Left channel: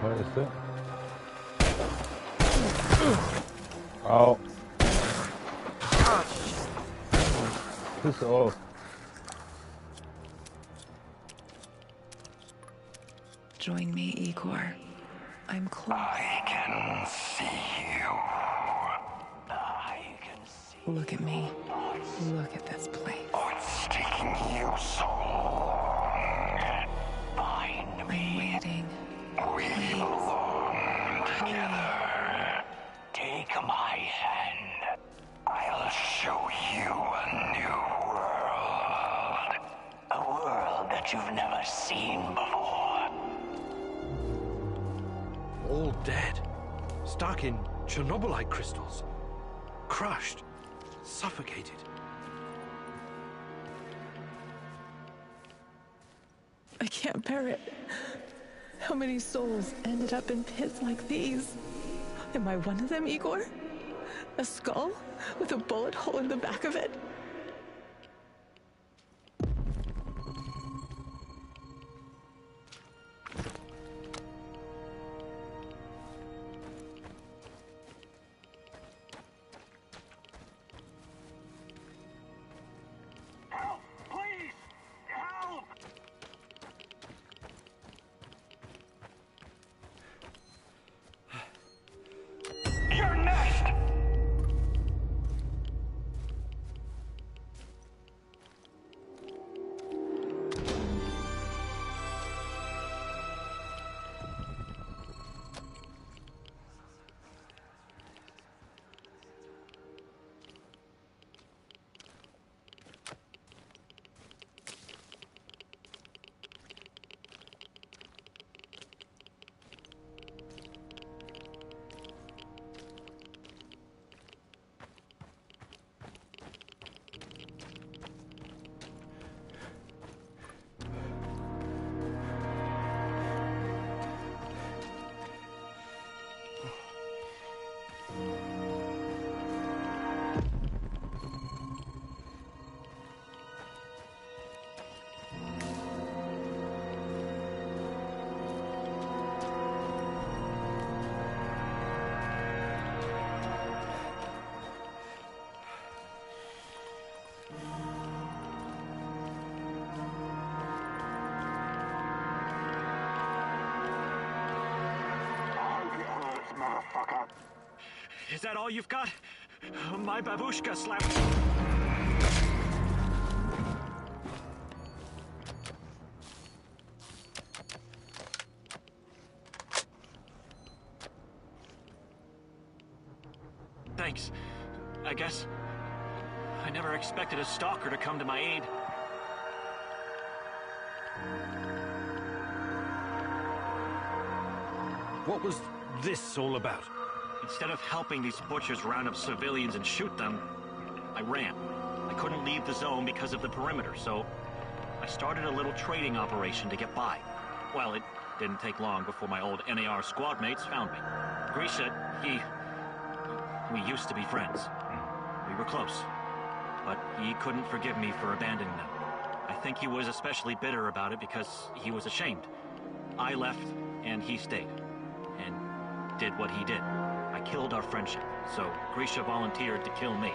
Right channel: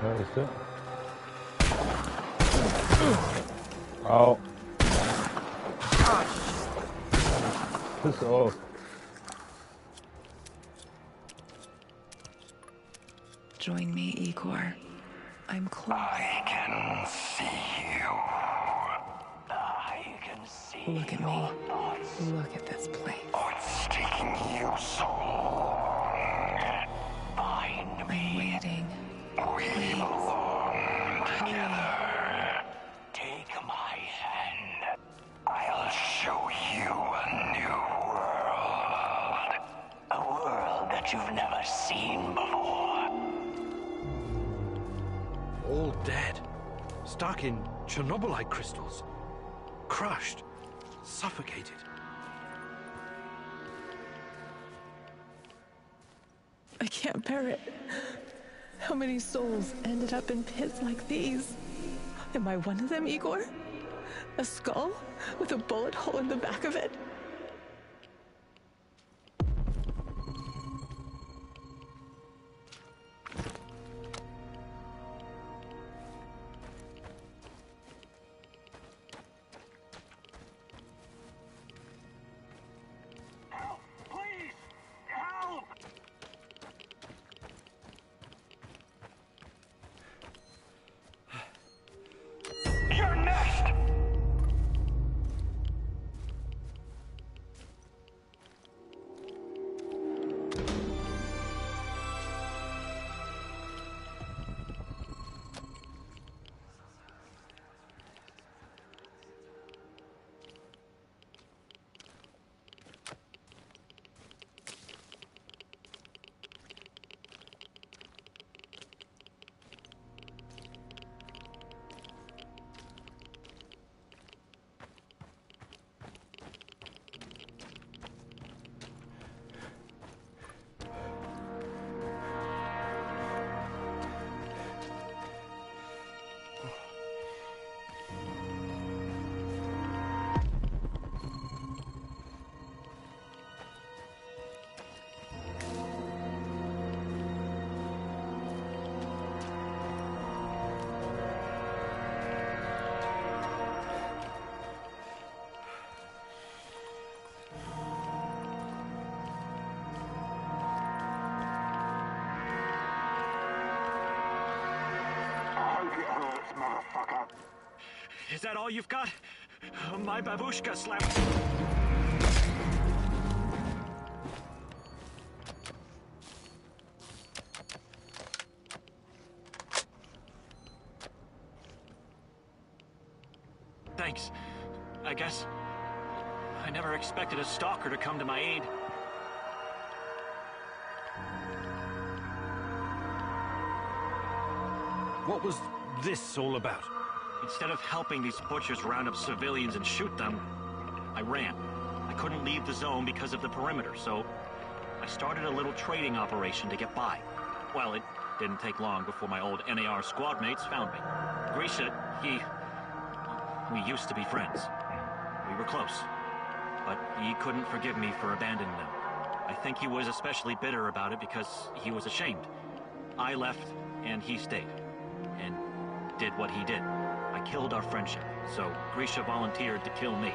Where is it? Oh. Piss off. Join me, Igor. I'm close. I can see you. I can see. Look at me. Look at this place. Oh, it's taking you so long. Find me. I'm waiting. We belong together. Take my hand. I'll show you a new world. A world that you've never seen before. All dead. Stuck in Chernobylite crystals. Crushed. Suffocated. I can't bear it. How many souls ended up in pits like these? Am I one of them, Igor? A skull with a bullet hole in the back of it? Help! Please! Help! You're next! It hurts, motherfucker. Is that all you've got? My babushka slapped. Thanks. I guess I never expected a stalker to come to my aid. What was this all about? Instead of helping these butchers round up civilians and shoot them, I ran. I couldn't leave the zone because of the perimeter, so I started a little trading operation to get by. Well, it didn't take long before my old NAR squad mates found me. Grisha, we used to be friends. We were close. But he couldn't forgive me for abandoning them. I think he was especially bitter about it because he was ashamed. I left, and he stayed. And did what he did. I killed our friendship, so Grisha volunteered to kill me.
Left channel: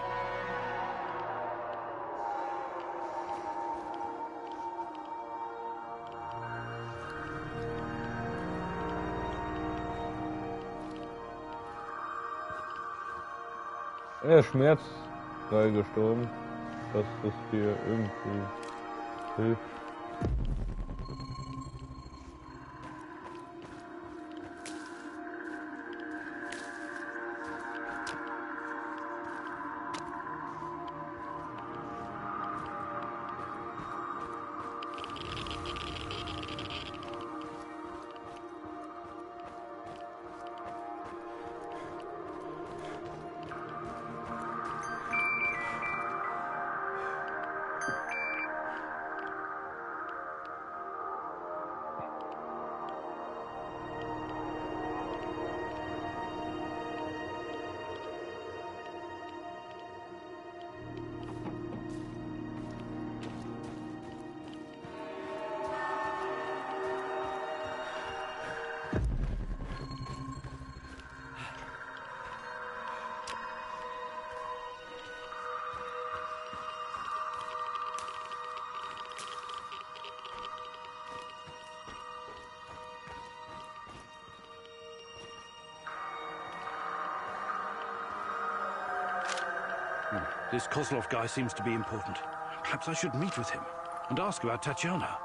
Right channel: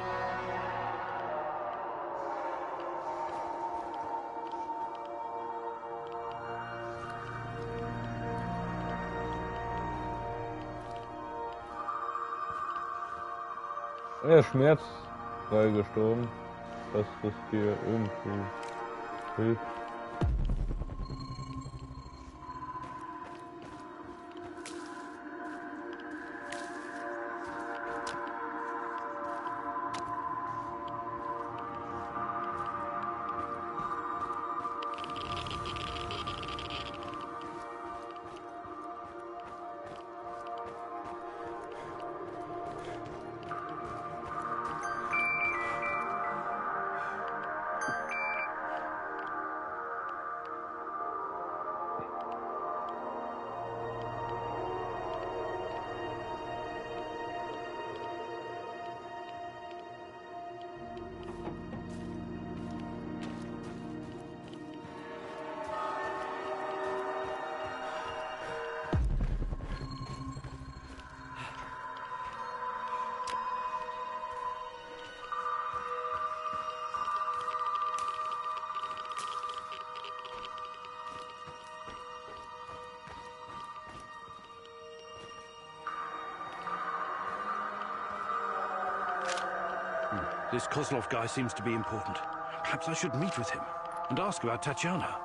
Er ist schmerzfrei gestorben, dass das dir irgendwie hilft. This Kozlov guy seems to be important. Perhaps I should meet with him and ask about Tatiana.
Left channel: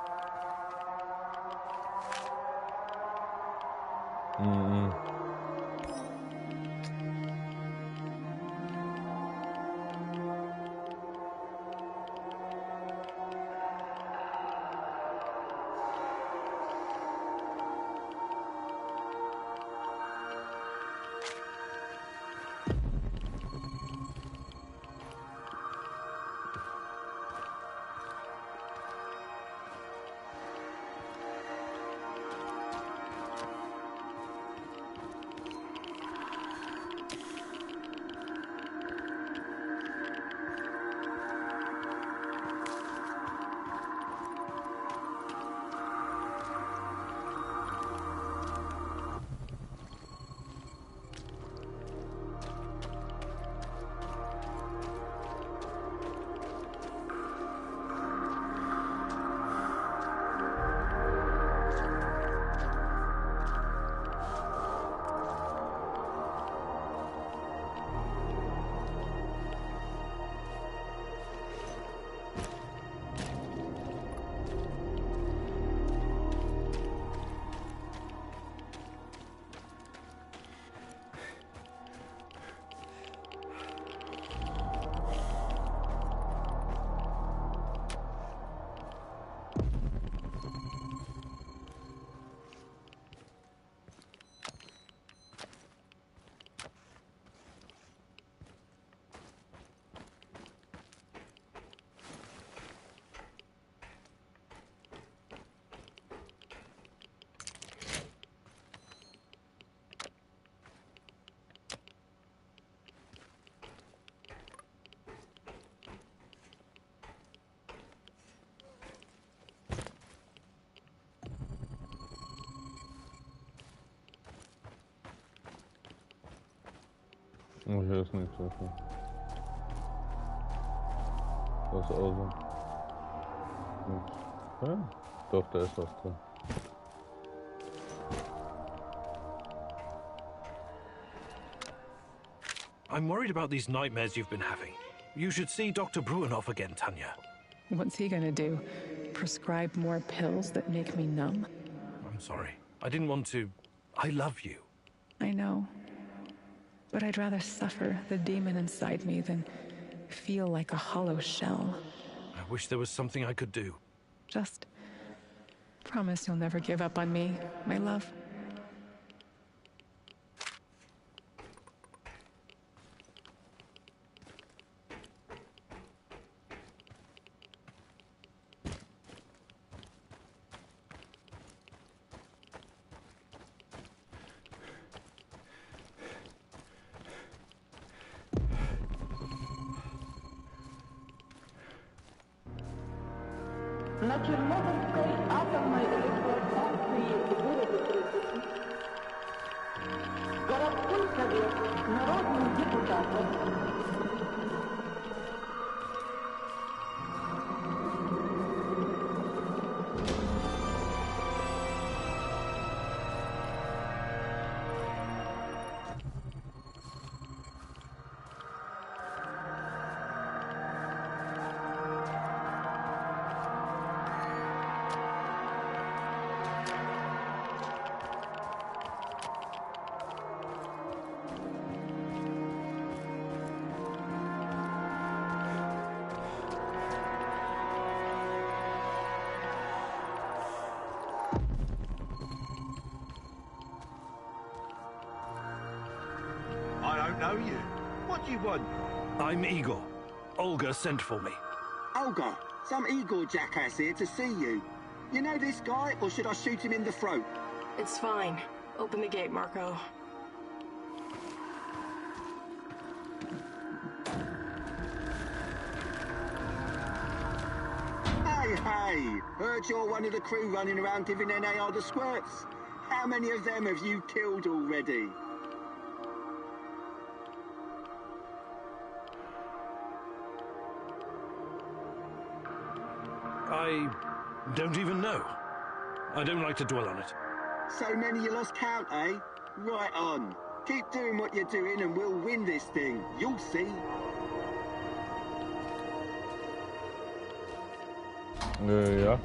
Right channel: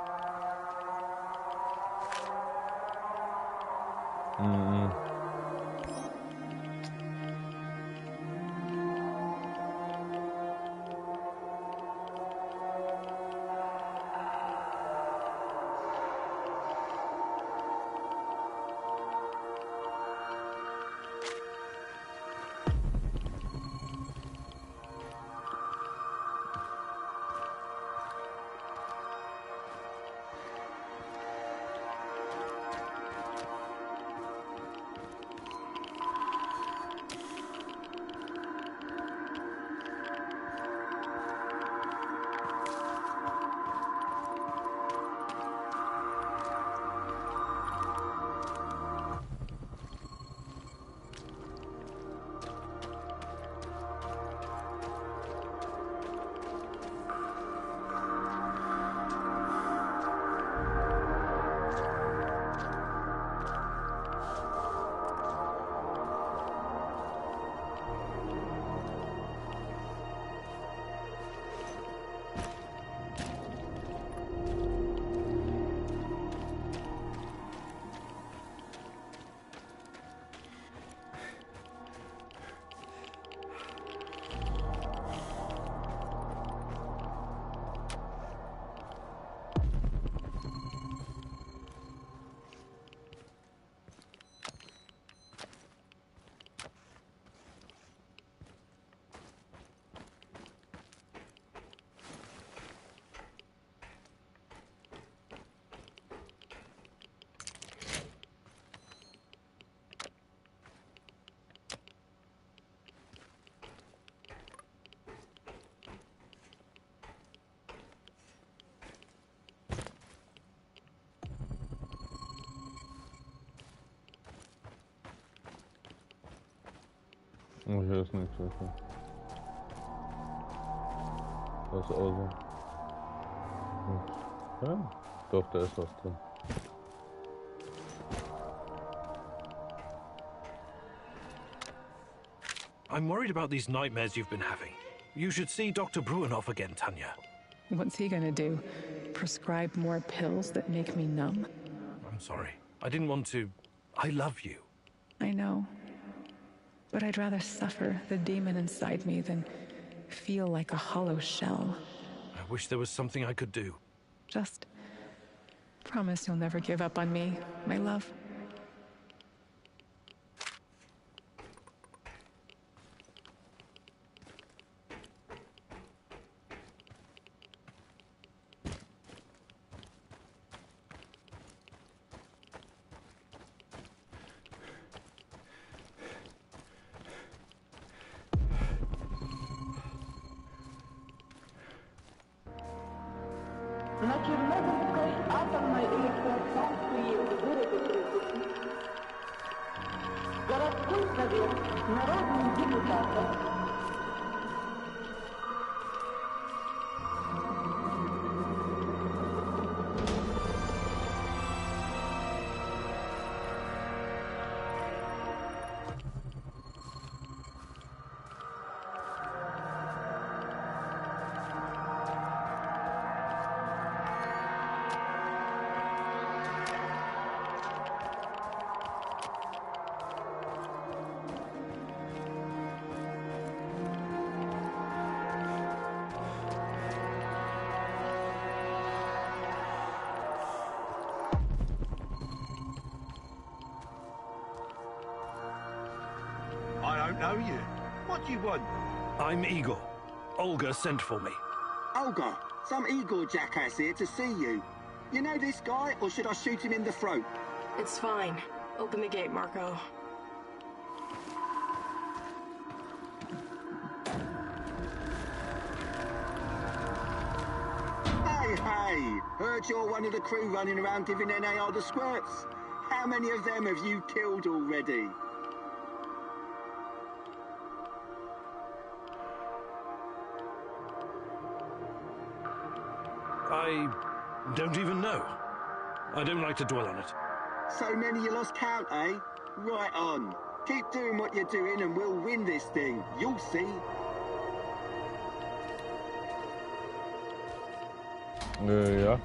Oh, hier ist nichts, okay. Das ist außer. Nichts. Ja, doch, da ist was drin. I'm worried about these nightmares you've been having. You should see Dr. Bruinoff again, Tanya. What's he gonna do? Prescribe more pills that make me numb? I'm sorry. I didn't want to... I love you. I know. But I'd rather suffer the demon inside me than feel like a hollow shell. I wish there was something I could do. Just promise you'll never give up on me, my love. На Чернобыльской атомной электростанции вырыты трупы. Городской совет народных депутатов. I don't know you. What do you want? I'm Igor. Olga sent for me. Olga, some Igor jackass here to see you. You know this guy, or should I shoot him in the throat? It's fine. Open the gate, Marco. Hey, heard you're one of the crew running around giving NAR the squirts. How many of them have you killed already? I don't even know. I don't like to dwell on it. So many you lost count, eh? Right on. Keep doing what you're doing and we'll win this thing. You'll see. Ja.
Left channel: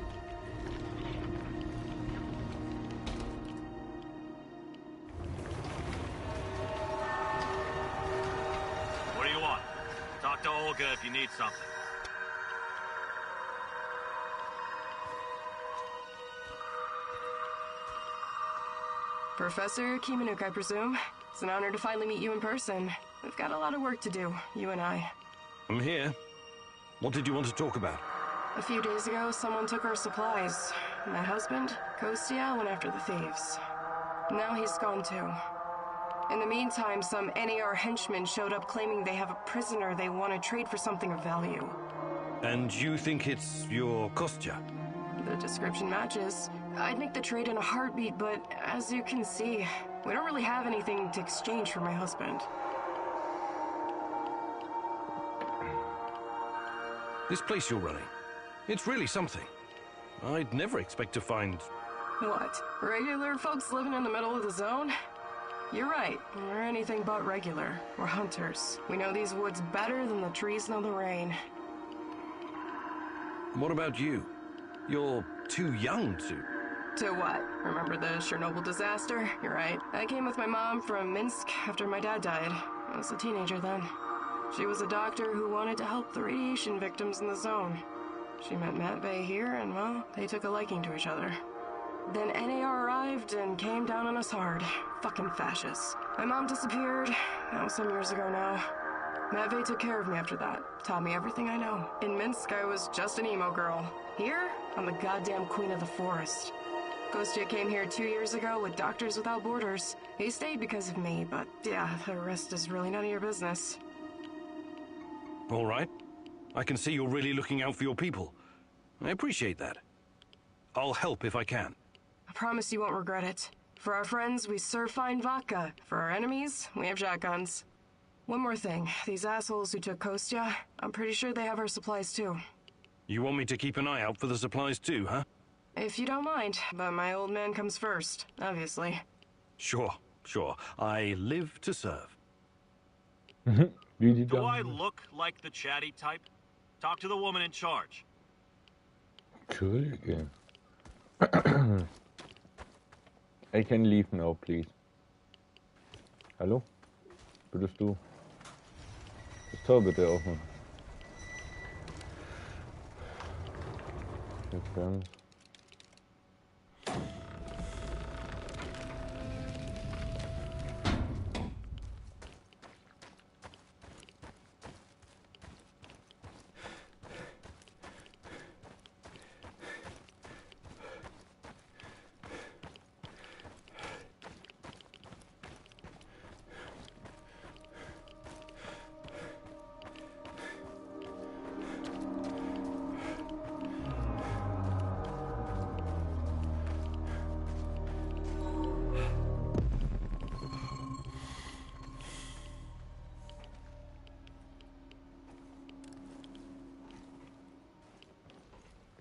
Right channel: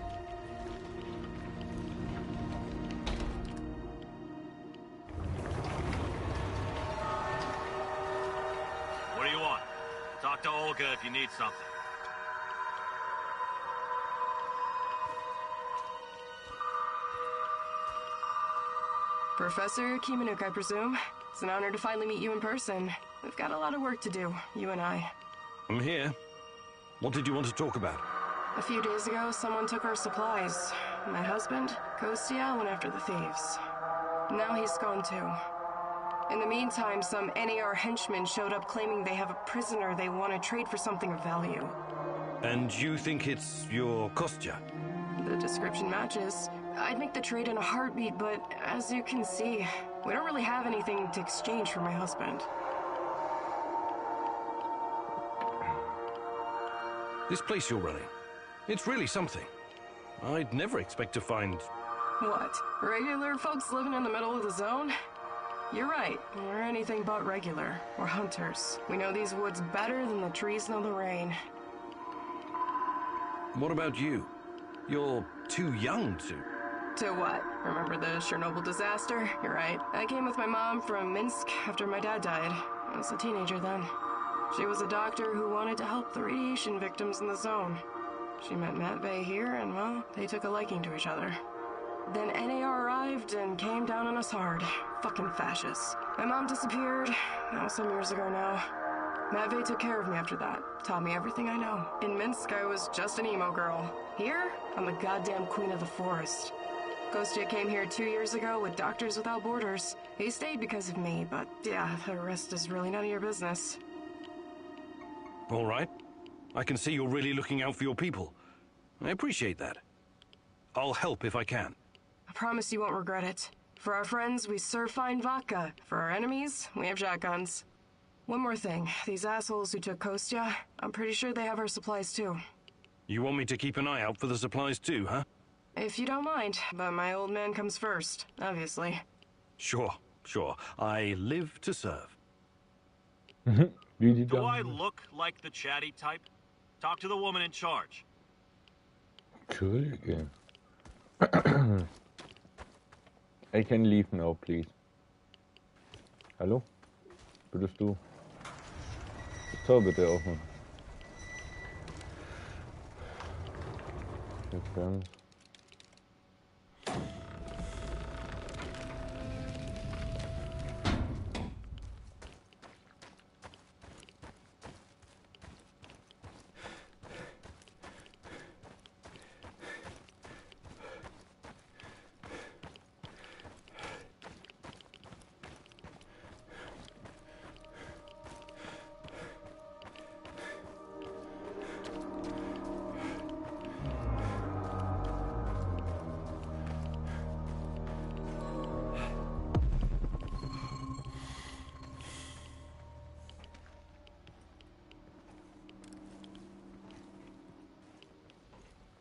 What do you want? Talk to Olga if you need something. Professor Kimanuk, I presume. It's an honor to finally meet you in person. We've got a lot of work to do, you and I. I'm here. What did you want to talk about? A few days ago, someone took our supplies. My husband, Kostya, went after the thieves. Now he's gone too. In the meantime, some NAR henchmen showed up claiming they have a prisoner they want to trade for something of value. And you think it's your Kostya? The description matches. I'd make the trade in a heartbeat, but as you can see, we don't really have anything to exchange for my husband. This place you're running, it's really something. I'd never expect to find... What? Regular folks living in the middle of the zone? You're right. We're anything but regular. We're hunters. We know these woods better than the trees know the rain. What about you? You're too young to... To what? Remember the Chernobyl disaster? You're right. I came with my mom from Minsk after my dad died. I was a teenager then. She was a doctor who wanted to help the radiation victims in the zone. She met Matvey here, and well, they took a liking to each other. Then NAR arrived and came down on us hard. Fucking fascists. My mom disappeared. That was some years ago now. Matvey took care of me after that. Taught me everything I know. In Minsk, I was just an emo girl. Here, I'm the goddamn queen of the forest. Kostya came here 2 years ago with Doctors Without Borders. He stayed because of me, but yeah, the rest is really none of your business. All right. I can see you're really looking out for your people. I appreciate that. I'll help if I can. I promise you won't regret it. For our friends, we serve fine vodka. For our enemies, we have shotguns. One more thing. These assholes who took Kostya, I'm pretty sure they have our supplies too. You want me to keep an eye out for the supplies too, huh? If you don't mind, but my old man comes first, obviously. Sure. I live to serve. Do I look like the chatty type? Talk to the woman in charge. Entschuldige. I can leave now, please. Hallo? Würdest du das Tor bitte aufmachen? Jetzt ganz.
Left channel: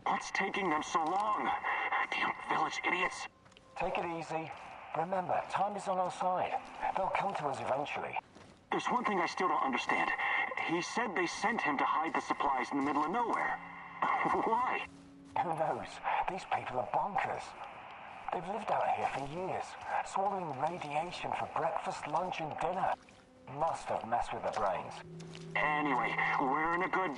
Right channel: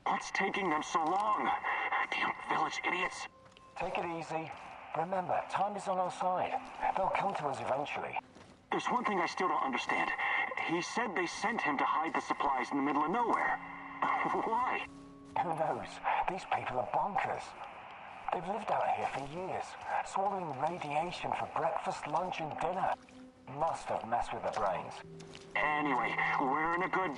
What's taking them so long? Damn village idiots. Take it easy. Remember, time is on our side. They'll come to us eventually. There's one thing I still don't understand. He said they sent him to hide the supplies in the middle of nowhere. Why? Who knows? These people are bonkers. They've lived out here for years, swallowing radiation for breakfast, lunch, and dinner. Must have messed with their brains. Anyway, we're in a good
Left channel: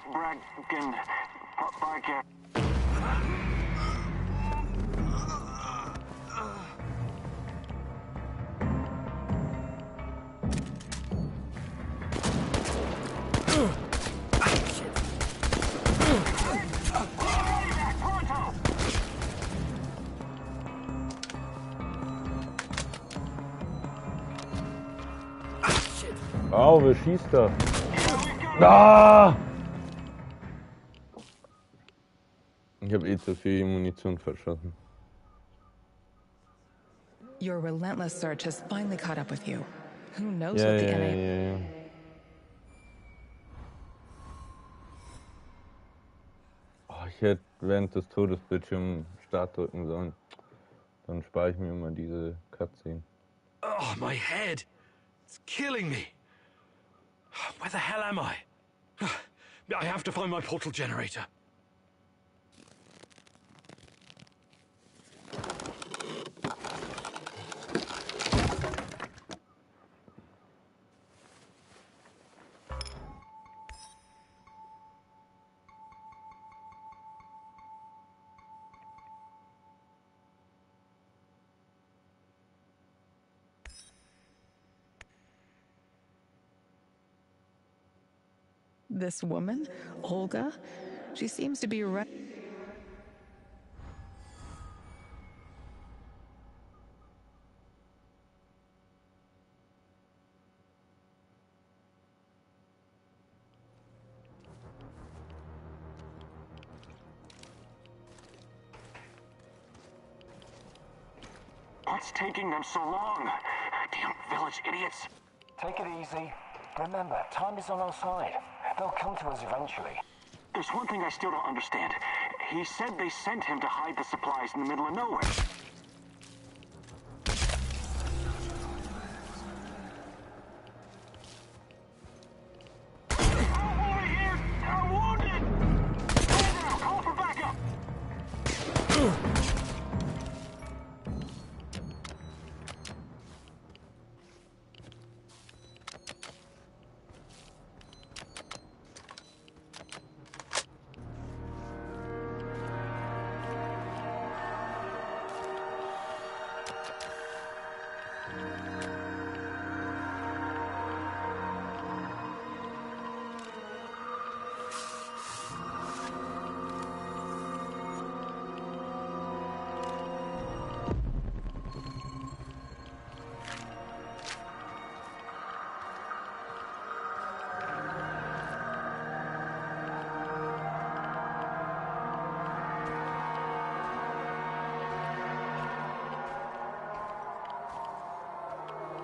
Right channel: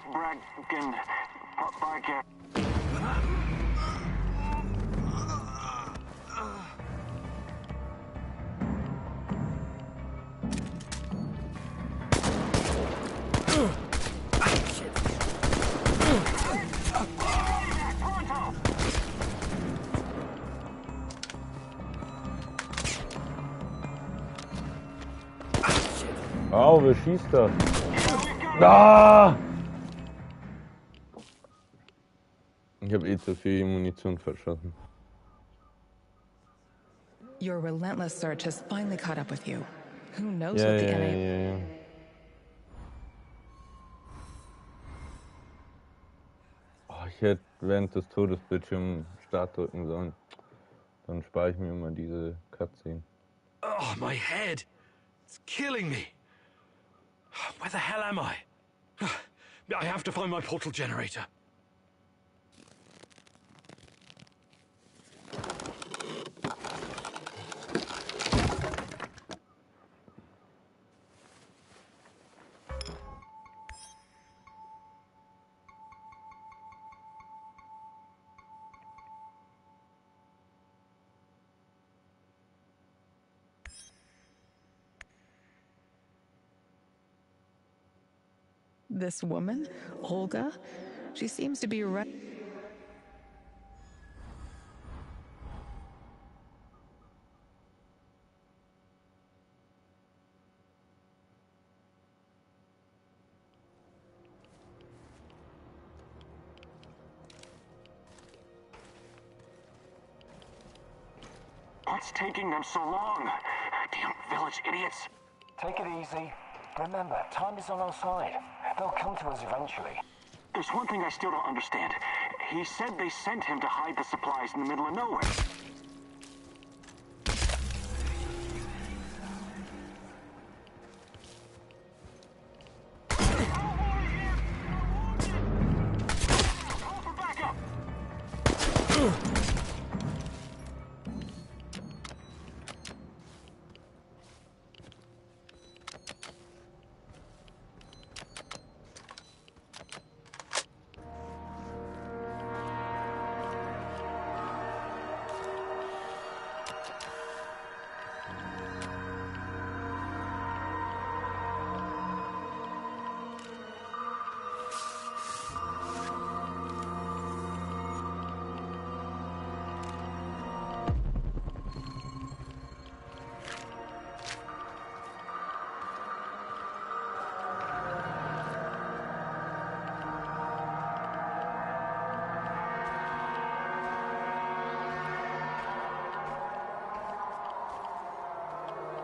Au, wer schießt da? Ah! Ich habe eh zu viel Munition verschossen. Your relentless search has finally caught up with you. Who knows what the NA... Oh, ich hätte während des Todesbildschirms Start drücken sollen. Dann spare ich mir immer diese Cutscene. Oh, my head! It's killing me! Where the hell am I? I have to find my portal generator. This woman, Olga, she seems to be right. What's taking them so long? Damn village idiots. Take it easy. Remember, time is on our side. They'll come to us eventually. There's one thing I still don't understand. He said they sent him to hide the supplies in the middle of nowhere. Help over here! I'm wounded! Now, call for backup!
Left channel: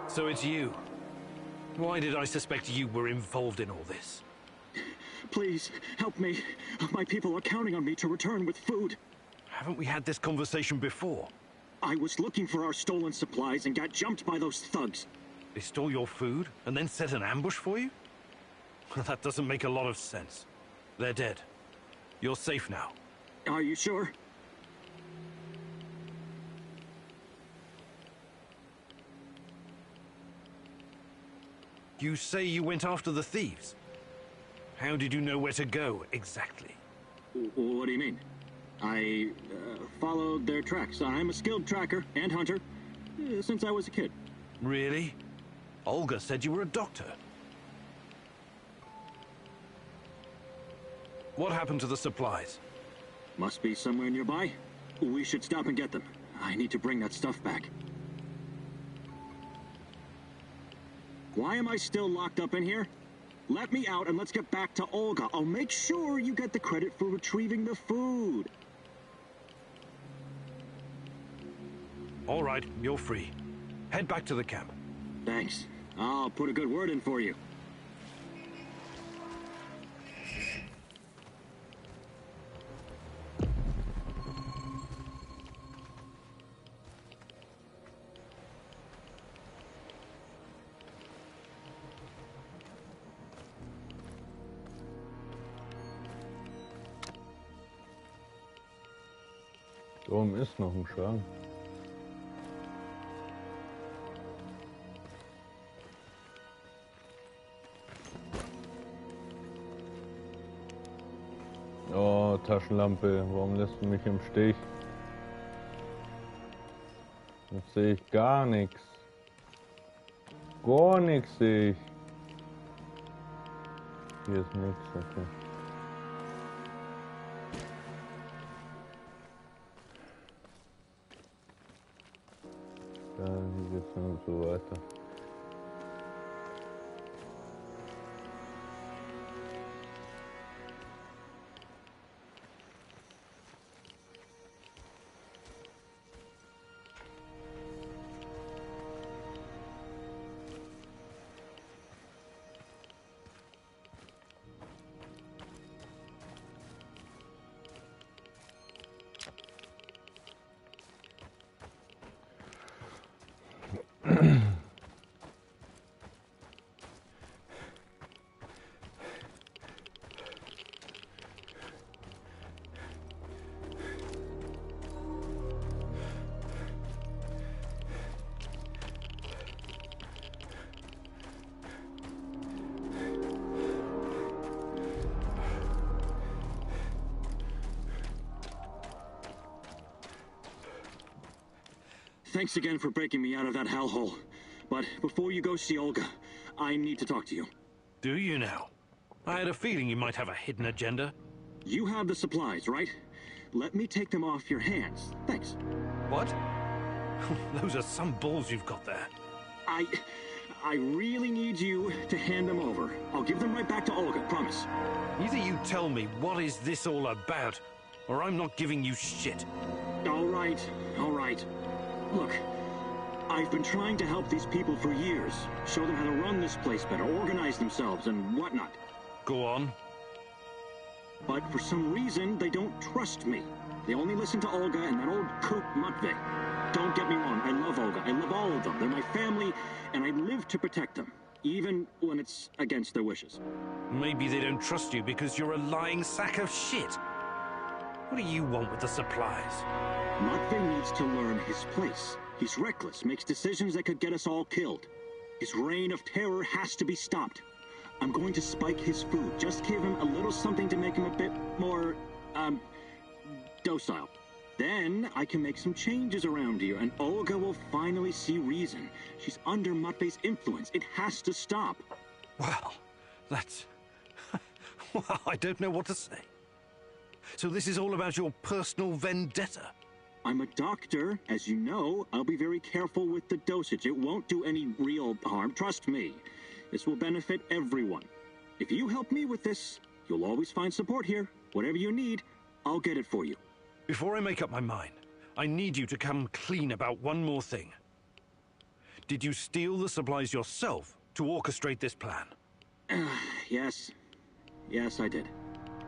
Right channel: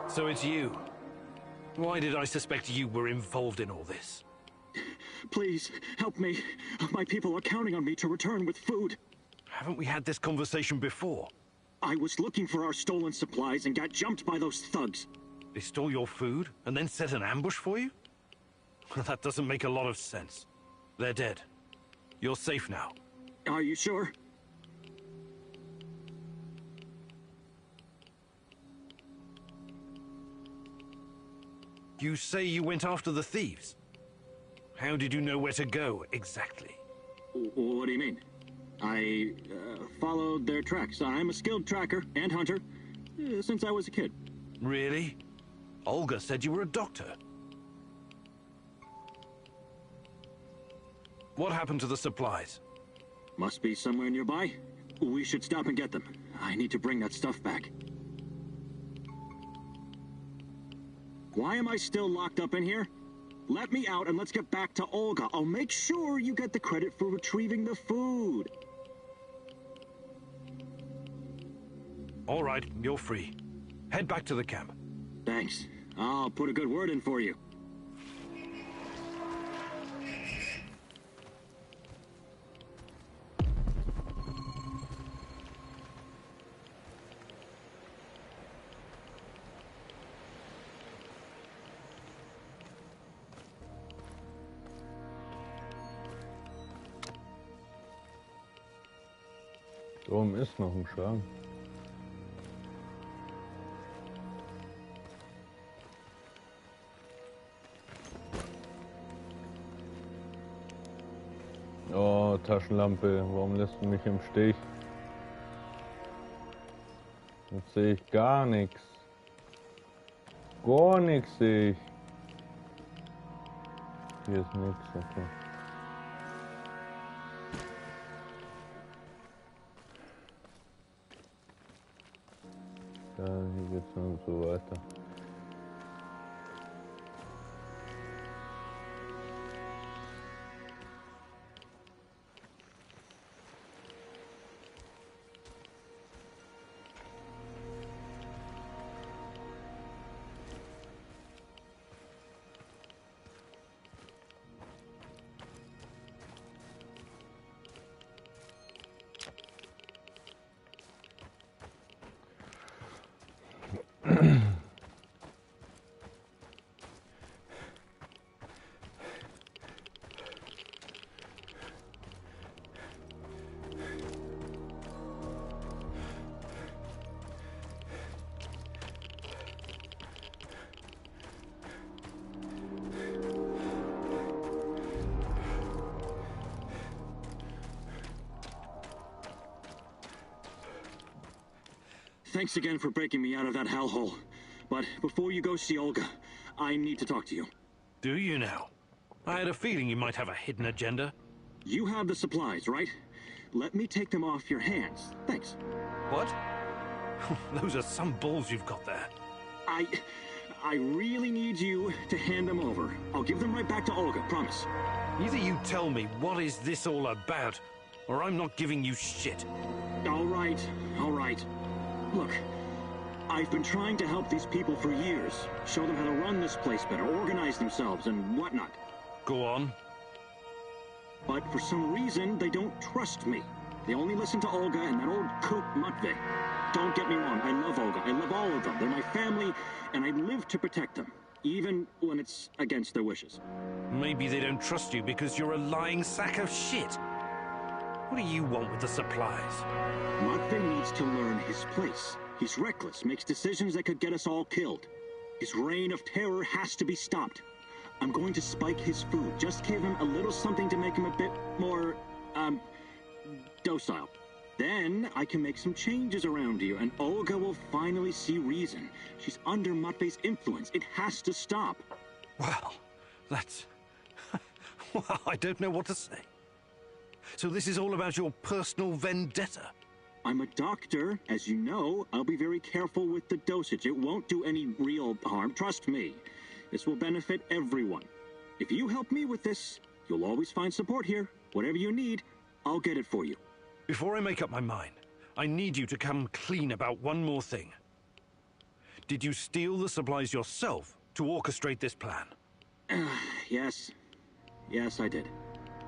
So it's you. Why did I suspect you were involved in all this? Please, help me. My people are counting on me to return with food. Haven't we had this conversation before? I was looking for our stolen supplies and got jumped by those thugs. They stole your food and then set an ambush for you? That doesn't make a lot of sense. They're dead. You're safe now. Are you sure? You say you went after the thieves. How did you know where to go, exactly? What do you mean? I followed their tracks. I'm a skilled tracker and hunter since I was a kid. Really? Olga said you were a doctor. What happened to the supplies? Must be somewhere nearby. We should stop and get them. I need to bring that stuff back. Why am I still locked up in here? Let me out and let's get back to Olga. I'll make sure you get the credit for retrieving the food. All right, you're free. Head back to the camp. Thanks. I'll put a good word in for you. Da oben ist noch ein Schrank. Oh, Taschenlampe, warum lässt du mich im Stich? Jetzt sehe ich gar nichts. Gar nichts sehe ich. Hier ist nichts, okay. Ja, hier geht's dann so weiter. Thanks again for breaking me out of that hellhole. But before you go see Olga, I need to talk to you. Do you now? I had a feeling you might have a hidden agenda. You have the supplies, right? Let me take them off your hands. Thanks. What? Those are some balls you've got there. I really need you to hand them over. I'll give them right back to Olga, promise. Either you tell me what is this all about, or I'm not giving you shit. All right. Look, I've been trying to help these people for years. Show them how to run this place better, organize themselves, and whatnot. Go on. But for some reason, they don't trust me. They only listen to Olga and that old kook Matvey. Don't get me wrong, I love Olga. I love all of them. They're my family, and I live to protect them, even when it's against their wishes. Maybe they don't trust you because you're a lying sack of shit. What do you want with the supplies? Matvey needs to learn his place. He's reckless, makes decisions that could get us all killed. His reign of terror has to be stopped. I'm going to spike his food. Just give him a little something to make him a bit more, docile. Then I can make some changes around here, and Olga will finally see reason. She's under Matvey's influence. It has to stop. Well, that's... well, I don't know what to say. So this is all about your personal vendetta? I'm a doctor, as you know. I'll be very careful with the dosage. It won't do any real harm, trust me. This will benefit everyone. If you help me with this, you'll always find support here. Whatever you need, I'll get it for you. Before I make up my mind, I need you to come clean about one more thing. Did you steal the supplies yourself to orchestrate this plan? Yes. Yes, I did.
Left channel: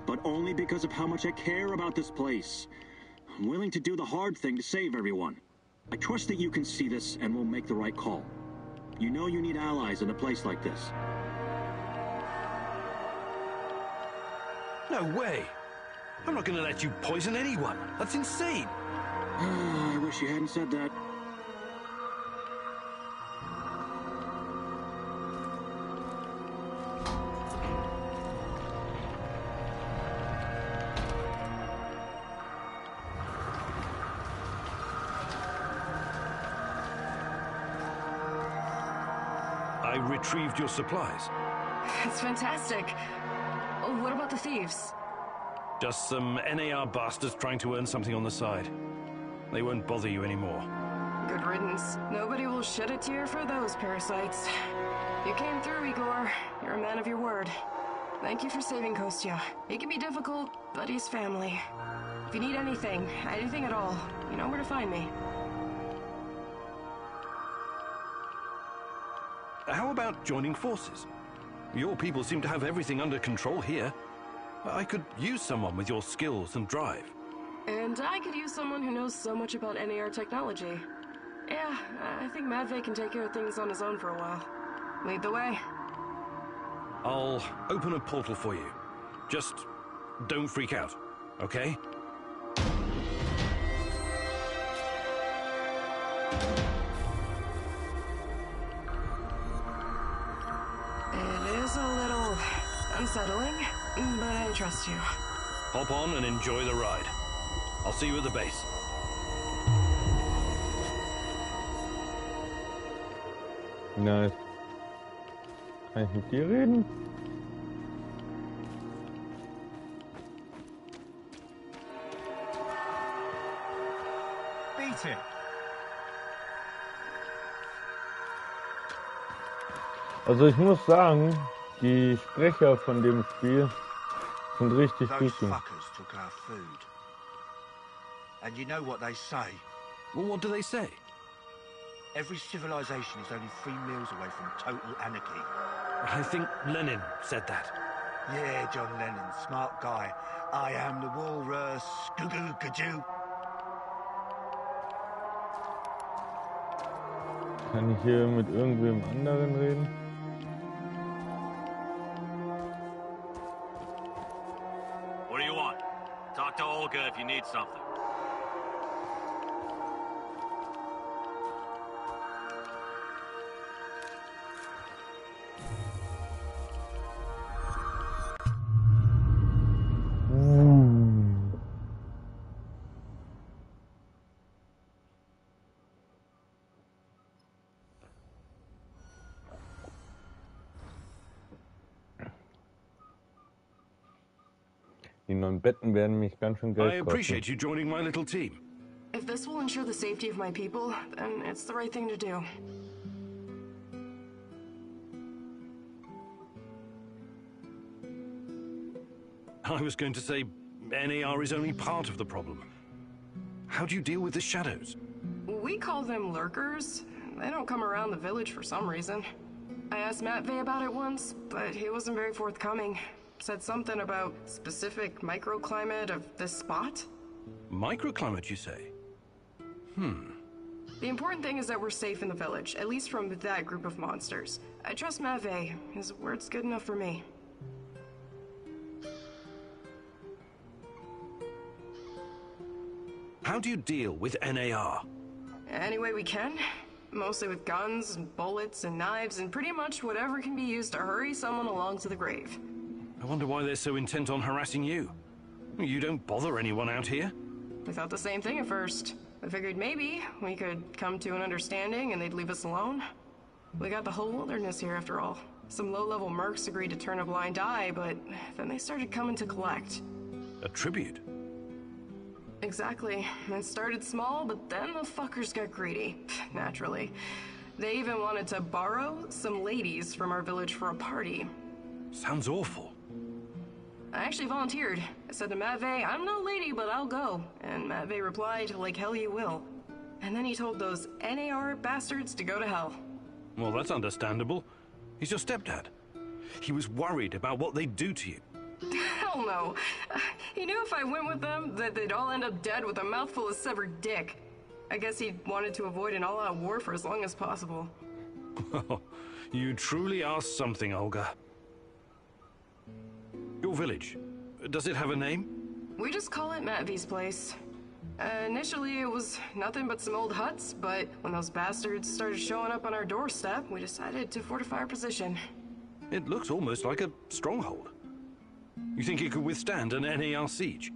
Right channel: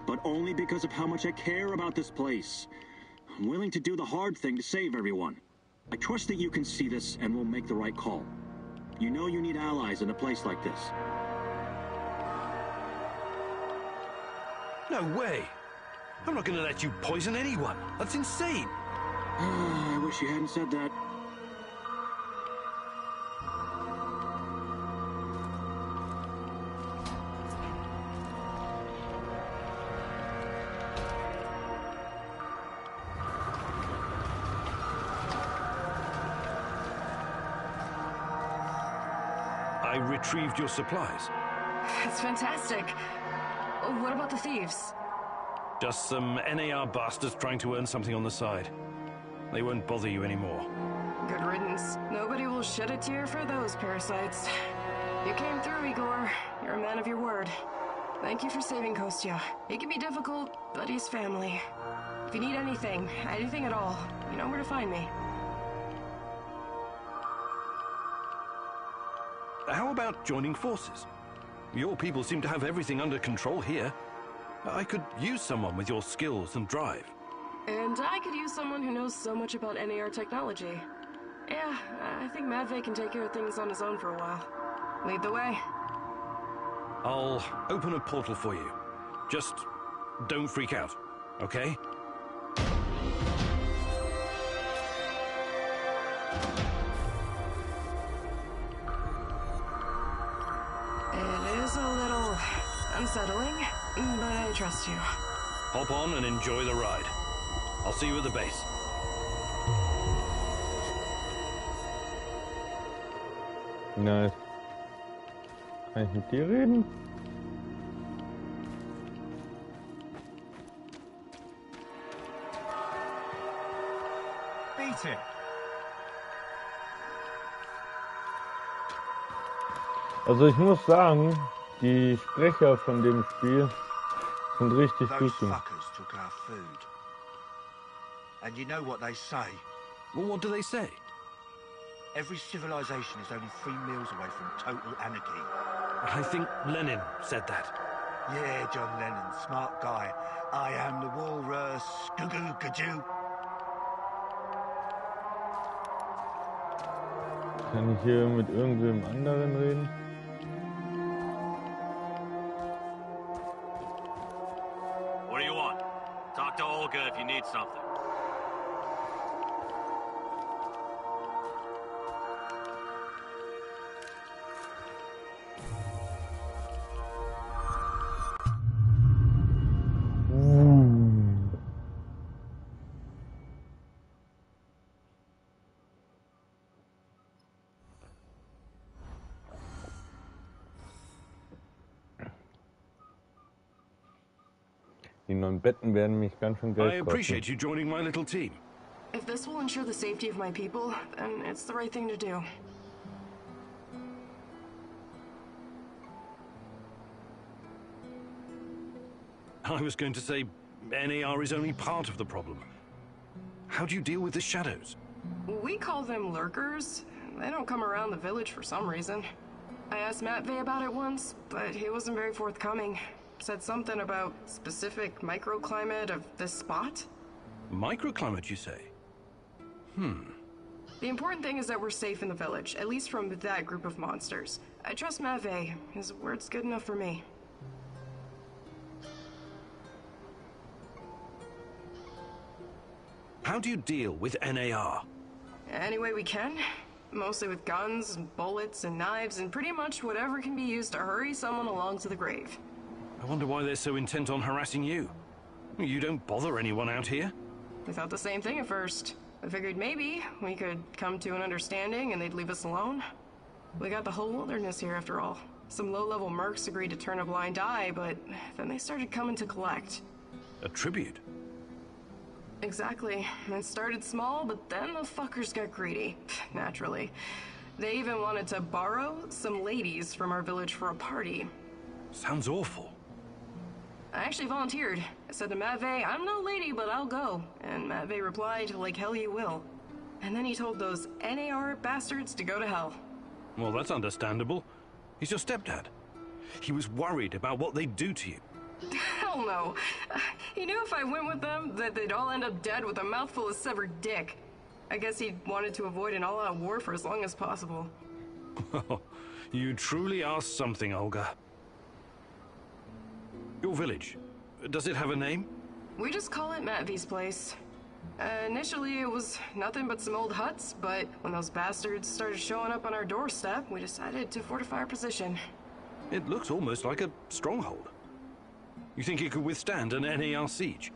But only because of how much I care about this place. I'm willing to do the hard thing to save everyone. I trust that you can see this and will make the right call. You know you need allies in a place like this. No way! I'm not gonna let you poison anyone. That's insane. I wish you hadn't said that. I retrieved your supplies. It's fantastic. Oh, what about the thieves? Just some NAR bastards trying to earn something on the side. They won't bother you anymore. Good riddance. Nobody will shed a tear for those parasites. You came through, Igor. You're a man of your word. Thank you for saving Kostya. It can be difficult, but he's family. If you need anything at all, you know where to find me. How about joining forces? Your people seem to have everything under control here. I could use someone with your skills and drive. And I could use someone who knows so much about NAR technology. Yeah, I think Matvey can take care of things on his own for a while. Lead the way. I'll open a portal for you. Just don't freak out, okay? It is a little unsettling, but I trust you. Hop on and enjoy the ride. I'll see you at the base. Nice. Kann ich mit dir reden? Beat it. Also ich muss sagen, die Sprecher von dem Spiel sind richtig Those gut gemacht. fuckers took our food. And you know what they say? Well, what do they say? Every civilization is only 3 meals away from total anarchy. I think Lenin said that. Yeah, John Lennon, smart guy. I am the walrus. Goo-goo, gajoo. Kann ich hier mit irgendwem anderen reden? What do you want? Talk to Olga if you need something. Die neuen Betten werden mich ganz schön I Geld kosten. appreciate you joining my little team. If this will ensure the safety of my people, then it's the right thing to do. I was going to say NAR is only part of the problem. How do you deal with the shadows? We call them lurkers. They don't come around the village for some reason. I asked Matvey about it once, but he wasn't very forthcoming. Said something about specific microclimate of this spot. Microclimate, you say? The important thing is that we're safe in the village, at least from that group of monsters. I trust Matvey. His word's good enough for me. How do you deal with NAR? Any way we can. Mostly with guns, and bullets, and knives, and pretty much whatever can be used to hurry someone along to the grave. I wonder why they're so intent on harassing you. You don't bother anyone out here? We thought the same thing at first. I figured maybe we could come to an understanding and they'd leave us alone. We got the whole wilderness here after all. Some low-level mercs agreed to turn a blind eye, but then they started coming to collect. A tribute? Exactly. It started small, but then the fuckers got greedy. Naturally. They even wanted to borrow some ladies from our village for a party. Sounds awful. I actually volunteered. I said to Matvey, I'm no lady, but I'll go. And Matvey replied, like hell you will. And then he told those NAR bastards to go to hell. Well, that's understandable. He's your stepdad. He was worried about what they'd do to you. Hell no. He knew if I went with them, that they'd all end up dead with a mouthful of severed dick. I guess he wanted to avoid an all-out war for as long as possible. You truly are something, Olga. Your village, does it have a name? We just call it Matvey's place. Initially, it was nothing but some old huts, but when those bastards started showing up on our doorstep, we decided to fortify our position. It looks almost like a stronghold. You think it could withstand an NAR siege?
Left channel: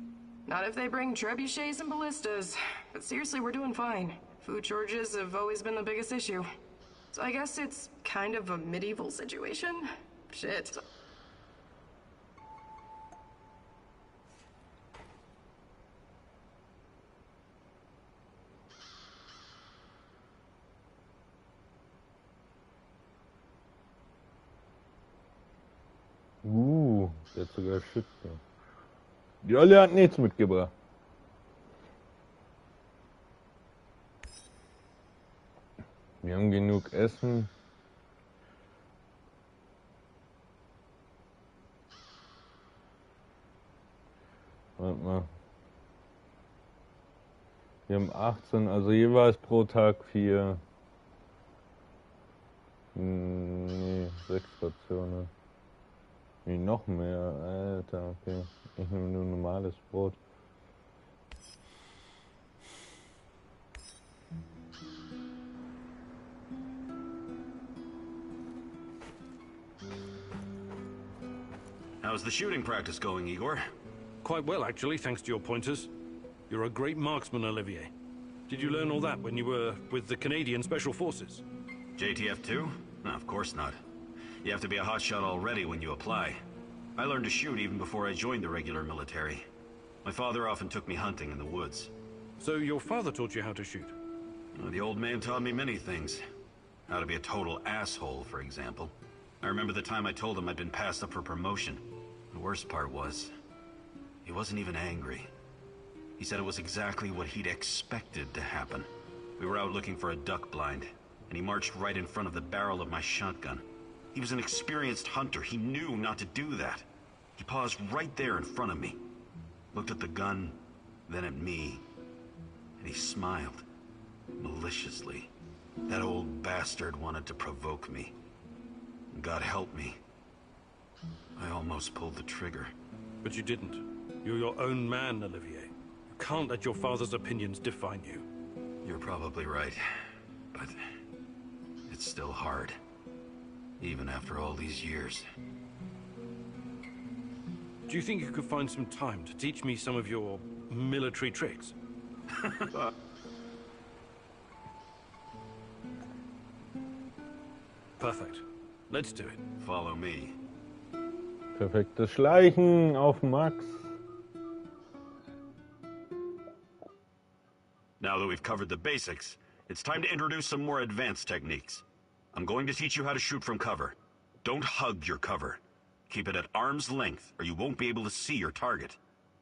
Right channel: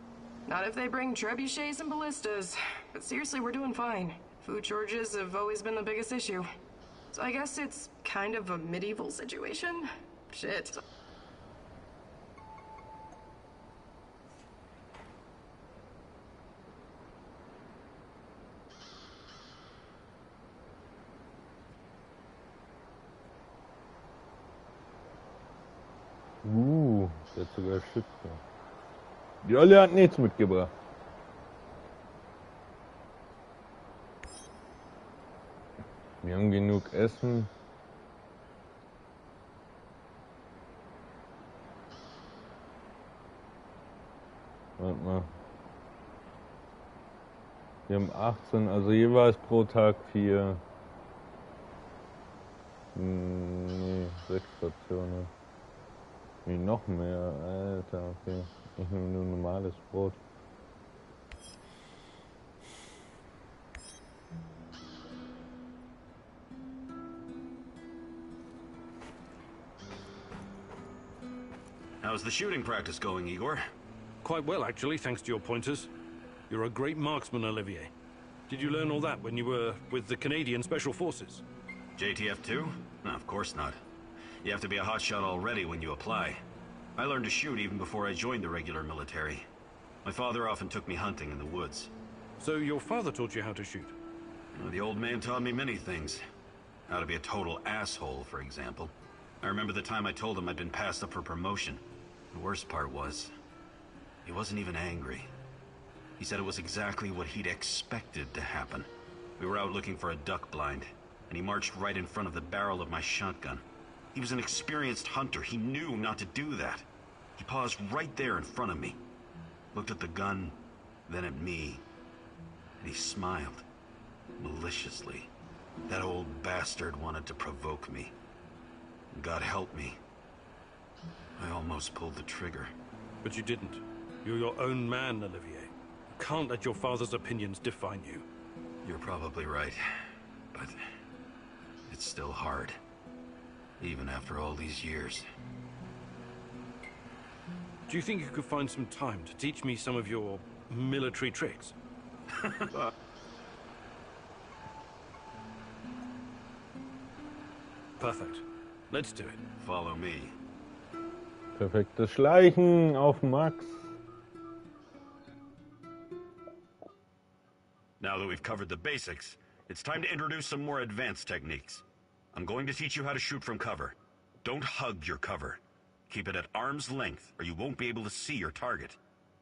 Not if they bring trebuchets and ballistas. But seriously, we're doing fine. Food shortages have always been the biggest issue. So I guess it's kind of a medieval situation? Shit. Der hat sogar Schütze. Die Olle hat nichts mitgebracht. Wir haben genug Essen. Warte mal. Wir haben 18, also jeweils pro Tag 4. Nee, 6 Rationen. Nee, noch mehr, Alter, okay. Ich nehme nur normales Brot. How's the shooting practice going, Igor? Quite well, actually, thanks to your pointers. You're a great marksman, Olivier. Did you learn all that when you were with the Canadian Special Forces? JTF 2? No, of course not. You have to be a hotshot already when you apply. I learned to shoot even before I joined the regular military. My father often took me hunting in the woods. So your father taught you how to shoot? The old man taught me many things. How to be a total asshole, for example. I remember the time I told him I'd been passed up for promotion. The worst part was, he wasn't even angry. He said it was exactly what he'd expected to happen. We were out looking for a duck blind, and he marched right in front of the barrel of my shotgun. He was an experienced hunter. He knew not to do that. He paused right there in front of me, looked at the gun, then at me, and he smiled, maliciously. That old bastard wanted to provoke me. God help me. I almost pulled the trigger. But you didn't. You're your own man, Olivier. You can't let your father's opinions define you. You're probably right, but it's still hard. Even after all these years. Do you think you could find some time to teach me some of your military tricks? Perfect. Let's do it. Follow me. Perfektes Schleichen auf Max. we've covered the basics, it's time to introduce some more advanced techniques. I'm going to teach you how to shoot from cover. Don't hug your cover. Keep it at arm's length, or you won't be able to see your target.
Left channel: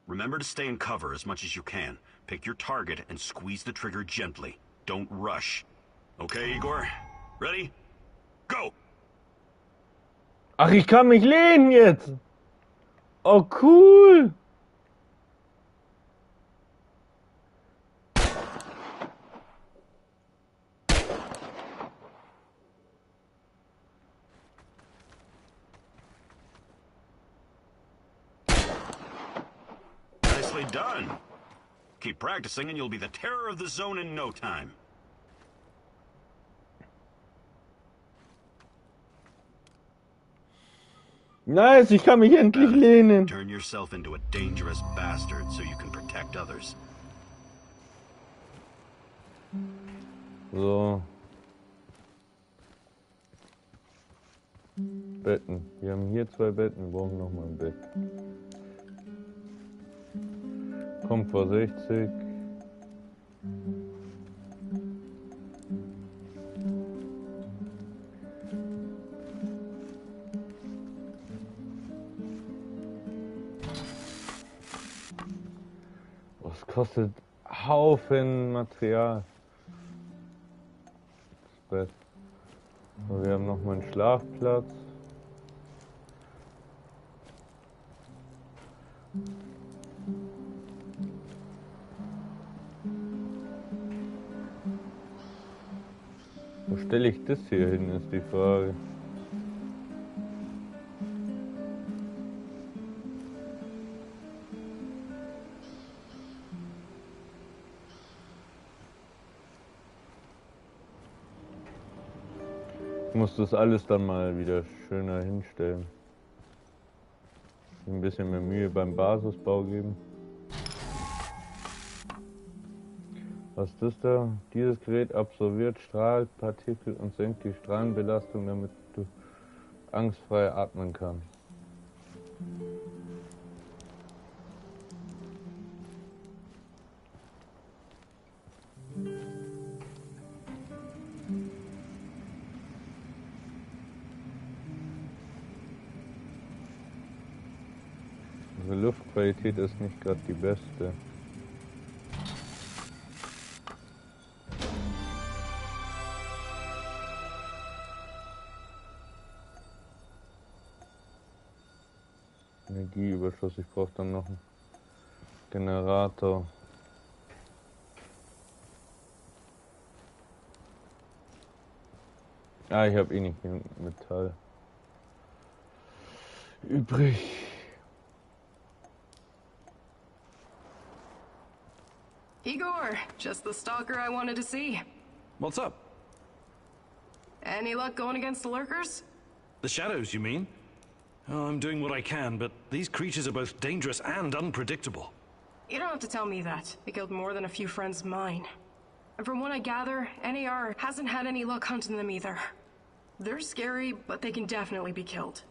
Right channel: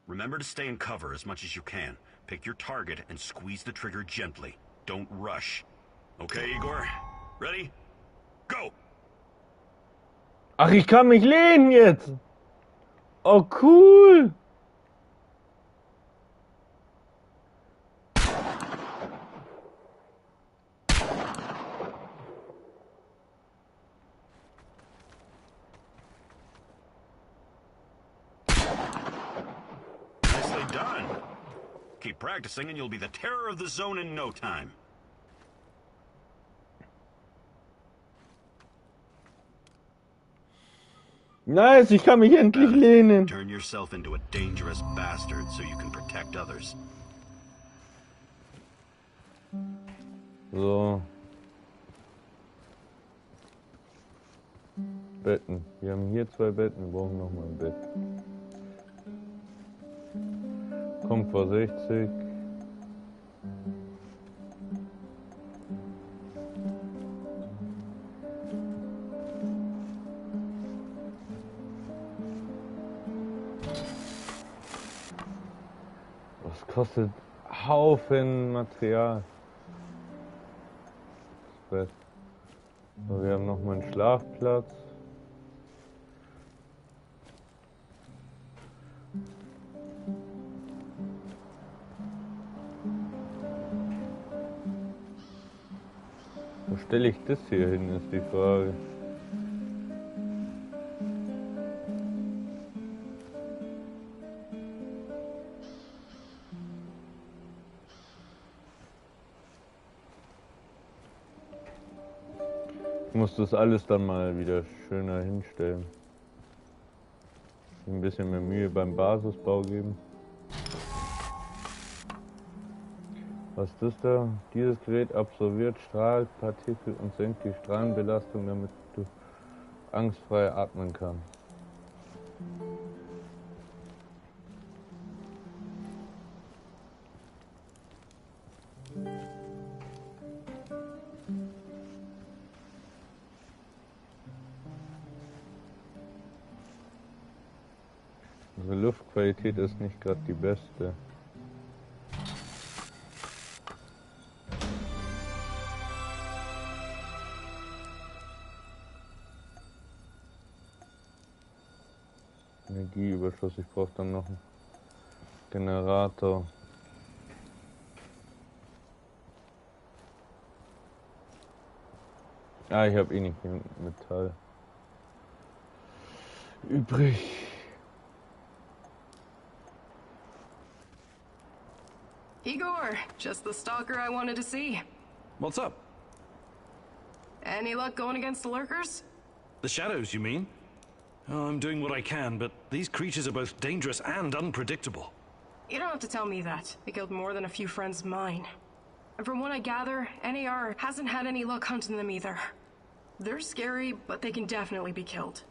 Remember to stay in cover as much as you can. Pick your target and squeeze the trigger gently. Don't rush. Okay, Igor? Ready? Go! Ach, ich kann mich lehnen jetzt! Oh, cool! Nicely done. Keep practicing and you'll be the terror of the zone in no time. Nice, ich kann mich endlich lehnen. Turn yourself into a dangerous bastard so you can protect others. So. Betten. Wir haben hier 2 Betten, wir brauchen nochmal ein Bett. Komfort 60. Das kostet Haufen Material. Das Bett. So, wir haben nochmal einen Schlafplatz. Wo stelle ich das hier hin, ist die Frage. Ich muss das alles dann mal wieder schöner hinstellen. Ein bisschen mehr Mühe beim Basisbau geben. Was ist das da? Dieses Gerät absorbiert Strahlpartikel und senkt die Strahlenbelastung, damit du angstfrei atmen kannst. Unsere Luftqualität ist nicht gerade die beste. Energieüberschuss, ich brauche dann noch einen Generator. Ah, ich habe eh nicht genug Metall übrig. Igor, just the stalker I wanted to see. What's up? Any luck going against the lurkers? The shadows, you mean? Oh, I'm doing what I can, but these creatures are both dangerous and unpredictable. You don't have to tell me that. They killed more than a few friends of mine. And from what I gather, NAR hasn't had any luck hunting them either. They're scary, but they can definitely be killed.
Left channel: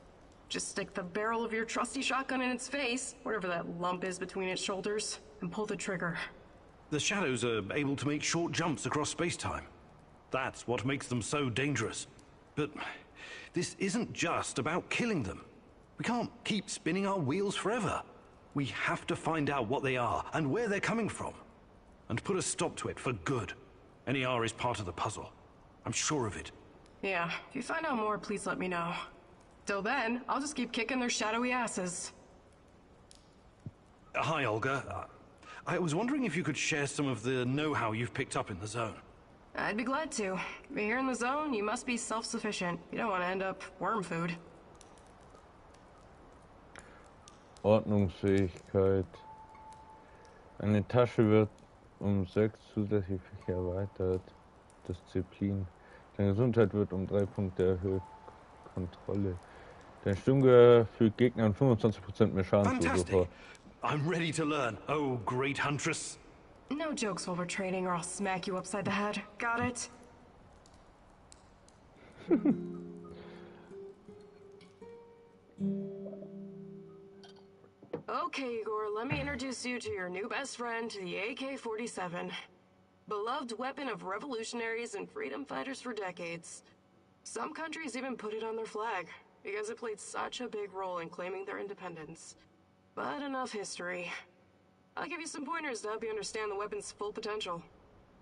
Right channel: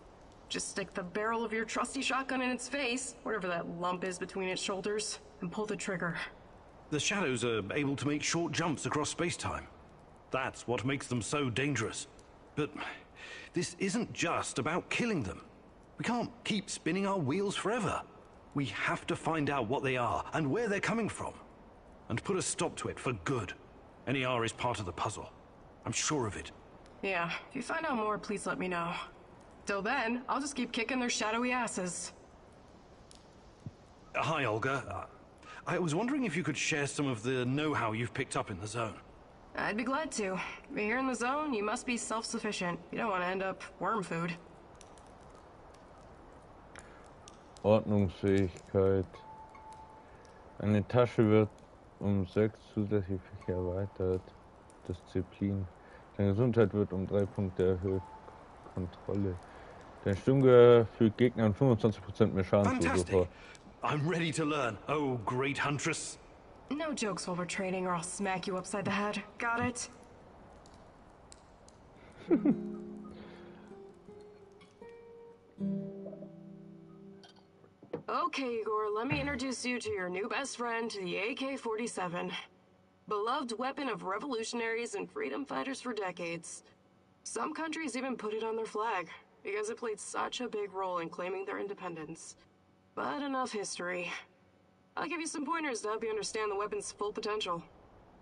Just stick the barrel of your trusty shotgun in its face, whatever that lump is between its shoulders, and pull the trigger. The shadows are able to make short jumps across space-time. That's what makes them so dangerous. But this isn't just about killing them. We can't keep spinning our wheels forever. We have to find out what they are and where they're coming from. And put a stop to it for good. NER is part of the puzzle. I'm sure of it. Yeah, if you find out more, please let me know. Till then, I'll just keep kicking their shadowy asses. Hi, Olga. I was wondering if you could share some of the know-how you've picked up in the zone. I'd be glad to. Here in the zone, you must be self-sufficient. You don't want to end up worm food. Ordnungsfähigkeit. Eine Tasche wird um 6 zusätzlich erweitert. Disziplin. Deine Gesundheit wird um 3 Punkte erhöht. Kontrolle. Dein Sturmgewehr fügt Gegnern 25% mehr Schaden zu sofort. I'm ready to learn. Oh, great huntress. No jokes while we're trading or I'll smack you upside the head. Got it? Okay, Igor, let me introduce you to your new best friend, the AK-47. Beloved weapon of revolutionaries and freedom fighters for decades. Some countries even put it on their flag because it played such a big role in claiming their independence. But enough history. I'll give you some pointers to help you understand the weapon's full potential.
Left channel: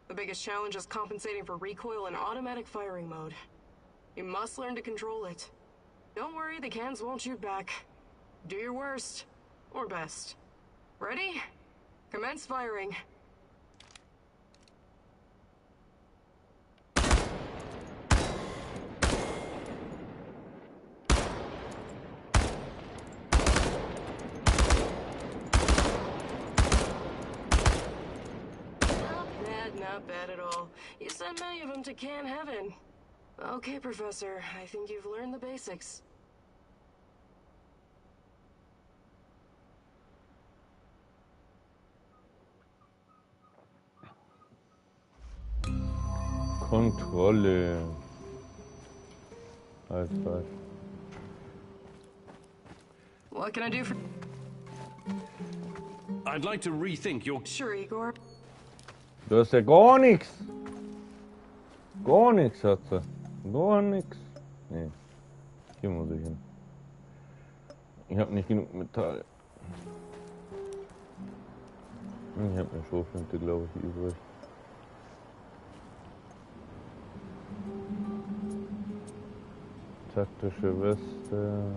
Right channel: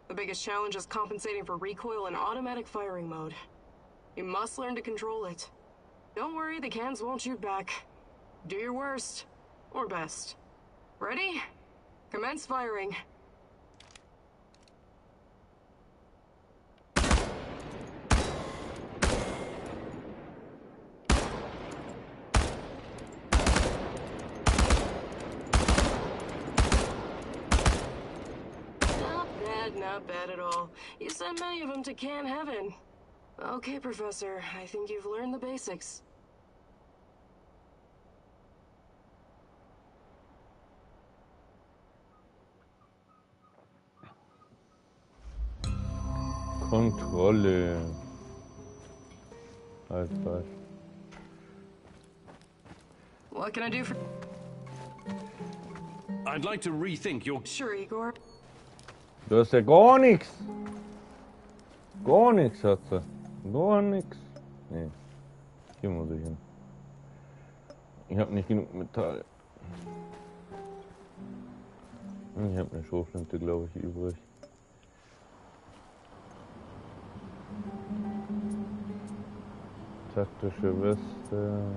The biggest challenge is compensating for recoil in automatic firing mode. You must learn to control it. Don't worry, the cans won't shoot back. Do your worst. Or best. Ready? Commence firing. Not bad at all. You sent many of them to Can Heaven. Okay, Professor, I think you've learned the basics. Kontrolle. Halt. What can I do for... I'd like to rethink your... Sure, Igor. Du hast ja gar nichts. Gar nichts hat sie. Gar nichts. Nee. Hier muss ich hin. Ich habe nicht genug Metall. Ich habe eine Schrotflinte, glaube ich, übrig. Taktische Weste.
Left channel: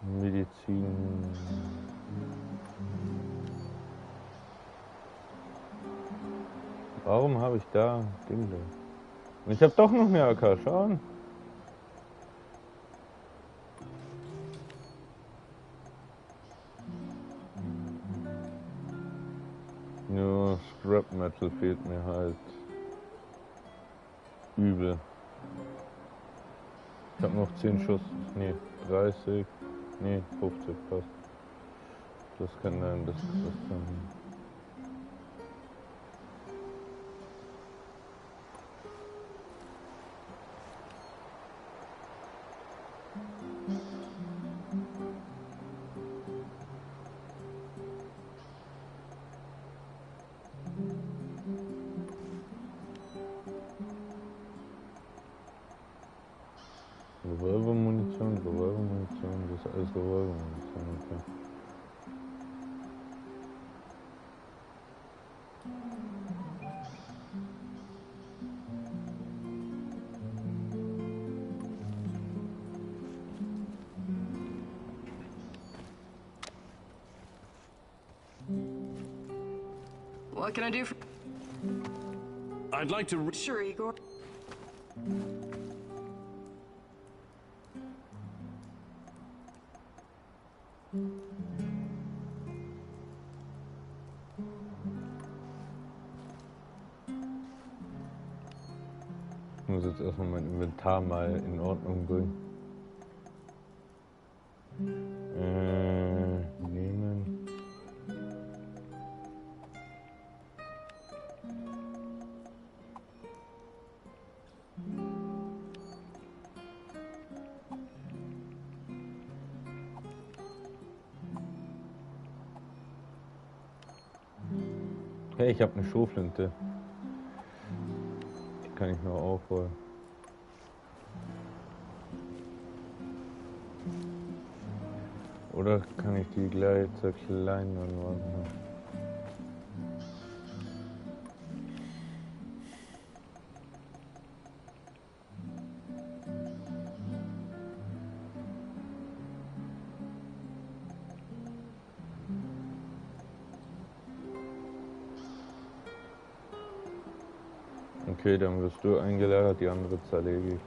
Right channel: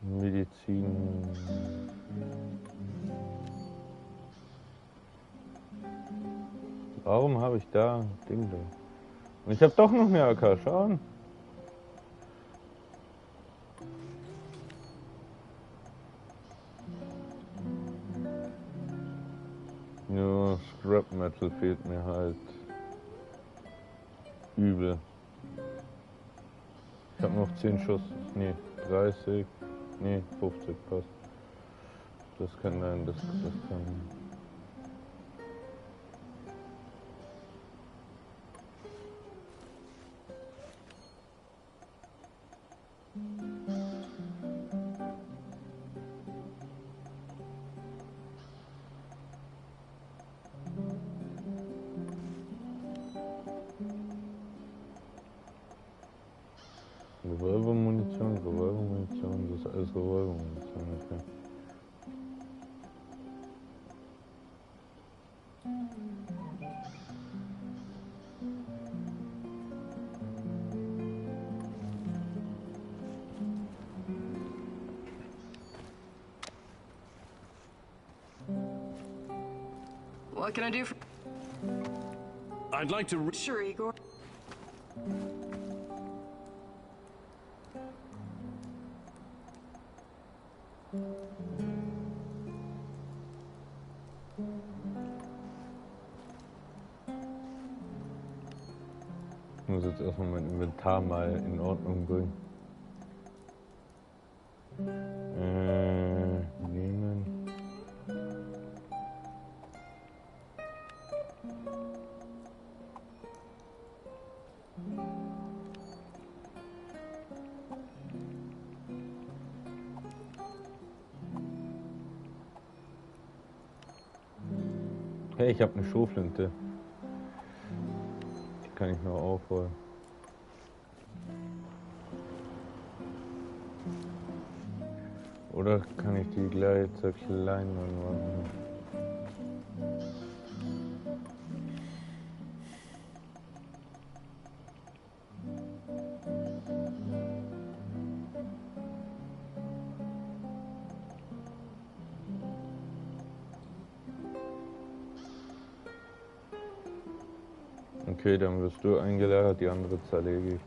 Medizin. Warum habe ich da Ding da? Und ich habe doch noch mehr AK, schauen. Nur Scrap Metal fehlt mir halt übel. Ich habe noch 10 Schuss, nee, 30. Nee, 50 passt. Das kann sein, das kann. Revolvermunition, das ist alles Revolvermunition, okay. What can I do for... I'd like to... Sure, Igor. Ich muss jetzt erstmal mein Inventar mal in Ordnung bringen. Nehmen. Hey, ich habe eine Schrotflinte. Die kann ich noch aufholen. Oder kann ich die gleich zur kleinen machen? Okay, dann wirst du eingelagert, die andere zerlege ich.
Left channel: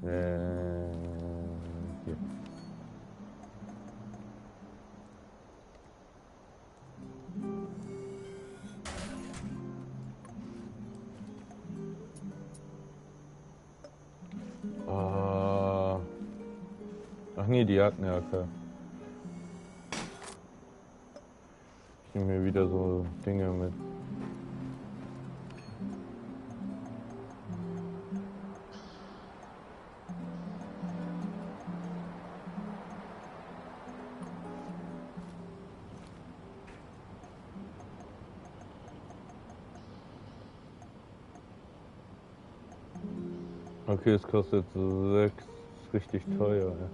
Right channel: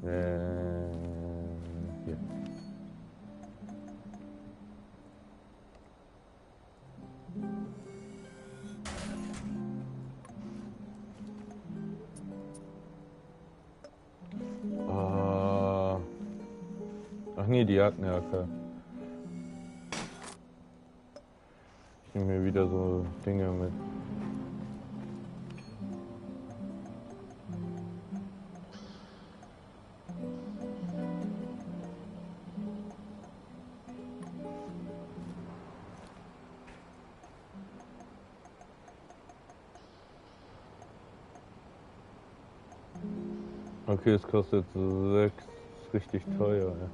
Hier. Ach nee, die hat eine AK. Ich nehme mir wieder so Dinge mit. Okay, es kostet 6. Ist richtig teuer, ja.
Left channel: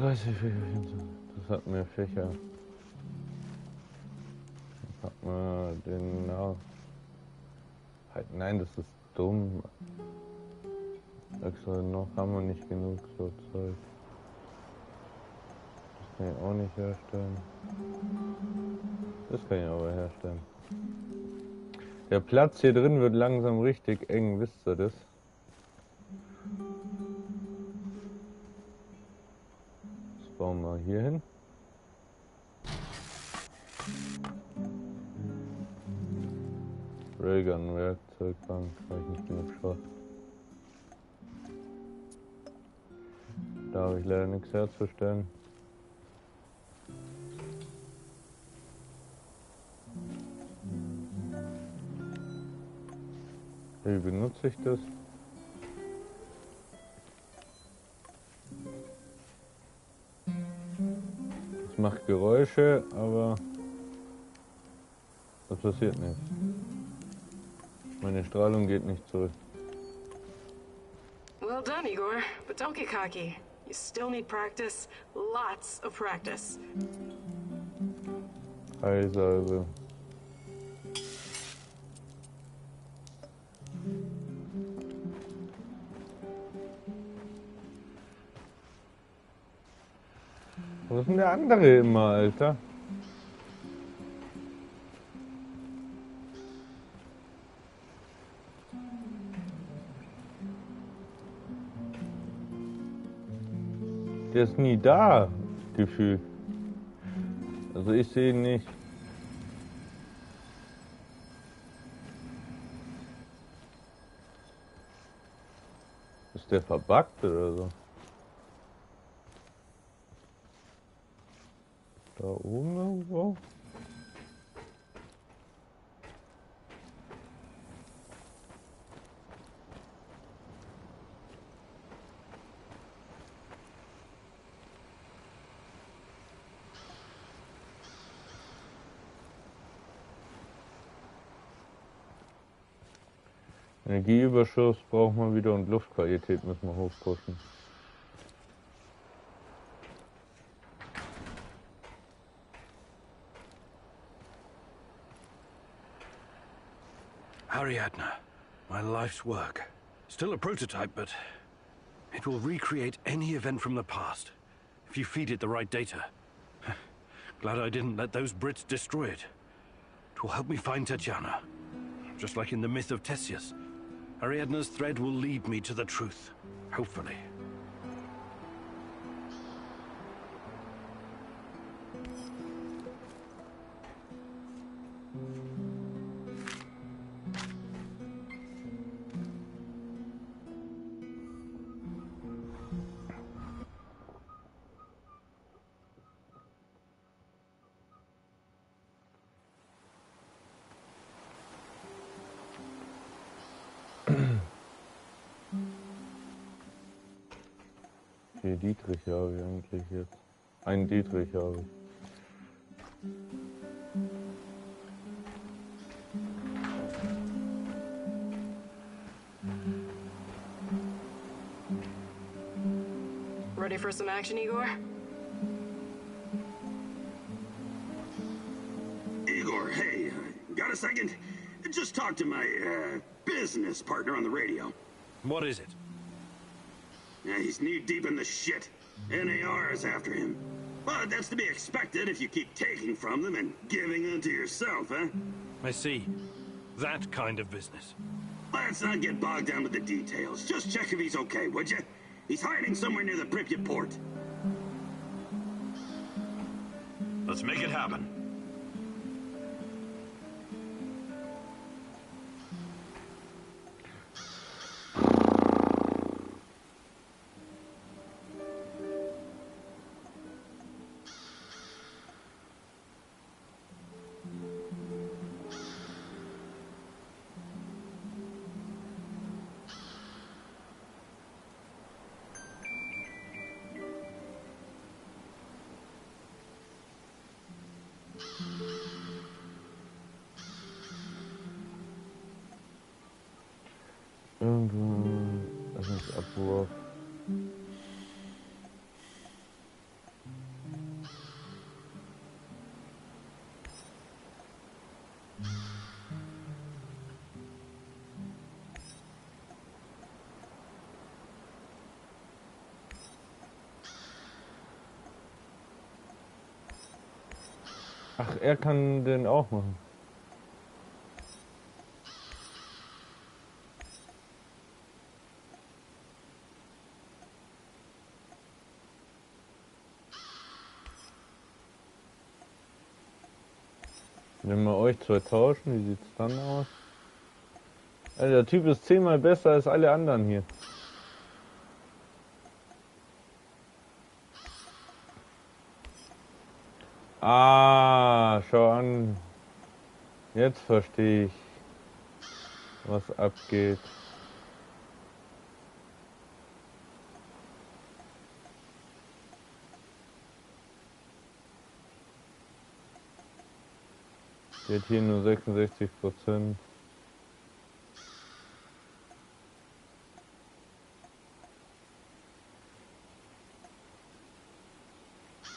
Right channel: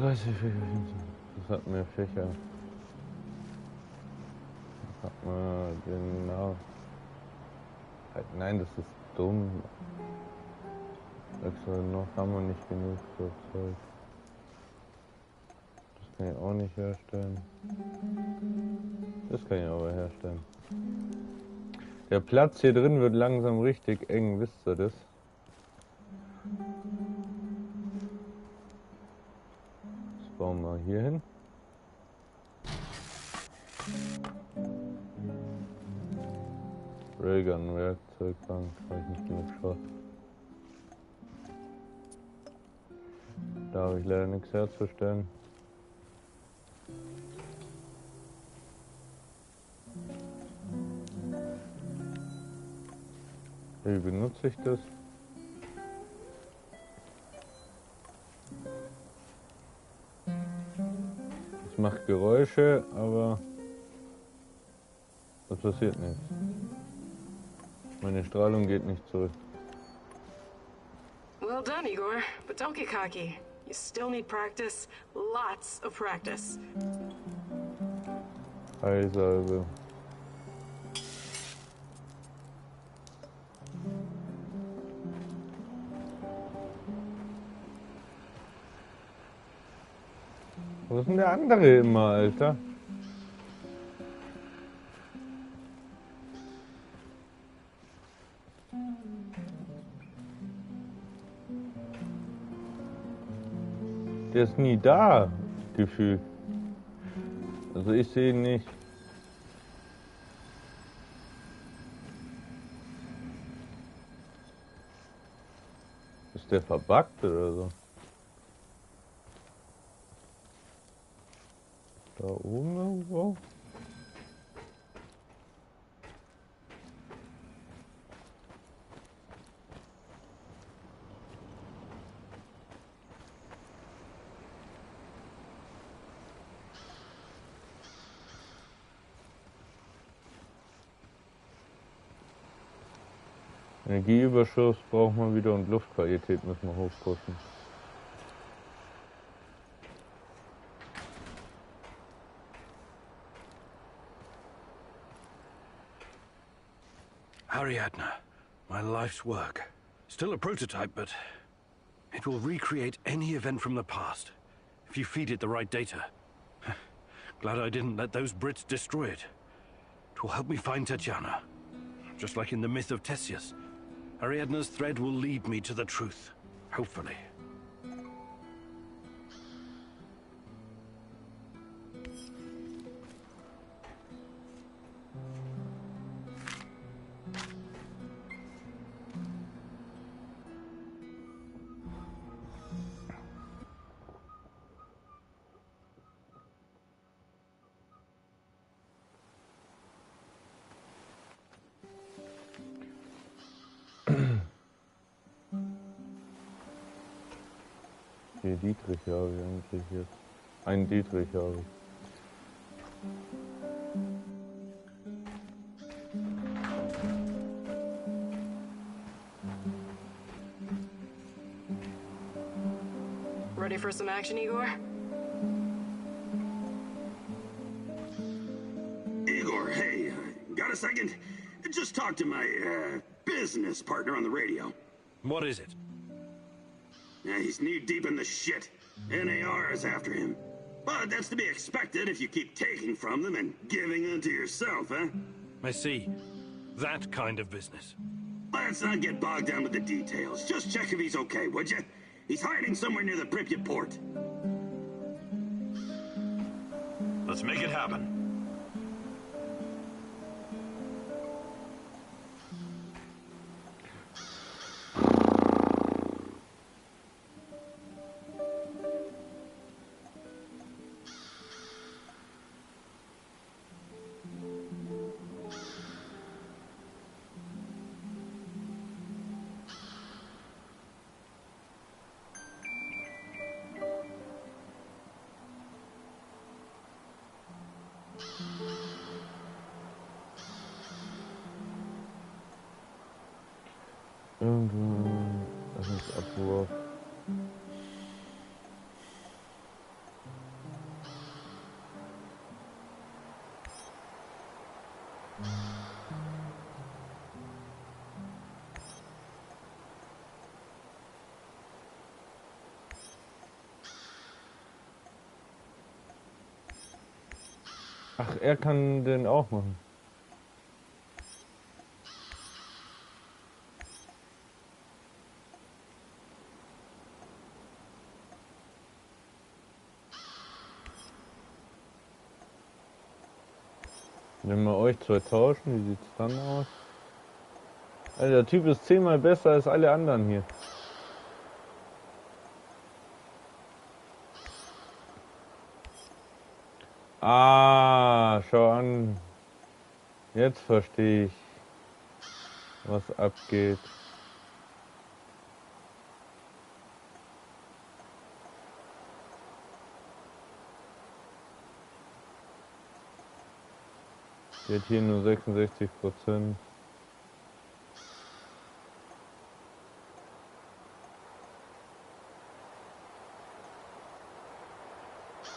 30 Fächer, das hat mehr Fächer. Das hat man genau. Halt, nein, das ist dumm. Extra noch haben wir nicht genug so Zeug. Das kann ich auch nicht herstellen. Das kann ich aber herstellen. Der Platz hier drin wird langsam richtig eng, wisst ihr das? Das bauen wir hier hin. Railgun, Werkzeugbank, habe ich nicht genug Schrott. Da habe ich leider nichts herzustellen. Wie benutze ich das? Es macht Geräusche, aber es passiert nichts. Meine Strahlung geht nicht zurück. Well done, Igor. But don't get cocky. You still need practice. Lots of practice. Heilsalbe. Wo ist denn der andere immer, Alter? Der ist nie da, gefühlt. Also ich sehe ihn nicht. Ist der verbuggt oder so? Da oben irgendwo? Energieüberschuss brauchen wir wieder und Luftqualität müssen wir hochpushen. Ariadne, my life's work. Still a prototype, but it will recreate any event from the past if you feed it the right data. Glad I didn't let those Brits destroy it. It will help me find Tatiana. Just like in the myth of Theseus, Ariadne's thread will lead me to the truth, hopefully. Wie Dietrich habe ich eigentlich jetzt? Einen Dietrich habe ich. Ready for some action, Igor? Igor, hey, got a second? Just talk to my, business partner on the radio. What is it? Yeah, he's knee-deep in the shit. NAR is after him. But that's to be expected if you keep taking from them and giving unto yourself, huh? I see. That kind of business. Let's not get bogged down with the details. Just check if he's okay, would you? He's hiding somewhere near the Pripyat port. Let's make it happen. Irgendwo. Das ist Abwurf. Ach, er kann den auch machen. Wenn wir euch zwei tauschen, wie sieht's dann aus? Alter, der Typ ist 10-mal besser als alle anderen hier. Ah, schau an. Jetzt verstehe ich, was abgeht. Die hat hier nur 66%.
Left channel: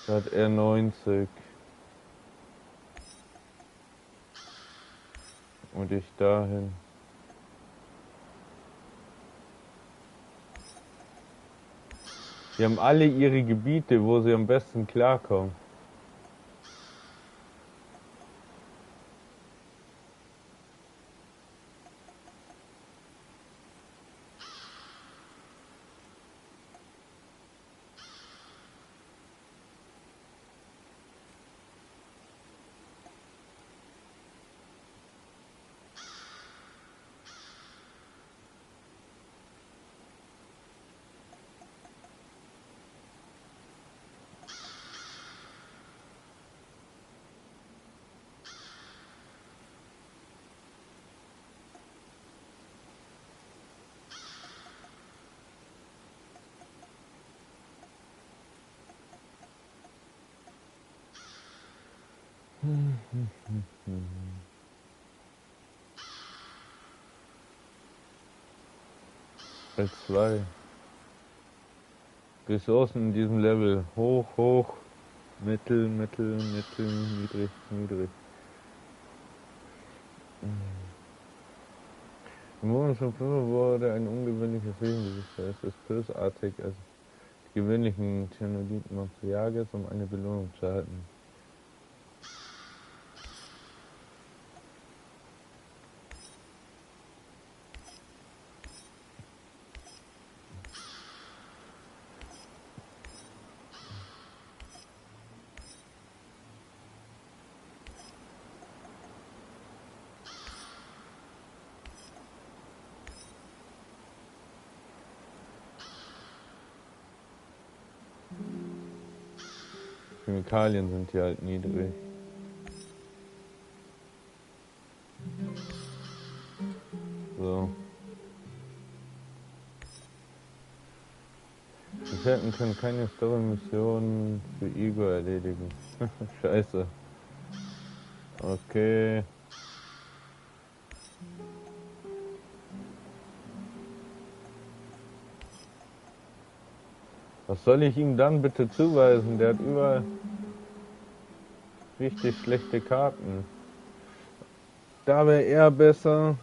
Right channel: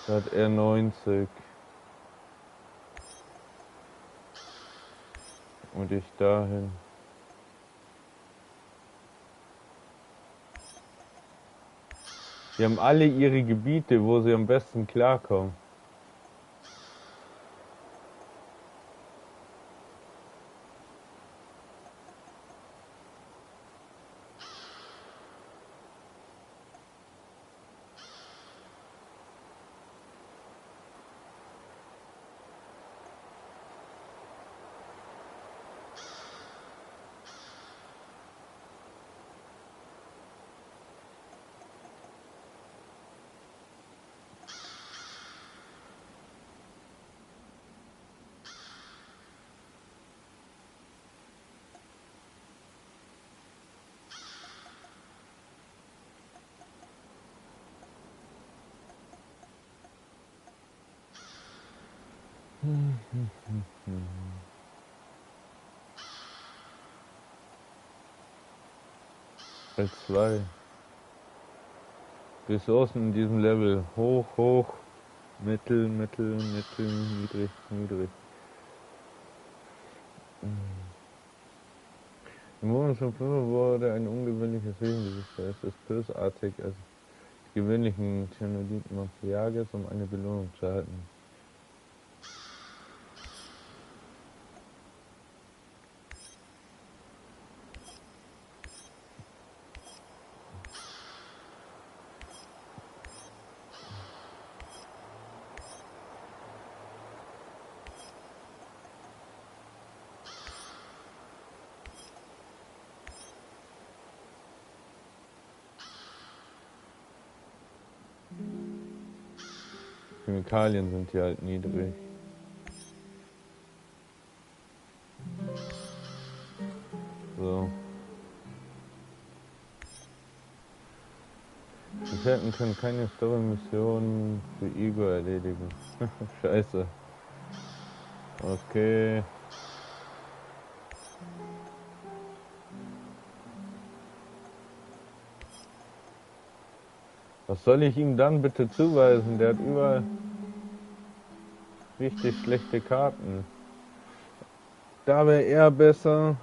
Da hat er 90. Und ich dahin. Die haben alle ihre Gebiete, wo sie am besten klarkommen. L2. Ressourcen in diesem Level. Hoch, hoch, mittel, mittel, mittel, niedrig, niedrig. Im Moment von 5 wurde ein ungewöhnliches Wesen gesichtet. Es ist bösartig, als die gewöhnlichen Chernobylite jagt, um eine Belohnung zu erhalten. Chemikalien sind hier halt niedrig. So. Gefährten können keine Story-Missionen für Igor erledigen. Scheiße. Okay. Was soll ich ihm dann bitte zuweisen? Der hat überall richtig schlechte Karten. Da wäre er besser.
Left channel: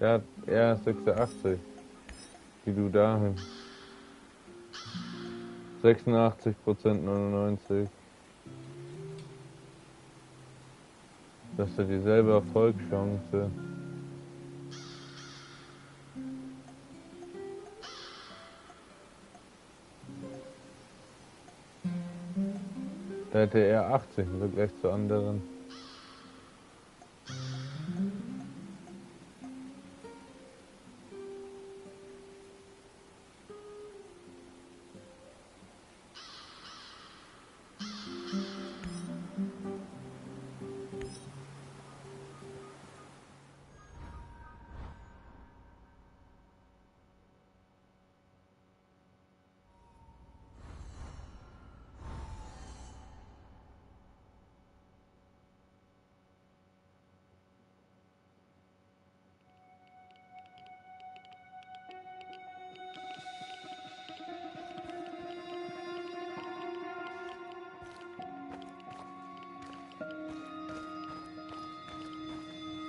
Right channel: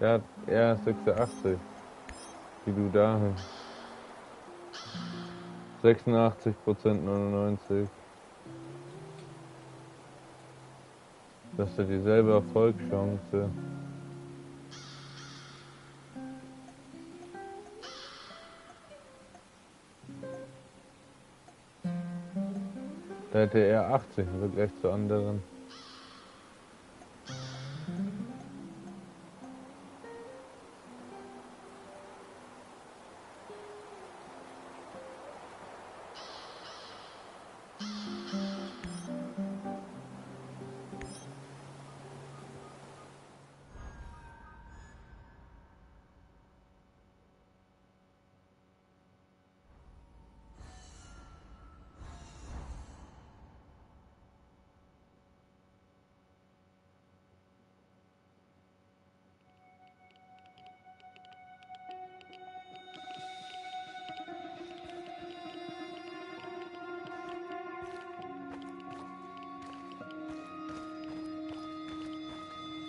Der hat eher 86. Wie du dahin. 86%, 99. Das ist ja dieselbe Erfolgschance. Da hätte er 80 im Vergleich zu anderen.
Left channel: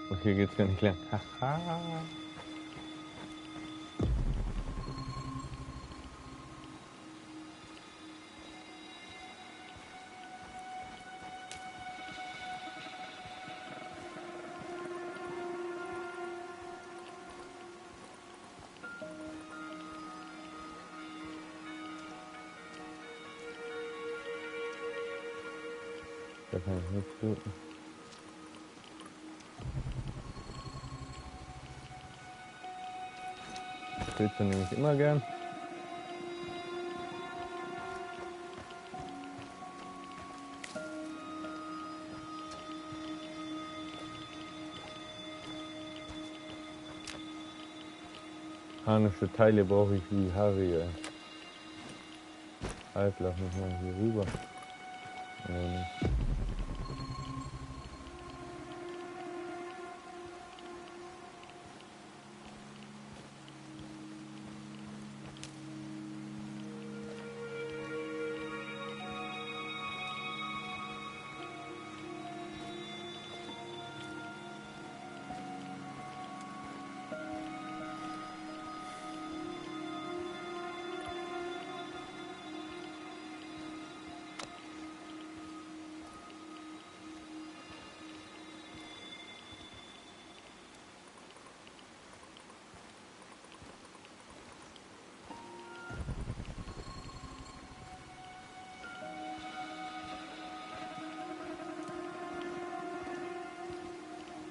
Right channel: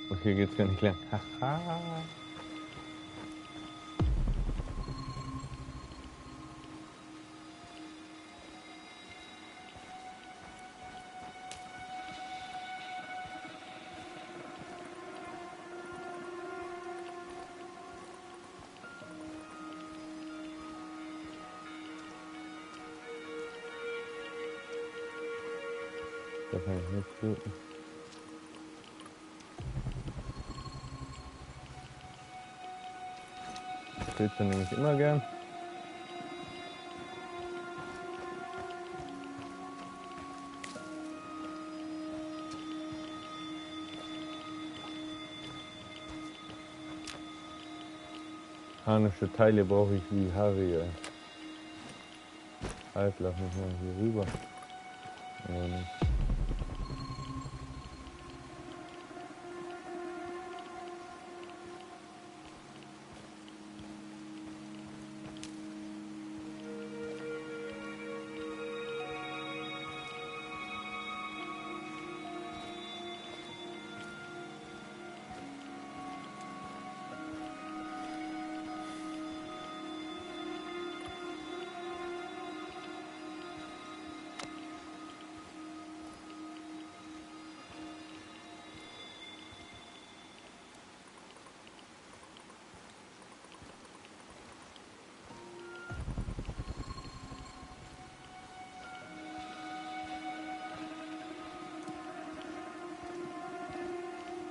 Und hier geht's gar nicht lang. Haha. Da kann ich nichts looten. Pilze nehme ich immer gern. Mechanische Teile brauche ich wie Harry. Halt, lass mich mal hier rüber. Nee, nicht.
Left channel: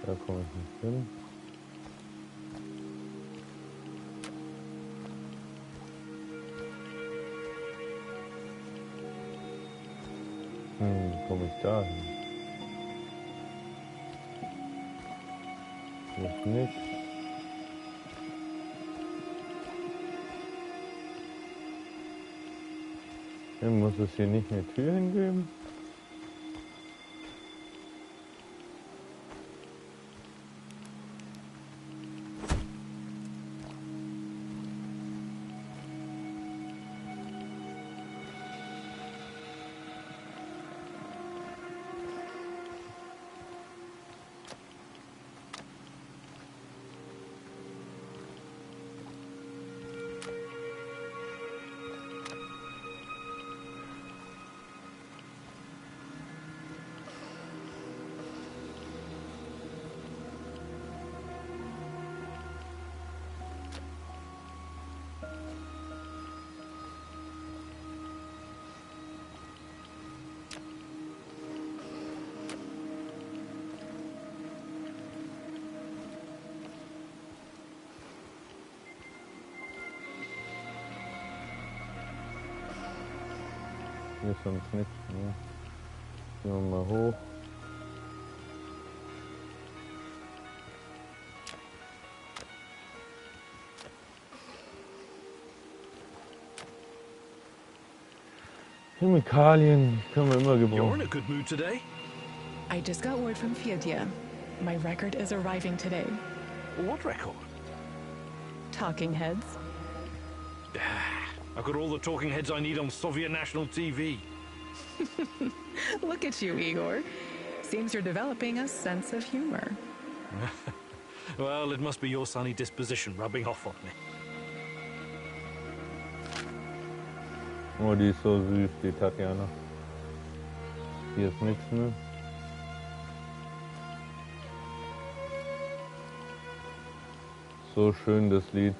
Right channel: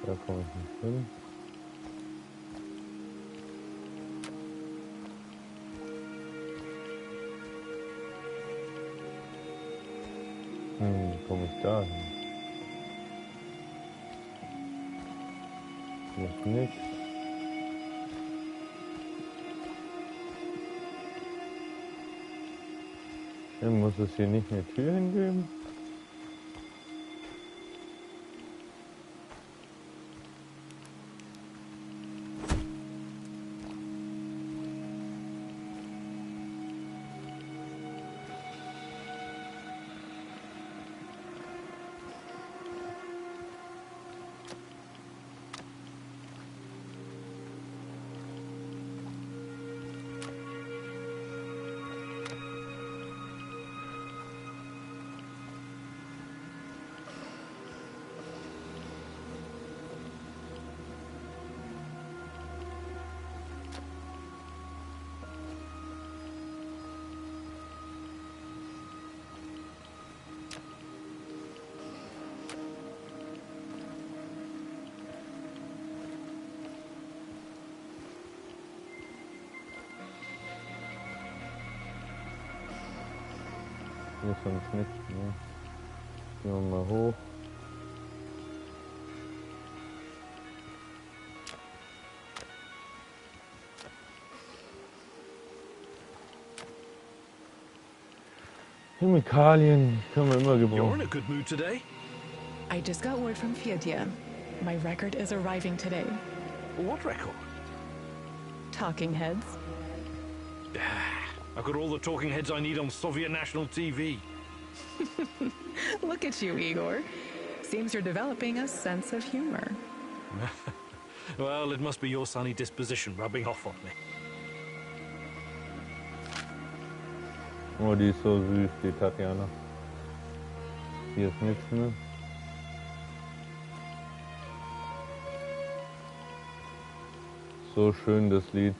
Da komme ich nicht hin. Wie komme ich da hin? Hier ist nichts. Dann muss es hier nicht eine Tür hingeben. Hier ist sonst nichts mehr. Gehen wir mal hoch. Chemikalien können wir immer You're in gebrauchen. a good mood today. I just got word from Fiedia. My record is arriving today. What record? Talking heads. I've got all the talking heads I need on Soviet national TV. Look at you, Igor. Seems you're developing a sense of humor. Well, it must be your sunny disposition rubbing off on me. Oh, die ist so süß, die Tatjana. Hier ist nichts mehr. So schön das Lied.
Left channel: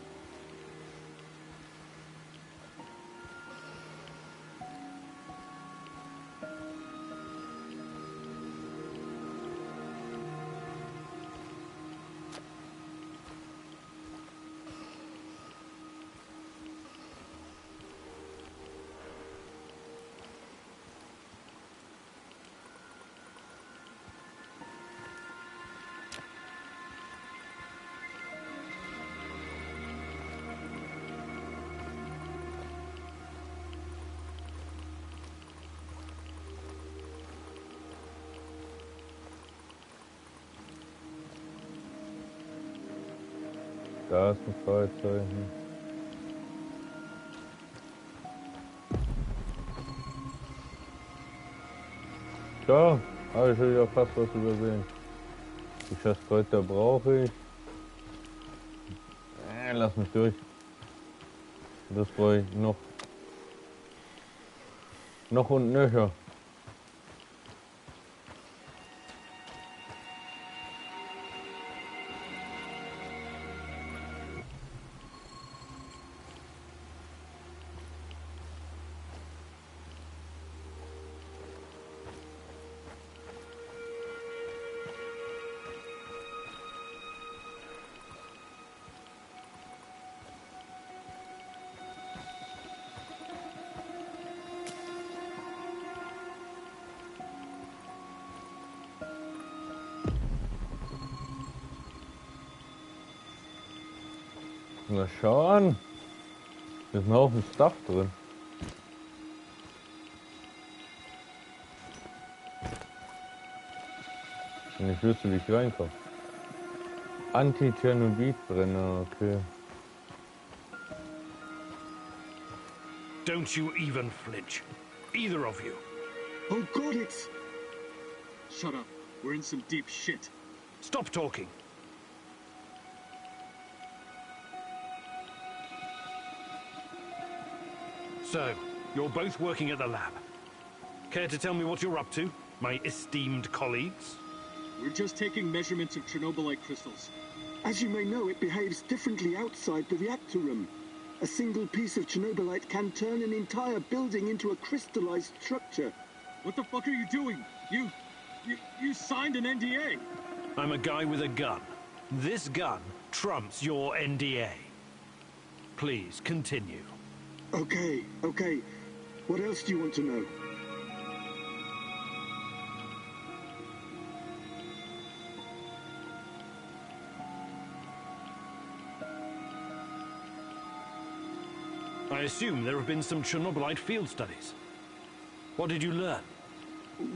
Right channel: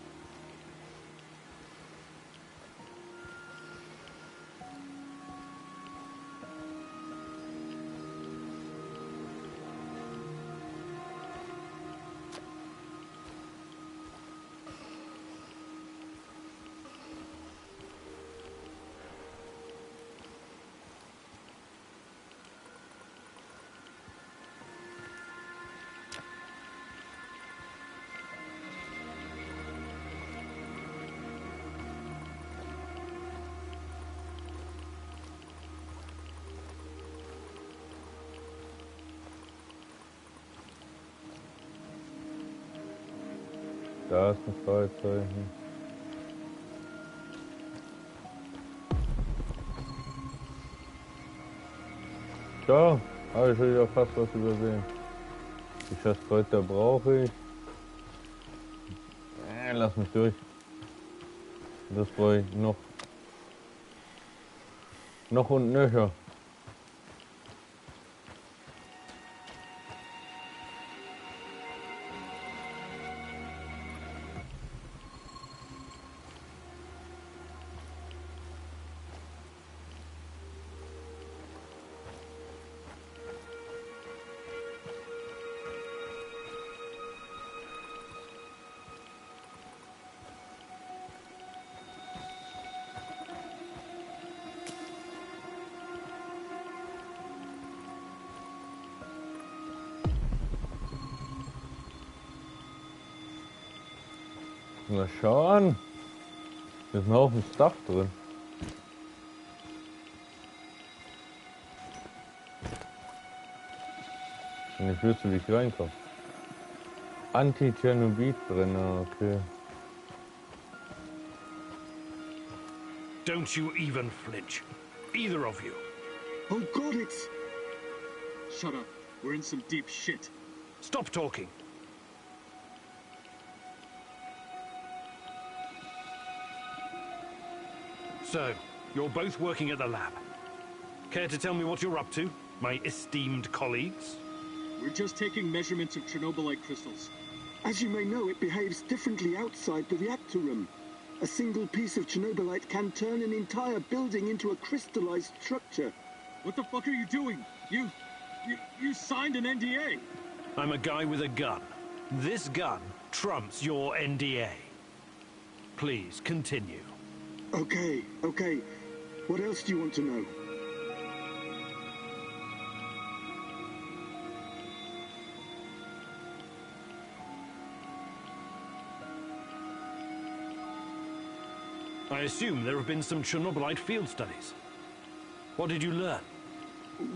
Da ist ein Fragezeichen. Tja, habe ich schon wieder fast was übersehen. Die Schasskräuter brauche ich. Lass mich durch. Das brauche ich noch. Noch und nöcher. Na schau an. Da ist ein Haufen Stuff drin. Und ich wüsste, wie ich reinkomme. Anti-Chernobylite-Brenner, okay. Don't you even flinch. Either of you. Oh God, it's... Shut up. We're in some deep shit. Stop talking. So, you're both working at the lab. Care to tell me what you're up to, my esteemed colleagues? We're just taking measurements of Chernobylite crystals. As you may know, it behaves differently outside the reactor room. A single piece of Chernobylite can turn an entire building into a crystallized structure. What the fuck are you doing? You signed an NDA. I'm a guy with a gun. This gun trumps your NDA. Please, continue. Okay. What else do you want to know? I assume there have been some Chernobylite field studies. What did you learn?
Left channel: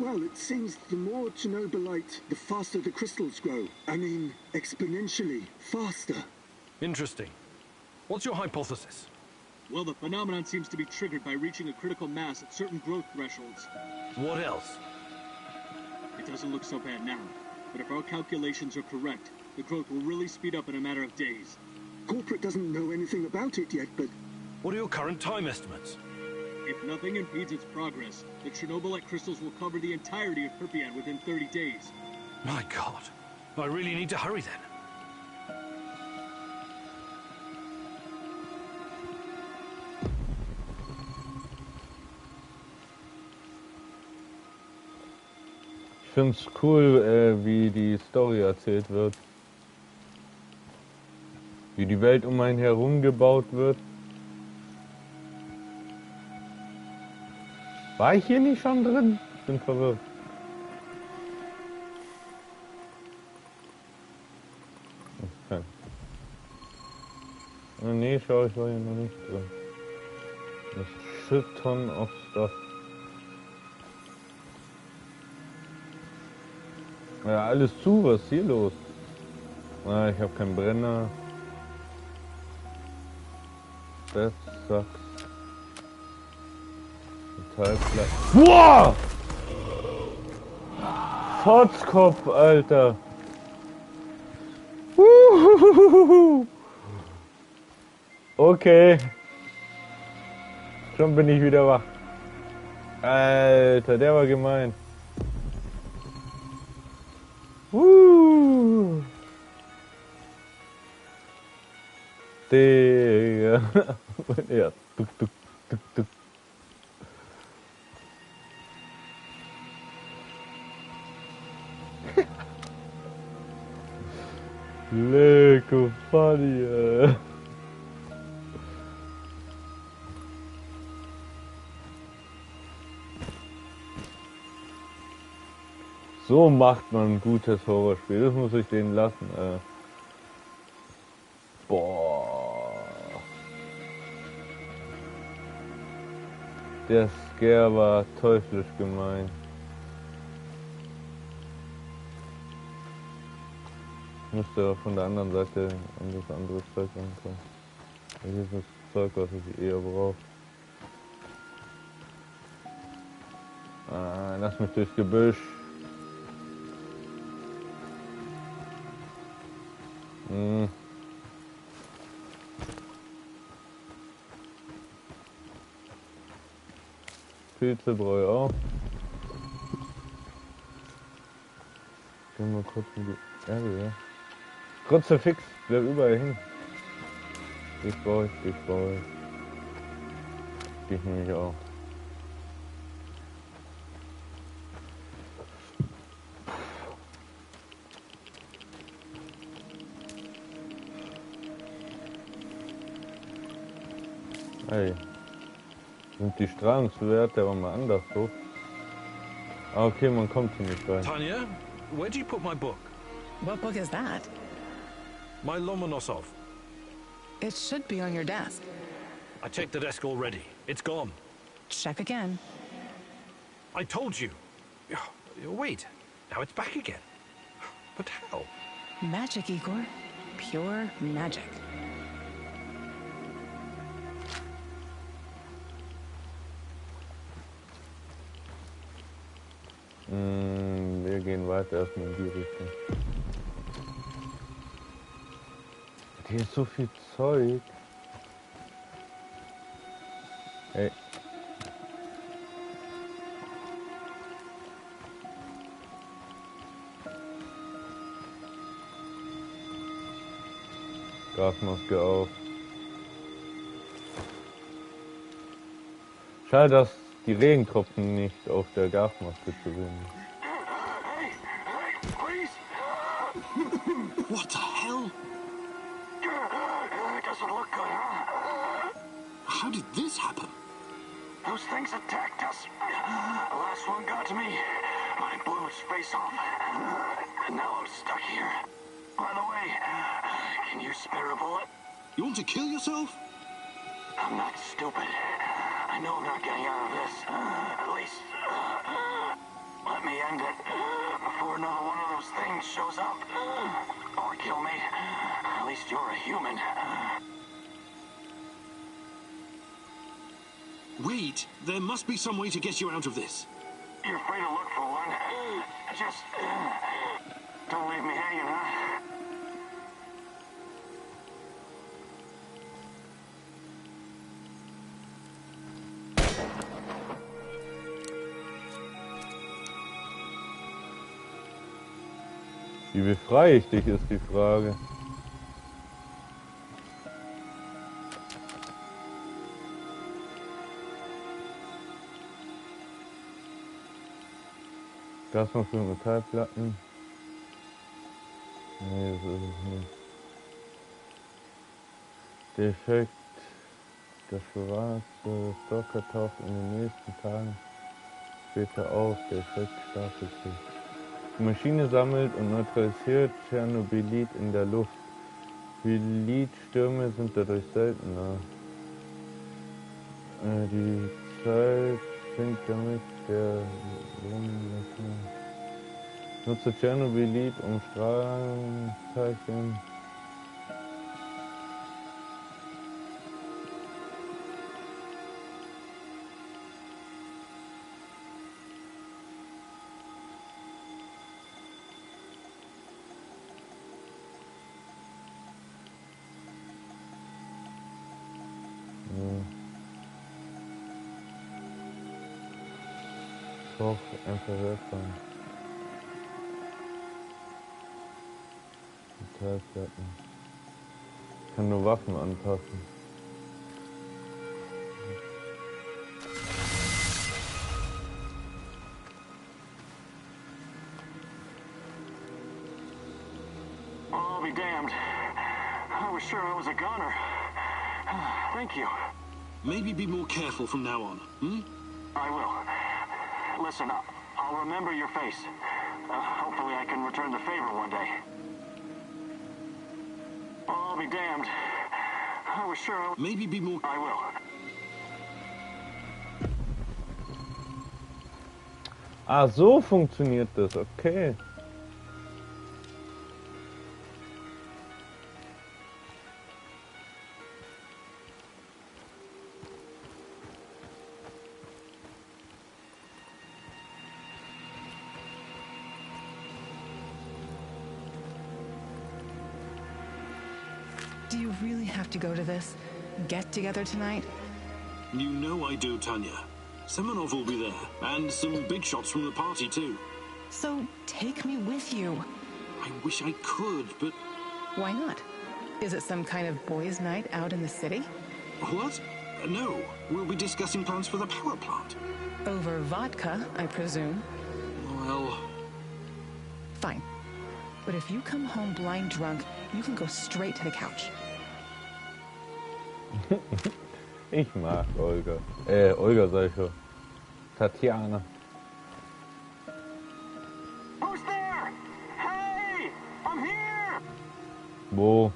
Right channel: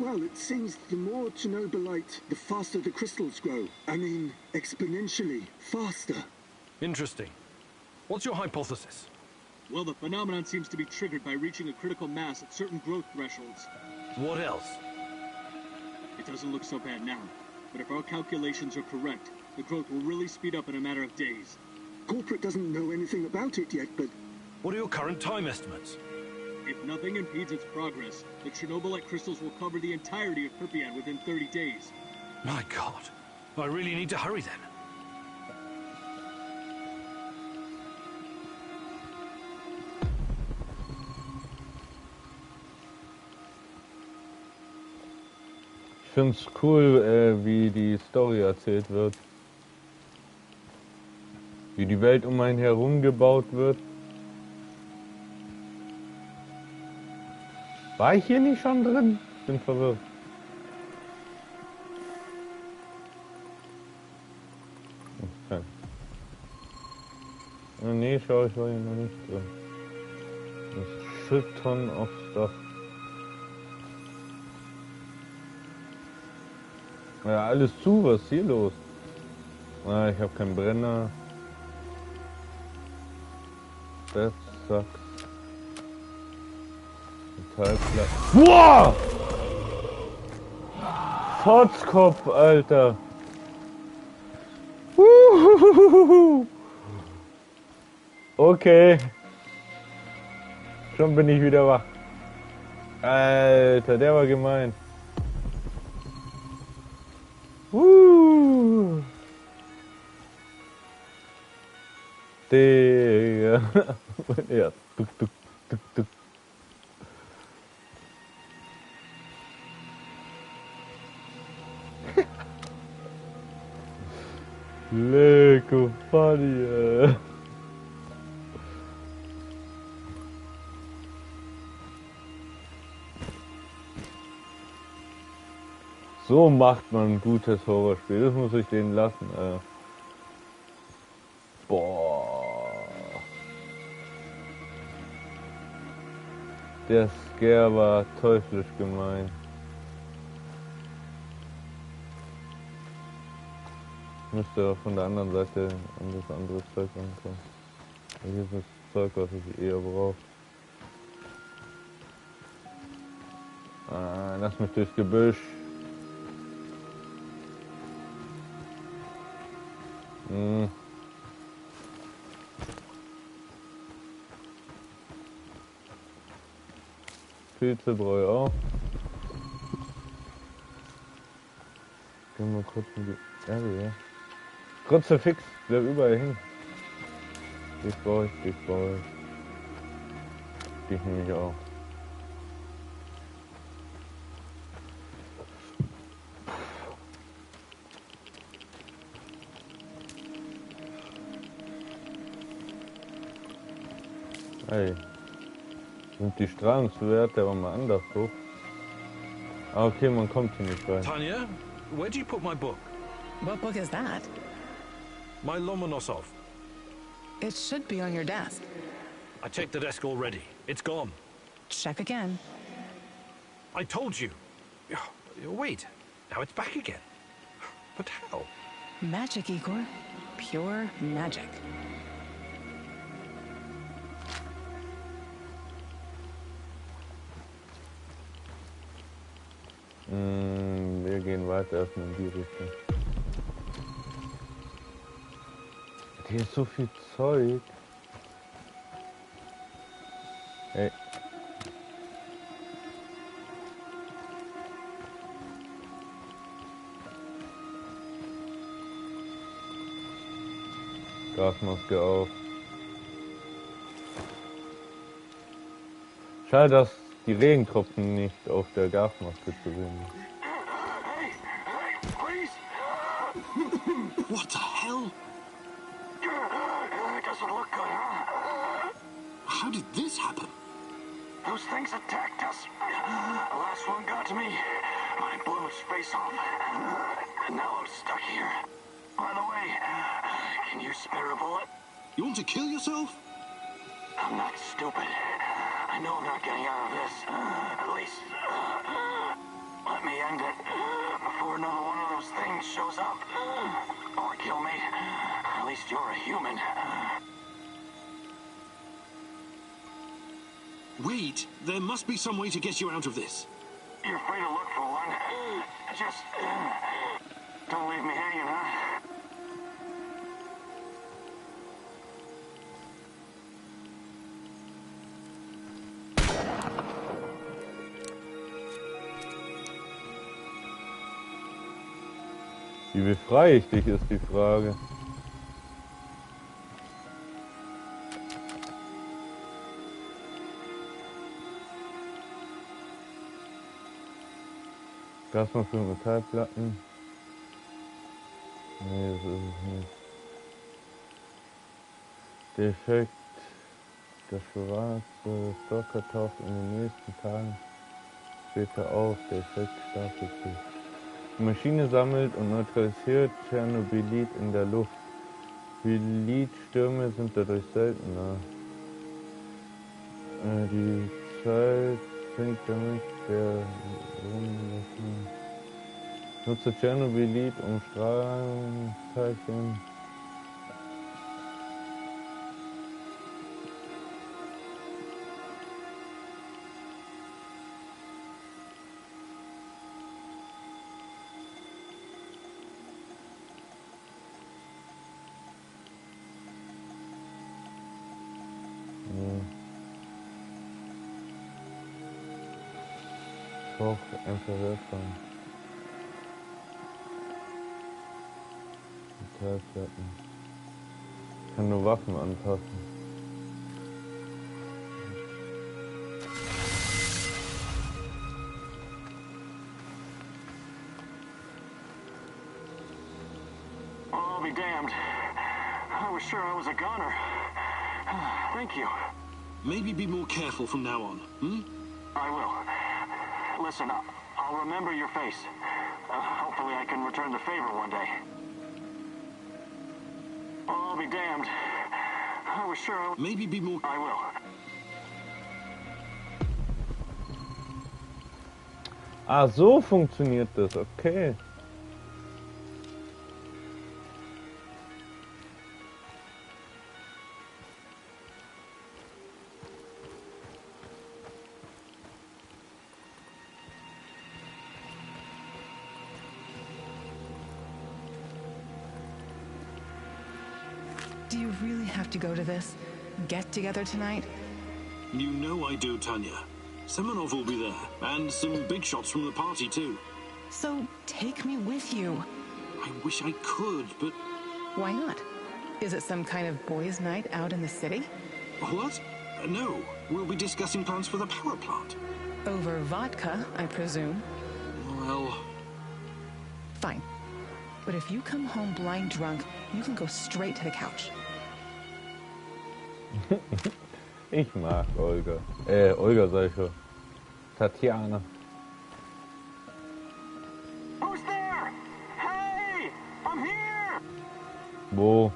Well, it seems the more Chernobylite, the faster the crystals grow. I mean, exponentially faster. Interesting. What's your hypothesis? Well, the phenomenon seems to be triggered by reaching a critical mass at certain growth thresholds. What else? It doesn't look so bad now, but if our calculations are correct, the growth will really speed up in a matter of days. Corporate doesn't know anything about it yet, but... What are your current time estimates? If nothing impedes its progress, the Chernobylite crystals will cover the entirety of Pripyat within 30 days. My God. I really need to hurry then. Ich finde es cool, wie die Story erzählt wird. Wie die Welt um einen herum gebaut wird. War ich hier nicht schon drin? Bin verwirrt. Okay. Nee, schau, ich war hier noch nicht drin. Das ist shit ton of stuff. Ja, alles zu, was ist hier los? Ah, ich habe keinen Brenner. Das sucks. Metallplatte. Boah! Fotzkopf, Alter. Okay. Schon bin ich wieder wach. Alter, der war gemein. Digga. Ja, tuk, tuk, tuk, tuk. Lecko funny, So macht man ein gutes Horrorspiel, das muss ich denen lassen. Boah. Der Scare war teuflisch gemein. Müsste von der anderen Seite an das andere Zeug rankommen. Hier ist das Zeug, was ich eher brauche. Lass mich durchs Gebüsch. Hm. Pilzebräu auch. Gehen wir kurz in die Erde, ja. Kruzifix, bleib überall hin. Dich brauche ich, dich brauche ich. Dich nehme ich auch. Hey. Sind die Strahlungswerte aber mal anders hoch? Ah, okay, man kommt hier nicht rein. Tanya, where'd you put my book? What book is that? My Lomonosov. It should be on your desk. I checked the desk already. It's gone. Check again. I told you. Wait, now it's back again. But how? Magic, Igor. Pure magic. Wir gehen weiter erstmal in die Richtung. Hier ist so viel Zeug. Hey. Gasmaske auf. Schade, dass die Regentropfen nicht auf der Gasmaske zu sehen sind. What the hell? It doesn't look good, huh? How did this happen? Those things attacked us. The last one got to me. I blew its face off. And now I'm stuck here. By the way, can you spare a bullet? You want to kill yourself? I'm not stupid. I know I'm not getting out of this. At least, let me end it before another one of those things shows up. Or kill me. At least you're a human. Wait, there must be some way to get you out of this. You're free to look for one. Just don't leave me hanging, huh? Wie befreie ich dich, ist die Frage. Gasmaske für Metallplatten. Nee, das ist es nicht. Defekt. Der schwarze Stalker taucht in den nächsten Tagen später auf. Der Effekt stapelt sich. Die Maschine sammelt und neutralisiert Chernobylite in der Luft. Bylitstürme sind dadurch seltener. Die Zeit sinkt damit der Lungenlösung. Nutze Chernobylite um Strahlungsteilchen. Koch, Infrarotfang. Metallplatten. Ich kann nur Waffen anpassen. I'll be damned. I was sure I was a goner. Thank you. Maybe be more careful from now on, hmm? I will. Listen, I'll remember your face. Hopefully I can return the favor one day. I'll be damned. I was sure I... Maybe be more... I will. Ah, so funktioniert das, okay. Do you really have to go to this get-together tonight? You know I do, Tanya. Semenov will be there, and some big shots from the party, too. So take me with you. I wish I could, but... Why not? Is it some kind of boys' night out in the city? What? No, we'll be discussing plans for the power plant. Over vodka, I presume. Well... Fine. But if you come home blind drunk, you can go straight to the couch. Ich mag Olga. Olga sag ich schon. Tatjana. Who's there? Hey! I'm here! Wo?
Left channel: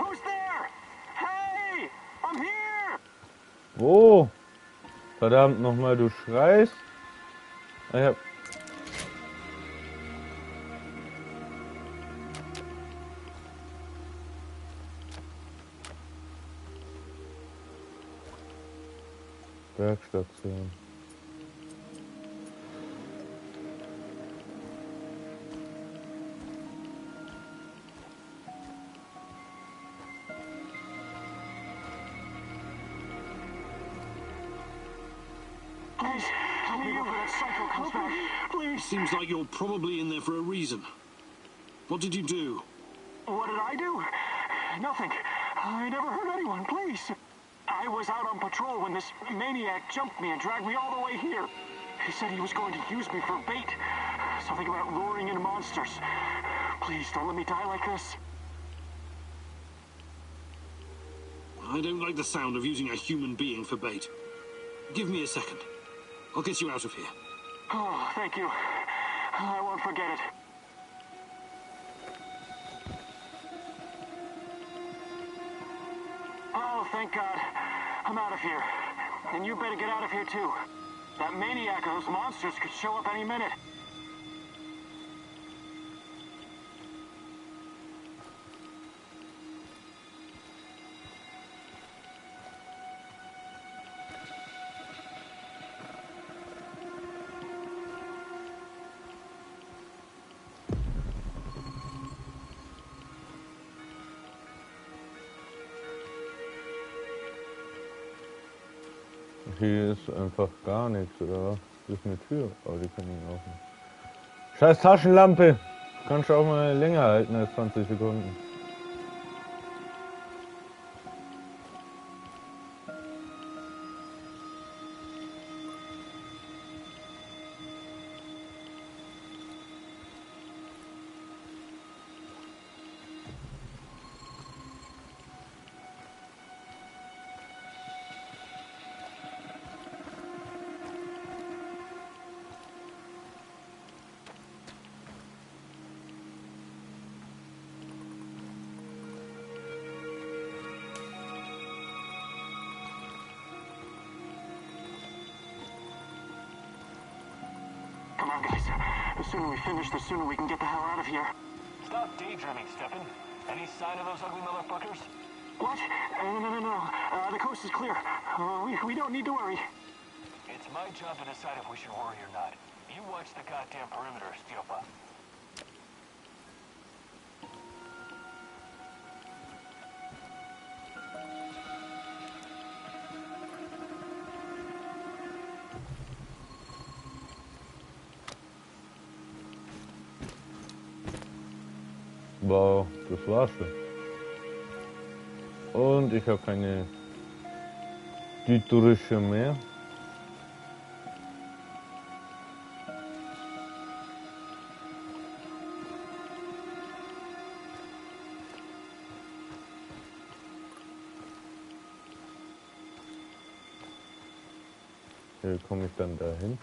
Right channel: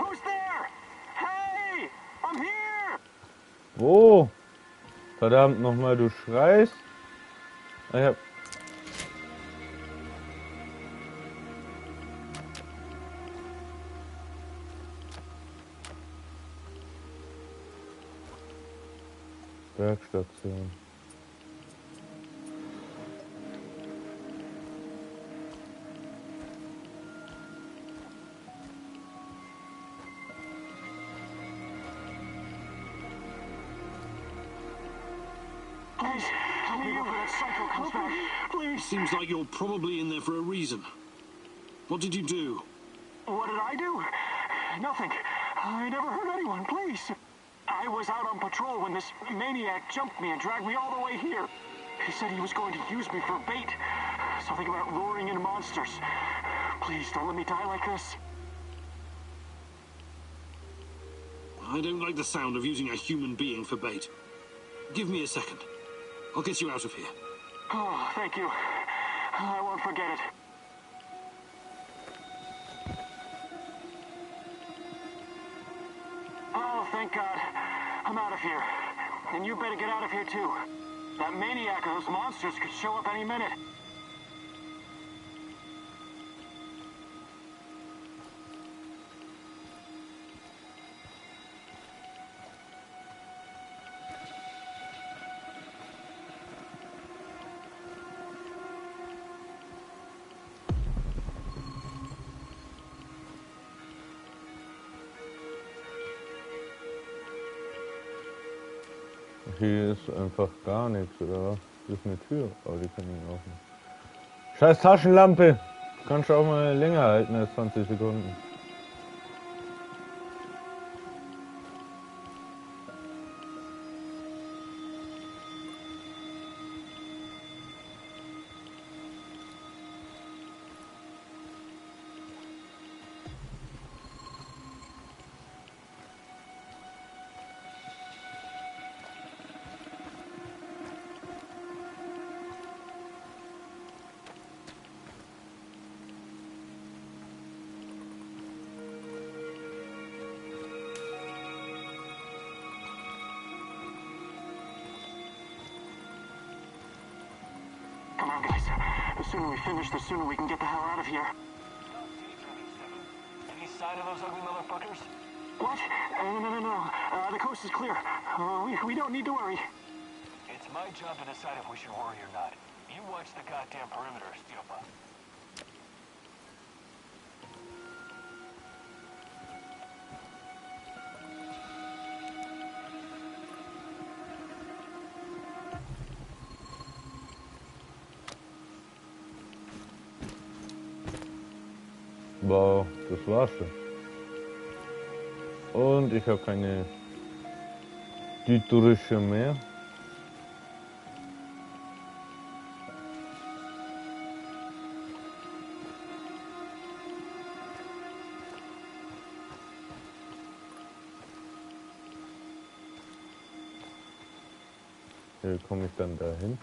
Who's there? Hey! I'm here! Wo? Verdammt nochmal, du schreist. Ich hab... Bergstation. Please, help me before that psycho comes back. Please. Seems like you're probably in there for a reason. What did you do? What did I do? Nothing. I never hurt anyone, please. I was out on patrol when this maniac jumped me and dragged me all the way here. He said he was going to use me for bait. Something about luring in monsters. Please, don't let me die like this. I don't like the sound of using a human being for bait. Give me a second. I'll get you out of here. Oh, thank you. I won't forget it. Oh, thank God. I'm out of here. And you better get out of here, too. That maniac or those monsters could show up any minute. Hier ist einfach gar nichts, oder was? Das ist eine Tür, aber die kann ich offen. Scheiß Taschenlampe! Kannst du auch mal länger halten als 20 Sekunden. Come on, guys. The sooner we finish, the sooner we can get the hell out of here. Stop daydreaming, Stefan. Any sign of those ugly motherfuckers? What? No. The coast is clear. We don't need to worry. It's my job to decide if we should worry or not. You watch the goddamn perimeter, Stiopa. Wow, das war's schon. Und ich habe keine Dieterische mehr. Wie komme ich dann dahin?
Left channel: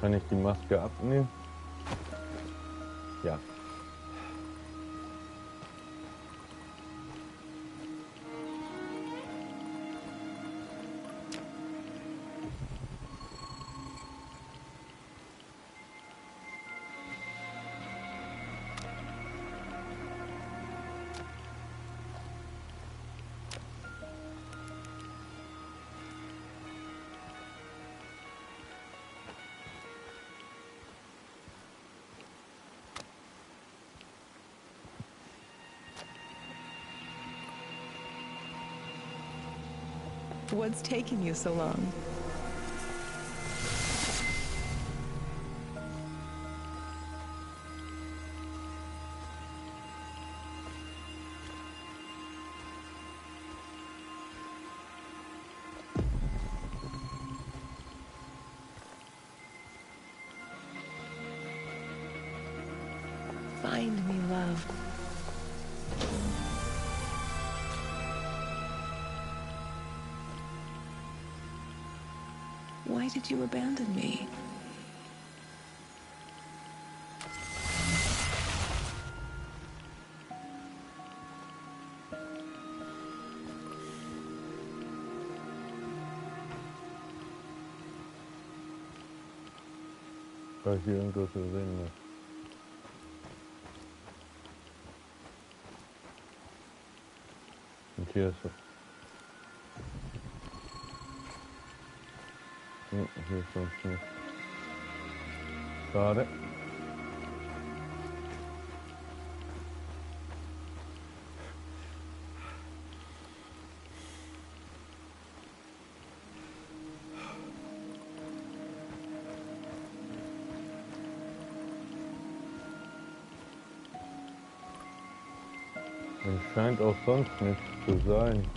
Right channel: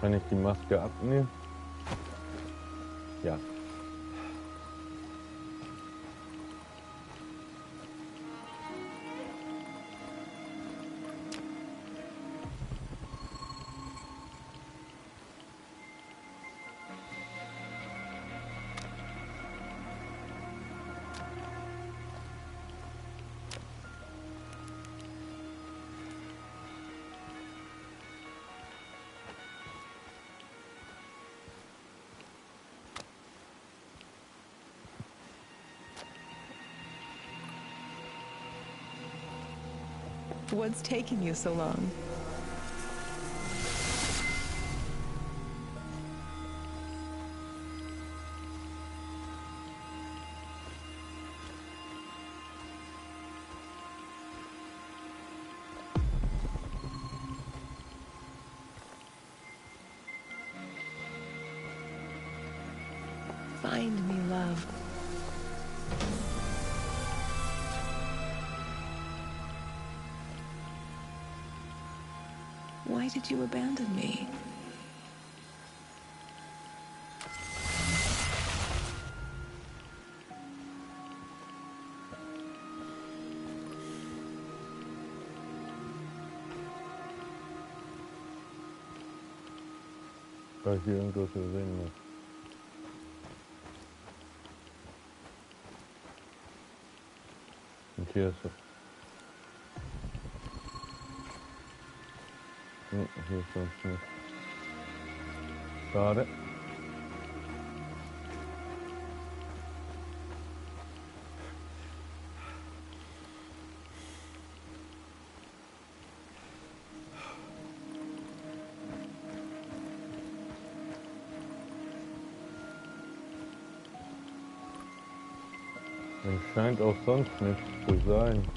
Kann ich die Maske abnehmen? Ja. What's taking you so long? Find me, love. Why did you abandon me? Weil ich hier irgendwas gesehen habe. Und hier ist es. Hier ist sonst nicht. Schade. Es scheint auch sonst nichts zu sein.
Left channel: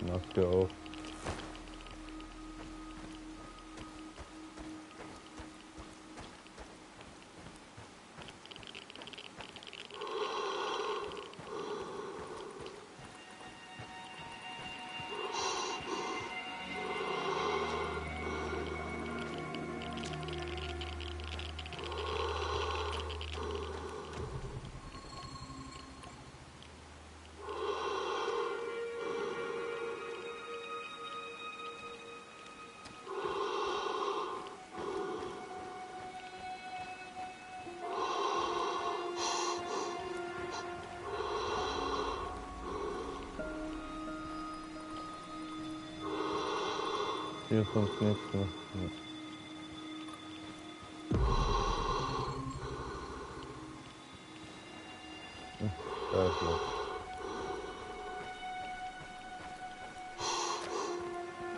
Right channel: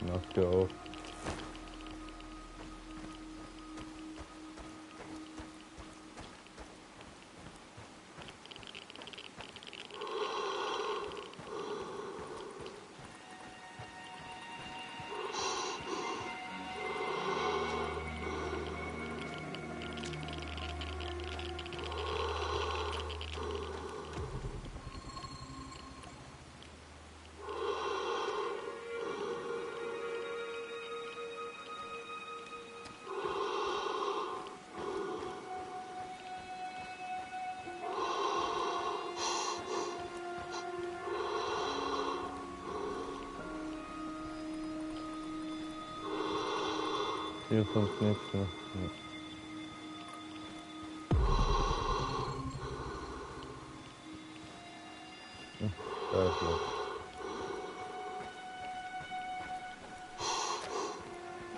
Maske auf. Hier ist sonst nichts mehr. Ja. Da ist was.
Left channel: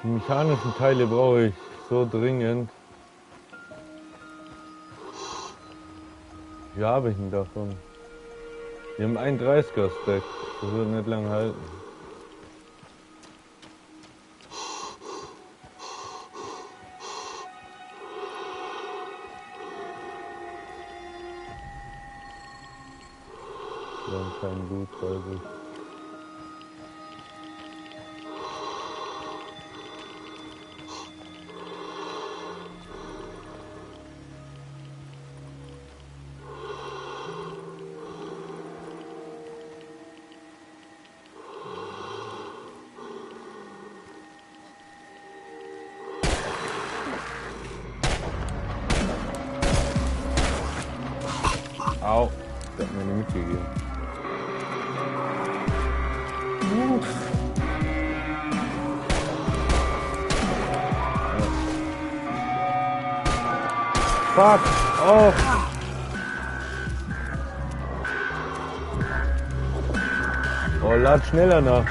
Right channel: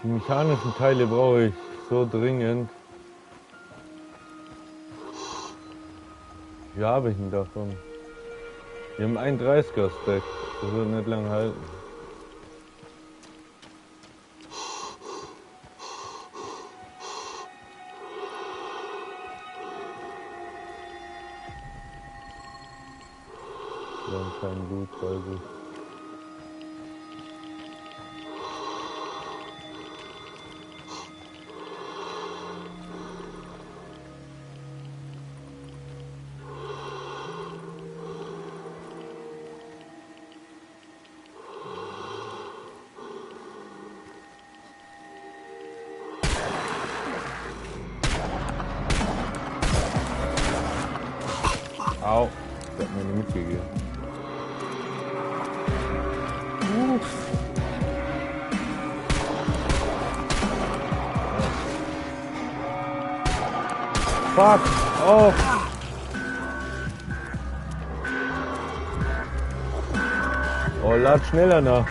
Die mechanischen Teile brauche ich so dringend. Wie habe ich denn davon? Wir haben einen 30er-Stack. Das wird nicht lange halten. Wir haben kein Blut bei sich. Au, der hat mir nicht mitgegeben. Fuck! Oh! Oh, lad schneller nach.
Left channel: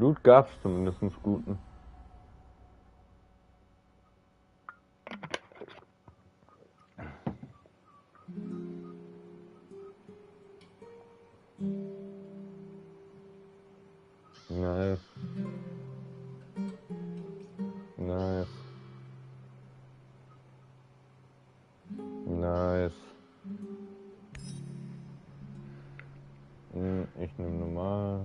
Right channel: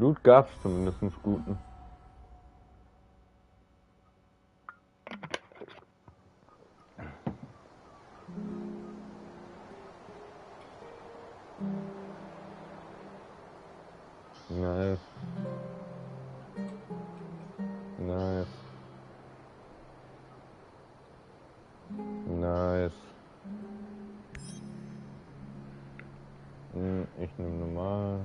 Loot gab's zumindest guten. Nice. Nice. Nice. Ich nehme normal.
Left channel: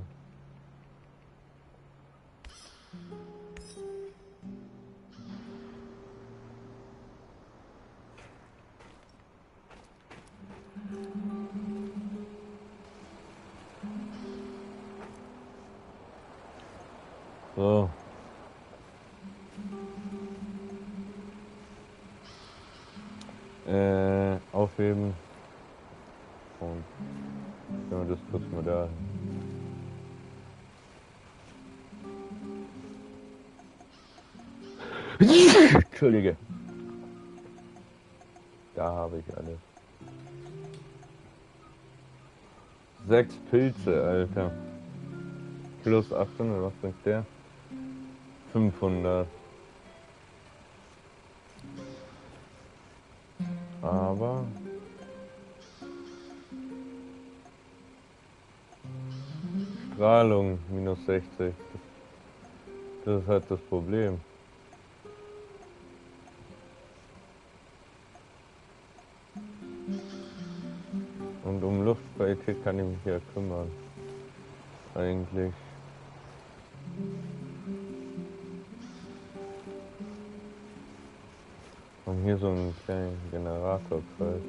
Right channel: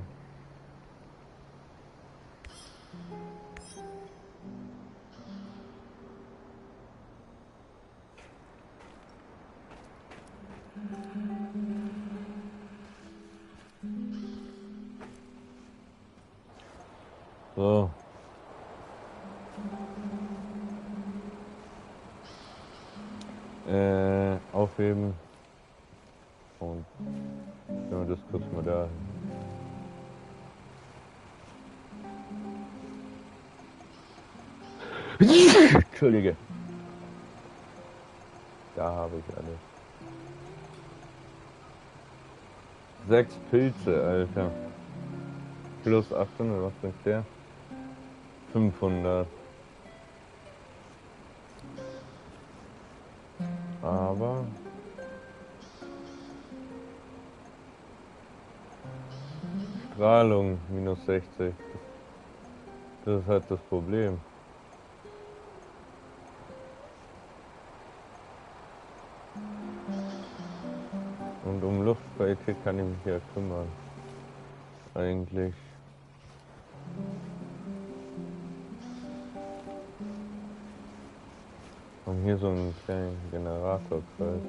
So. Aufheben. Und ja, das kurz mal da. Entschuldige. Da habe ich alles. 6 Pilze, Alter. Plus 800, was bringt der? 500. Aber Strahlung minus 60. Das ist halt das Problem. Und um Luftqualität kann ich mich ja kümmern. Eigentlich. Und hier so einen kleinen Generatorkreis.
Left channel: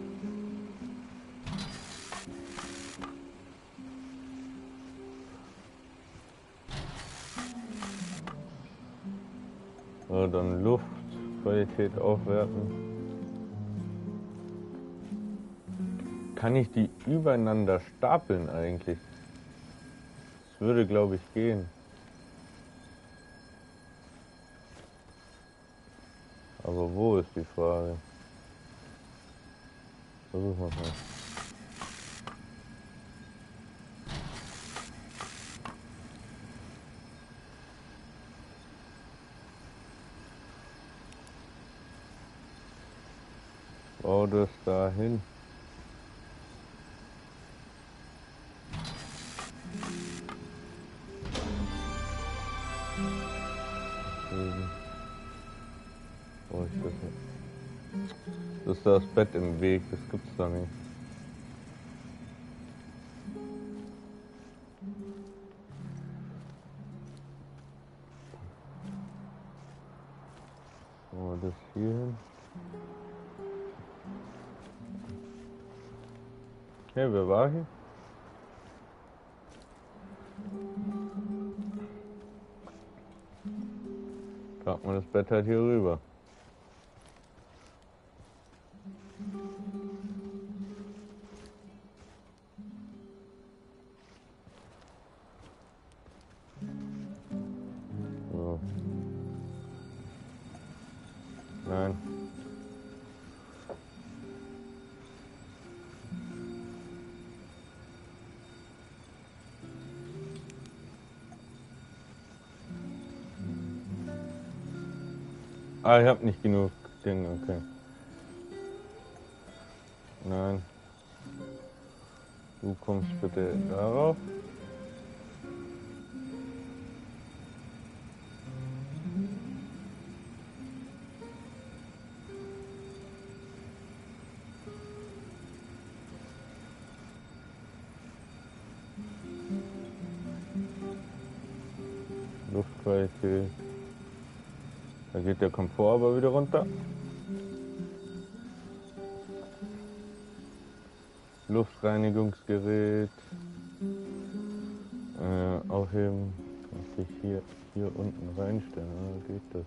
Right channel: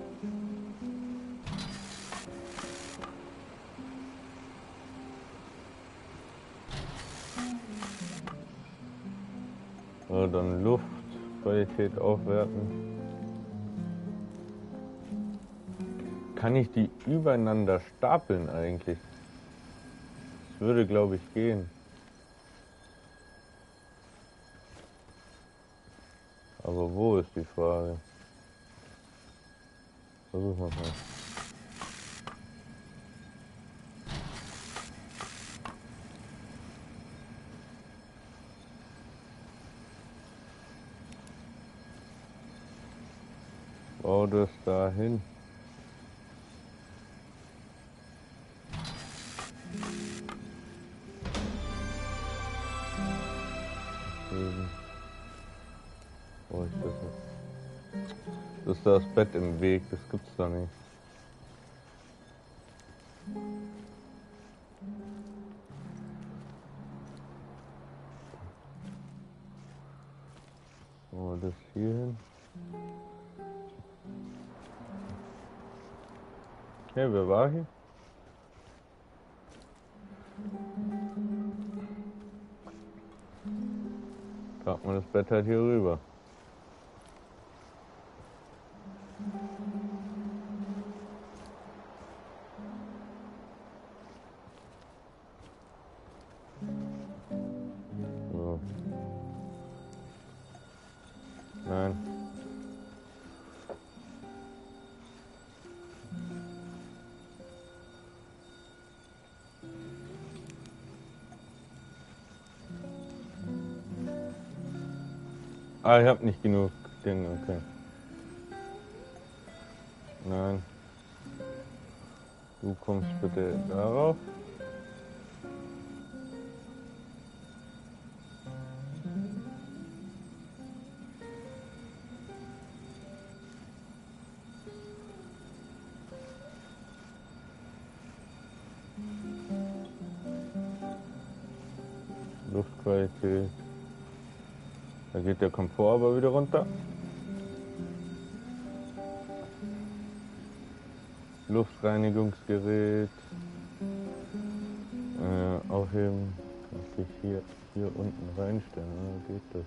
So, dann Luftqualität aufwerten. Kann ich die übereinander stapeln eigentlich? Das würde, glaube ich, gehen. Aber wo ist die Frage? Versuchen wir mal. Bau das dahin. Wo ist das jetzt? Das ist das Bett im Weg, das gibt's da nicht. So, das hier hin. Hey, wer war hier? Packen wir das Bett halt hier rüber. So. Nein. Ah, ich hab nicht genug Dinge, okay. Nein. Du kommst bitte darauf. Luftqualität. Da geht der Komfort aber wieder runter. Luftreinigungsgerät. Aufheben. Kann ich hier unten reinstellen, oder geht das?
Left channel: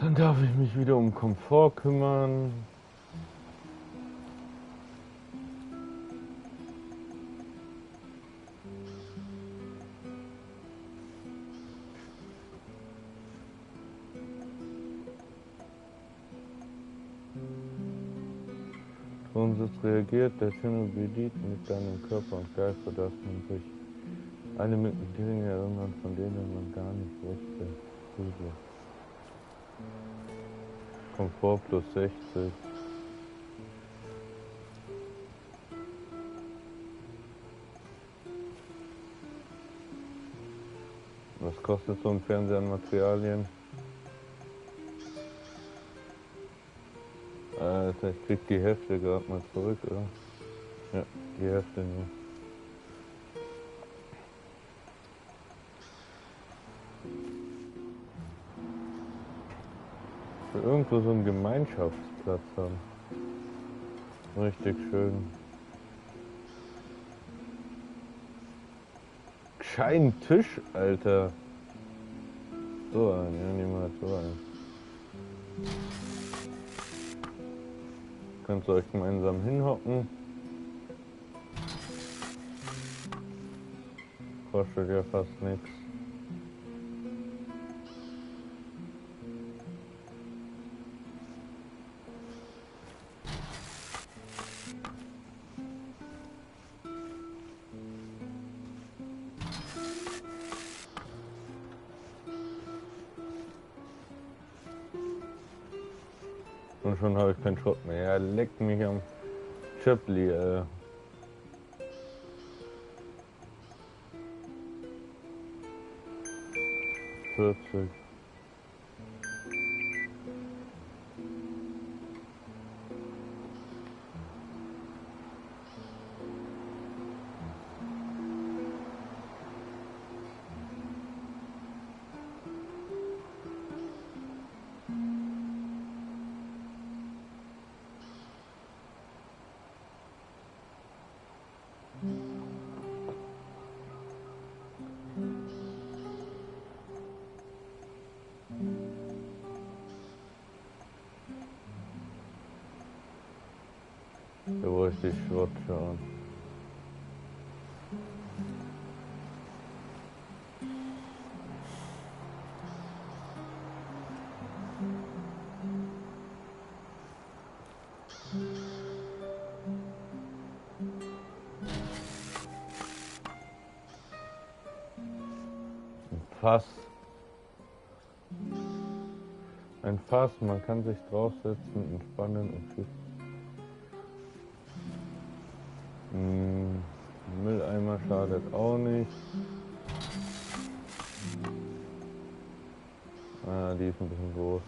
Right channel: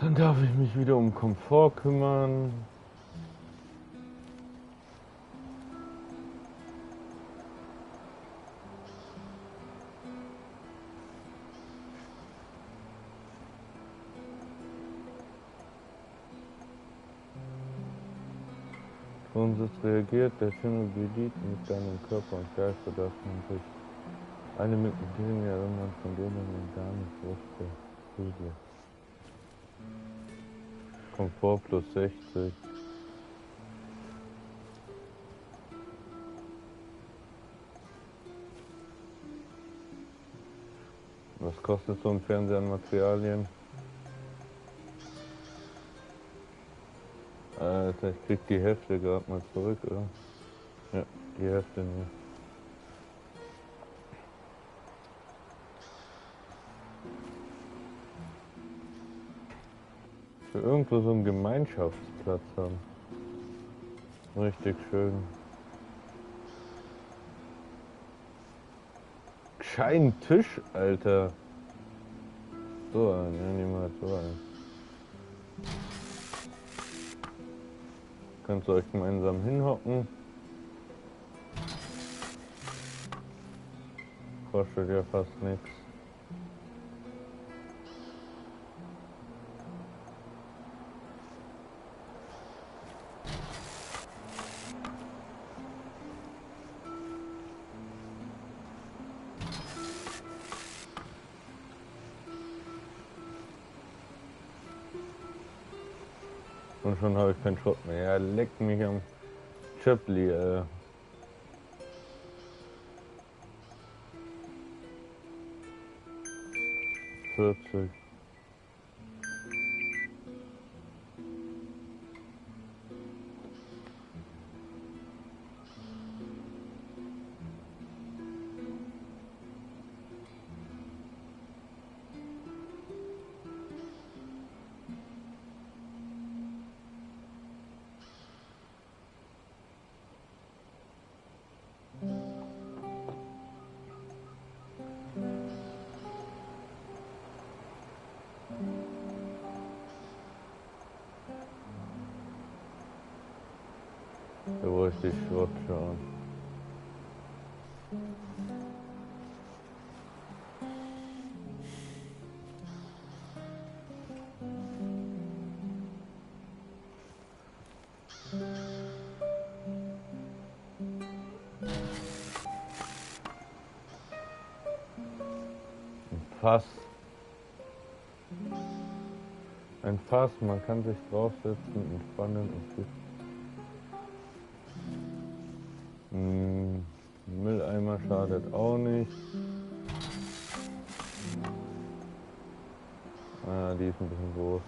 Dann darf ich mich wieder um Komfort kümmern. Sonst reagiert der Chernobylite mit deinem Körper und Geist, sodass man sich alle möglichen Dinge erinnert, von denen man gar nicht wusste. Gruselig. Komfort plus 60. Was kostet so ein Fernseher an Materialien? Alter, ich krieg die Hälfte gerade mal zurück, oder? Ja, die Hälfte nur. Ich will irgendwo so einen Gemeinschaftsplatz haben. Richtig schön. Gescheiten Tisch, Alter. So ein, ja, niemals so ein. Könnt ihr euch gemeinsam hinhocken. Kostet ja fast nichts. Und schon habe ich keinen Schrott mehr. Ja, leckt mich am Chöpli, 40. Da wollte ich Schrott schauen. Fass. Ein Fass, man kann sich draufsetzen, entspannen und viel. Mülleimer schadet auch nicht. Ah, die ist ein bisschen groß.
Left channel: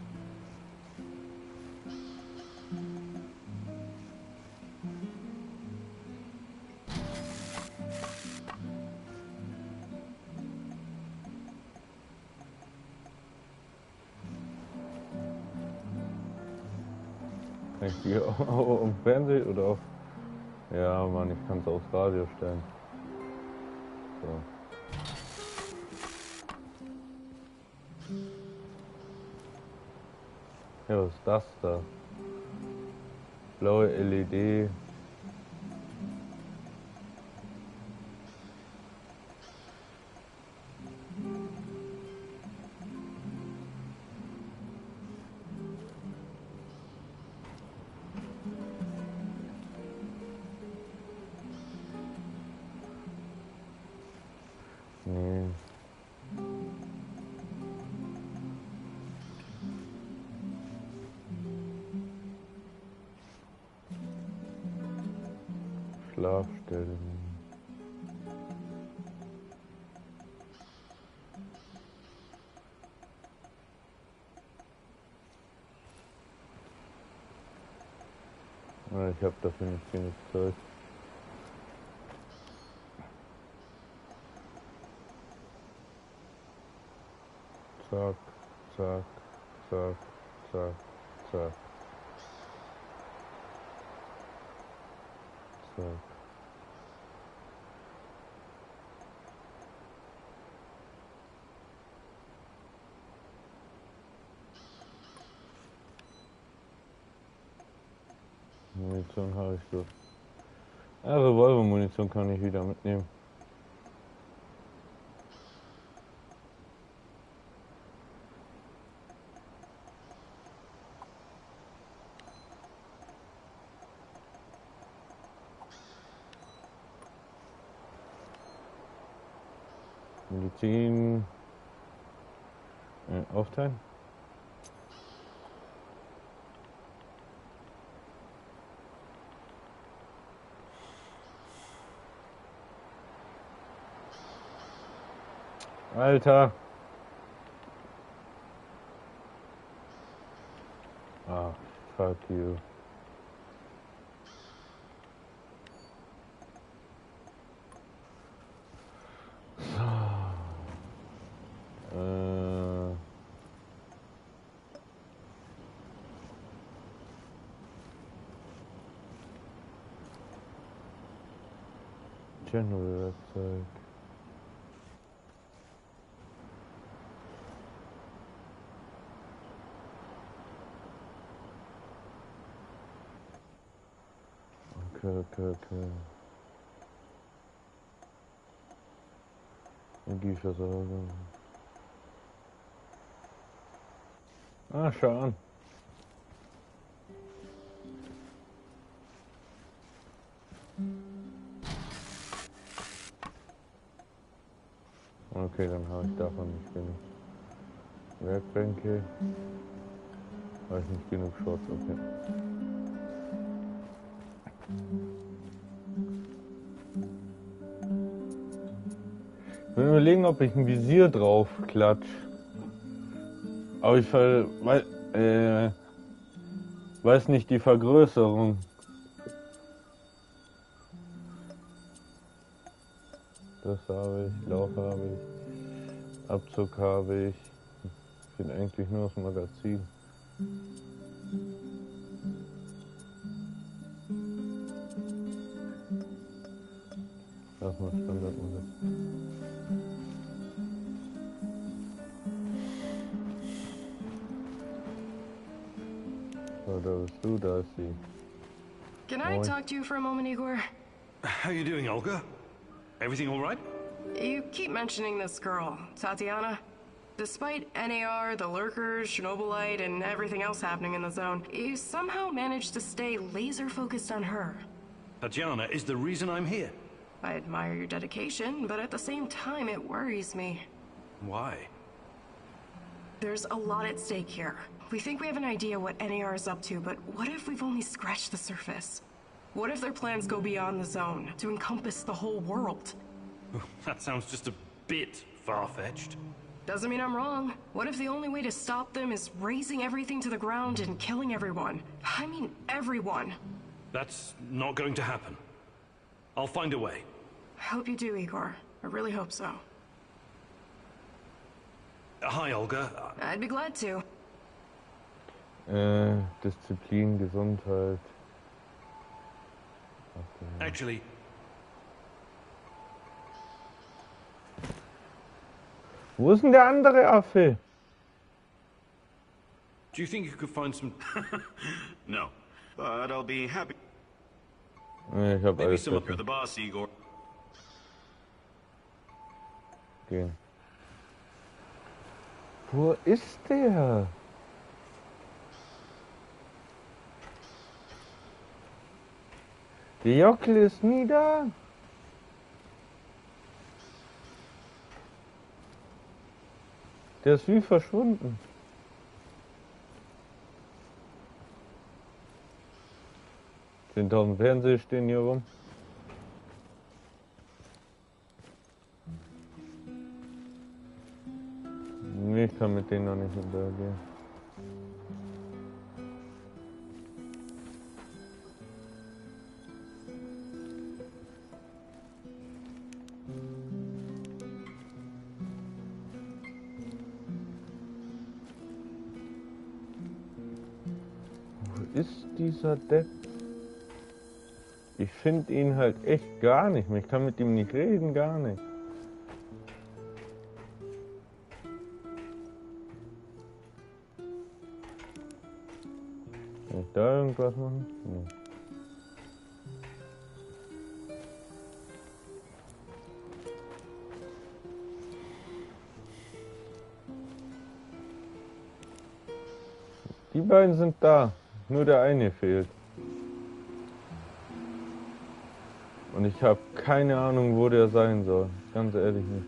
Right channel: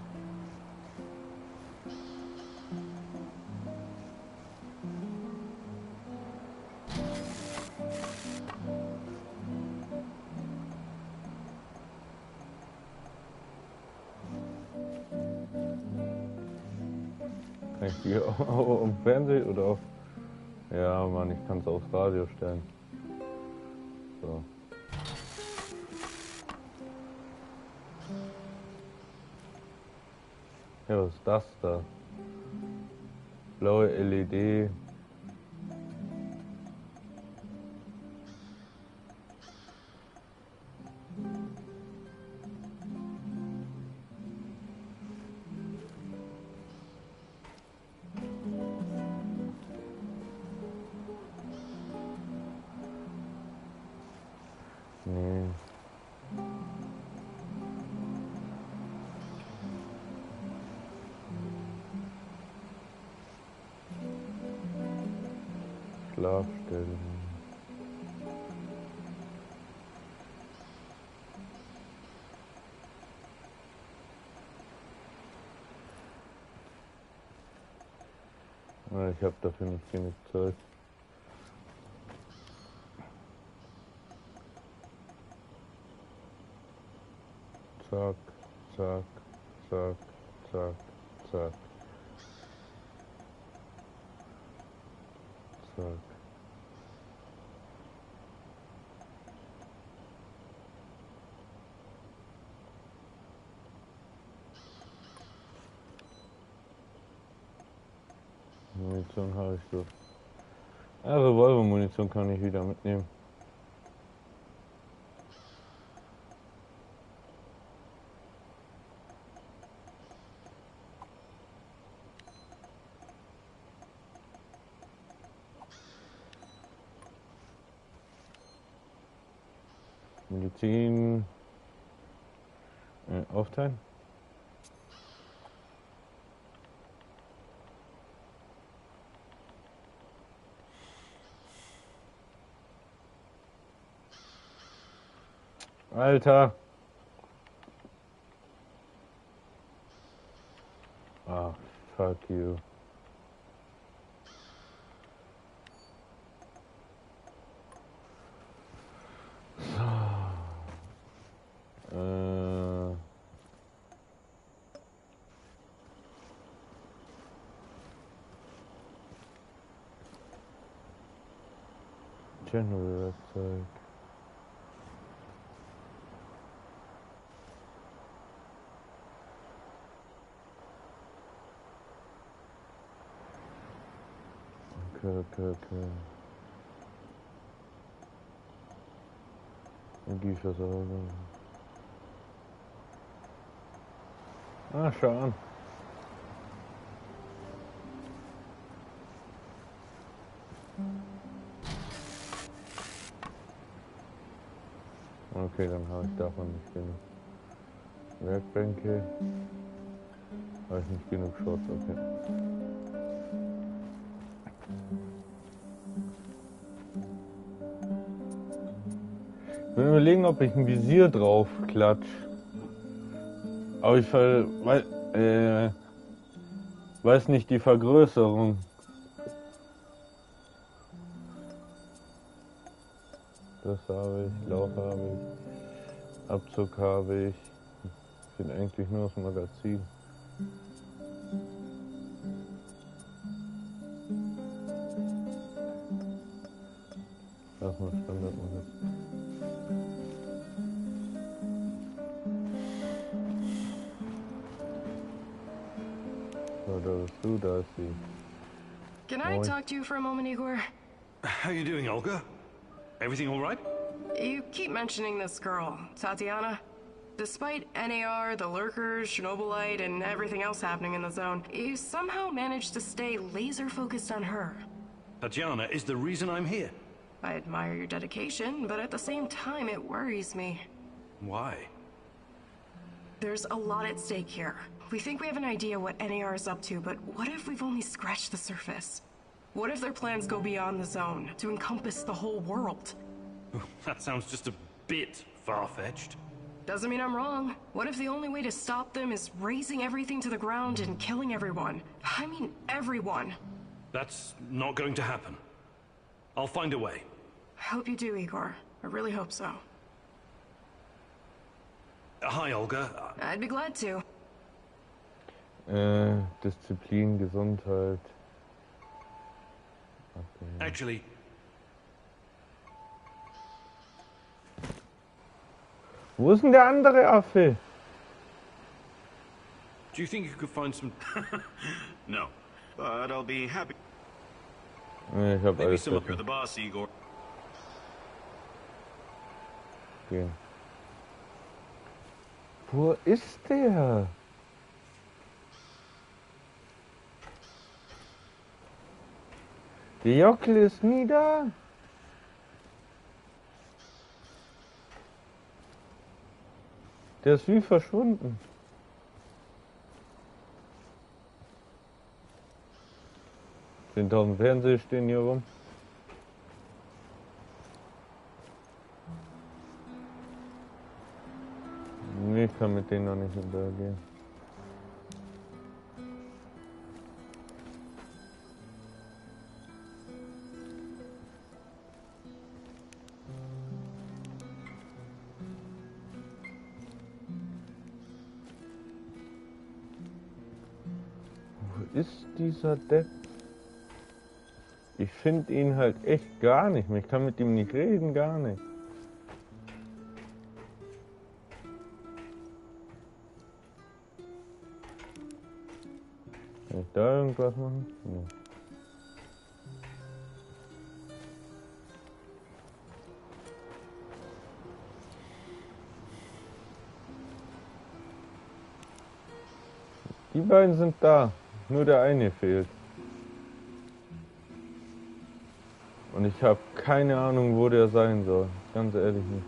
Kann ich die auch auf dem Fernseher oder auf... Ja, Mann, ich kann es aufs Radio stellen. So. Ja, was ist das da? Blaue LED. Nee. Schlafstellen. Ja, ich habe dafür nicht genug Zeit. Zack, zack, zack, zack, zack. Zack. Munition habe ich so. Ja, Revolver-Munition kann ich wieder mitnehmen. Medizin aufteilen. Alter. Ah, fuck you. Chernobylite Zeug. Okay. Energieversorgung. Ah, schau an. Okay, dann habe ich davon nicht genug. Werkbänke. Habe ich nicht genug Shots, okay. Ich will überlegen, ob ich ein Visier drauf klatsch. Aber ich weiß nicht die Vergrößerung. Das habe ich, Lauf habe ich, Abzug habe ich. Ich bin eigentlich nur das Magazin. Lass mal Standardmagazin. So, da bist du, da ist sie. Can I talk to you for a moment, Igor? How you doing, Olga? Everything all right? You keep mentioning this girl, Tatiana. Despite NAR, the lurkers, Chernobylite, and everything else happening in the zone, you somehow managed to stay laser-focused on her. Tatiana is the reason I'm here. I admire your dedication, but at the same time, it worries me. Why? There's a lot at stake here. We think we have an idea what NAR is up to, but what if we've only scratched the surface? What if their plans go beyond the zone, to encompass the whole world? That sounds just a bit far-fetched. Doesn't mean I'm wrong. What if the only way to stop them is razing everything to the ground and killing everyone? I mean, everyone. That's not going to happen. I'll find a way. I hope you do, Igor. I really hope so. Hi, Olga. I'd be glad to. Disziplin, Gesundheit. Okay. Actually... Wo ist denn der andere Affe? Do you think you could find some... No, but I'll be happy. Ich hab Maybe alles some up fertig. the boss, Igor. Okay. Wo ist der? Der Jockel ist nie da. Der ist wie verschwunden. Fernseher stehen hier rum. Nee, ich kann mit denen noch nicht interagieren. Wo ist dieser Depp? Ich finde ihn halt echt gar nicht mehr. Ich kann mit ihm nicht reden, gar nicht. Kann ich da irgendwas machen? Nee. Die beiden sind da. Nur der eine fehlt. Und ich habe keine Ahnung, wo der sein soll. Ganz ehrlich nicht.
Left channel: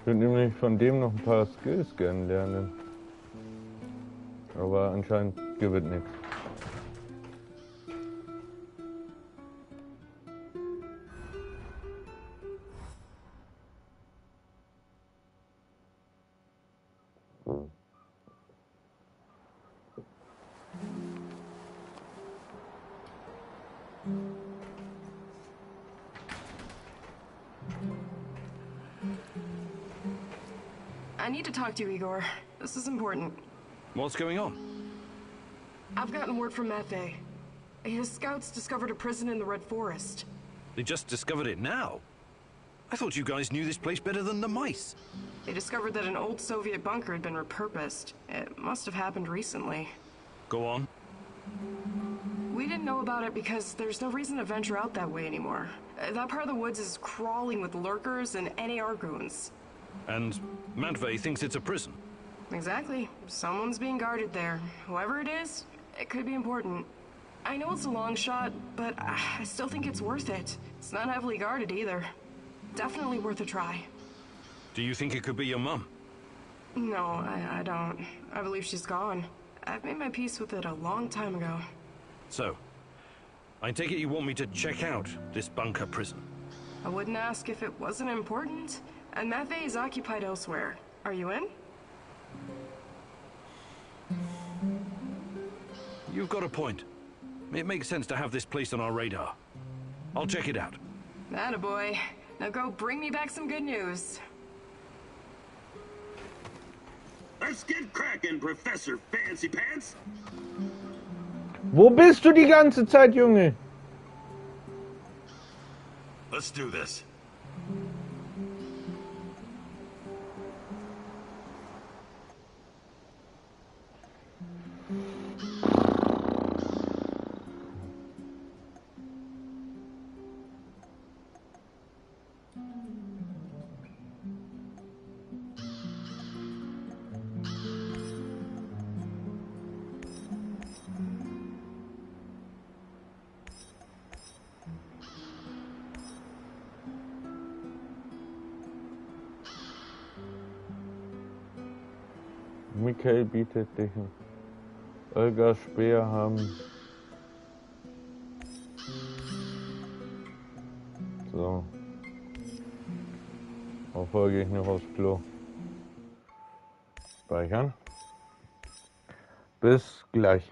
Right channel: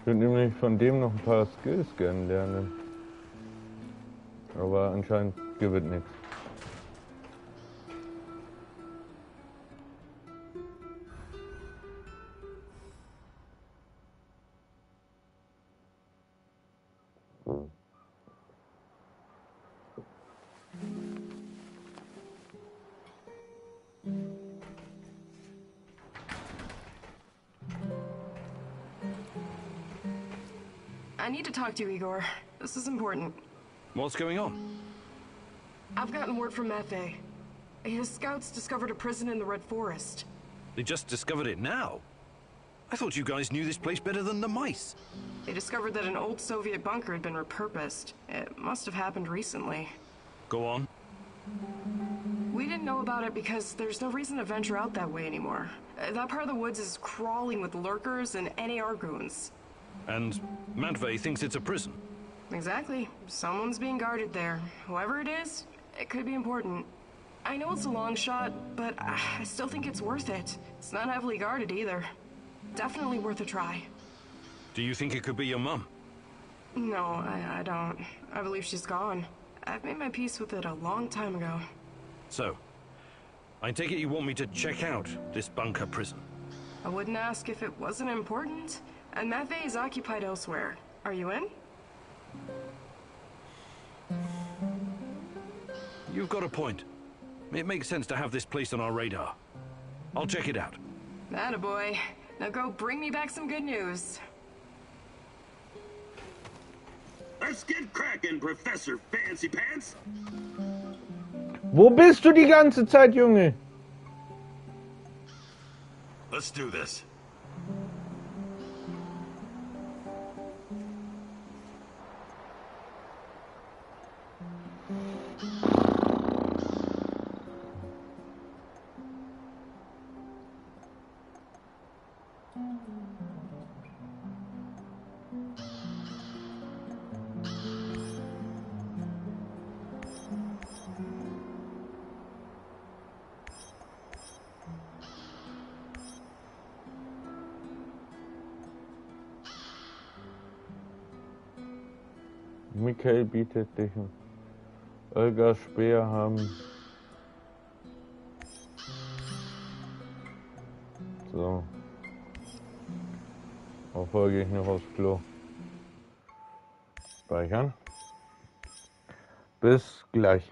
Ich würde nämlich von dem noch ein paar Skills gerne lernen. Aber anscheinend gibt es nichts. I need to talk to you, Igor. This is important. What's going on? I've gotten word from Mafe. His scouts discovered a prison in the Red Forest. They just discovered it now? I thought you guys knew this place better than the mice. They discovered that an old Soviet bunker had been repurposed. It must have happened recently. Go on. We didn't know about it because there's no reason to venture out that way anymore. That part of the woods is crawling with lurkers and NAR goons. And Matvey thinks it's a prison. Exactly. Someone's being guarded there. Whoever it is, it could be important. I know it's a long shot, but I still think it's worth it. It's not heavily guarded either. Definitely worth a try. Do you think it could be your mum? No, I don't. I believe she's gone. I've made my peace with it a long time ago. So, I take it you want me to check out this bunker prison? I wouldn't ask if it wasn't important. And Matvey is occupied elsewhere. Are you in? You've got a point. It makes sense to have this place on our radar. I'll check it out. Attaboy. Now go bring me back some good news. Let's get cracking, Professor Fancy Pants. Wo bist du die ganze Zeit, Junge? Let's do this. Michael bietet dich. Olga Speer haben. So. Folge ich noch aufs Klo. Speichern. Bis gleich.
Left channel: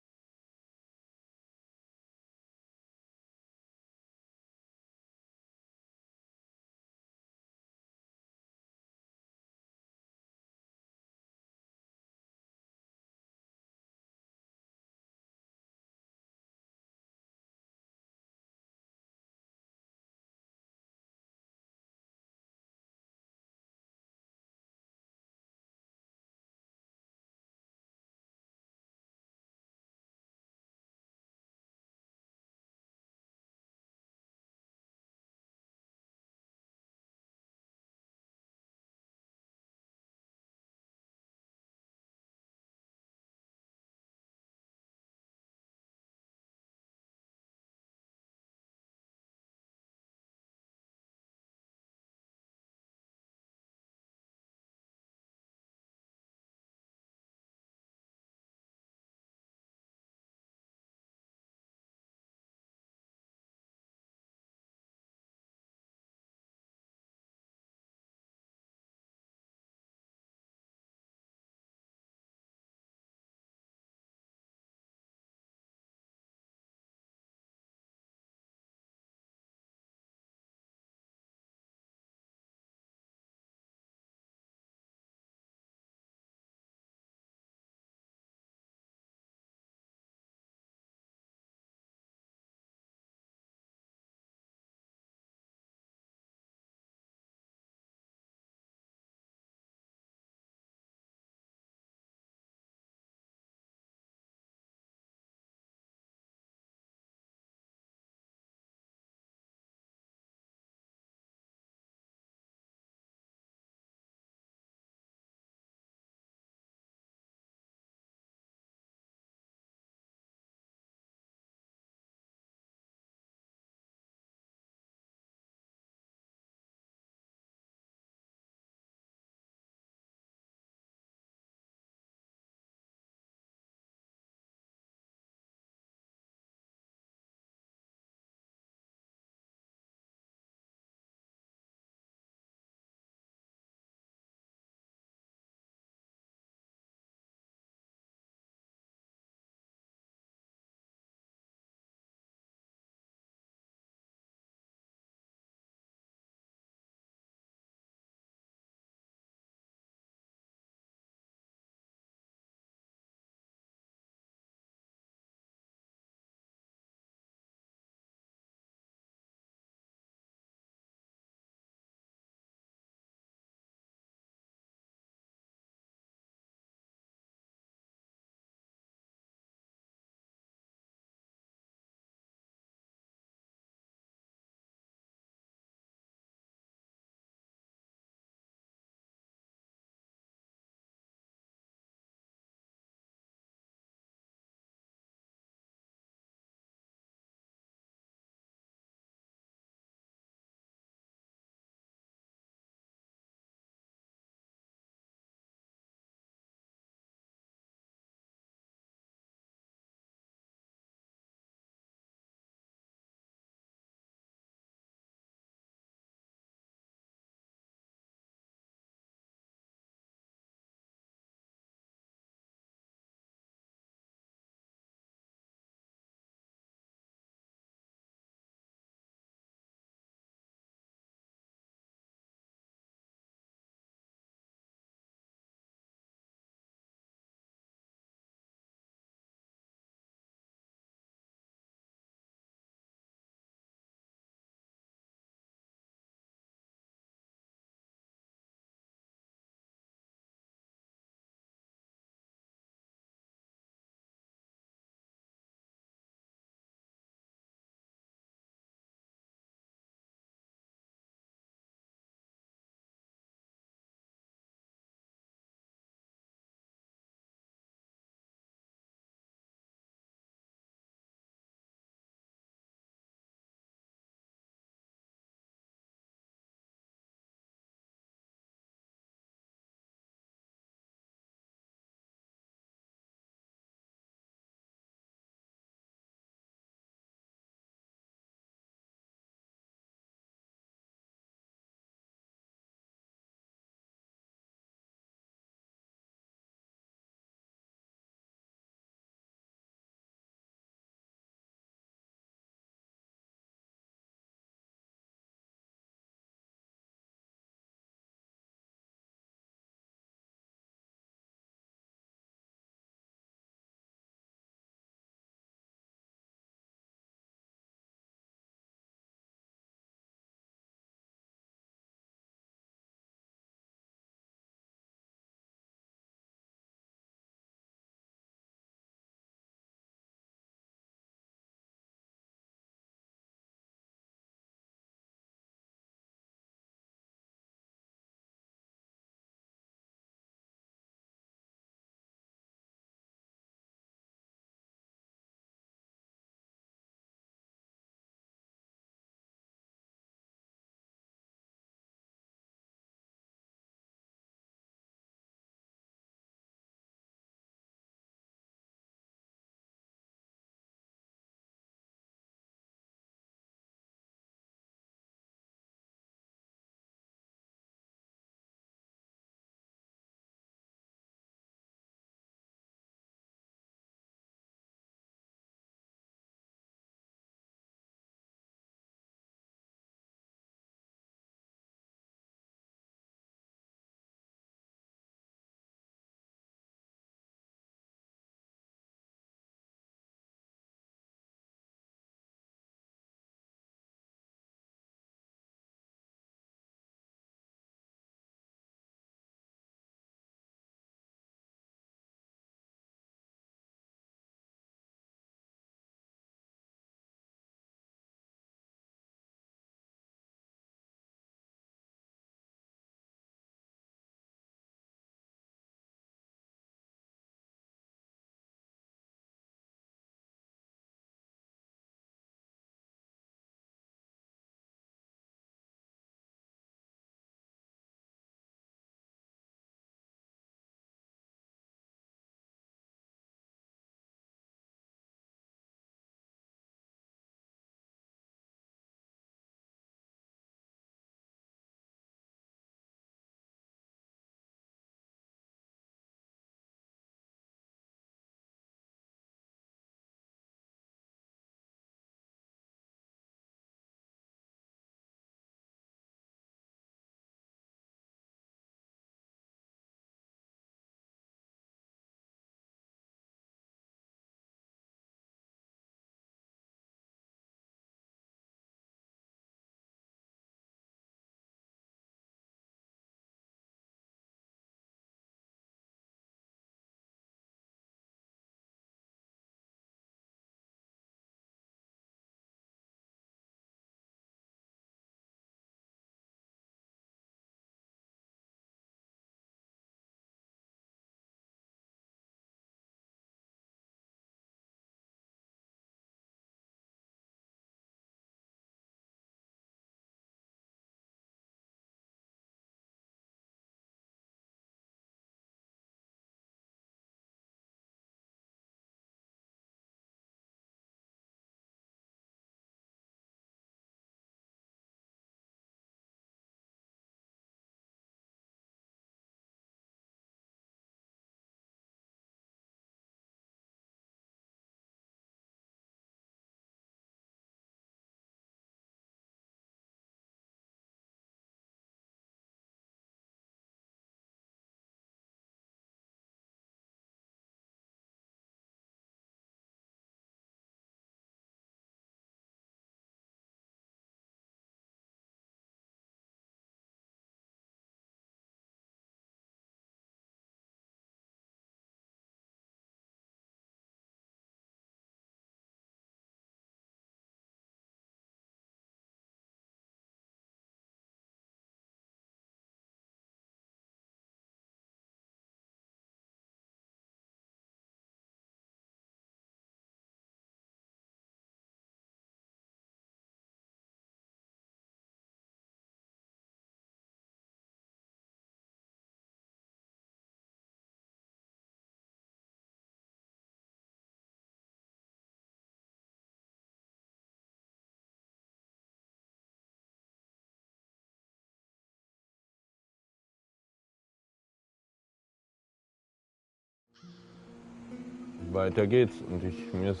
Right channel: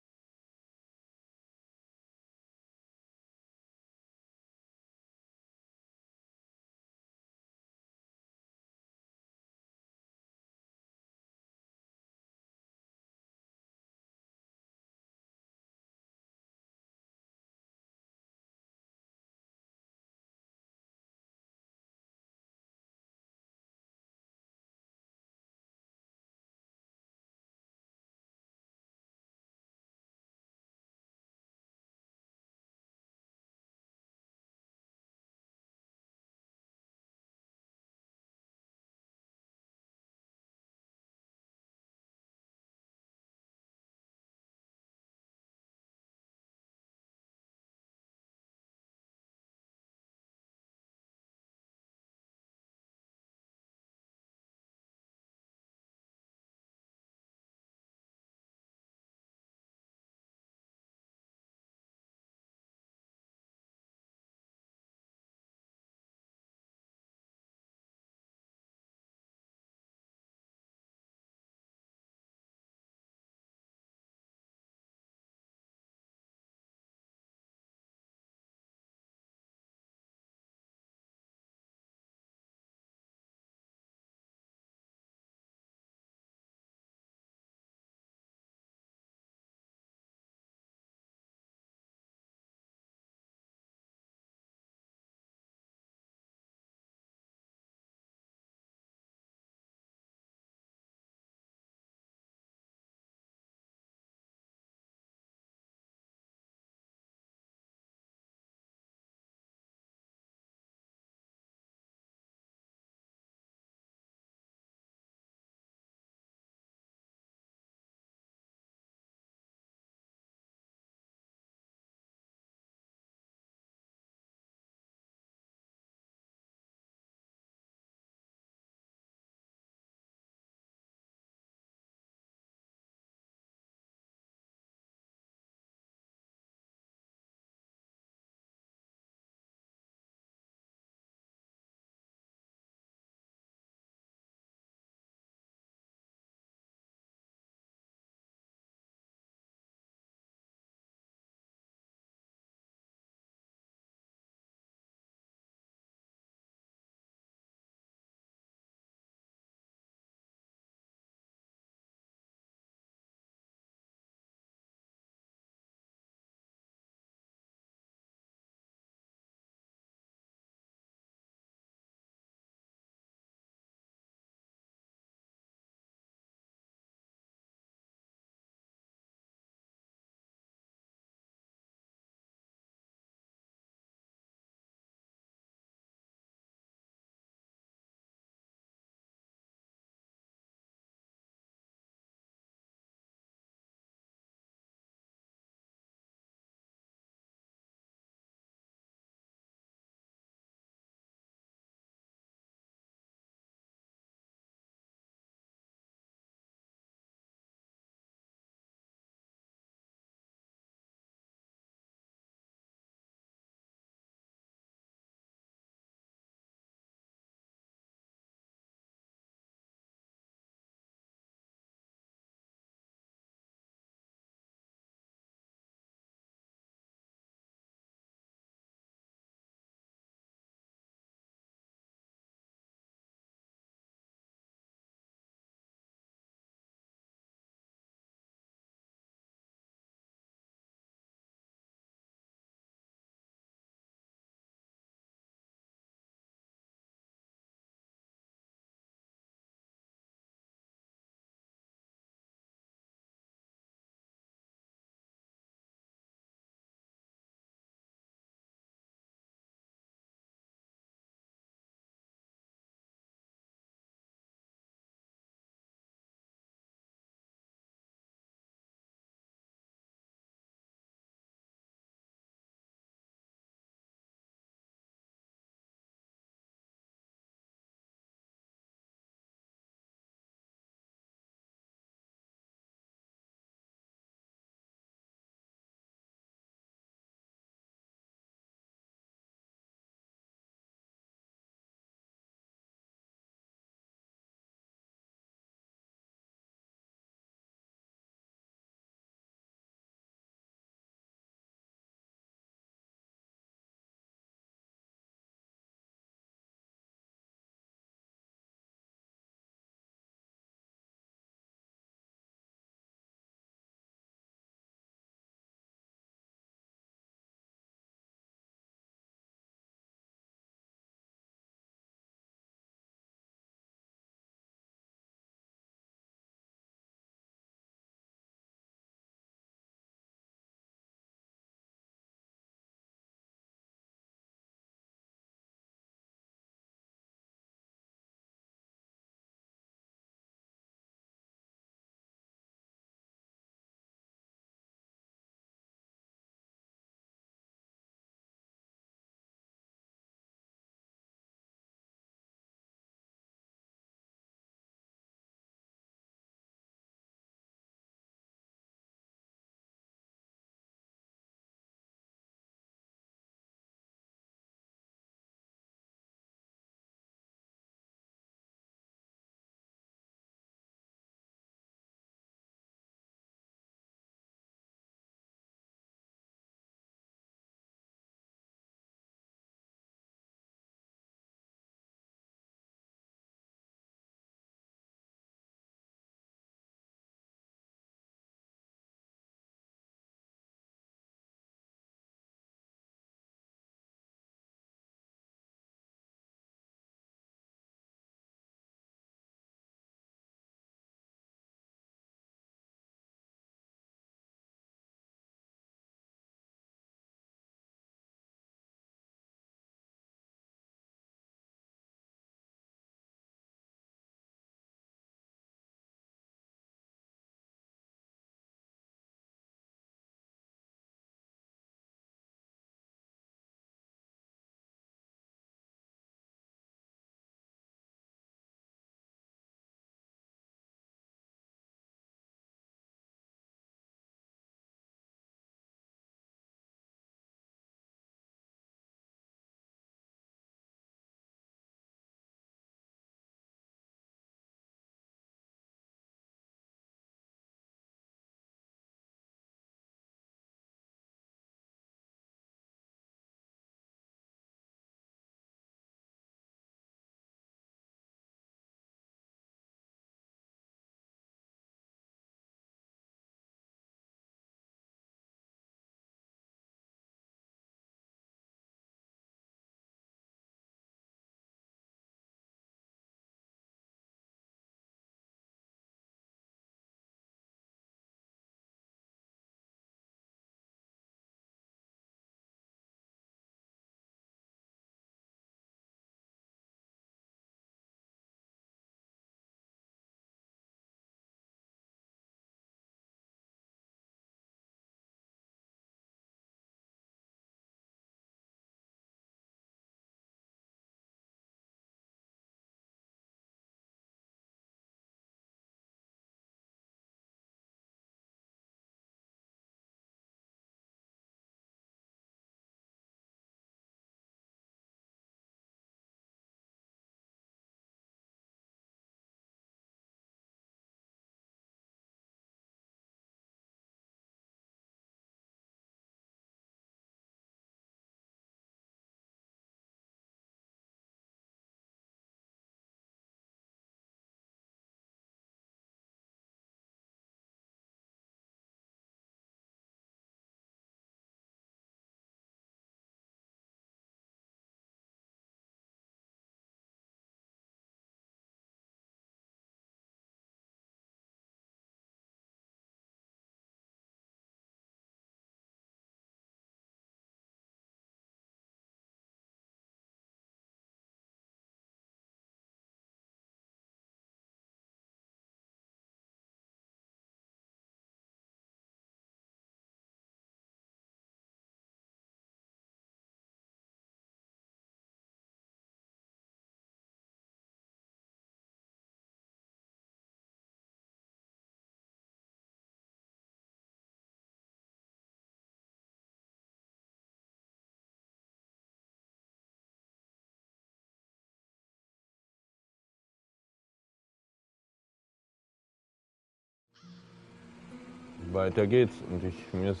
weiter geht's. Und mir ist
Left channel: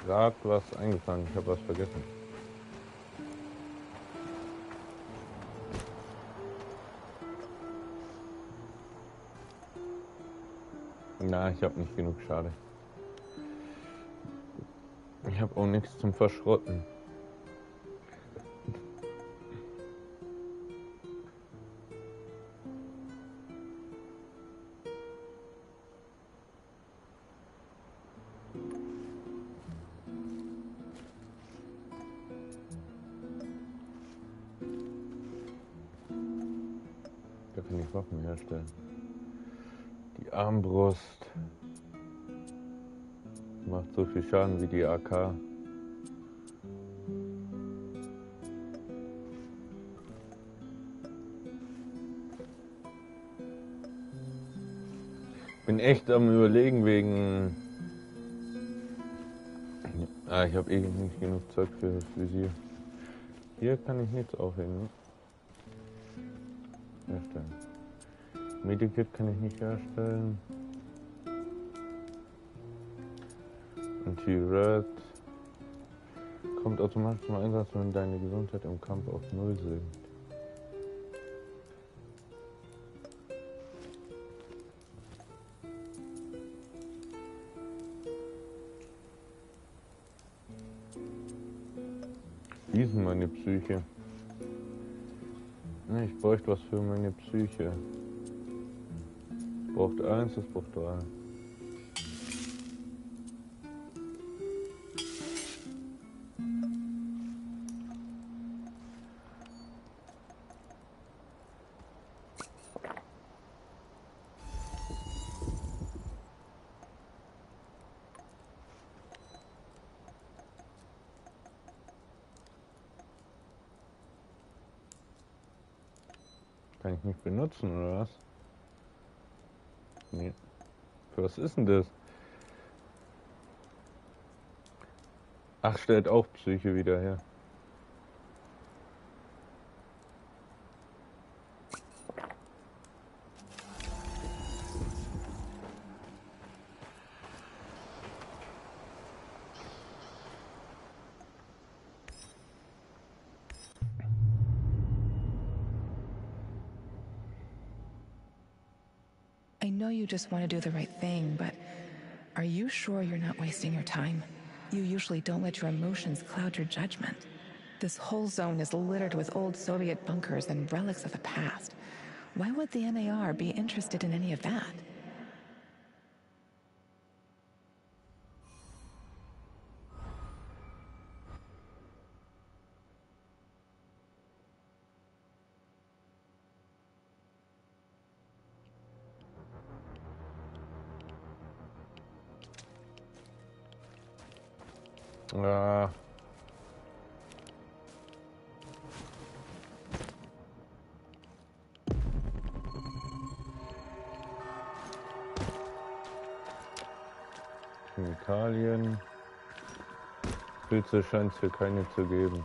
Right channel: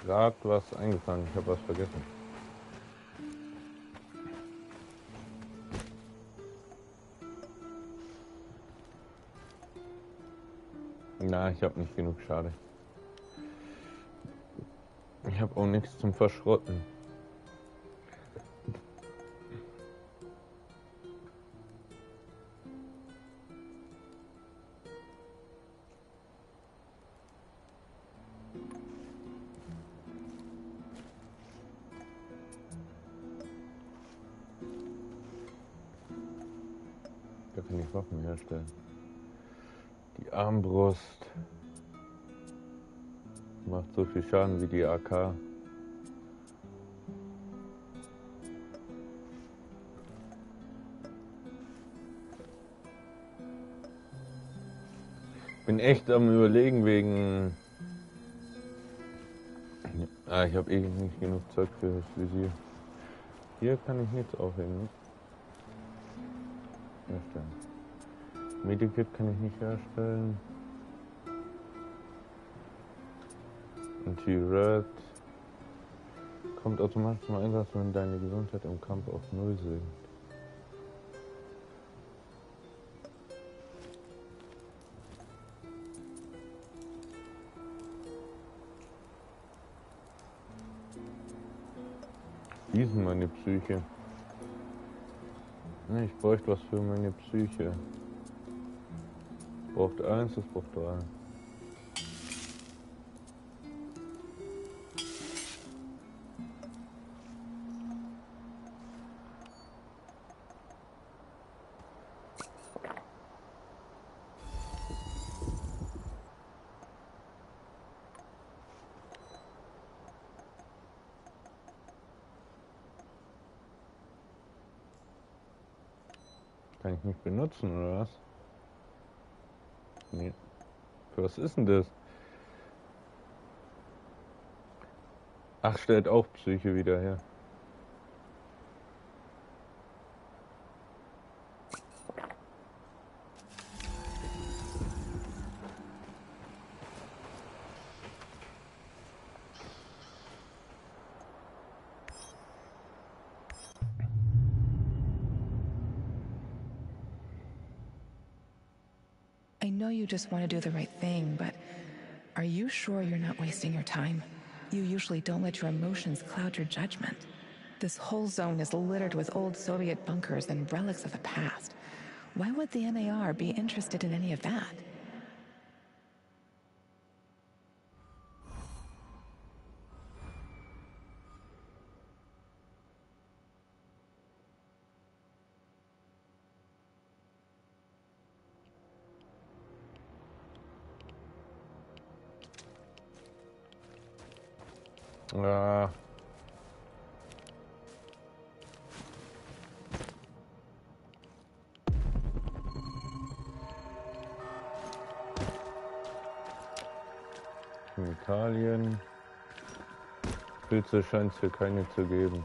gerade was eingefallen. Ich habe was vergessen. Na, ich habe nicht genug, schade. Ich habe auch nichts zum Verschrotten. Da kann ich Waffen herstellen. Die Armbrust macht so viel Schaden wie die AK. Bin echt am Überlegen wegen... ich habe eh nicht genug Zeug für das Visier. Hier kann ich nichts aufhängen. Ne? Herstellen. Medikit kann ich nicht herstellen. Anti-Red kommt automatisch zum Einsatz, wenn deine Gesundheit im Kampf auf 0 sinkt. Wie ist denn meine Psyche? Ne, ich bräuchte was für meine Psyche. Braucht 1, das braucht 3. Kann ich nicht benutzen, oder was? Nee. Für was ist denn das? Ach, stellt auch Psyche wieder her. I know you just want to do the right thing, but are you sure you're not wasting your time? You usually don't let your emotions cloud your judgment. This whole zone is littered with old Soviet bunkers and relics of the past. Why would the MAR be interested in any of that? Ah. Chemikalien. Pilze scheint es hier keine zu geben.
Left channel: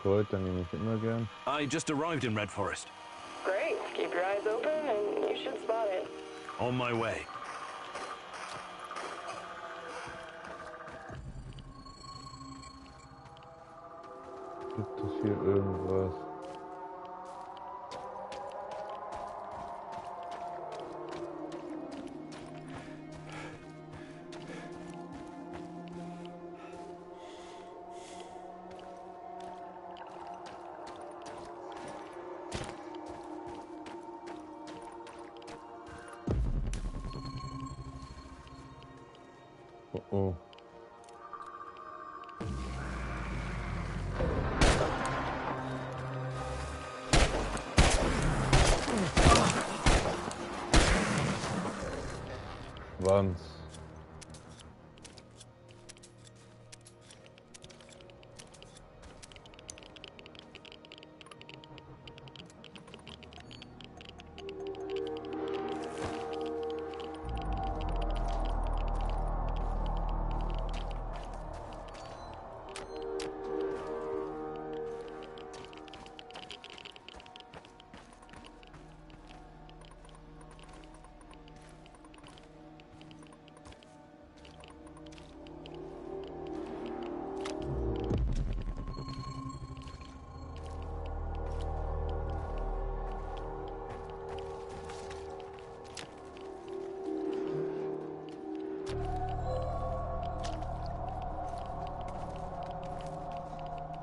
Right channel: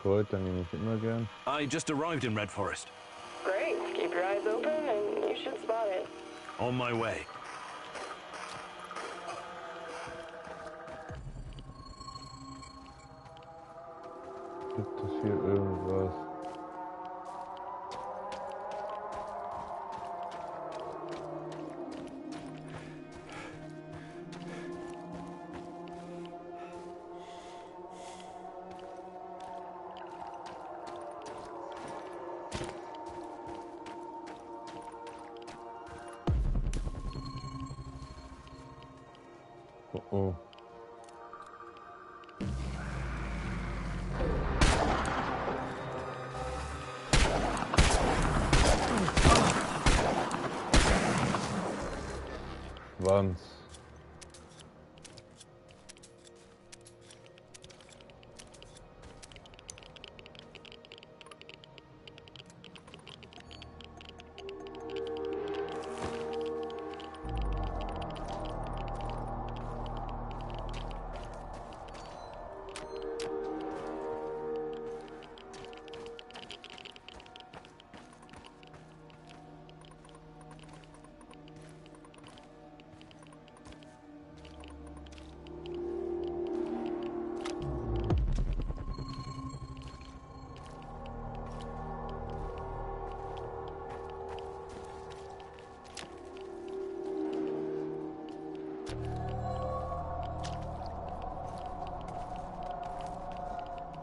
Kräuter nehme ich immer gern. I just arrived in Red Forest. Great. Keep your eyes open and you should spot it. On my way. Gibt es hier irgendwas? Oh oh. Schwanz.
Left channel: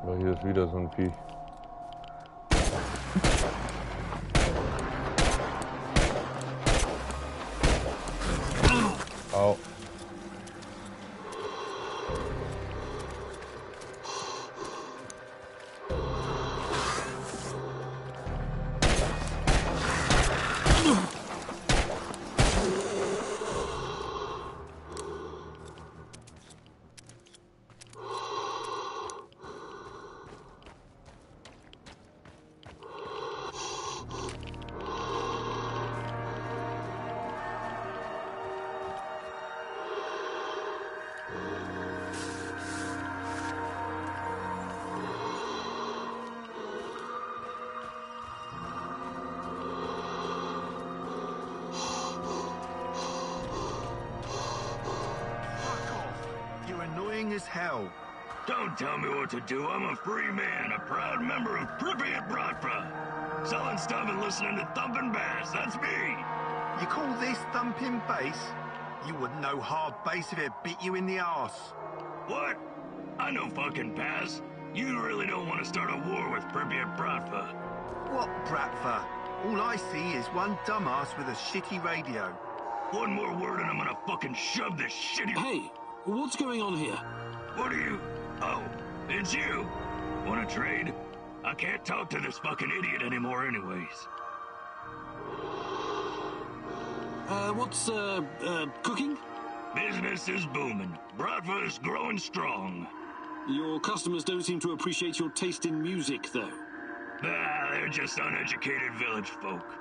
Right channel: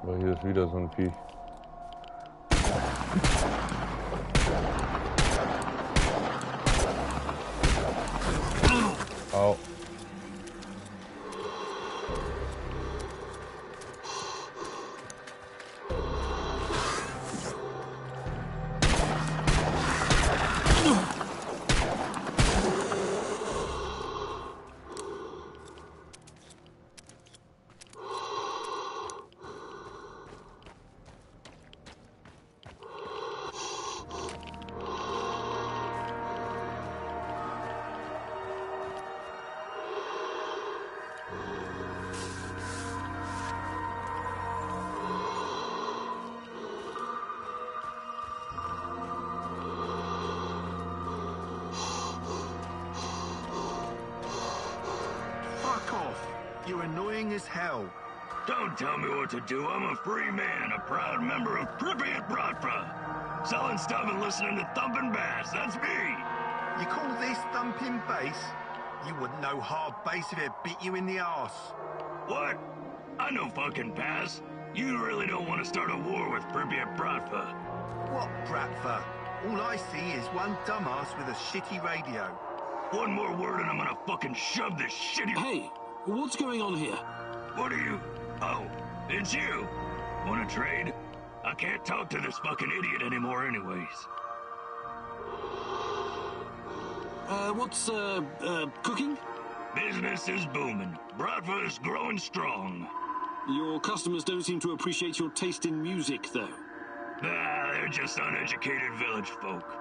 Aber hier ist wieder so ein Viech. Au. You're annoying as hell. Don't tell me what to do. I'm a free man, a proud member of Pripyat Bratva. Selling stuff and listening to thumping bass. That's me. You call this thumping bass? You wouldn't know hard bass if it bit you in the arse. What? I know fucking bass. You really don't want to start a war with Pripyat Bratva. What Bratva? All I see is one dumbass with a shitty radio. One more word and I'm gonna fucking shove this shitty... Hey, what's going on here? What are you... Oh, it's you. Wanna trade? I can't talk to this fucking idiot anymore anyways. What's cooking? Business is booming. Bratva is growing strong. Your customers don't seem to appreciate your taste in music, though. Ah, they're just uneducated village folk.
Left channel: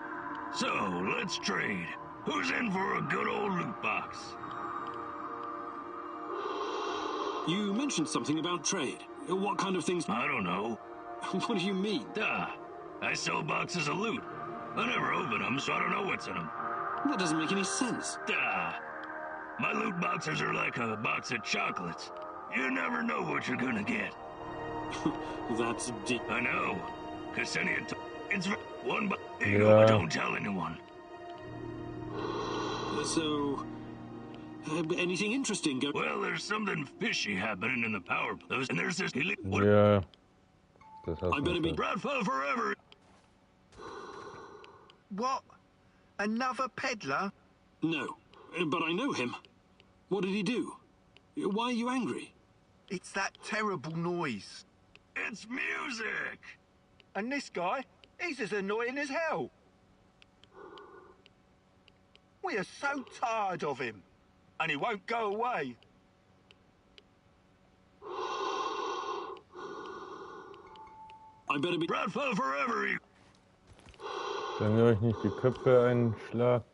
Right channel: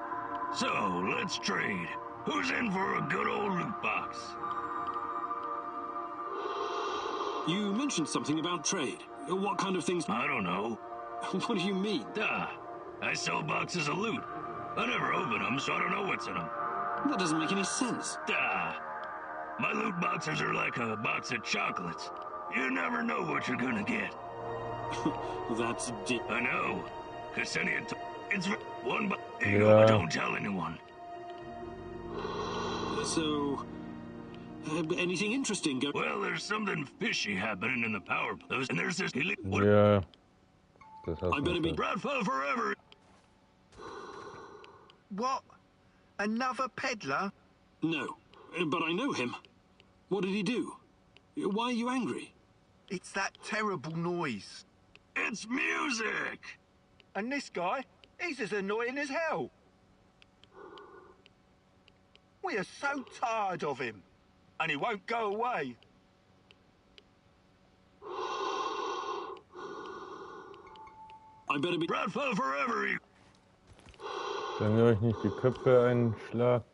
So, let's trade. Who's in for a good old loot box? You mentioned something about trade. What kind of things? I don't know. What do you mean? I sell boxes of loot. I never open them, so I don't know what's in them. That doesn't make any sense. My loot boxes are like a box of chocolates. You never know what you're gonna get. That's deep. I know. Ksenia it's one box. Yeah. Don't tell anyone. So, anything interesting go? Well, there's something fishy happening in the power plant, and there's this. Yeah. I better be Bratva forever. What? Another peddler? No, but I know him. What did he do? Why are you angry? It's that terrible noise. It's music. And this guy, he's as annoying as hell. We are so tired of him. And he won't go away. I better be Bratva forever. Wenn ihr euch nicht die Köpfe einschlagt.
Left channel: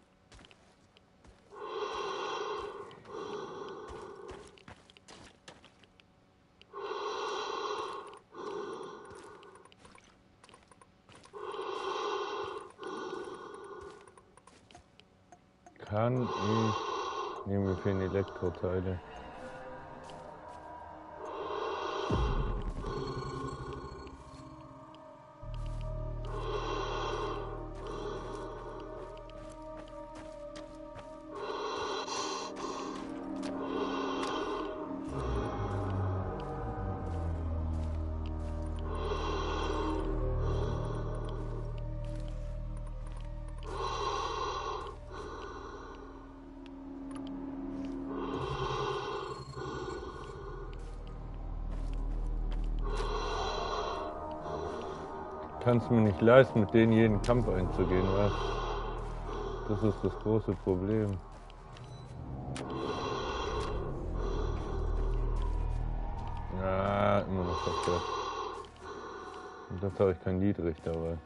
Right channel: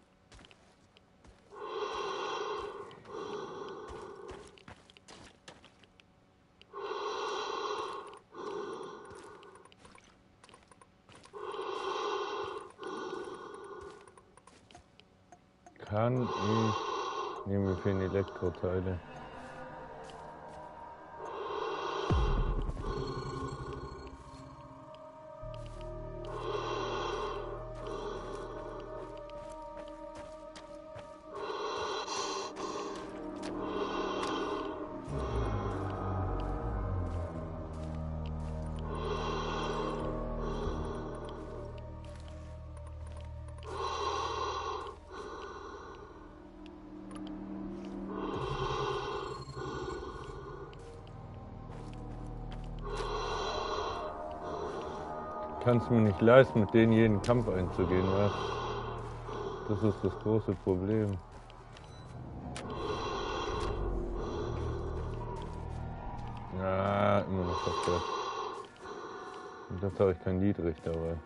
Kann ich... Ne, mir fehlen Elektroteile. Kannst mir nicht leisten, mit denen jeden Kampf einzugehen, was? Das ist das große Problem. Ja, immer noch verkehrt. Und das habe ich kein Niedrig dabei.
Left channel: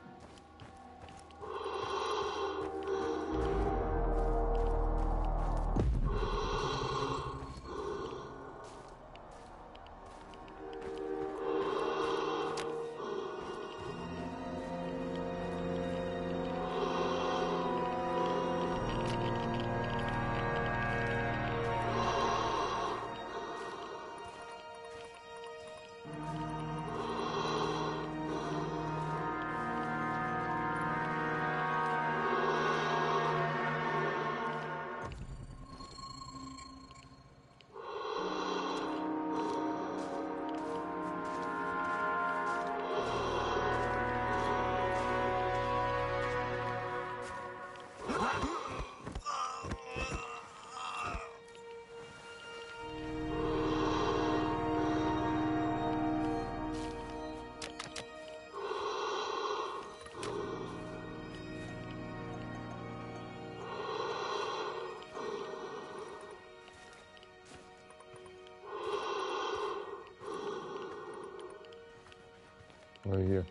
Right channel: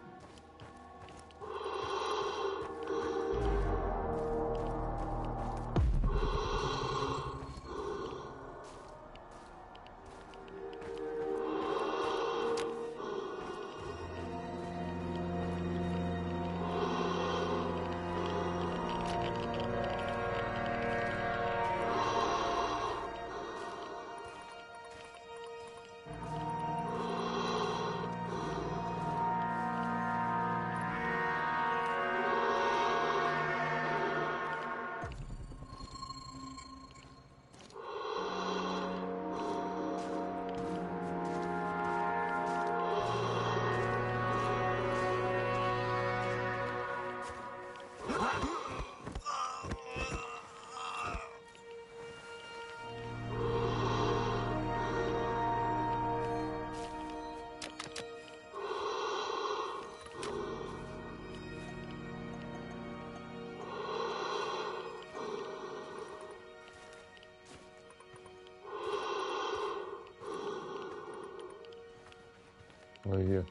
Oh, hier.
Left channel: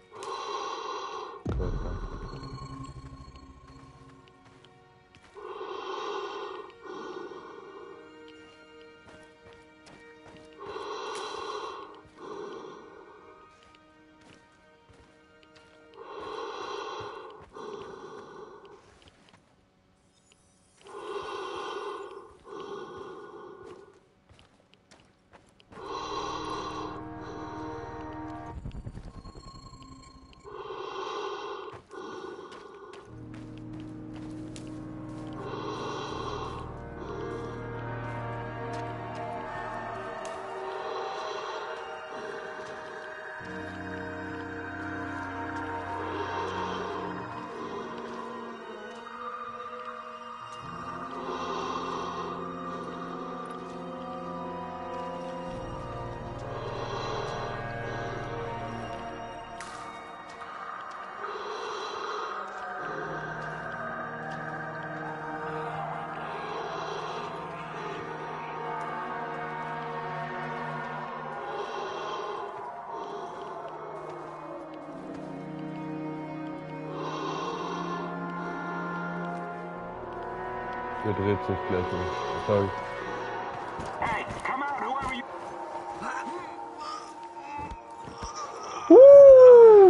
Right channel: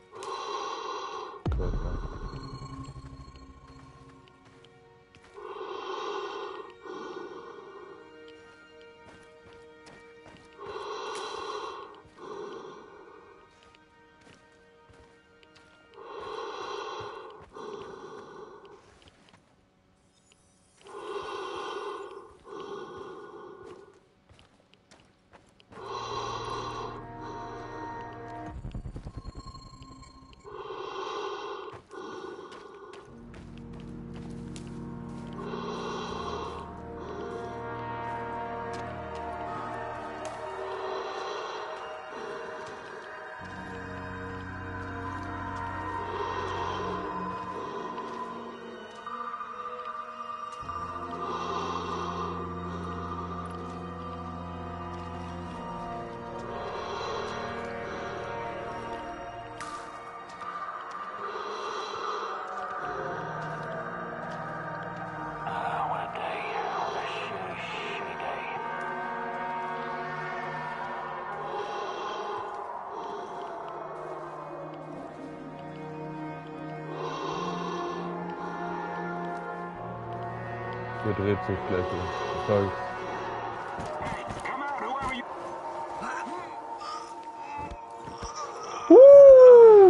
Körper. Dreht sich gleich um. Sorry. Hey, come out, whoever you...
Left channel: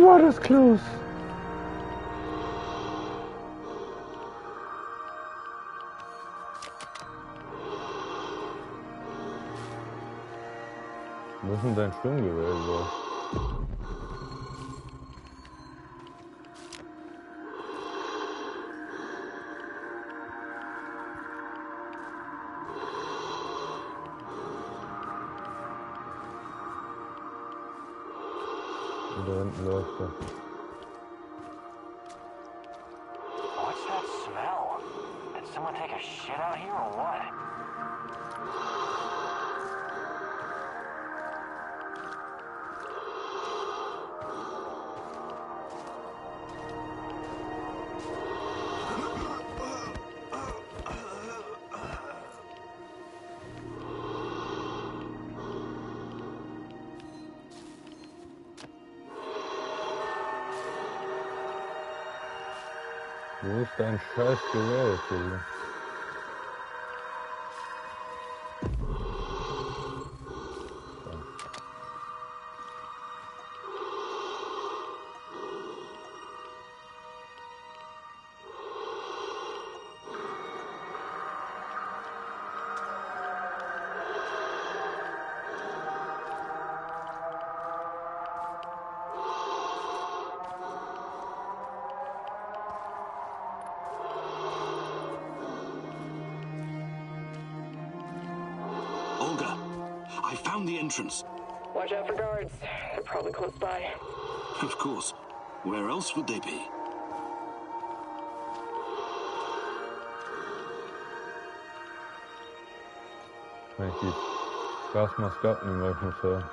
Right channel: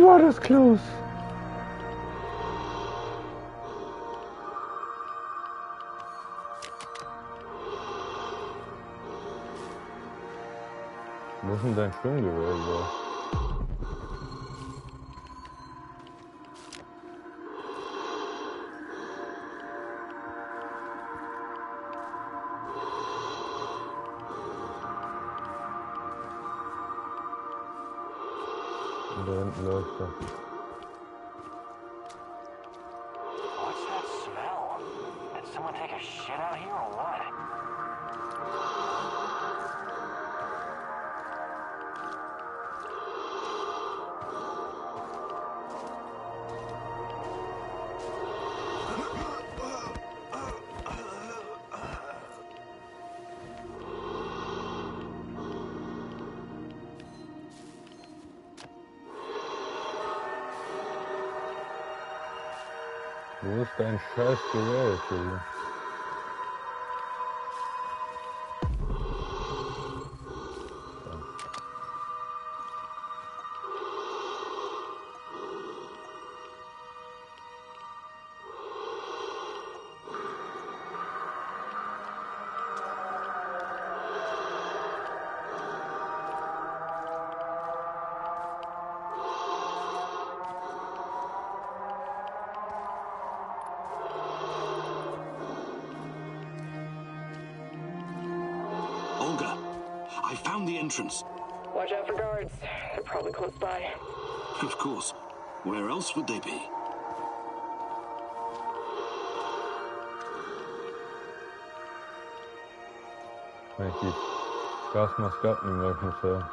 War das close. Wo ist denn dein Sturmgewehr überhaupt? Da hinten läuft er. What's that smell? Did someone take a shit out here or what? Wo ist dein scheiß Gewehr jetzt hier? Olga, I found the entrance. Watch out for guards. They're probably close by. Of course. Where else would they be? Kann ich die Gasmaske nehmen, weil ich muss hören.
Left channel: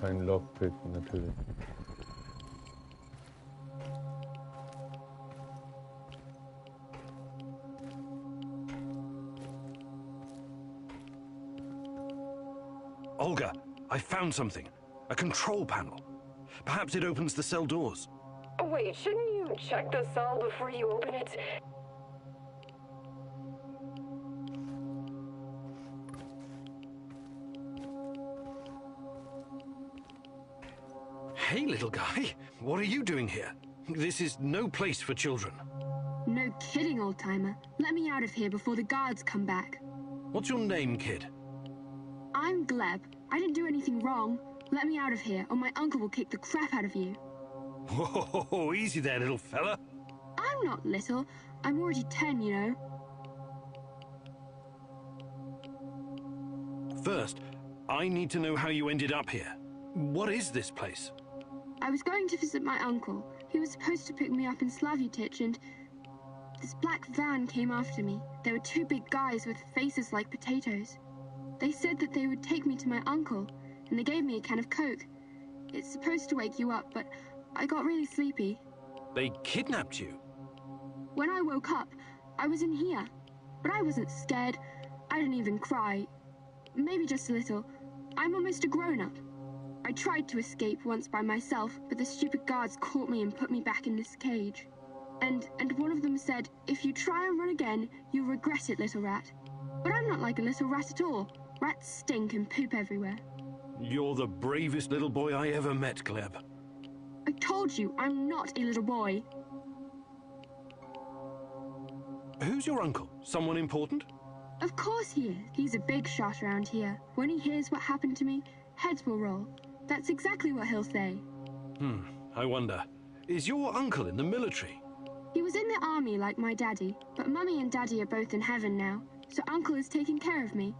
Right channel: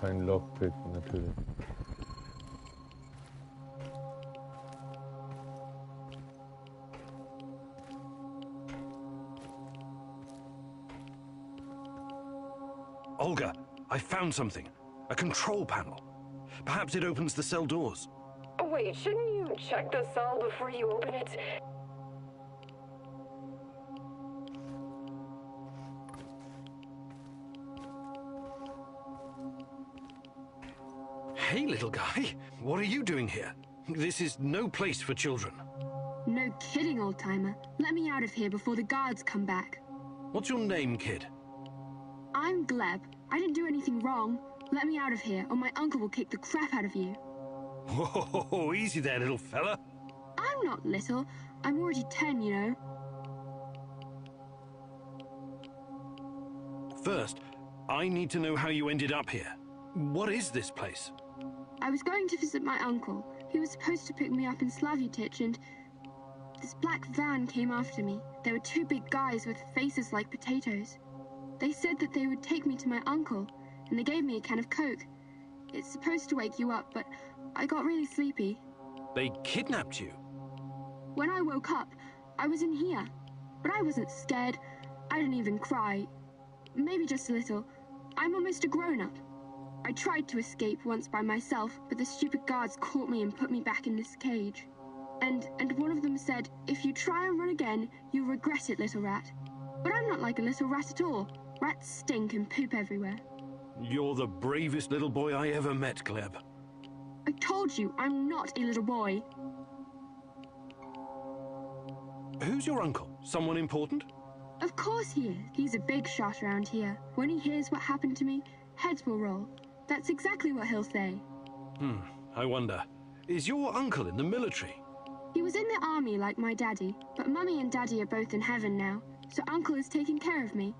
Kein Lockpick natürlich. Olga, I found something. A control panel. Perhaps it opens the cell doors. Wait, shouldn't you check the cell before you open it? Hey, little guy. What are you doing here? This is no place for children. No kidding, old-timer. Let me out of here before the guards come back. What's your name, kid? I'm Gleb. I didn't do anything wrong. Let me out of here, or my uncle will kick the crap out of you. Whoa, easy there, little fella. I'm not little. I'm already 10, you know. First, I need to know how you ended up here. What is this place? I was going to visit my uncle. He was supposed to pick me up in Slavutich, and this black van came after me. There were two big guys with faces like potatoes. They said that they would take me to my uncle, and they gave me a can of Coke. It's supposed to wake you up, but I got really sleepy. They kidnapped you? When I woke up, I was in here. But I wasn't scared. I didn't even cry. Maybe just a little. I'm almost a grown-up. I tried to escape once by myself, but the stupid guards caught me and put me back in this cage. And one of them said, if you try and run again, you'll regret it, little rat. But I'm not like a little rat at all. Rats stink and poop everywhere. You're the bravest little boy I ever met, Gleb. I told you, I'm not a little boy. Who's your uncle? Someone important? Of course he is. He's a big shot around here. When he hears what happened to me, heads will roll. That's exactly what he'll say. I wonder. Is your uncle in the military? He was in the army like my daddy, but Mummy and Daddy are both in heaven now, so Uncle is taking care of me.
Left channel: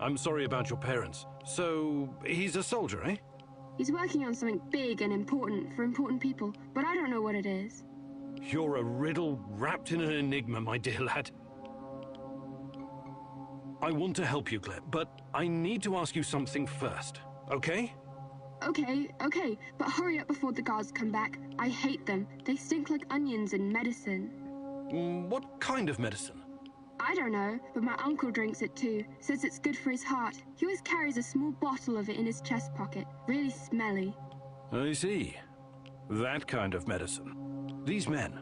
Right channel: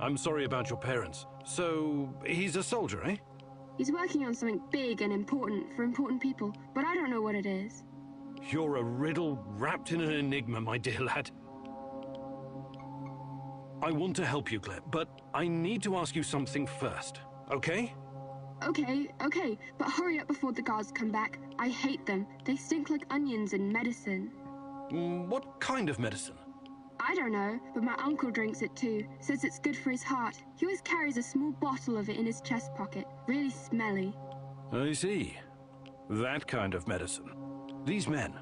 I'm sorry about your parents. So, he's a soldier, eh? He's working on something big and important for important people, but I don't know what it is. You're a riddle wrapped in an enigma, my dear lad. I want to help you, Gleb, but I need to ask you something first, okay? Okay, but hurry up before the guards come back. I hate them. They stink like onions and medicine. What kind of medicine? I don't know, but my uncle drinks it too. Says it's good for his heart. He always carries a small bottle of it in his chest pocket. Really smelly. I see. That kind of medicine. These men,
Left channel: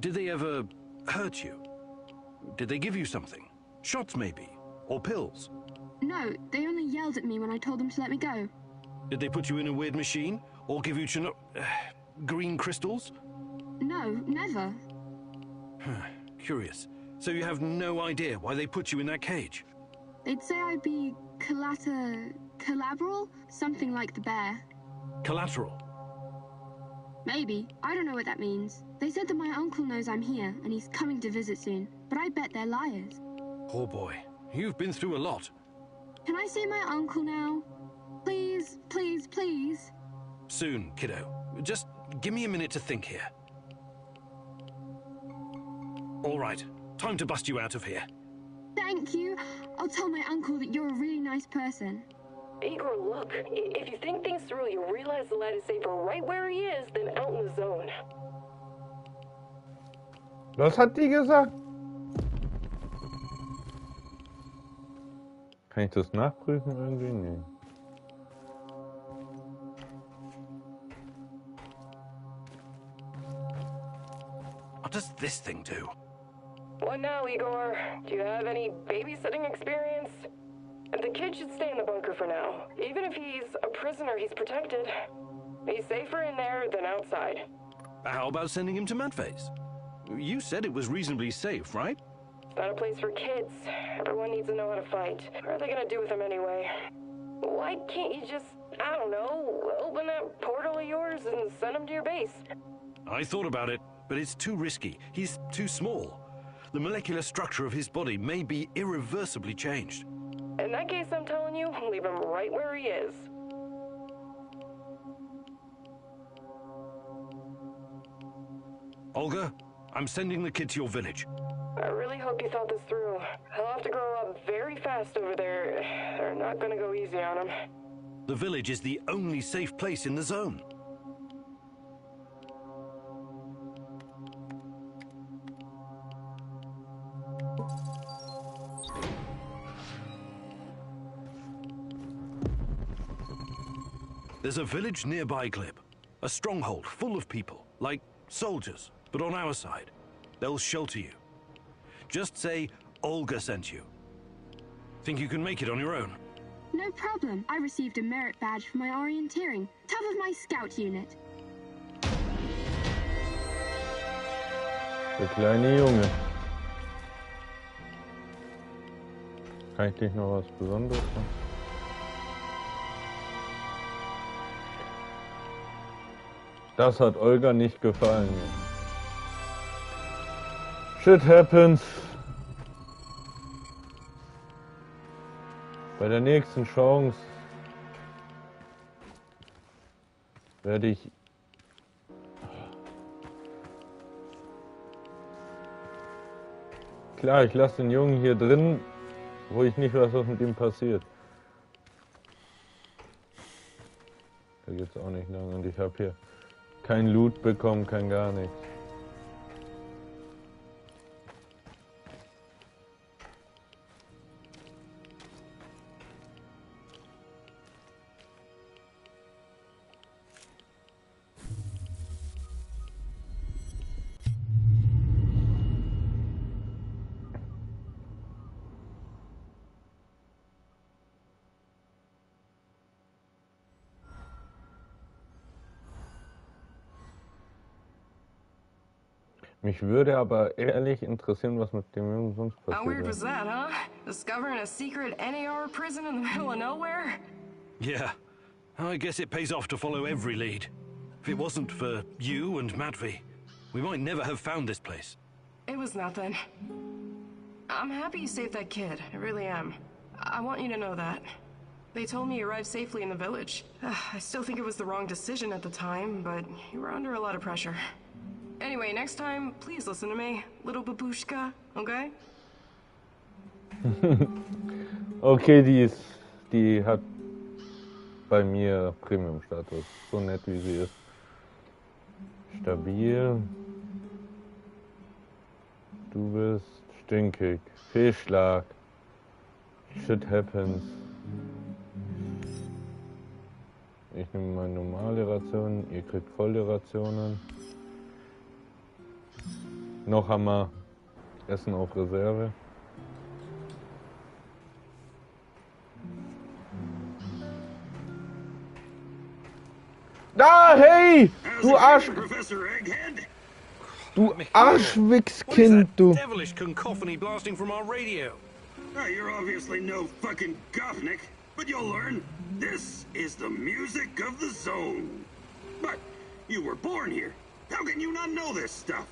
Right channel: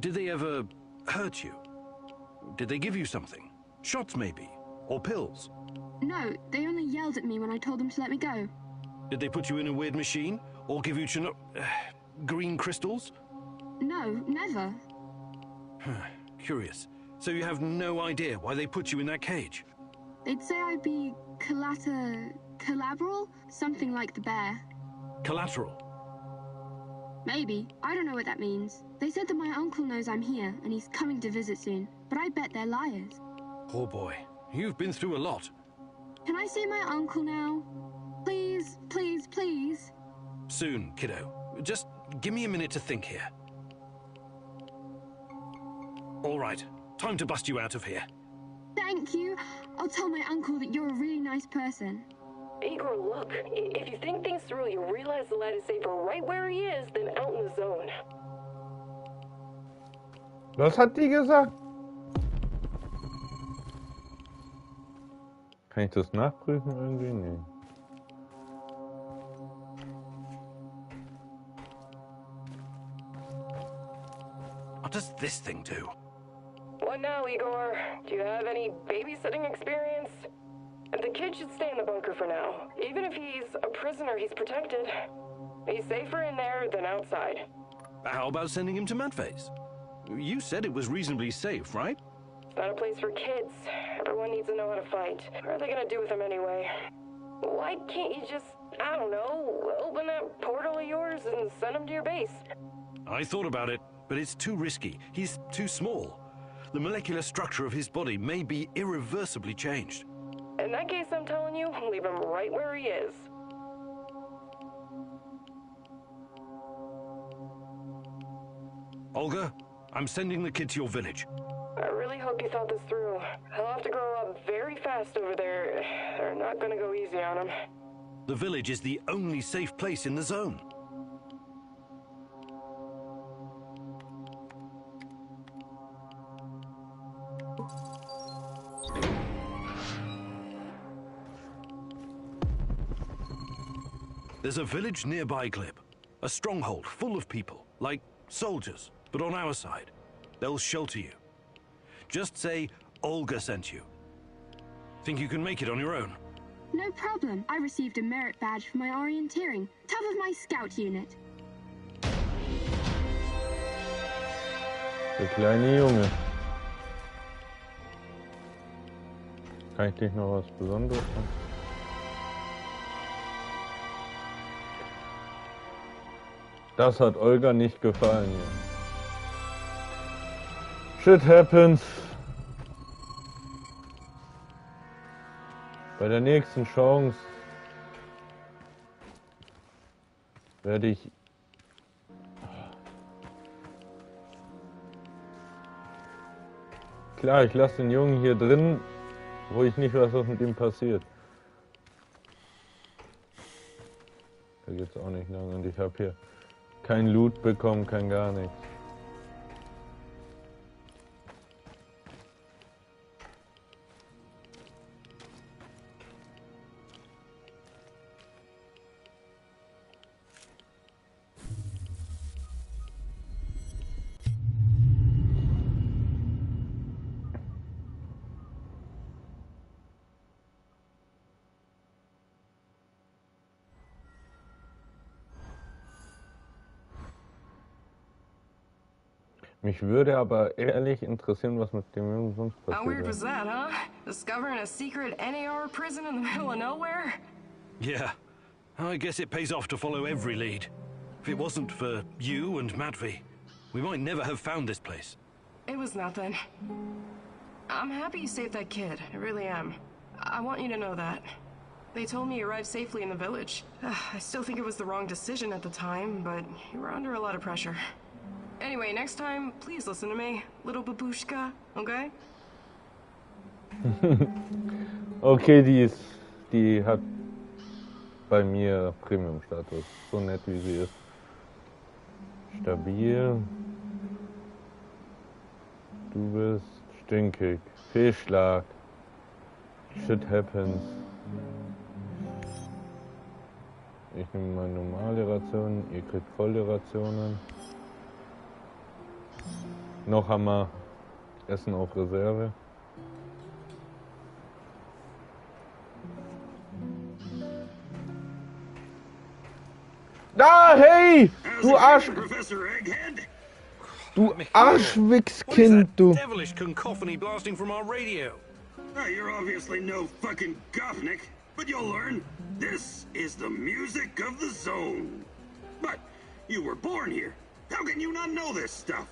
did they ever hurt you? Did they give you something? Shots, maybe? Or pills? No, they only yelled at me when I told them to let me go. Did they put you in a weird machine? Or give you green crystals? No, never. Curious. So you have no idea why they put you in that cage? They'd say I'd be collateral? Something like the bear. Collateral? Maybe. I don't know what that means. They said that my uncle knows I'm here, and he's coming to visit soon. But I bet they're liars. Poor boy. You've been through a lot. Can I see my uncle now? Please, please, please. Soon, kiddo. Just give me a minute to think here. All right. Time to bust you out of here. Thank you. I'll tell my uncle that you're a really nice person. Igor, look. If you think things through, you realize the lad is safer right where he is than out in the zone. Was hat die gesagt? Kann ich das nachprüfen irgendwie? Nee. What does this thing do? What now, Igor? Do you have any babysitting experience? The kid should stay in the bunker for now. Even if he's a prisoner, he's protected. He's safer in there than outside. How about sending him to Mudface? You said it was reasonably safe, right? It's not a place for kids. Everyone needs to know how to fight. What are they gonna do with him anyway? Why can't you just, I don't know, open that portal of yours and send him to your base? I thought about it, but it's too risky. He's too small. The molecular structure of his body may be irreversibly changed. In that case, I'm telling you, leave him right where he is. Olga, I'm sending the kid to your village. I really hope you thought this through. He'll have to grow up very fast over there. They're not gonna go easy on him. The village is the only safe place in the zone. There's a village nearby, Glib. A stronghold full of people, like soldiers, but on our side. They'll shelter you. Just say Olga sent you. Think you can make it on your own? No problem. I received a merit badge for my orienteering. Top of my scout unit. Der kleine Junge. Kann ich dich noch was Besonderes machen? Das hat Olga nicht gefallen hier. Shit happens. Bei der nächsten Chance werde ich klar, ich lasse den Jungen hier drin, wo ich nicht weiß, was mit ihm passiert. Da geht's auch nicht lang und ich habe hier kein Loot bekommen, kein gar nichts. Mich würde aber ehrlich interessieren, was mit dem Jungen sonst How weird passiert was that, huh? Discovering a secret NAR prison in the middle of nowhere? Yeah. I guess it pays off to follow every lead. If it wasn't for you and Matvey, we might never have found this place. It was nothing. I'm happy you saved that kid. I really am. I want you to know that. They told me you arrived safely in the village. I still think it was the wrong decision at the time, but you were under a lot of pressure. Anyway, next time, please listen to me, little babushka, okay? Okay, die hat bei mir Premium-Status. So nett wie sie ist. Stabil. Du bist stinkig. Fehlschlag. Shit happens. Ich nehme mal normale Rationen. Ihr kriegt volle Rationen. Noch haben wir Essen auf Reserve. Ah, hey! Du Arsch! Du Arschwichskind, du! Devilish cacophony blasting from our radio. You're obviously no fucking Gopnik, but you'll learn. This is the music of the zone. But you were born here. How can you not know this stuff?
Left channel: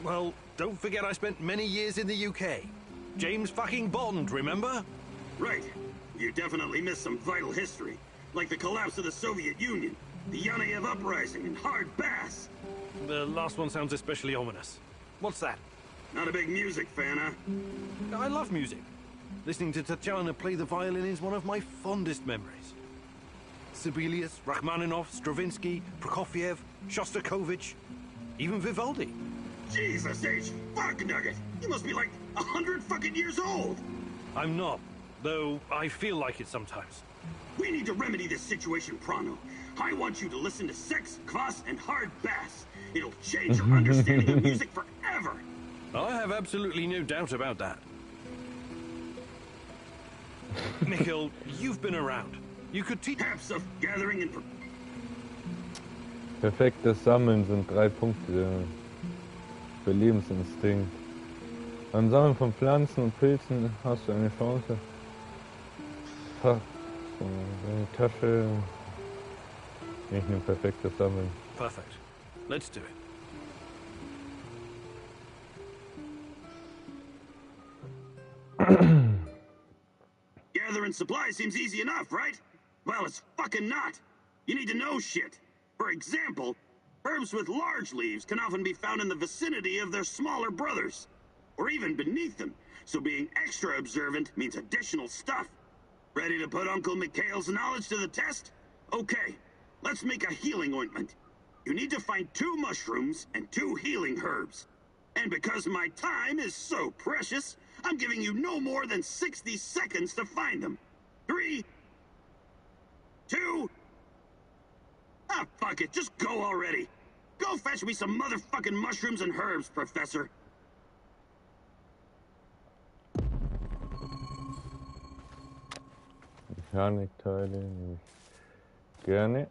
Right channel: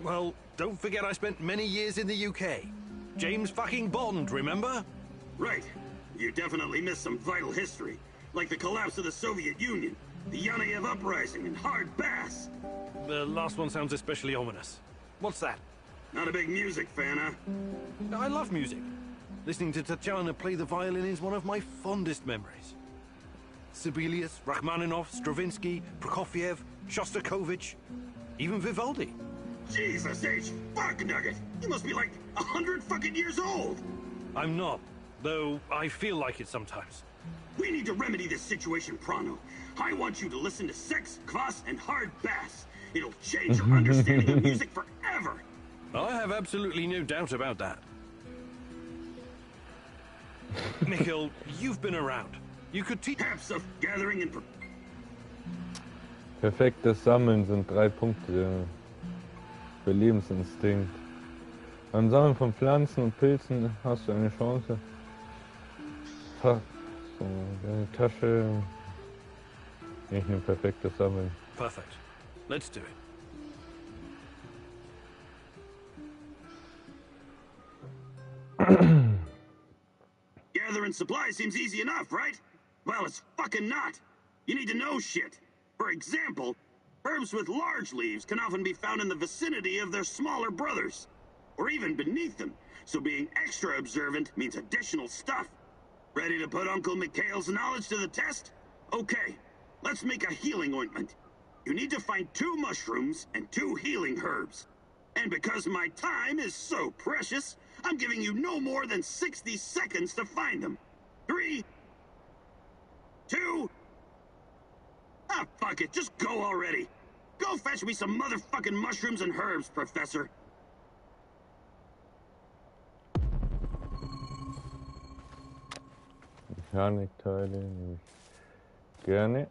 Well, don't forget I spent many years in the UK. James fucking Bond, remember? Right. You definitely missed some vital history, like the collapse of the Soviet Union, the Yanayev Uprising, and Hard Bass. The last one sounds especially ominous. What's that? Not a big music fan, huh? I love music. Listening to Tatiana play the violin is one of my fondest memories. Sibelius, Rachmaninoff, Stravinsky, Prokofiev, Shostakovich, even Vivaldi. Jesus H. Fuck Nugget! You must be like 100 fucking years old! I'm not, though I feel like it sometimes. We need to remedy this situation pronto. I want you to listen to Sex, Kvass, and Hard Bass. It'll change your understanding of music forever! I have absolutely no doubt about that. Mikhail, you've been around. You could teach... Apps of gathering and... Perfektes Sammeln sind 3 Punkte. Für Lebensinstinkt. Beim Sammeln von Pflanzen und Pilzen hast du eine Chance. So, deine Tasche. Ich nehme perfektes Sammeln. Perfect. Let's do it. Gathering supplies seems easy enough, right? Well, it's fucking not. You need to know shit. For example, herbs with large leaves can often be found in the vicinity of their smaller brothers, or even beneath them, so being extra observant means additional stuff. Ready to put Uncle Mikhail's knowledge to the test? Okay, let's make a healing ointment. You need to find 2 mushrooms and 2 healing herbs. And because my time is so precious, I'm giving you no more than 60 seconds to find them. 3, 2... Ah, fuck it, just go already. Go fetch me some motherfucking mushrooms and herbs, Professor. Mechanikteile nehme ich gerne.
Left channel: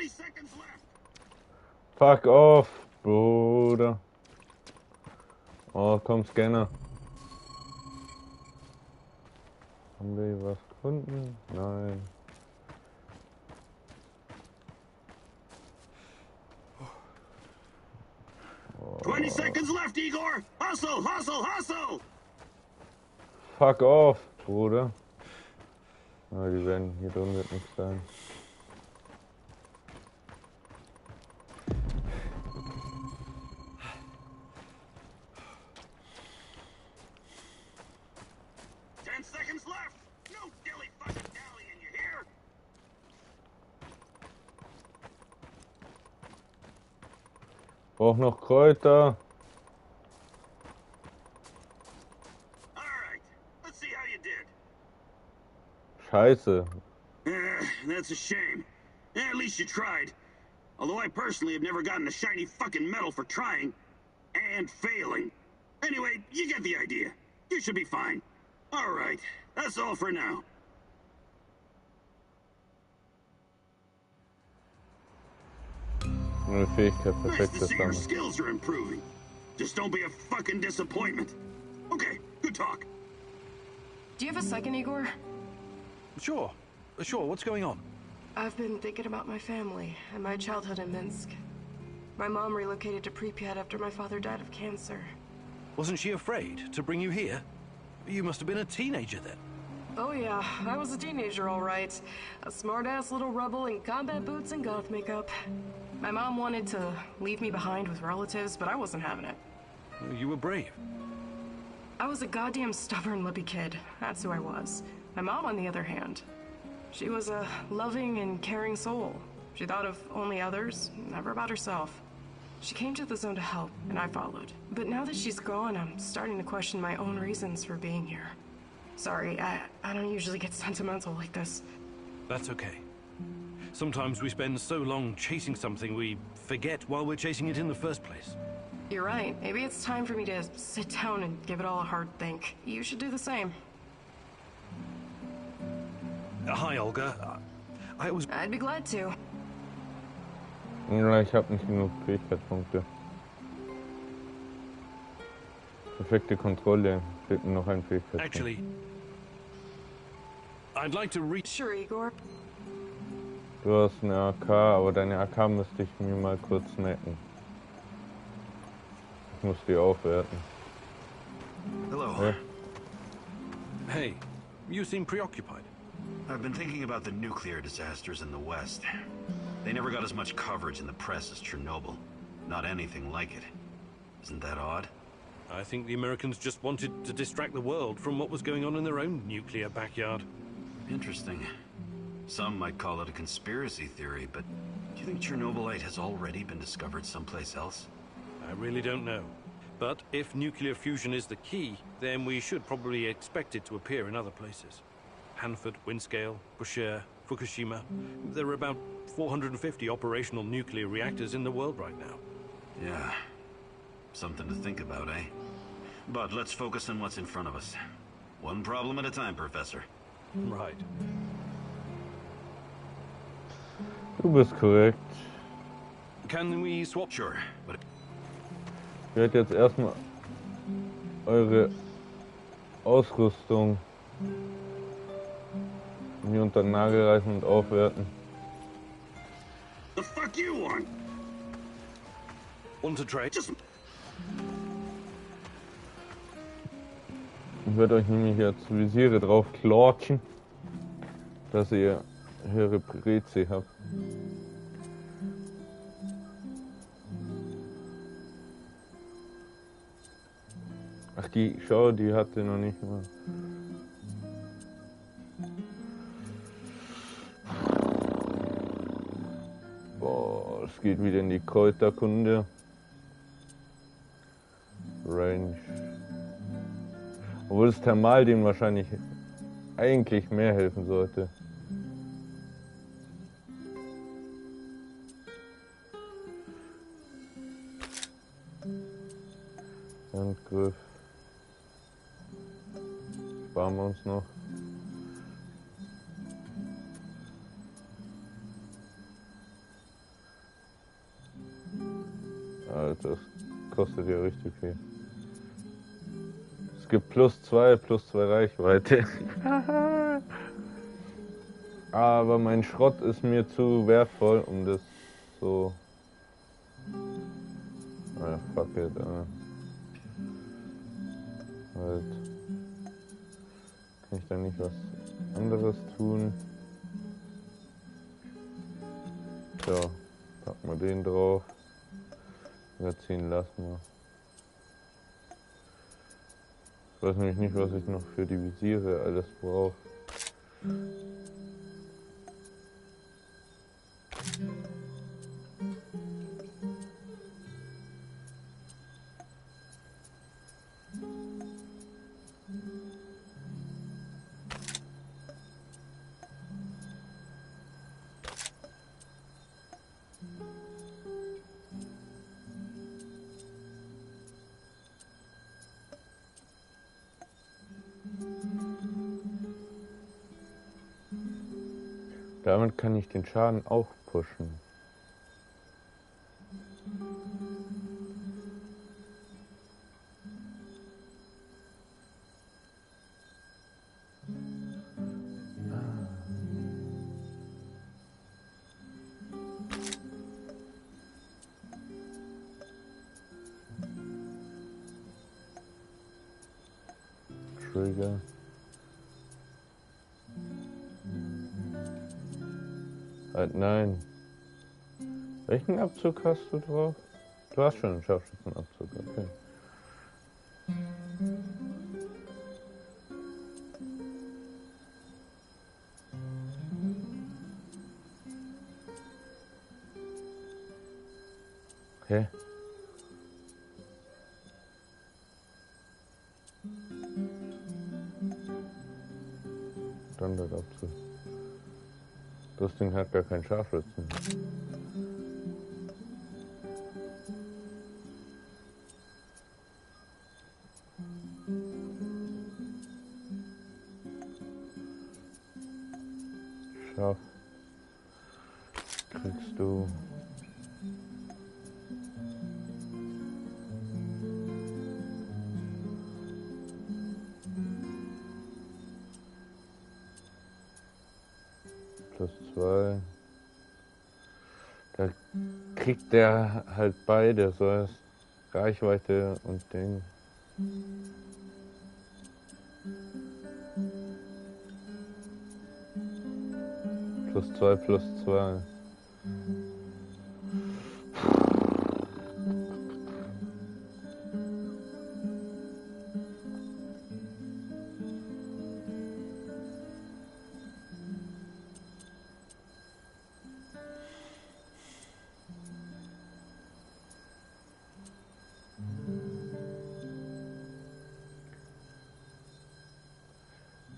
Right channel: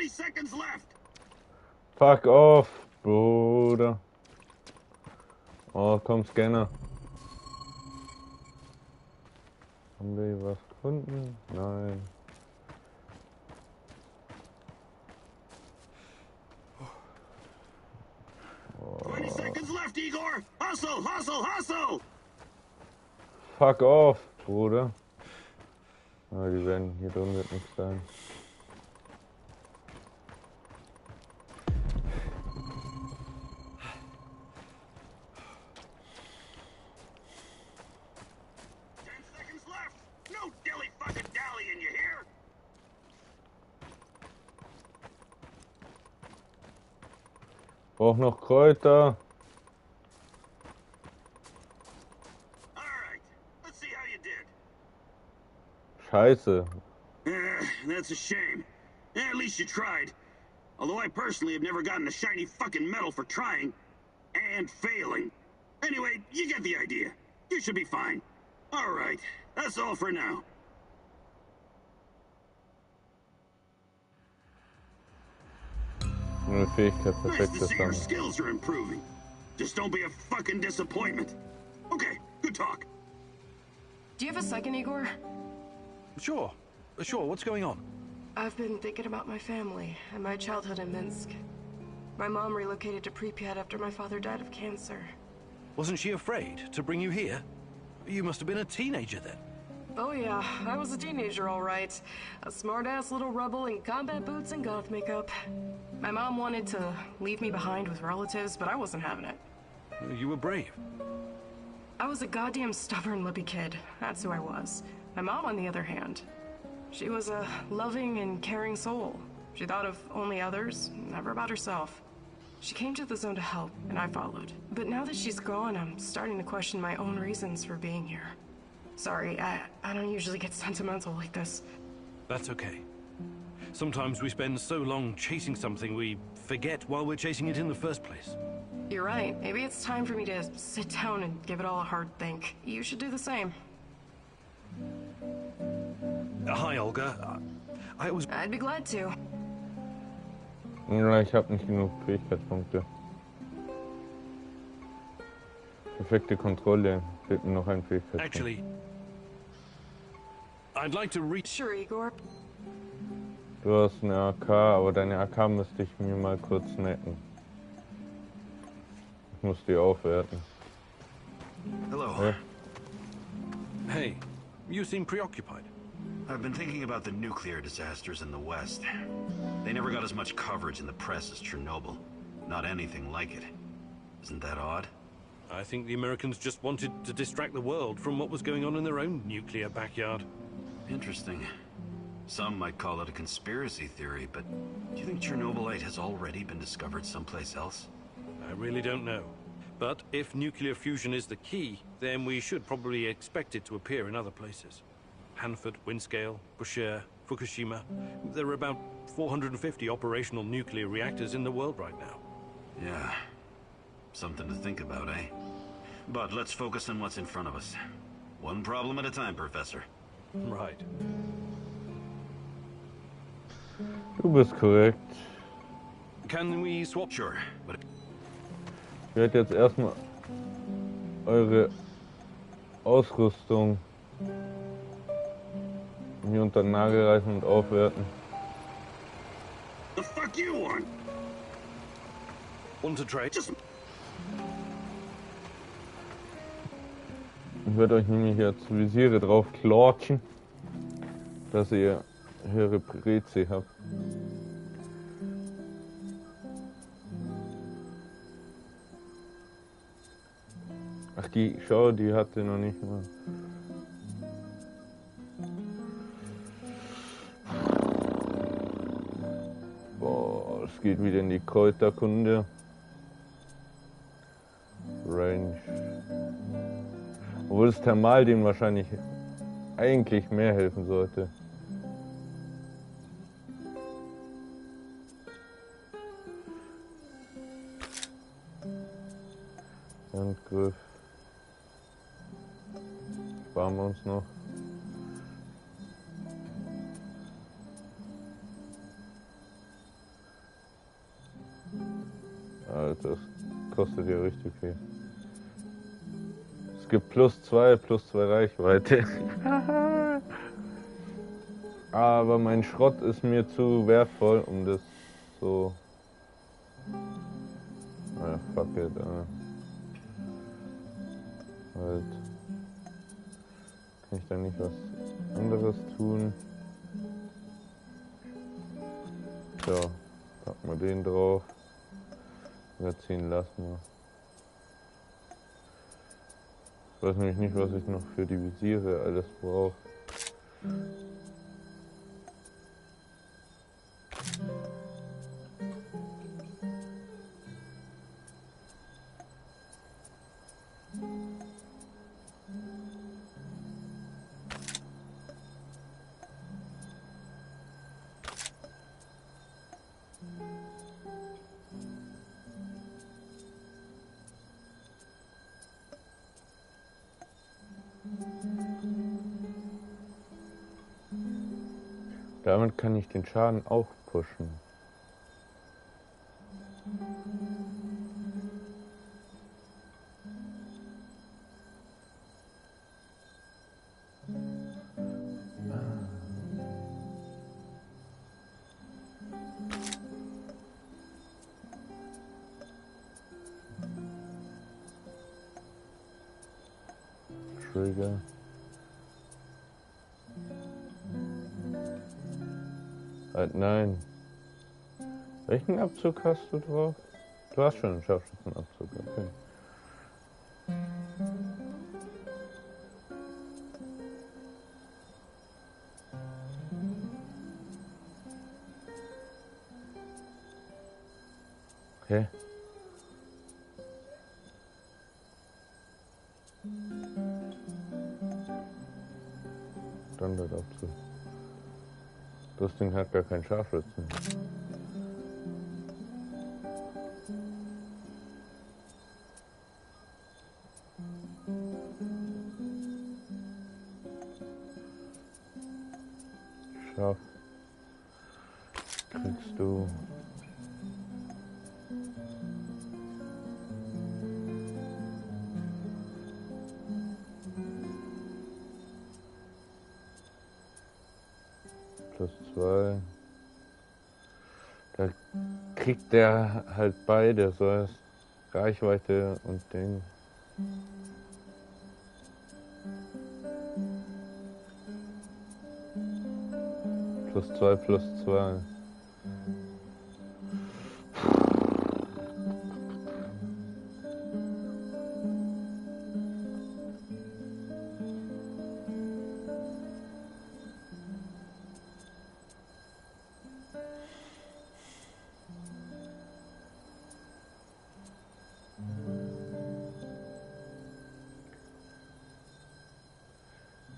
30 seconds left. Fuck off, Bruder. Oh, komm, Scanner. Haben wir hier was gefunden? Nein. Oh. 20 seconds left, Igor. Hustle, hustle, hustle. Fuck off, Bruder. Oh, die werden hier drin wird nichts sein. Brauch noch Kräuter. Scheiße. That's a shame. At least you tried. Although I personally have never gotten a shiny fucking medal for trying and failing. Anyway, you get the idea. You should be fine. All right, that's all for now. Eine Fähigkeit Nice perfekt to see your zusammen. skills are improving. Just don't be a fucking disappointment. Okay, good talk. Do you have a second, Igor? Sure. Sure, what's going on? I've been thinking about my family and my childhood in Minsk. My mom relocated to Pripyat after my father died of cancer. Wasn't she afraid to bring you here? You must have been a teenager then. Oh yeah, I was a teenager all right. A smart-ass little rebel in combat boots and goth makeup. My mom wanted to leave me behind with relatives, but I wasn't having it. You were brave. I was a goddamn stubborn lippy kid. That's who I was. My mom, on the other hand, she was a loving and caring soul. She thought of only others, never about herself. She came to the zone to help, and I followed. But now that she's gone, I'm starting to question my own reasons for being here. Sorry, I don't usually get sentimental like this. That's okay. Sometimes we spend so long chasing something we forget why we're chasing it in the first place. You're right. Maybe it's time for me to sit down and give it all a hard think. You should do the same. Hi, Olga. I'd be glad to. Ja, ich habe nicht genug Fähigkeitspunkte. Perfekte Kontrolle. Fehlt mir noch ein Fähigkeitspunkt. Actually, I'd like to reach. Sure, Igor. Du hast eine AK, aber deine AK müsste ich mir mal kurz snacken. Ich muss die aufwerten. Hello. Hey. Hey, you seem preoccupied. I've been thinking about the nuclear disasters in the West. They never got as much coverage in the press as Chernobyl. Not anything like it. Isn't that odd? I think the Americans just wanted to distract the world from what was going on in their own nuclear backyard. Interesting. Some might call it a conspiracy theory, but do you think Chernobylite has already been discovered someplace else? I really don't know. But if nuclear fusion is the key, then we should probably expect it to appear in other places. Hanford, Windscale, Bushehr, Fukushima. There are about 450 operational nuclear reactors in the world right now. Yeah. Something to think about, eh? But let's focus on what's in front of us. One problem at a time, Professor. Right. Du bist korrekt. Can we swap? Sure, but Ich werde jetzt erstmal eure Ausrüstung hier unter den Nagel reißen und aufwerten. The fuck you want? Want to trade? Ich werde euch nämlich jetzt Visiere drauf klotschen, dass ihr höhere Prezi habt. Ach, die hatte noch nicht mal. Boah, es geht wieder in die Kräuterkunde. Range. Obwohl das Thermal dem wahrscheinlich eigentlich mehr helfen sollte. Handgriff. Sparen wir uns noch. das kostet ja richtig viel. Es gibt +2 Reichweite. Aber mein Schrott ist mir zu wertvoll, um das so... Ah, fuck it, halt. Kann ich da nicht was anderes tun? So, packen wir den drauf. Ziehen lassen wir. Ich weiß nämlich nicht, was ich noch für die Visiere alles brauche. Damit kann ich den Schaden auch pushen. Trigger. Halt nein. Welchen Abzug hast du drauf? Du hast schon einen Scharfschützenabzug, okay. Okay. Standardabzug. Das Ding hat gar keinen Scharfschützen. Scharf. Kriegst du. +2. Da kriegt der halt beide, so als Reichweite und Ding. +2.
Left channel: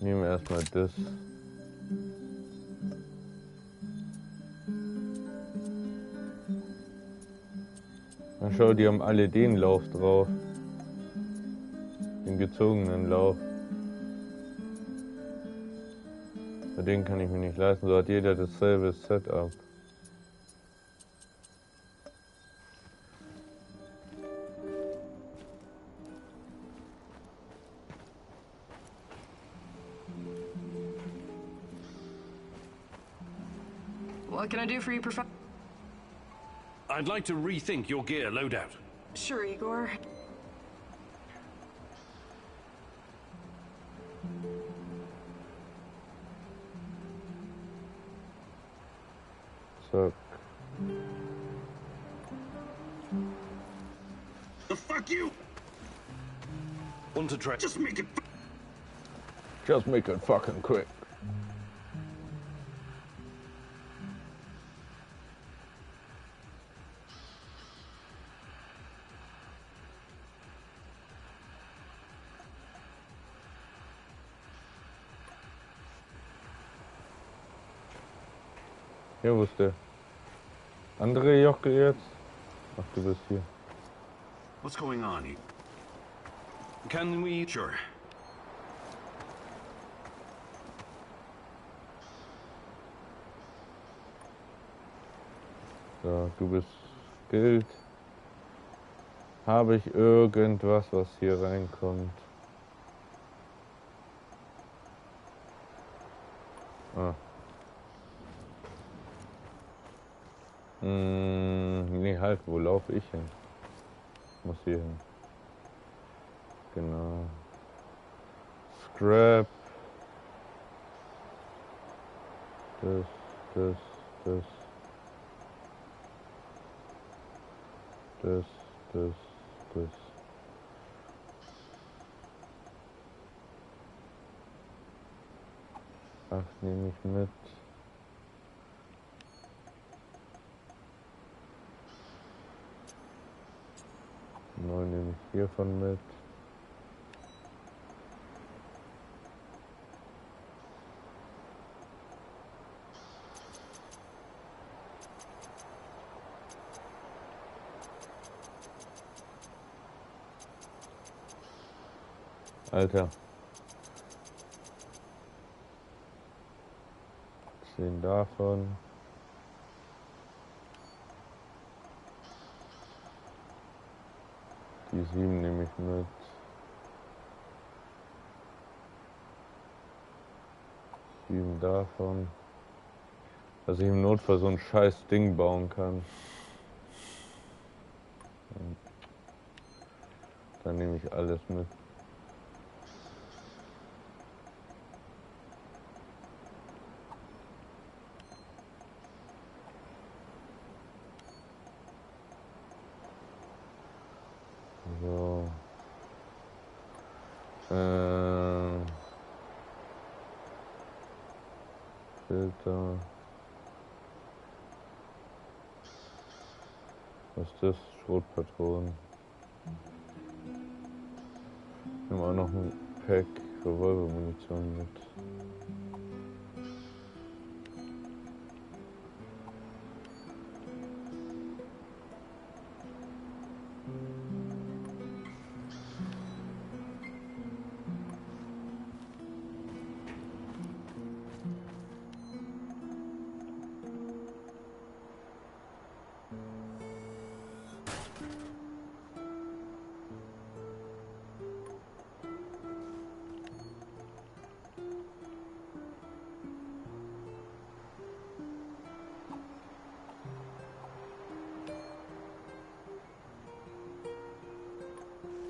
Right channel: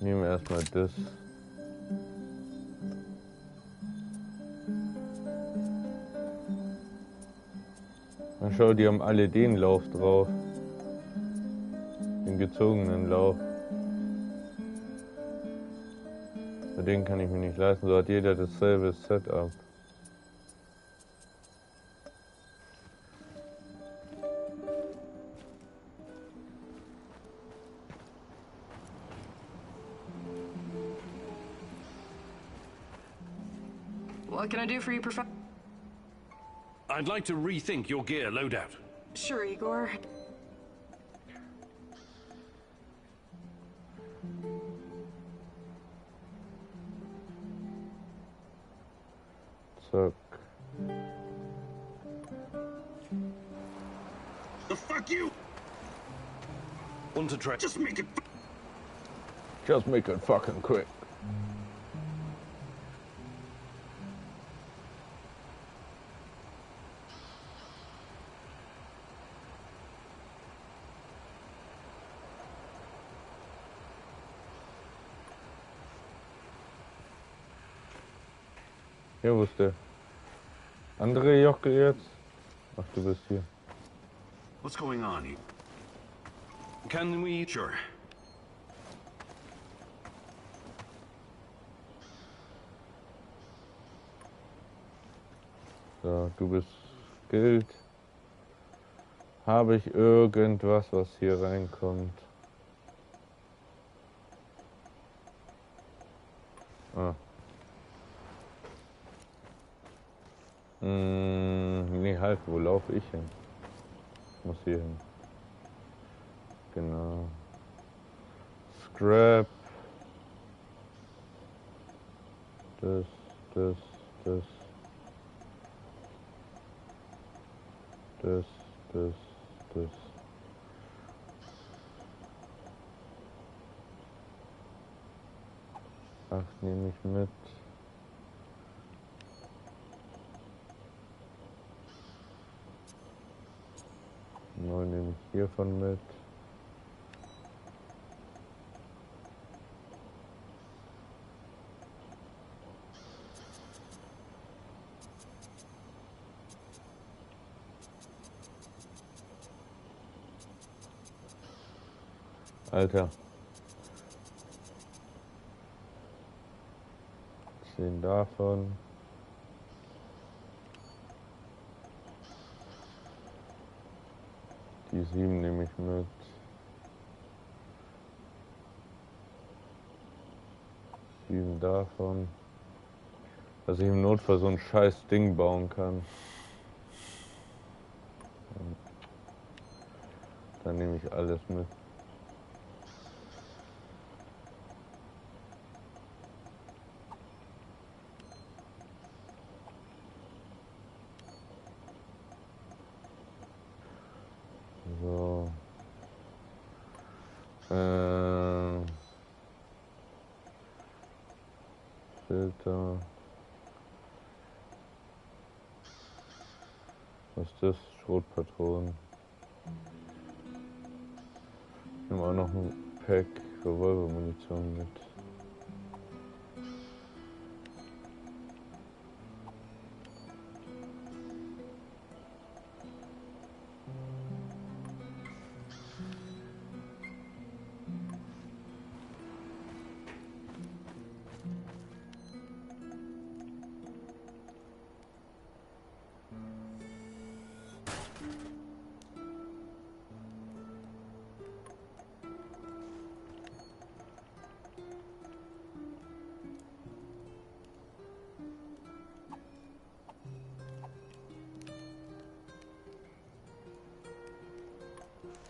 Nehmen wir erstmal das. Na schau, die haben alle den Lauf drauf. Den gezogenen Lauf. Bei denen kann ich mir nicht leisten, so hat jeder dasselbe Setup. What can I do for you, Prof? I'd like to rethink your gear loadout. Sure, Igor. Zack. The fuck you! Want to try? Just make it. Just make it fucking quick. Hier, wo ist der andere Jockel jetzt? Ach, du bist hier. What's going on? Can we? Sure. So, du bist Geld. Habe ich irgendwas, was hier reinkommt? Ah. Nee, halt, wo laufe ich hin? Ich muss hier hin. Genau. Scrap. Das. Das. 8 nehme ich mit. 9 nehme ich hiervon mit. Alter. 10 davon. Die 7 nehme ich mit. 7 davon. Dass ich im Notfall so ein scheiß Ding bauen kann. Und dann nehme ich alles mit. So. Filter. Was ist das? Schrotpatronen. Ich nehme auch noch ein Pack Revolvermunition mit.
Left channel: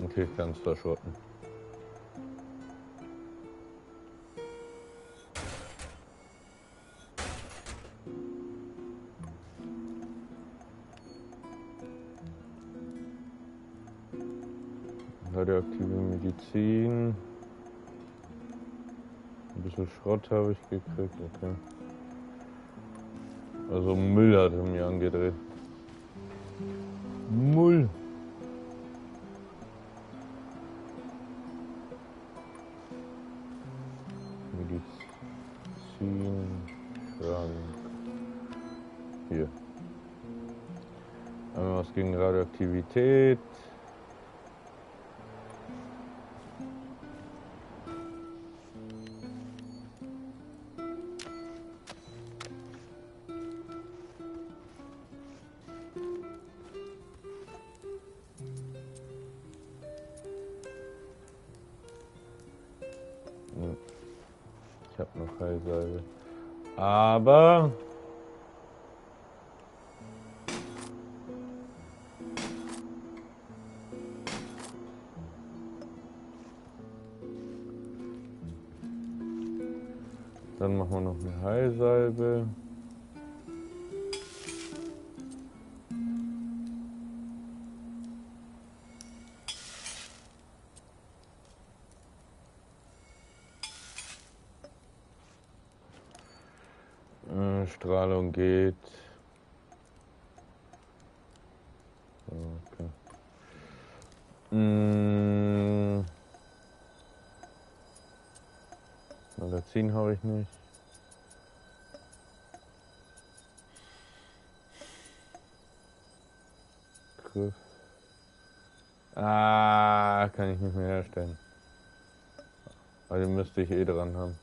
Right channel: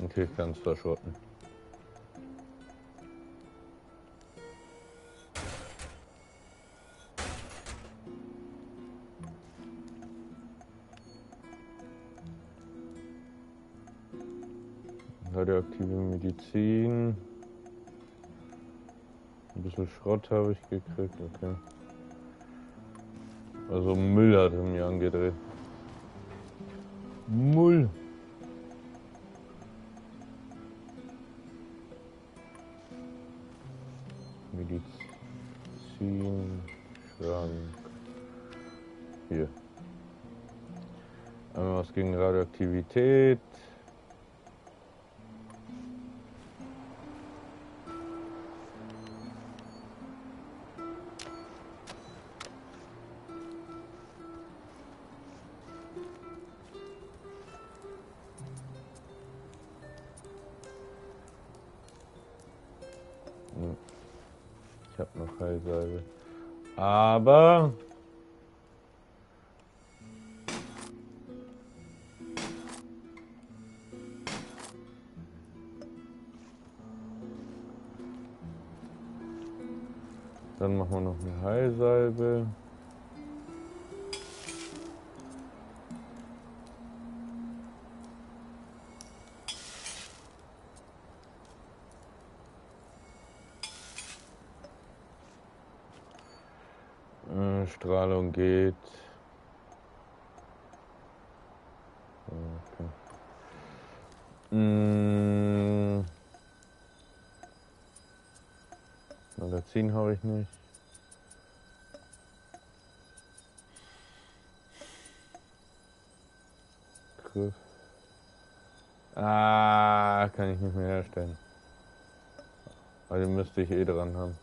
Okay, ich kann es verschrotten. Radioaktive Medizin. Ein bisschen Schrott habe ich gekriegt, okay. Also Müll hat er mir angedreht. Müll. Medizin, Schrank. Hier. Einmal was gegen Radioaktivität. Ich habe noch Heilsalbe. Aber dann machen wir noch eine Heilsalbe. Strahlung geht. Okay. Magazin habe ich nicht. Griff. Kann ich nicht mehr herstellen. Also müsste ich eh dran haben.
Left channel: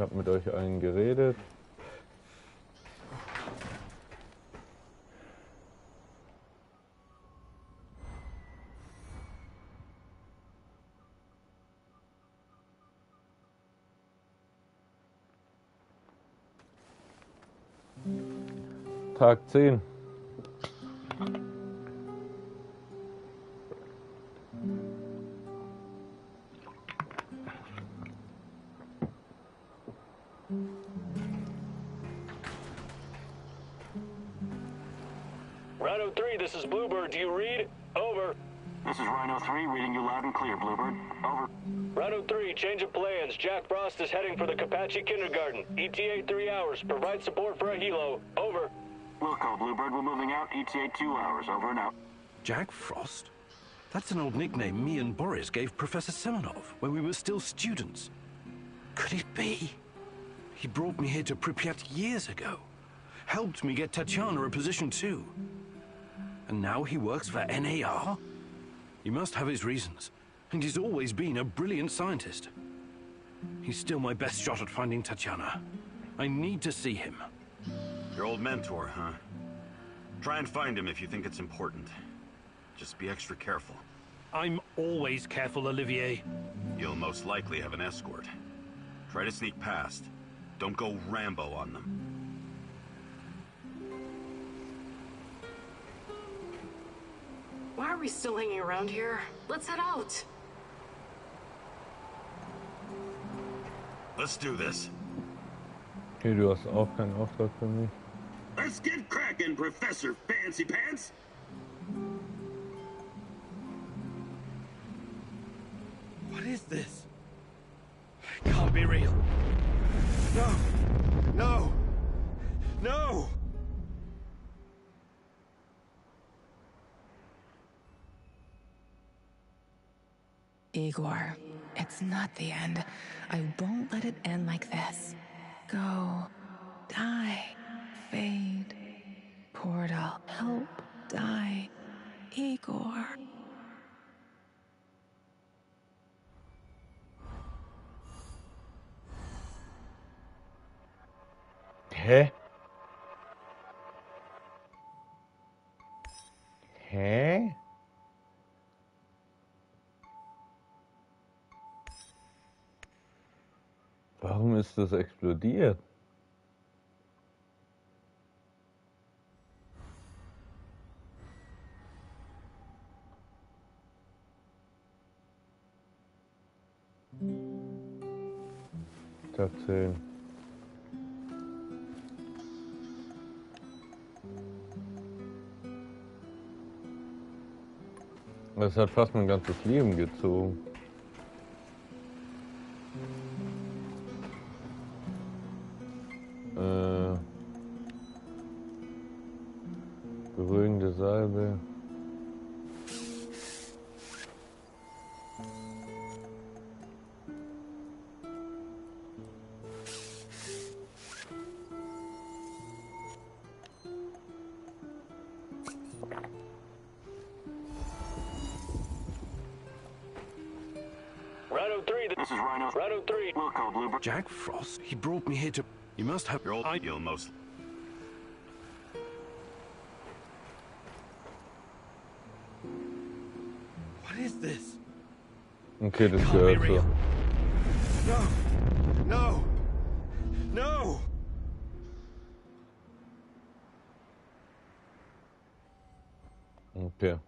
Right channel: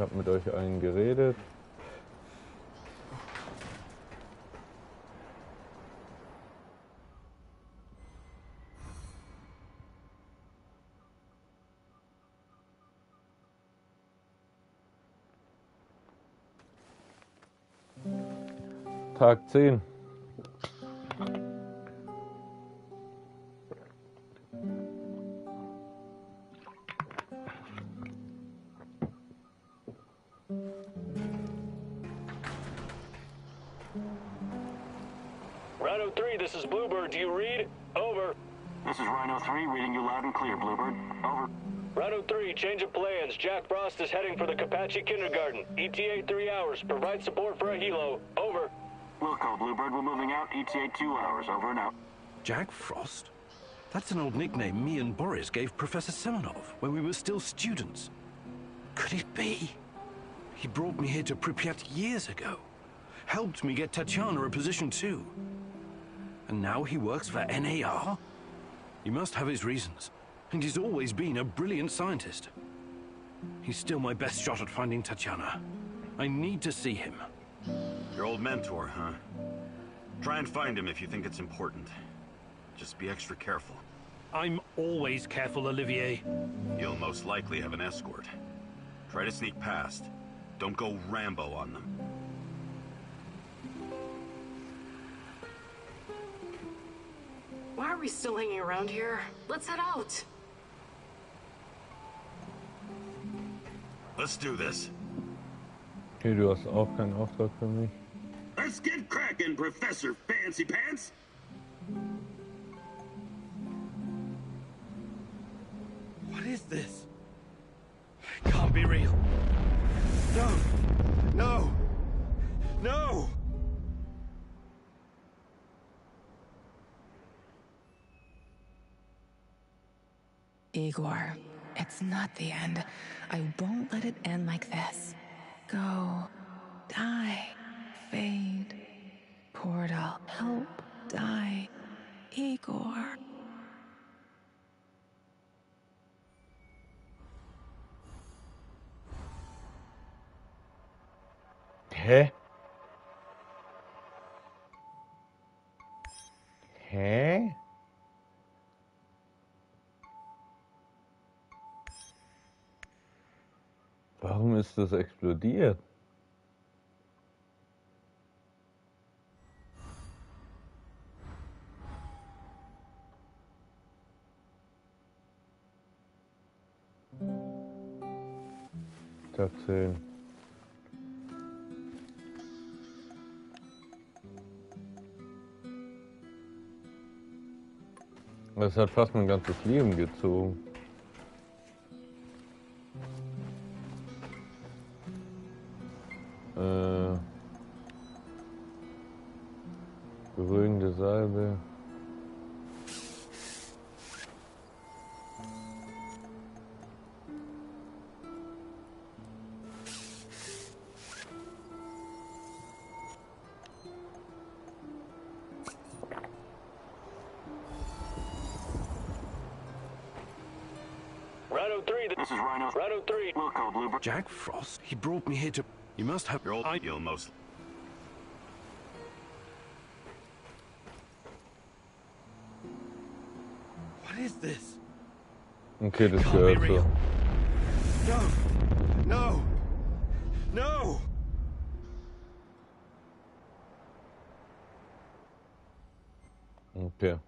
habe mit euch allen geredet. Tag 10. Rhino 3, this is Bluebird. Do you read? Over. This is Rhino 3, reading you loud and clear, Bluebird. Over. Rhino 3, change of plans. Jack Frost is heading for the Kapachi Kindergarten. ETA 3 hours. Provide support for a helo. Over. Wilco, Bluebird, we're moving out. ETA 2 hours. Over and out. Jack Frost? That's an old nickname me and Boris gave Professor Semenov when we were still students. Could it be? He brought me here to Pripyat years ago. Helped me get Tatiana a position too. And now he works for NAR? He must have his reasons. And he's always been a brilliant scientist. He's still my best shot at finding Tatiana. I need to see him. Your old mentor, huh? Try and find him if you think it's important. Just be extra careful. I'm always careful, Olivier. You'll most likely have an escort. Try to sneak past. Don't go Rambo on them. Why are we still hanging around here? Let's head out. Let's do this. Okay, du hast auch keinen Auftrag für mich. Let's get cracking, Professor Fancy Pants. What is this? It can't be real. No! No! No! Igor, it's not the end. I won't let it end like this. Go. Die. Fade. Portal. Help. Die. Igor. Hä? Hä? Warum ist das explodiert? Tag 10. Das hat fast mein ganzes Leben gezogen. Beruhigende Salbe. Rhino 3, This is Rhino. Rhino 3. Wilco, Bluebird. Jack Frost? He brought me here to... You must have... Your old you'll most... What is this? Okay, das Can't be gehört real. so. No! No! No! Okay.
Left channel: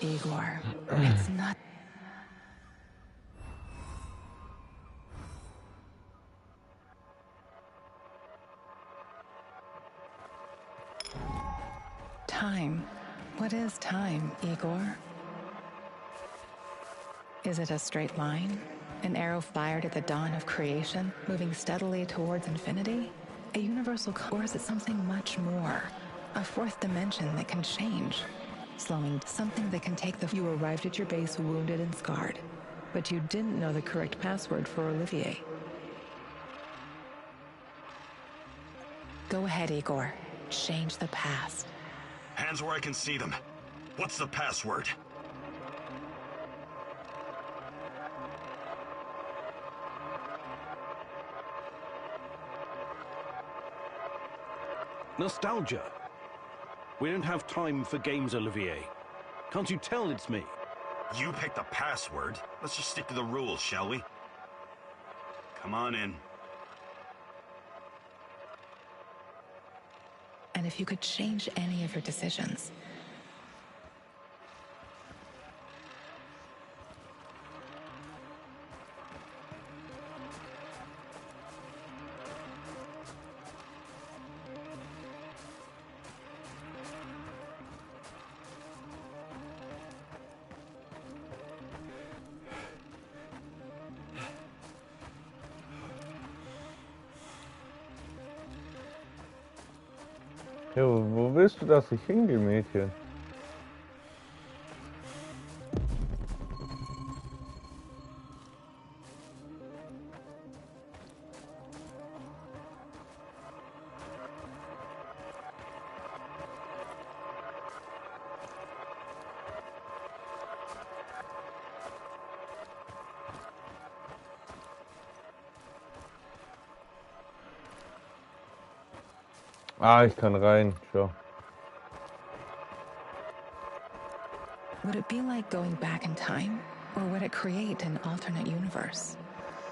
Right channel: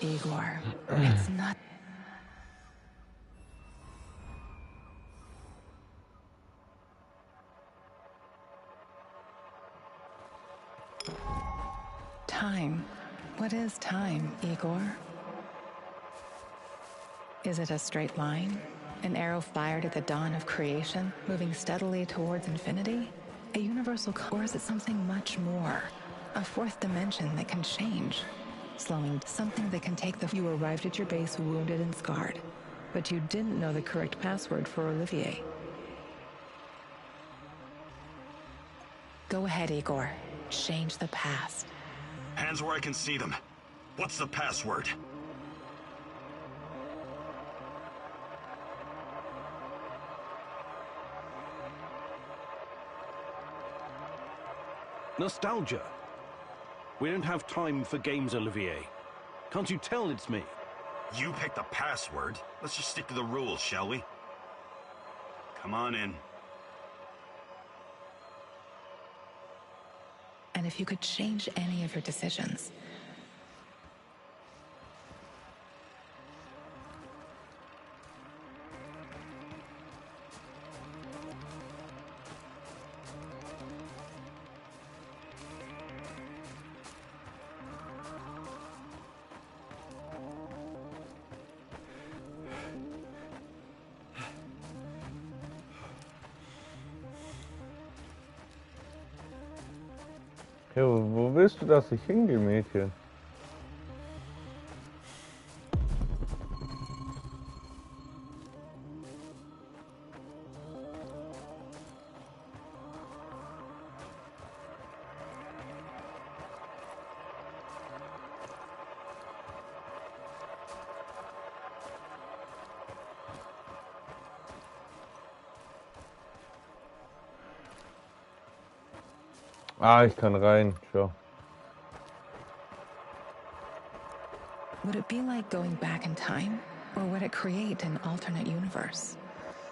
Igor, it's not... Time. What is time, Igor? Is it a straight line? An arrow fired at the dawn of creation, moving steadily towards infinity? A universal or is it something much more? A fourth dimension that can change? Slowing, something that can take the... You arrived at your base wounded and scarred, but you didn't know the correct password for Olivier. Go ahead, Igor. Change the past. Hands where I can see them. What's the password? Nostalgia. We don't have time for games, Olivier. Can't you tell it's me? You picked the password. Let's just stick to the rules, shall we? Come on in. And if you could change any of your decisions, Ja, wo willst du, dass ich hingehe, Mädchen? Ah, ich kann rein. Schau. would it be like going back in time? Or would it create an alternate universe?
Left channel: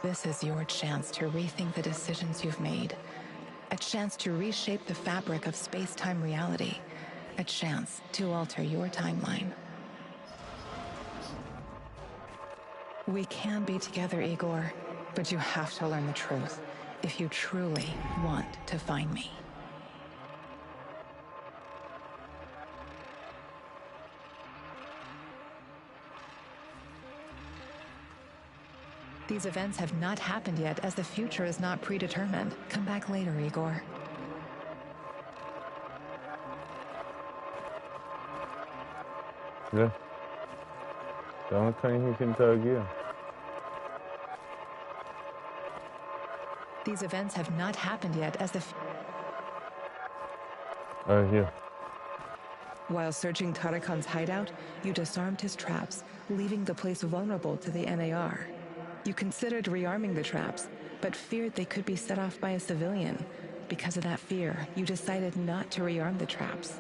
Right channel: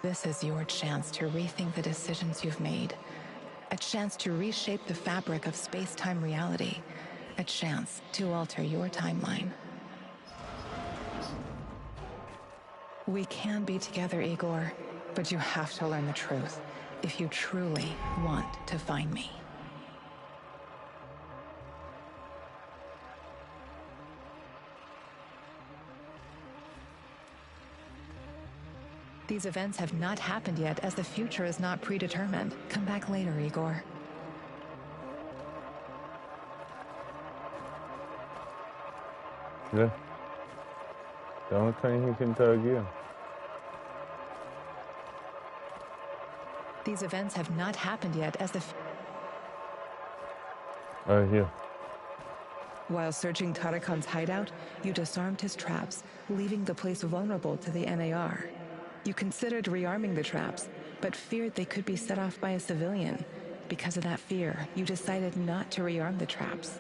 This is your chance to rethink the decisions you've made. A chance to reshape the fabric of space-time reality. A chance to alter your timeline. We can be together, Igor, but you have to learn the truth if you truly want to find me. These events have not happened yet, as the future is not predetermined. Come back later, Igor. Ja. Damit kann ich nicht interagieren. These events have not happened yet, as the... Hier. While searching Tarakan's hideout, you disarmed his traps, leaving the place vulnerable to the NAR. You considered rearming the traps, but feared they could be set off by a civilian. Because of that fear, you decided not to rearm the traps.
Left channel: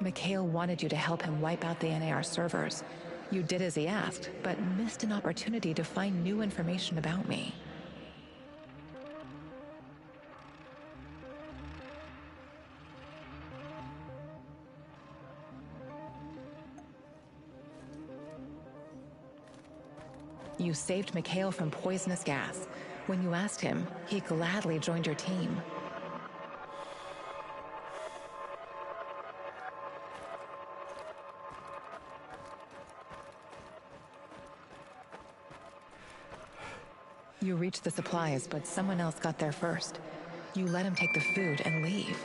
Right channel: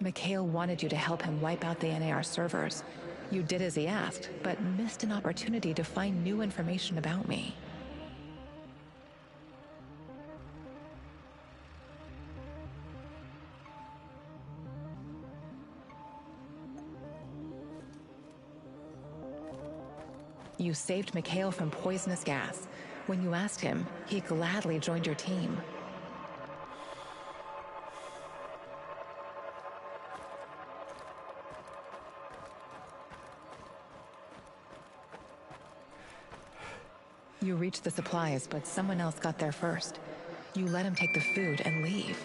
Mikhail wanted you to help him wipe out the NAR servers. You did as he asked, but missed an opportunity to find new information about me. You saved Mikhail from poisonous gas. When you asked him, he gladly joined your team. You reached the supplies, but someone else got there first. You let him take the food and leave.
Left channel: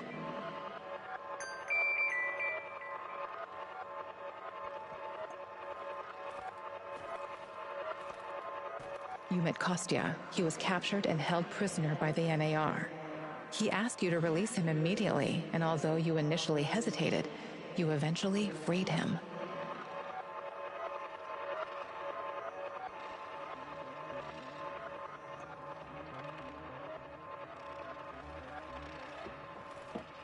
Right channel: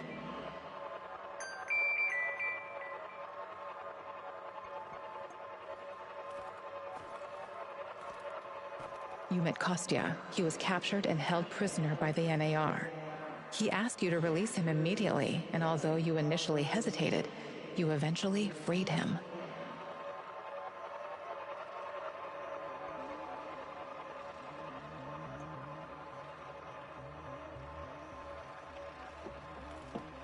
You met Kostya. He was captured and held prisoner by the NAR. He asked you to release him immediately, and although you initially hesitated, you eventually freed him.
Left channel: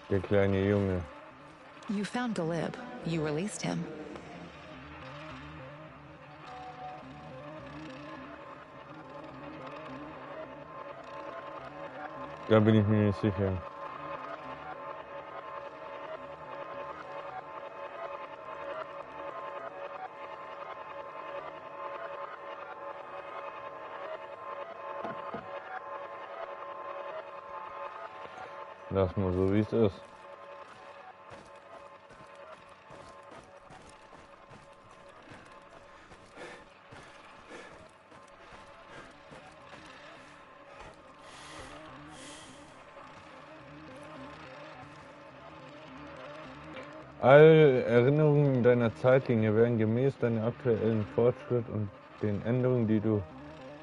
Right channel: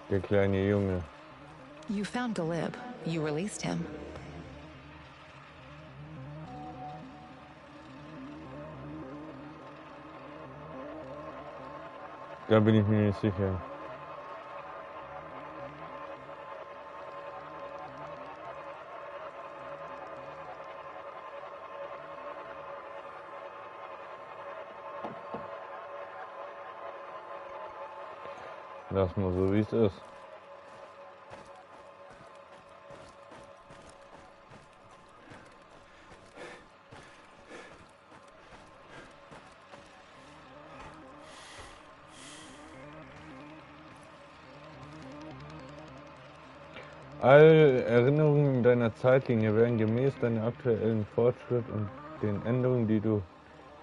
Der kleine Junge. You found Galib. You released him. Da bin ich mir nicht sicher. Lass mal so, wie es ist. Alle Erinnerungen in deiner Zeitlinie werden gemäß deinem aktuellen Fortschritt und den Änderungen, die du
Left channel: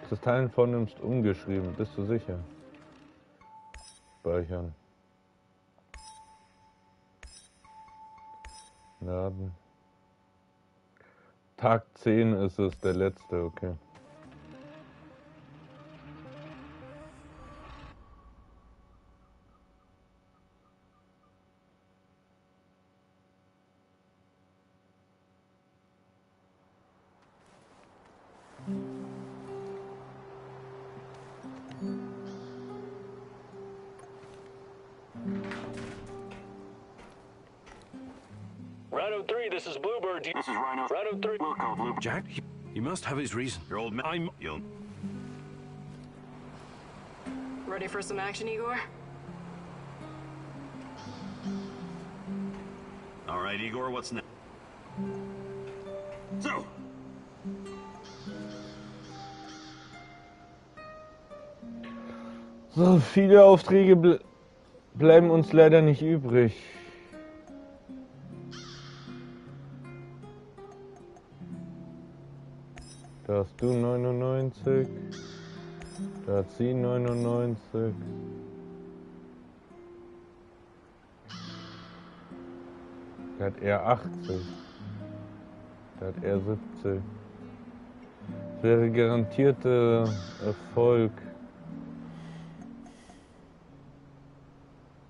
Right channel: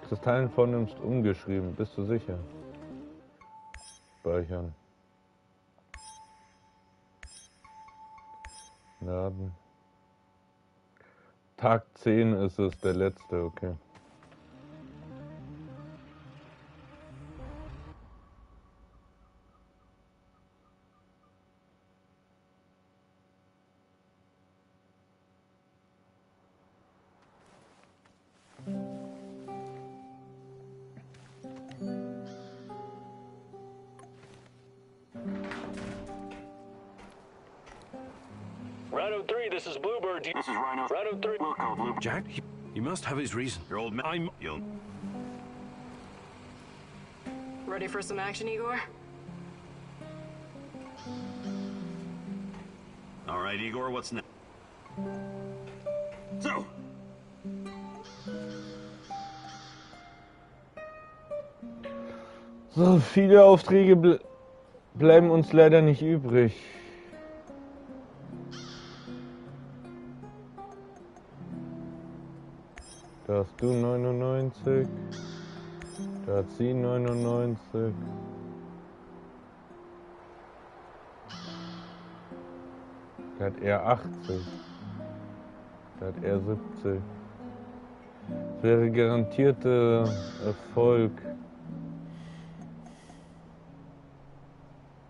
Kristallen vornimmst, umgeschrieben. Bist du sicher? Speichern. Laden. Tag 10 ist es, der letzte, okay. Rhino 3, this is Bluebird. This is Rhino. Rhino 3. We'll call Bluebird. Jack, he must have his reason. Your old man. You'll. Ready for some action, Igor? All right, Igor, what's next? So, So viele Aufträge bleiben uns leider nicht übrig. Da hast du 99, da hat sie 99. Da hat er 80, da hat er 70. Das wäre garantierter Erfolg.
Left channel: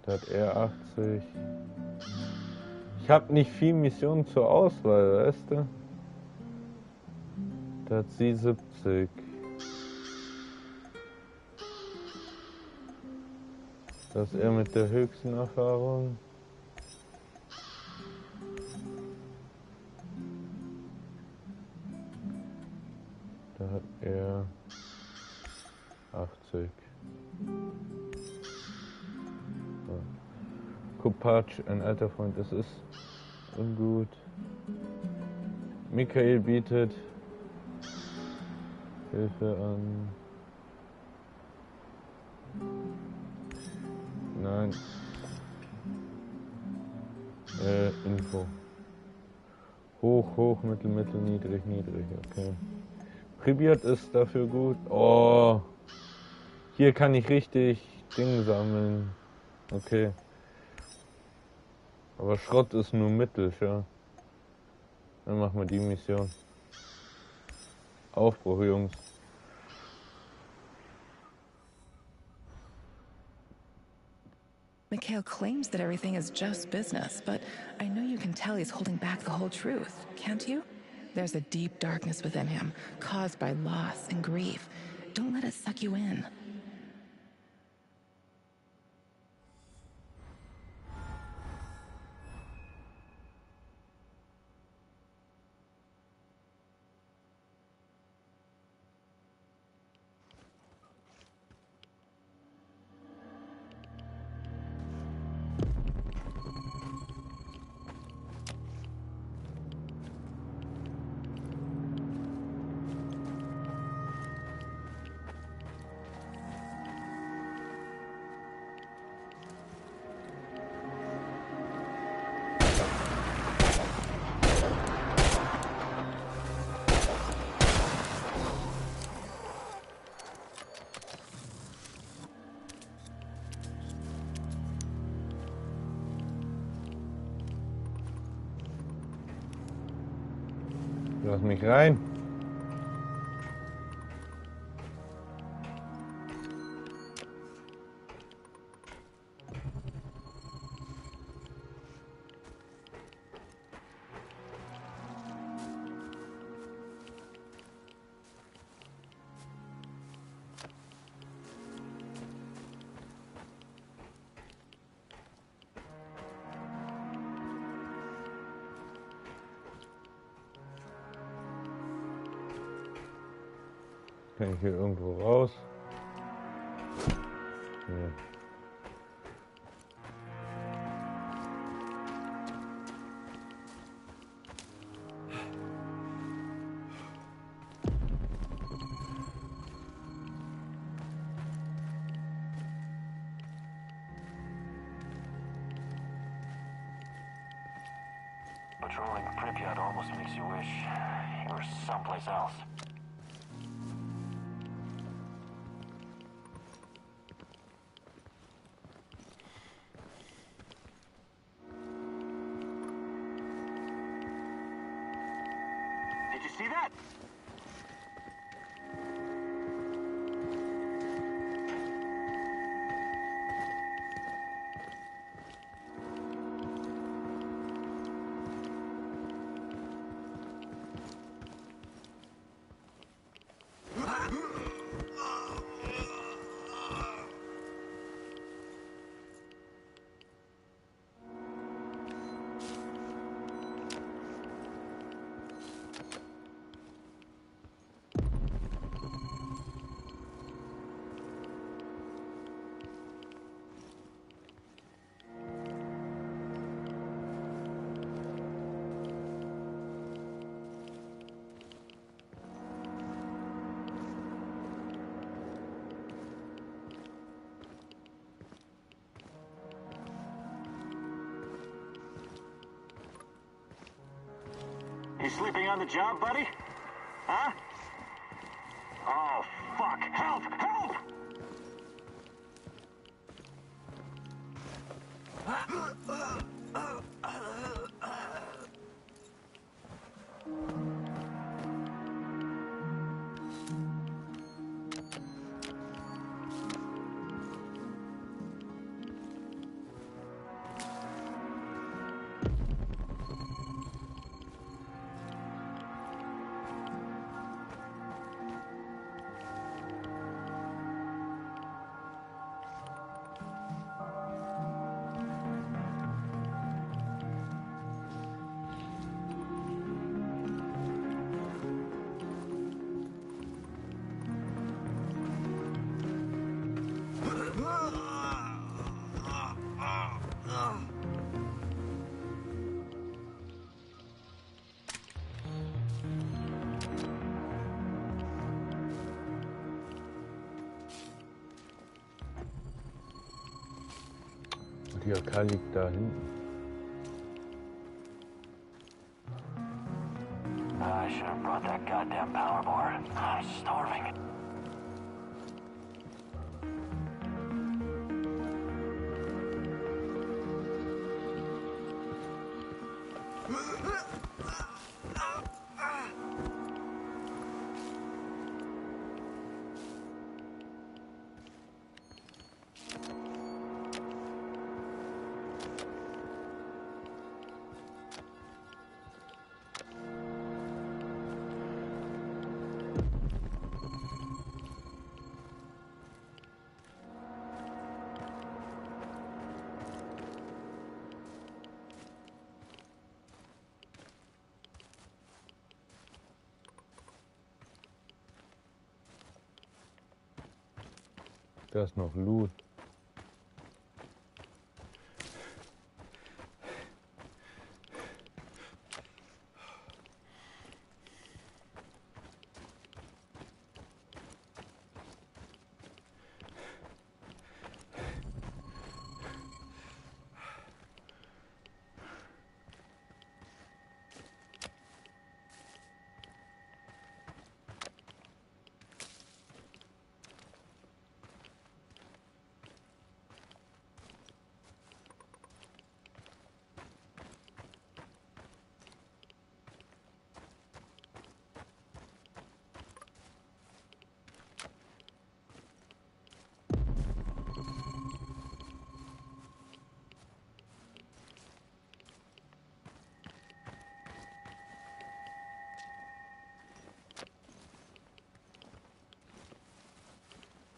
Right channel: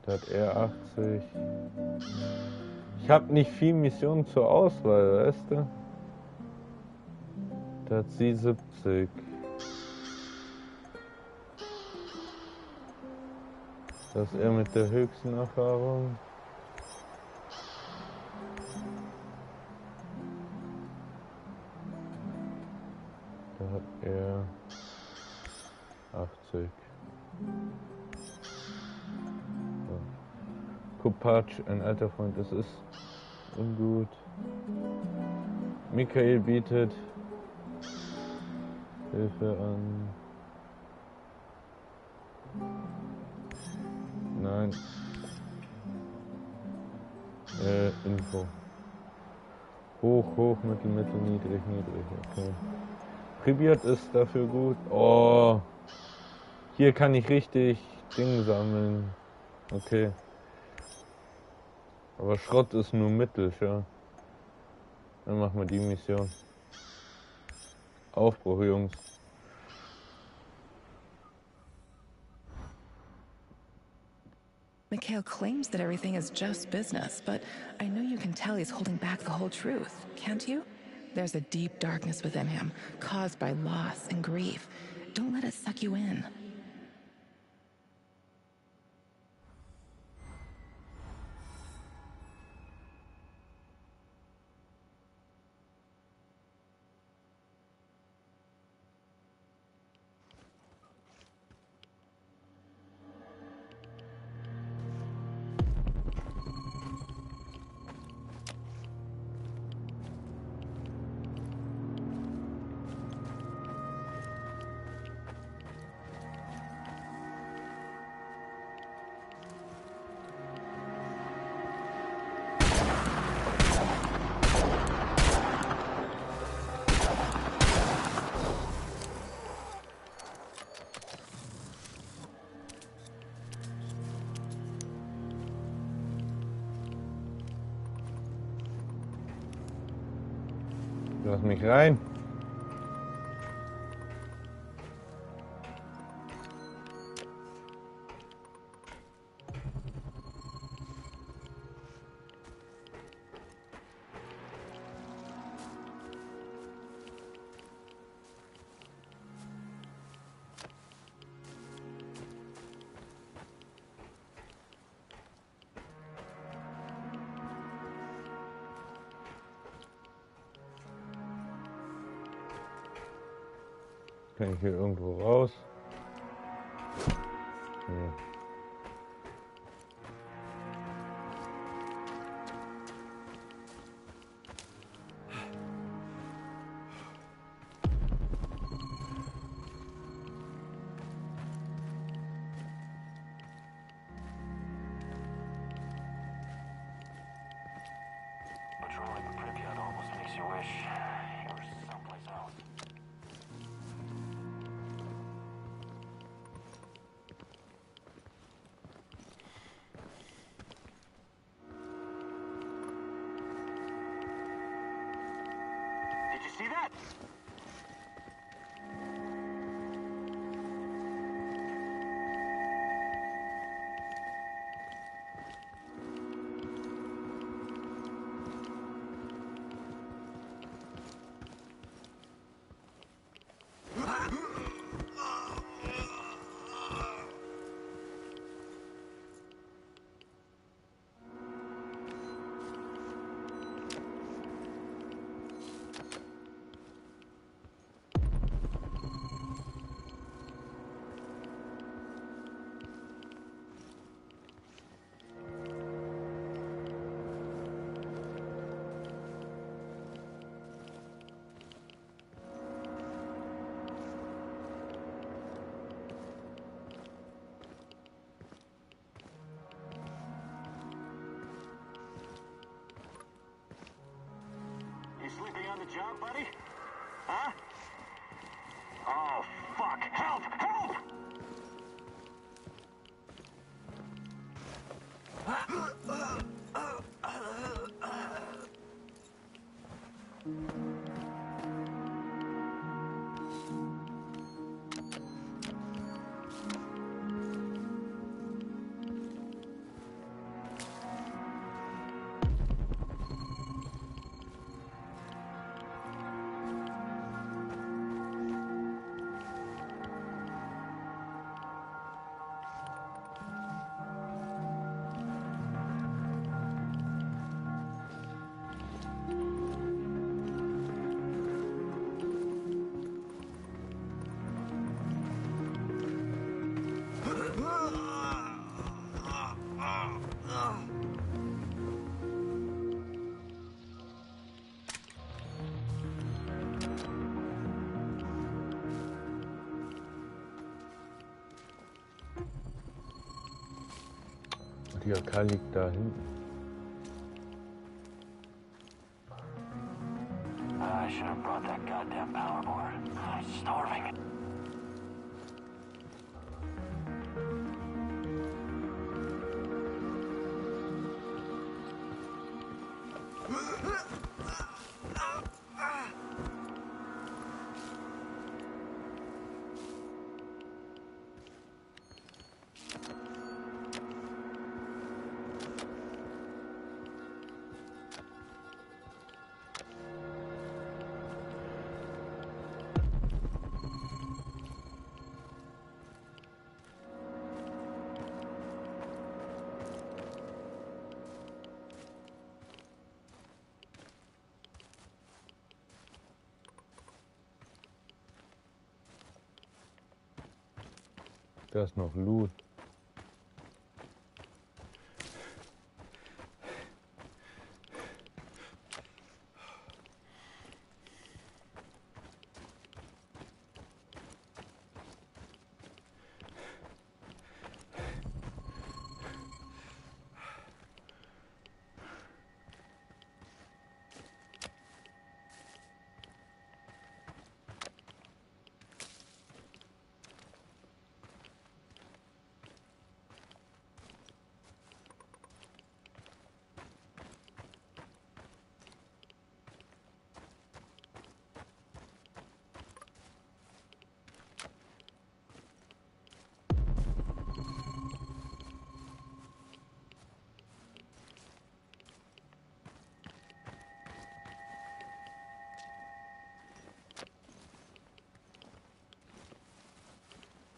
Da hat er 80. Ich habe nicht viel Missionen zur Auswahl, weißt du? Da hat sie 70. Das ist er mit der höchsten Erfahrung. Da hat er 80. So. Kopacz, ein alter Freund, es ist ungut. Michael bietet Hilfe an. Nein. Info. Hoch, hoch, mittel, mittel, niedrig, niedrig, okay. Pripyat ist dafür gut. Oh. Hier kann ich richtig Dinge sammeln. Okay. Aber Schrott ist nur mittel, ja. Dann machen wir die Mission. Aufbruch, Jungs. Mikhail claims that everything is just business, but I know you can tell he's holding back the whole truth, can't you? There's a deep darkness within him, caused by loss and grief. Don't let it suck you in. Lass mich rein. Kann ich hier irgendwo raus? Hier. Patrolling Pripyat almost makes you wish you were someplace else. on the job, buddy? Huh? Oh, fuck. Help! Help! Die AK liegt da hinten. I should have brought that goddamn power board. I'm starving. Da ist noch Loot.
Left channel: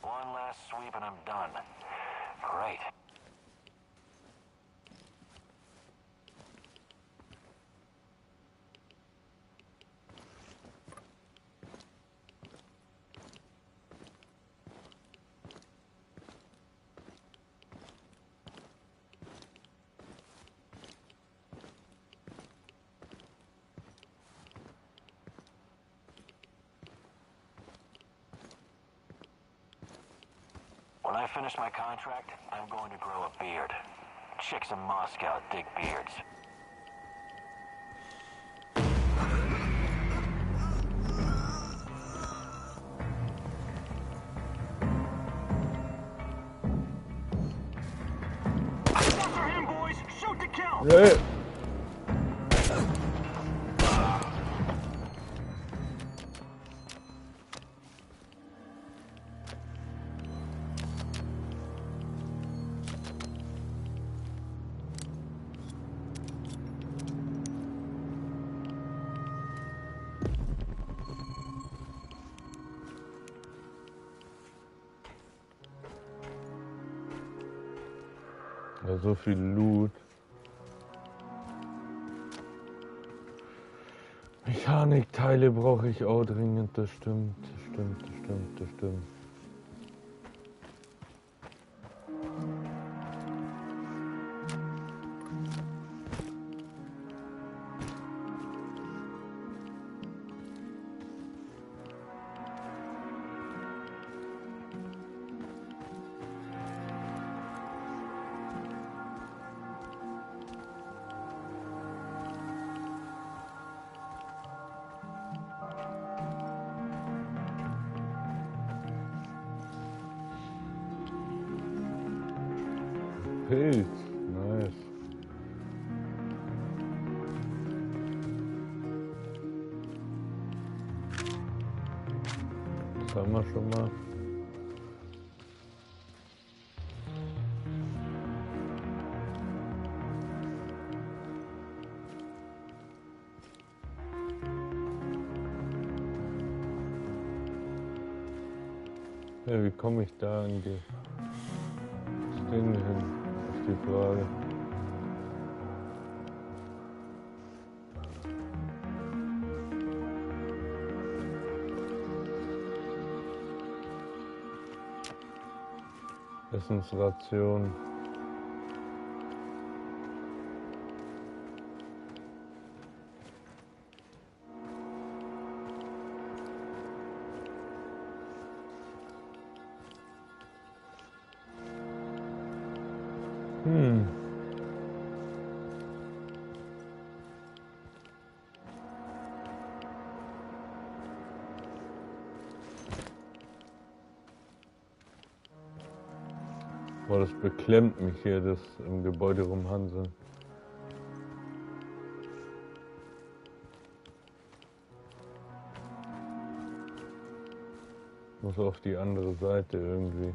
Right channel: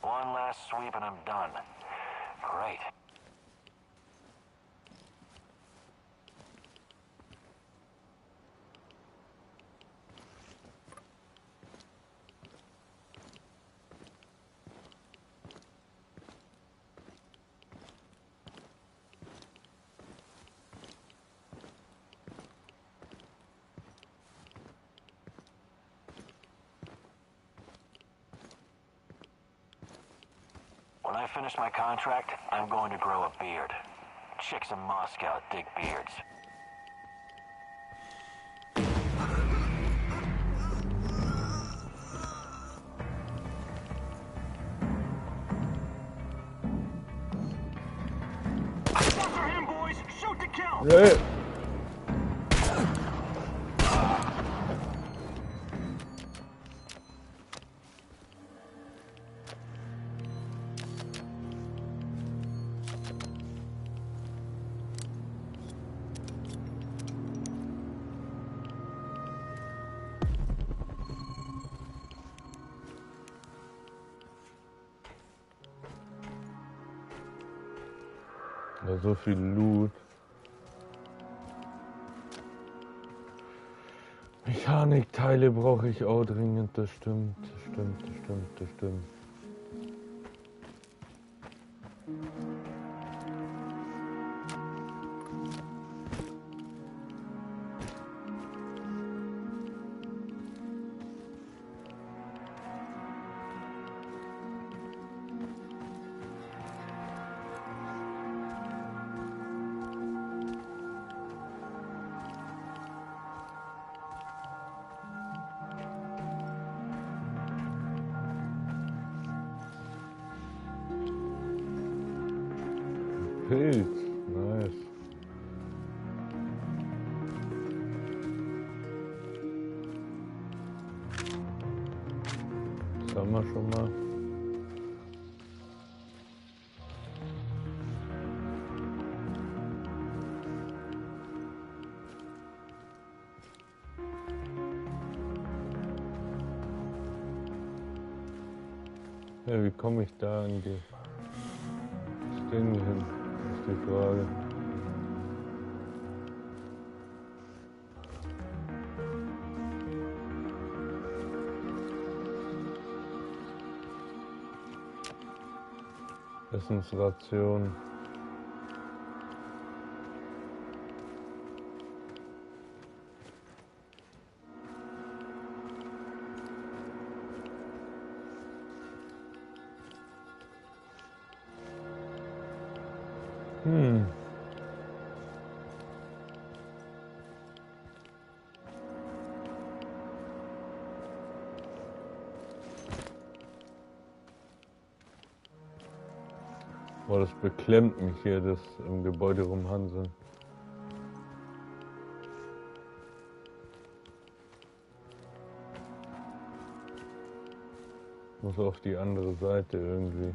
One last sweep and I'm done. Great. When I finish my contract, I'm going to grow a beard. Chicks in Moscow dig beards. After him, boys! Shoot to kill! Yeah. Ja, so viel Loot. Mechanikteile brauche ich auch dringend, das stimmt, das stimmt, das stimmt, das stimmt. Pilz. Nice. Das haben wir schon mal. Ja, wie komme ich da an das Ding hin, ist die Frage. Essensration. Boah, das beklemmt mich hier, das im Gebäude rumhanseln. Muss auf die andere Seite irgendwie.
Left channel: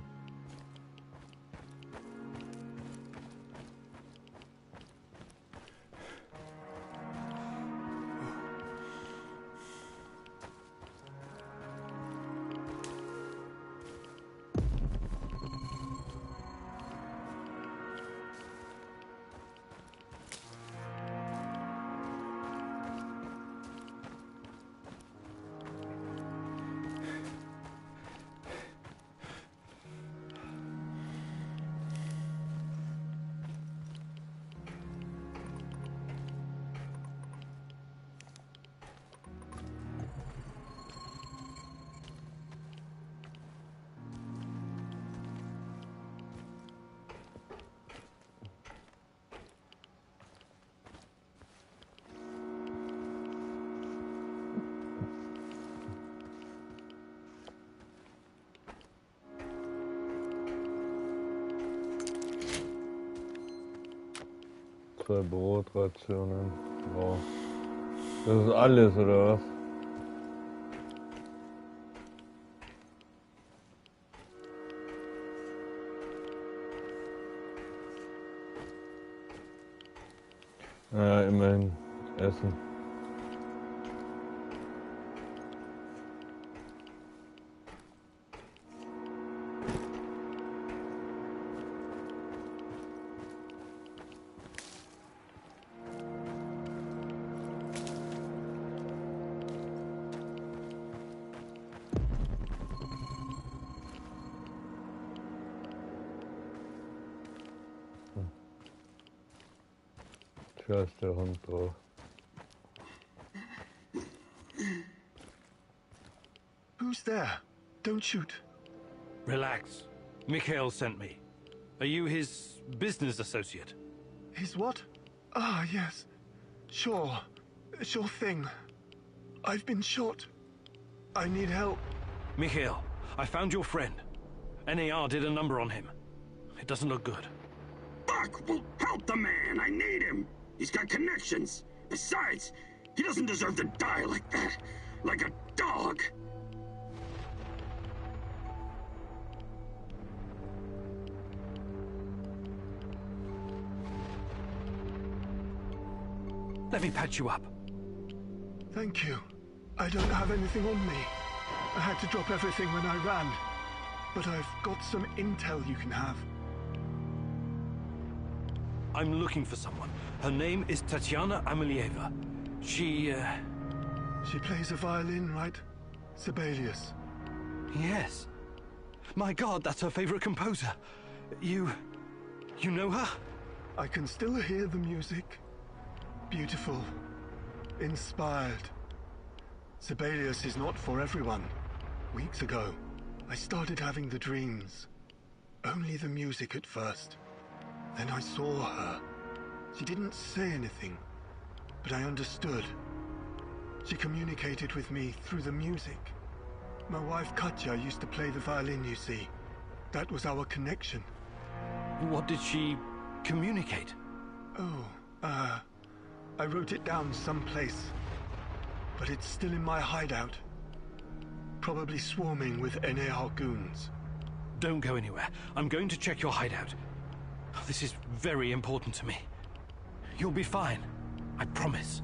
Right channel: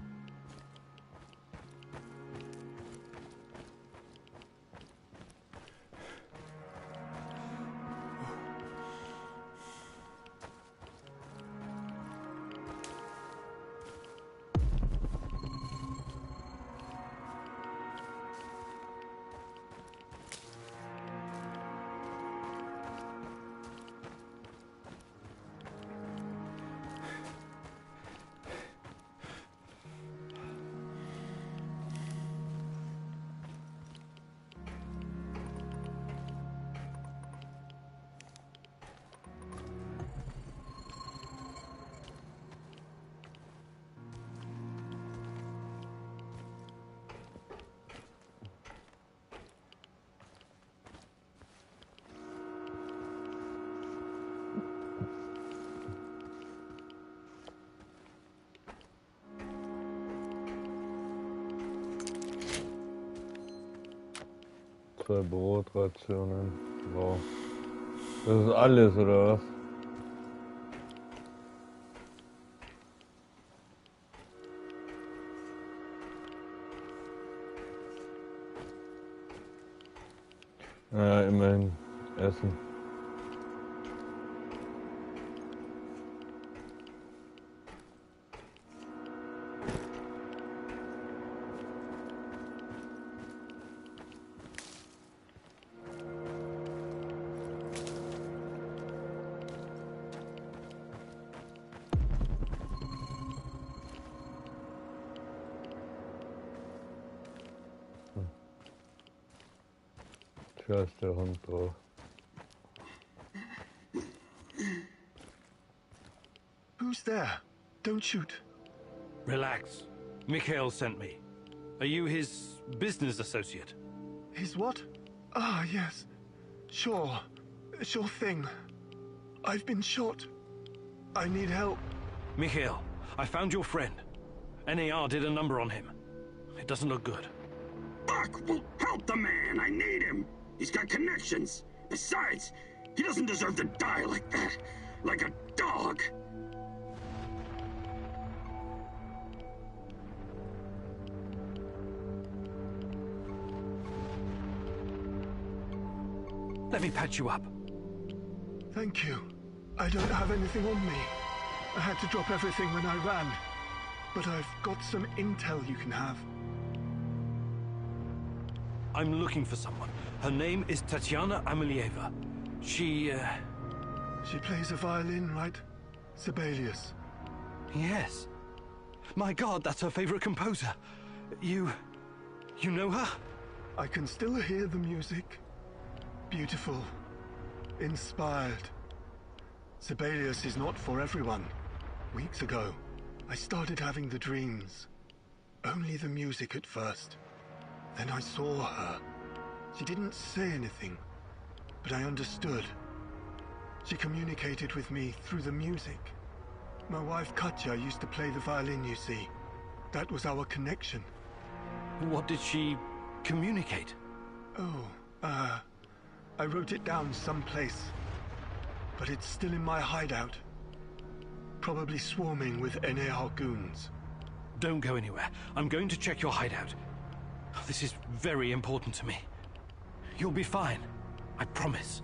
Zwei Brotrationen. Wow. Das ist alles, oder was? Ja, immerhin Essen. Da ist der Hund drauf. Who's there? Don't shoot. Relax. Mikhail sent me. Are you his business associate? His what? Ah, yes. Sure. Sure thing. I've been shot. I need help. Mikhail, I found your friend. NAR did a number on him. It doesn't look good. Fuck! Well, help the man! I need him! He's got connections. Besides, he doesn't deserve to die like that. Like a dog. Let me patch you up. Thank you. I don't have anything on me. I had to drop everything when I ran. But I've got some intel you can have. I'm looking for someone. Her name is Tatiana Amelieva. She plays a violin, right? Sibelius. Yes. My God, that's her favorite composer. You know her? I can still hear the music. Beautiful. Inspired. Sibelius is not for everyone. Weeks ago, I started having the dreams. Only the music at first. Then I saw her. She didn't say anything, but I understood. She communicated with me through the music. My wife Katya used to play the violin, you see. That was our connection. What did she communicate? Oh, I wrote it down someplace. But it's still in my hideout. Probably swarming with NAR goons. Don't go anywhere. I'm going to check your hideout. This is very important to me. You'll be fine. I promise.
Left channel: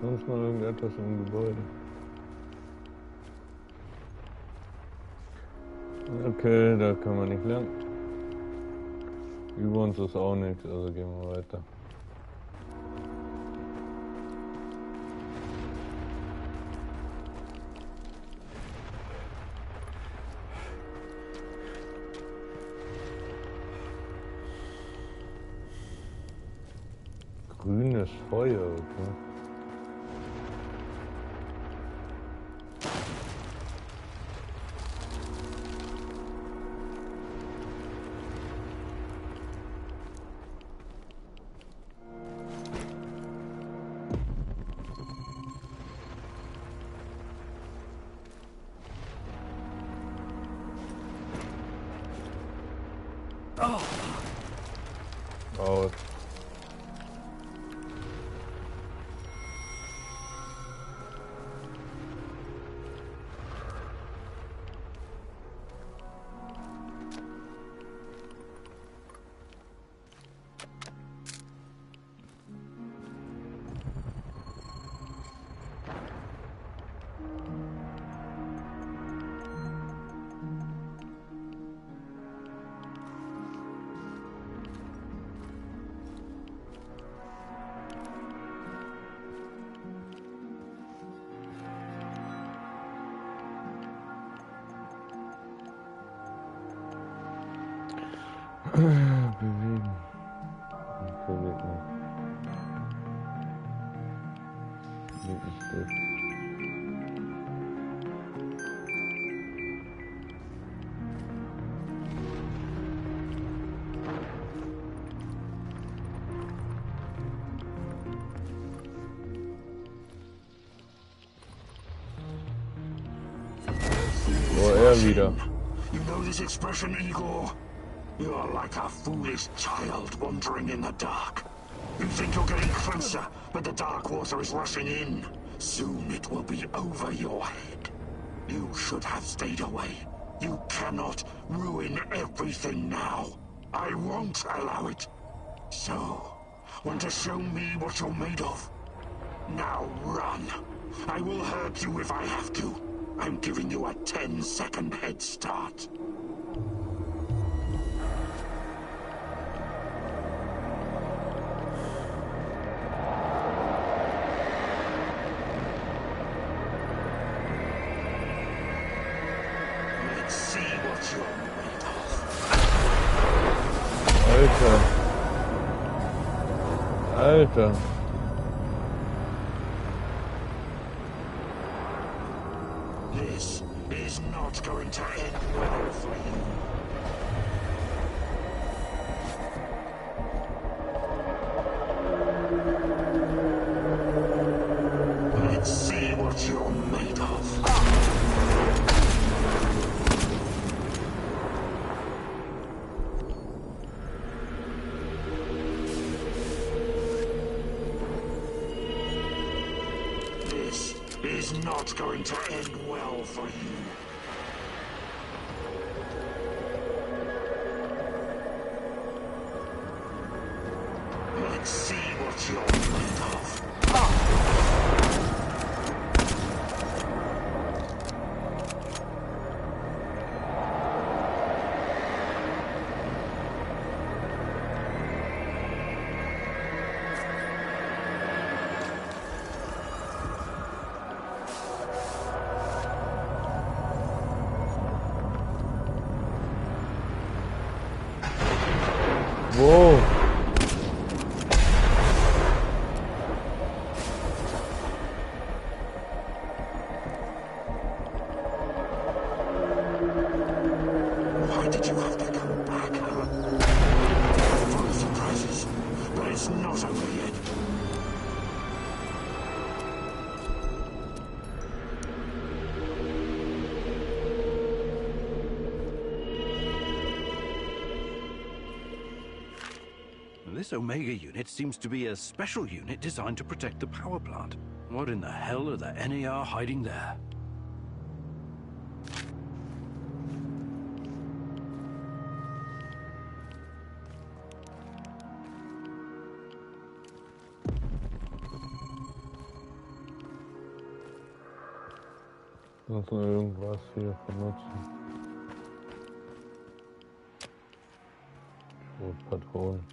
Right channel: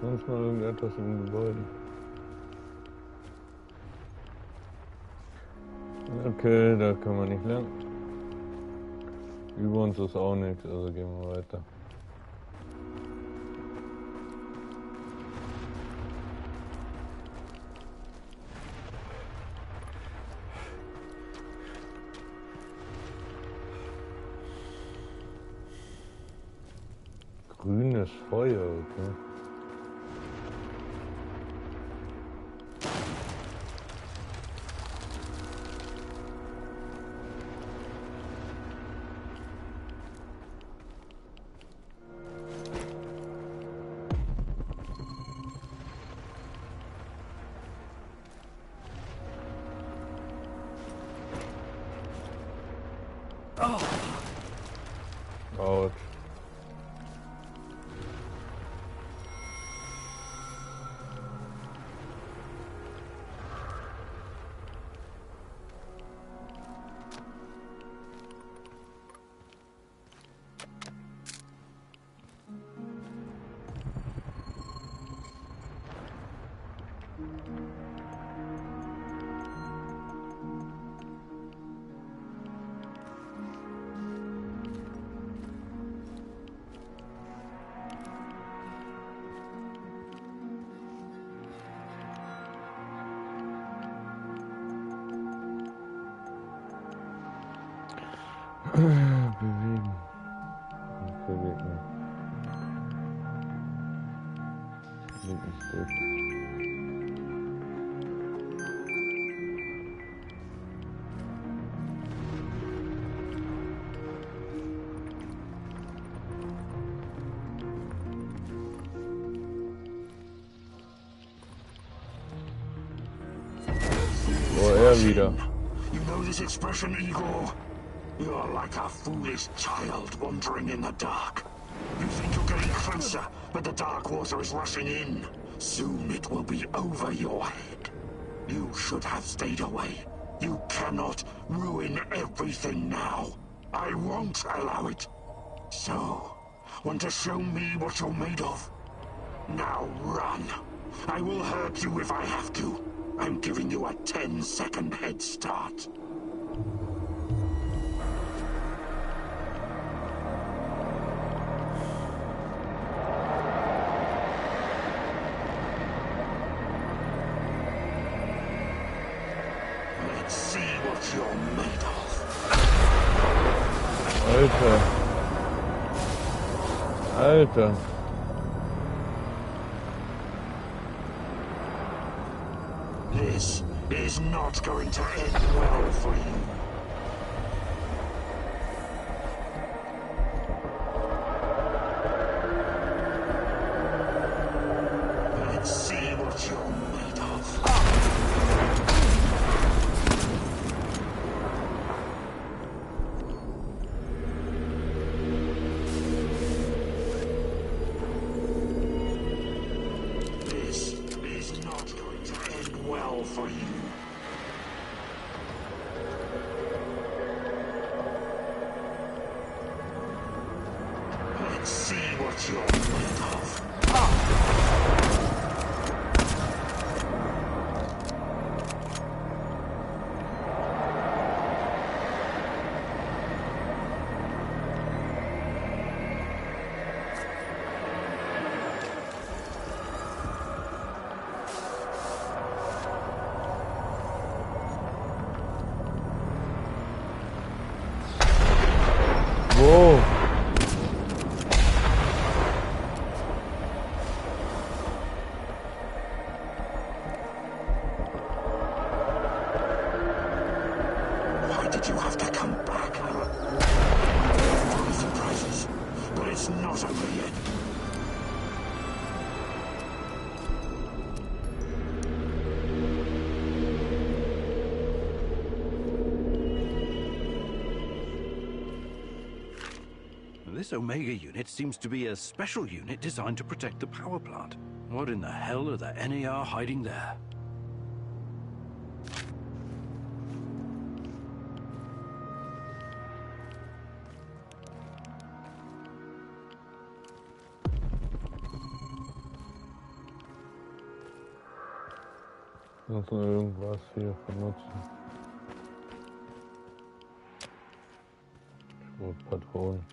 Sonst noch irgendetwas im Gebäude. Okay, da kann man nicht lang. Über uns ist auch nichts, also gehen wir weiter. Grünes Feuer, okay. Ouch. Bewegen. Ich bewege mich. Klingt nicht gut. Oh, wieder. You know this expression, Igor? You're like a foolish child wandering in the dark. You think you're getting closer, but the dark water is rushing in. Soon it will be over your head. You should have stayed away. You cannot ruin everything now. I won't allow it. So, want to show me what you're made of? Now run. I will hurt you if I have to. I'm giving you a 10-second head start. Let's see what you're made of. Alter. This is not going to end well for you. Let's see what you're made of. This is not going to end well for you. Let's see what you're made of. Whoa. Why did you have to come back, huh? Full of surprises, but it's not over yet. This Omega unit seems to be a special unit designed to protect the power plant. What in the hell are the NAR hiding there? Sonst noch irgendwas hier benutzen. Schrotpatronen.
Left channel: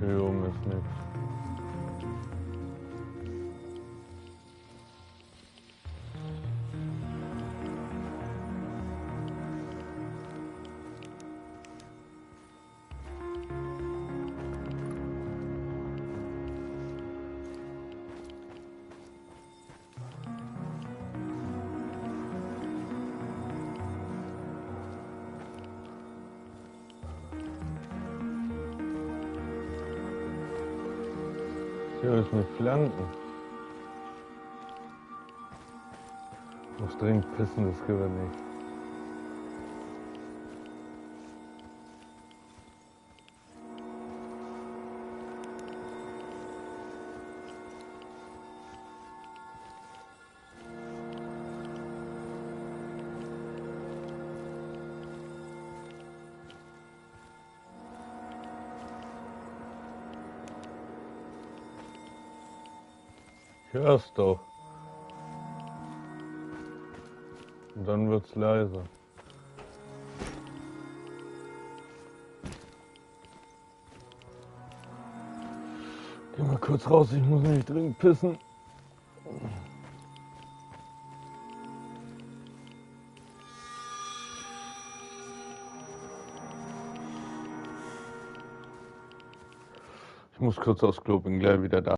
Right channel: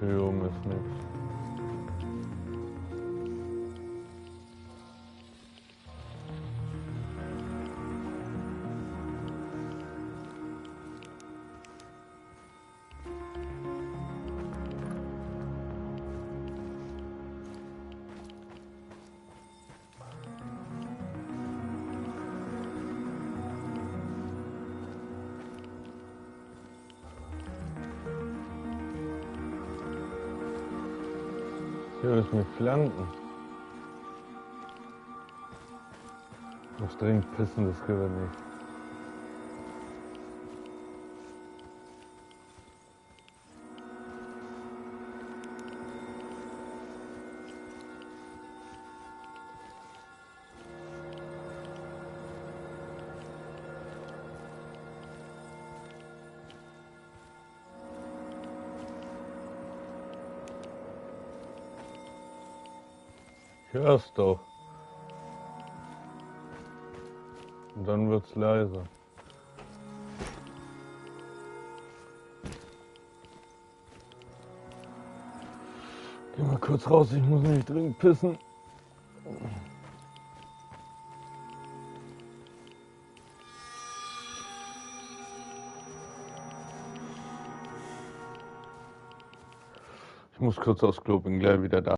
Hier oben ist nichts. Hier ist mit Flanken. Muss dringend pissen, das geht nicht. Ich hör's doch. Und dann wird's leiser. Geh mal kurz raus, ich muss nämlich dringend pissen. Ich muss kurz aufs Klo, bin gleich wieder da.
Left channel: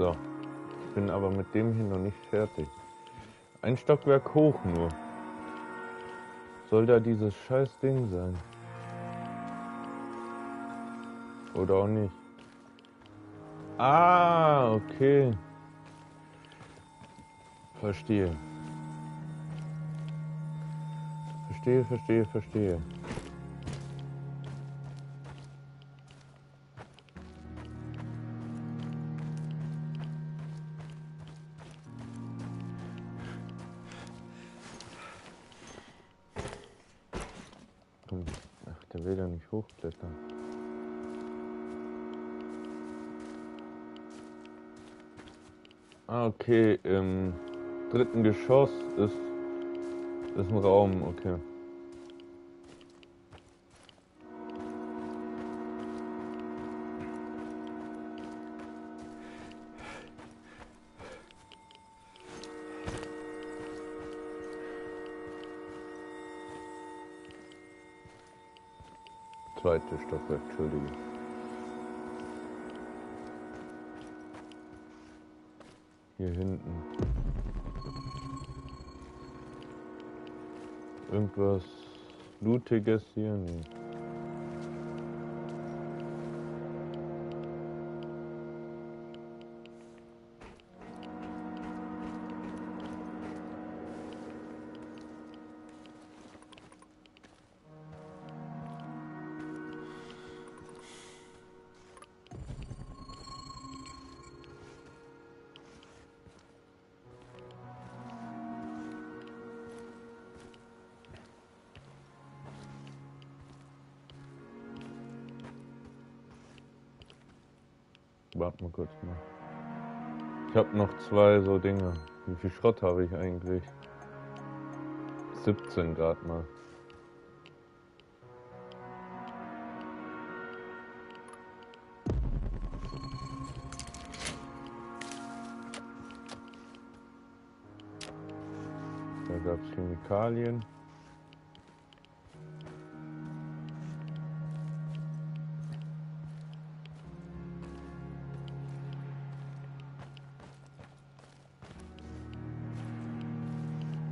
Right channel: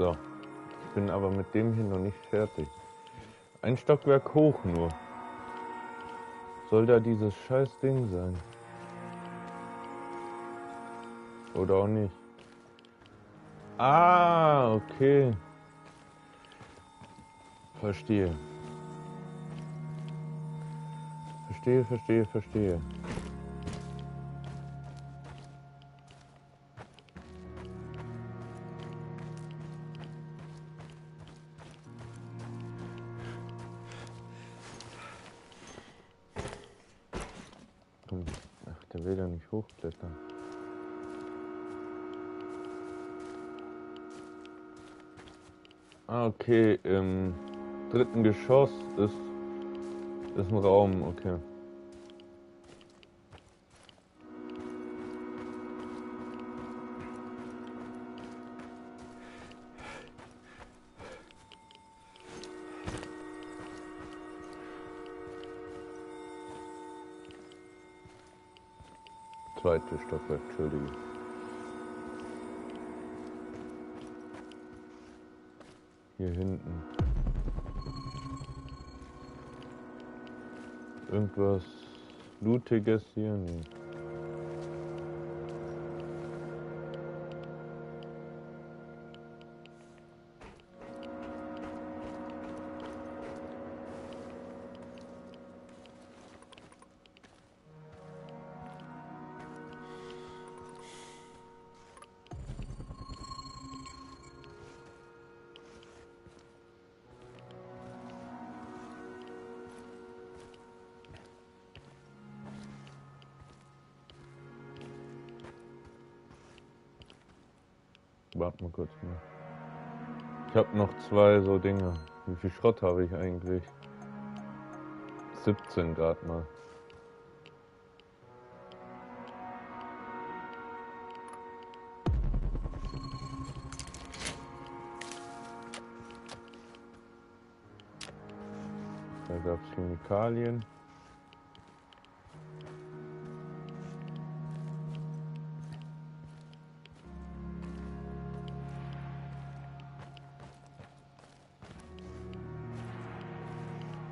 So. Ich bin aber mit dem hier noch nicht fertig. Ein Stockwerk hoch nur. Soll da dieses scheiß Ding sein? Oder auch nicht? Ah, okay. Verstehe. Verstehe. Ach, der will ja nicht hochklettern. Ah, okay, im dritten Geschoss ist ein Raum, okay. Zweites Stockwerk, Entschuldige. Hier hinten. Irgendwas Lootiges hier? Nee. Warte mal kurz mal. Ich habe noch 2 so Dinge. Wie viel Schrott habe ich eigentlich? 17 Grad mal. Da gab es Chemikalien.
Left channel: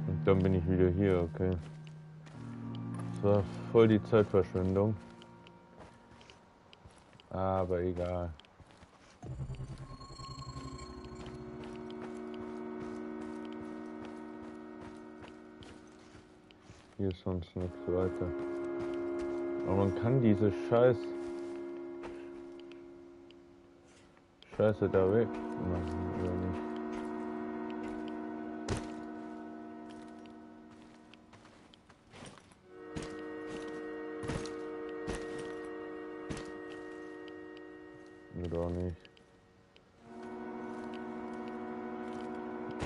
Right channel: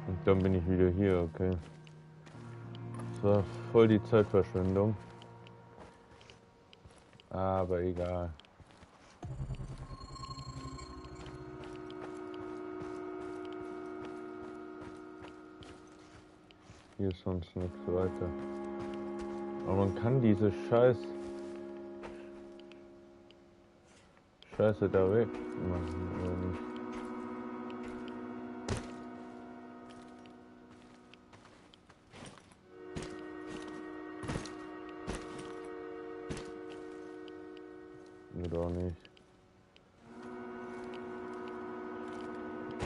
Und dann bin ich wieder hier, okay. Das war voll die Zeitverschwendung. Aber egal. Hier ist sonst nichts weiter. Aber man kann diese Scheiße da weg machen, oder nicht? Oder auch nicht.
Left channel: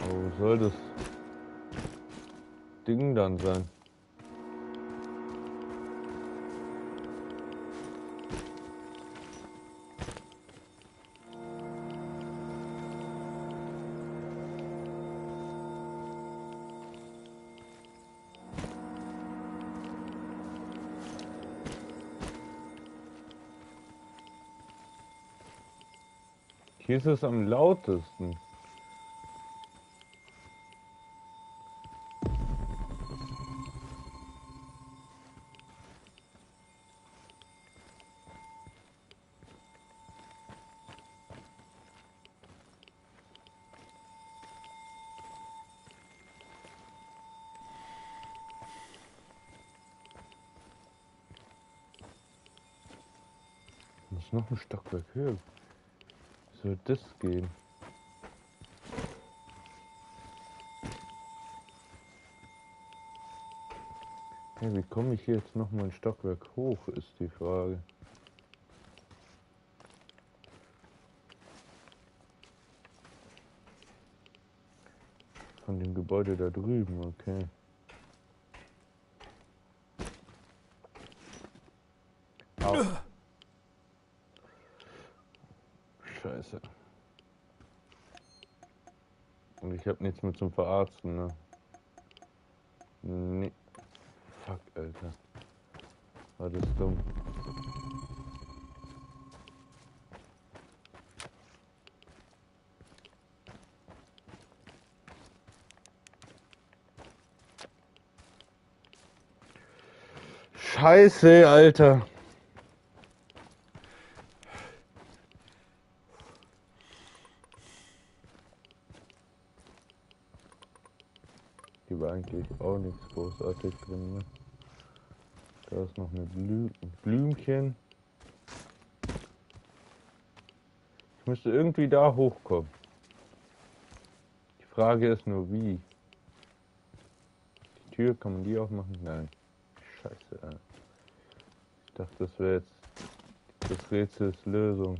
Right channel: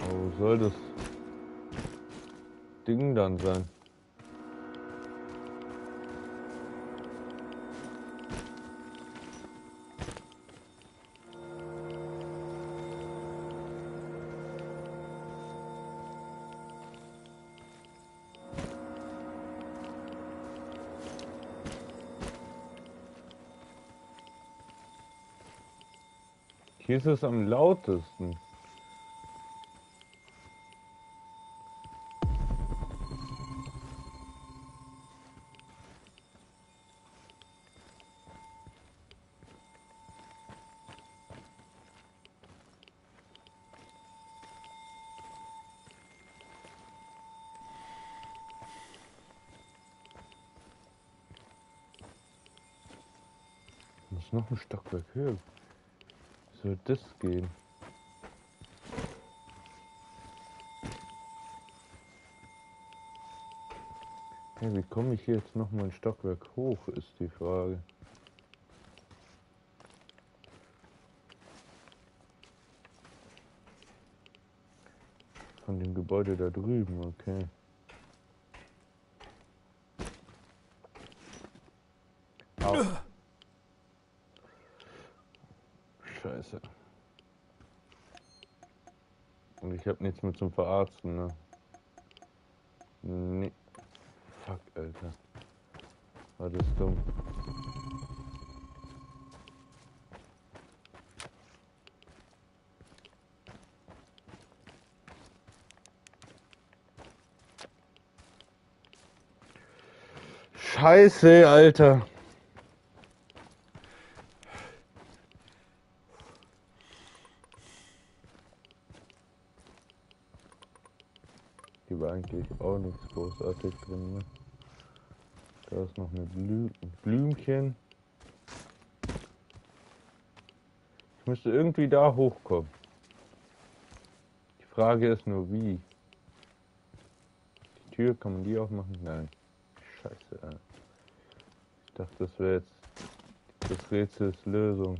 Aber wo soll das Ding dann sein? Hier ist es am lautesten. Muss noch ein Stockwerk höher. Wie soll das gehen? Hey, wie komme ich hier jetzt noch mal ein Stockwerk hoch, ist die Frage. Von dem Gebäude da drüben, okay. Au. Scheiße. Und ich habe nichts mehr zum Verarzten, ne? Nee. Fuck, Alter. War das dumm. Scheiße, Alter. Hier war eigentlich auch nichts großartig drin, ne? Da ist noch eine Blümchen. Ich müsste irgendwie da hochkommen. Die Frage ist nur, wie. Die Tür, kann man die aufmachen? Nein. Scheiße, ey. Ich dachte, das wäre jetzt das Rätsels Lösung.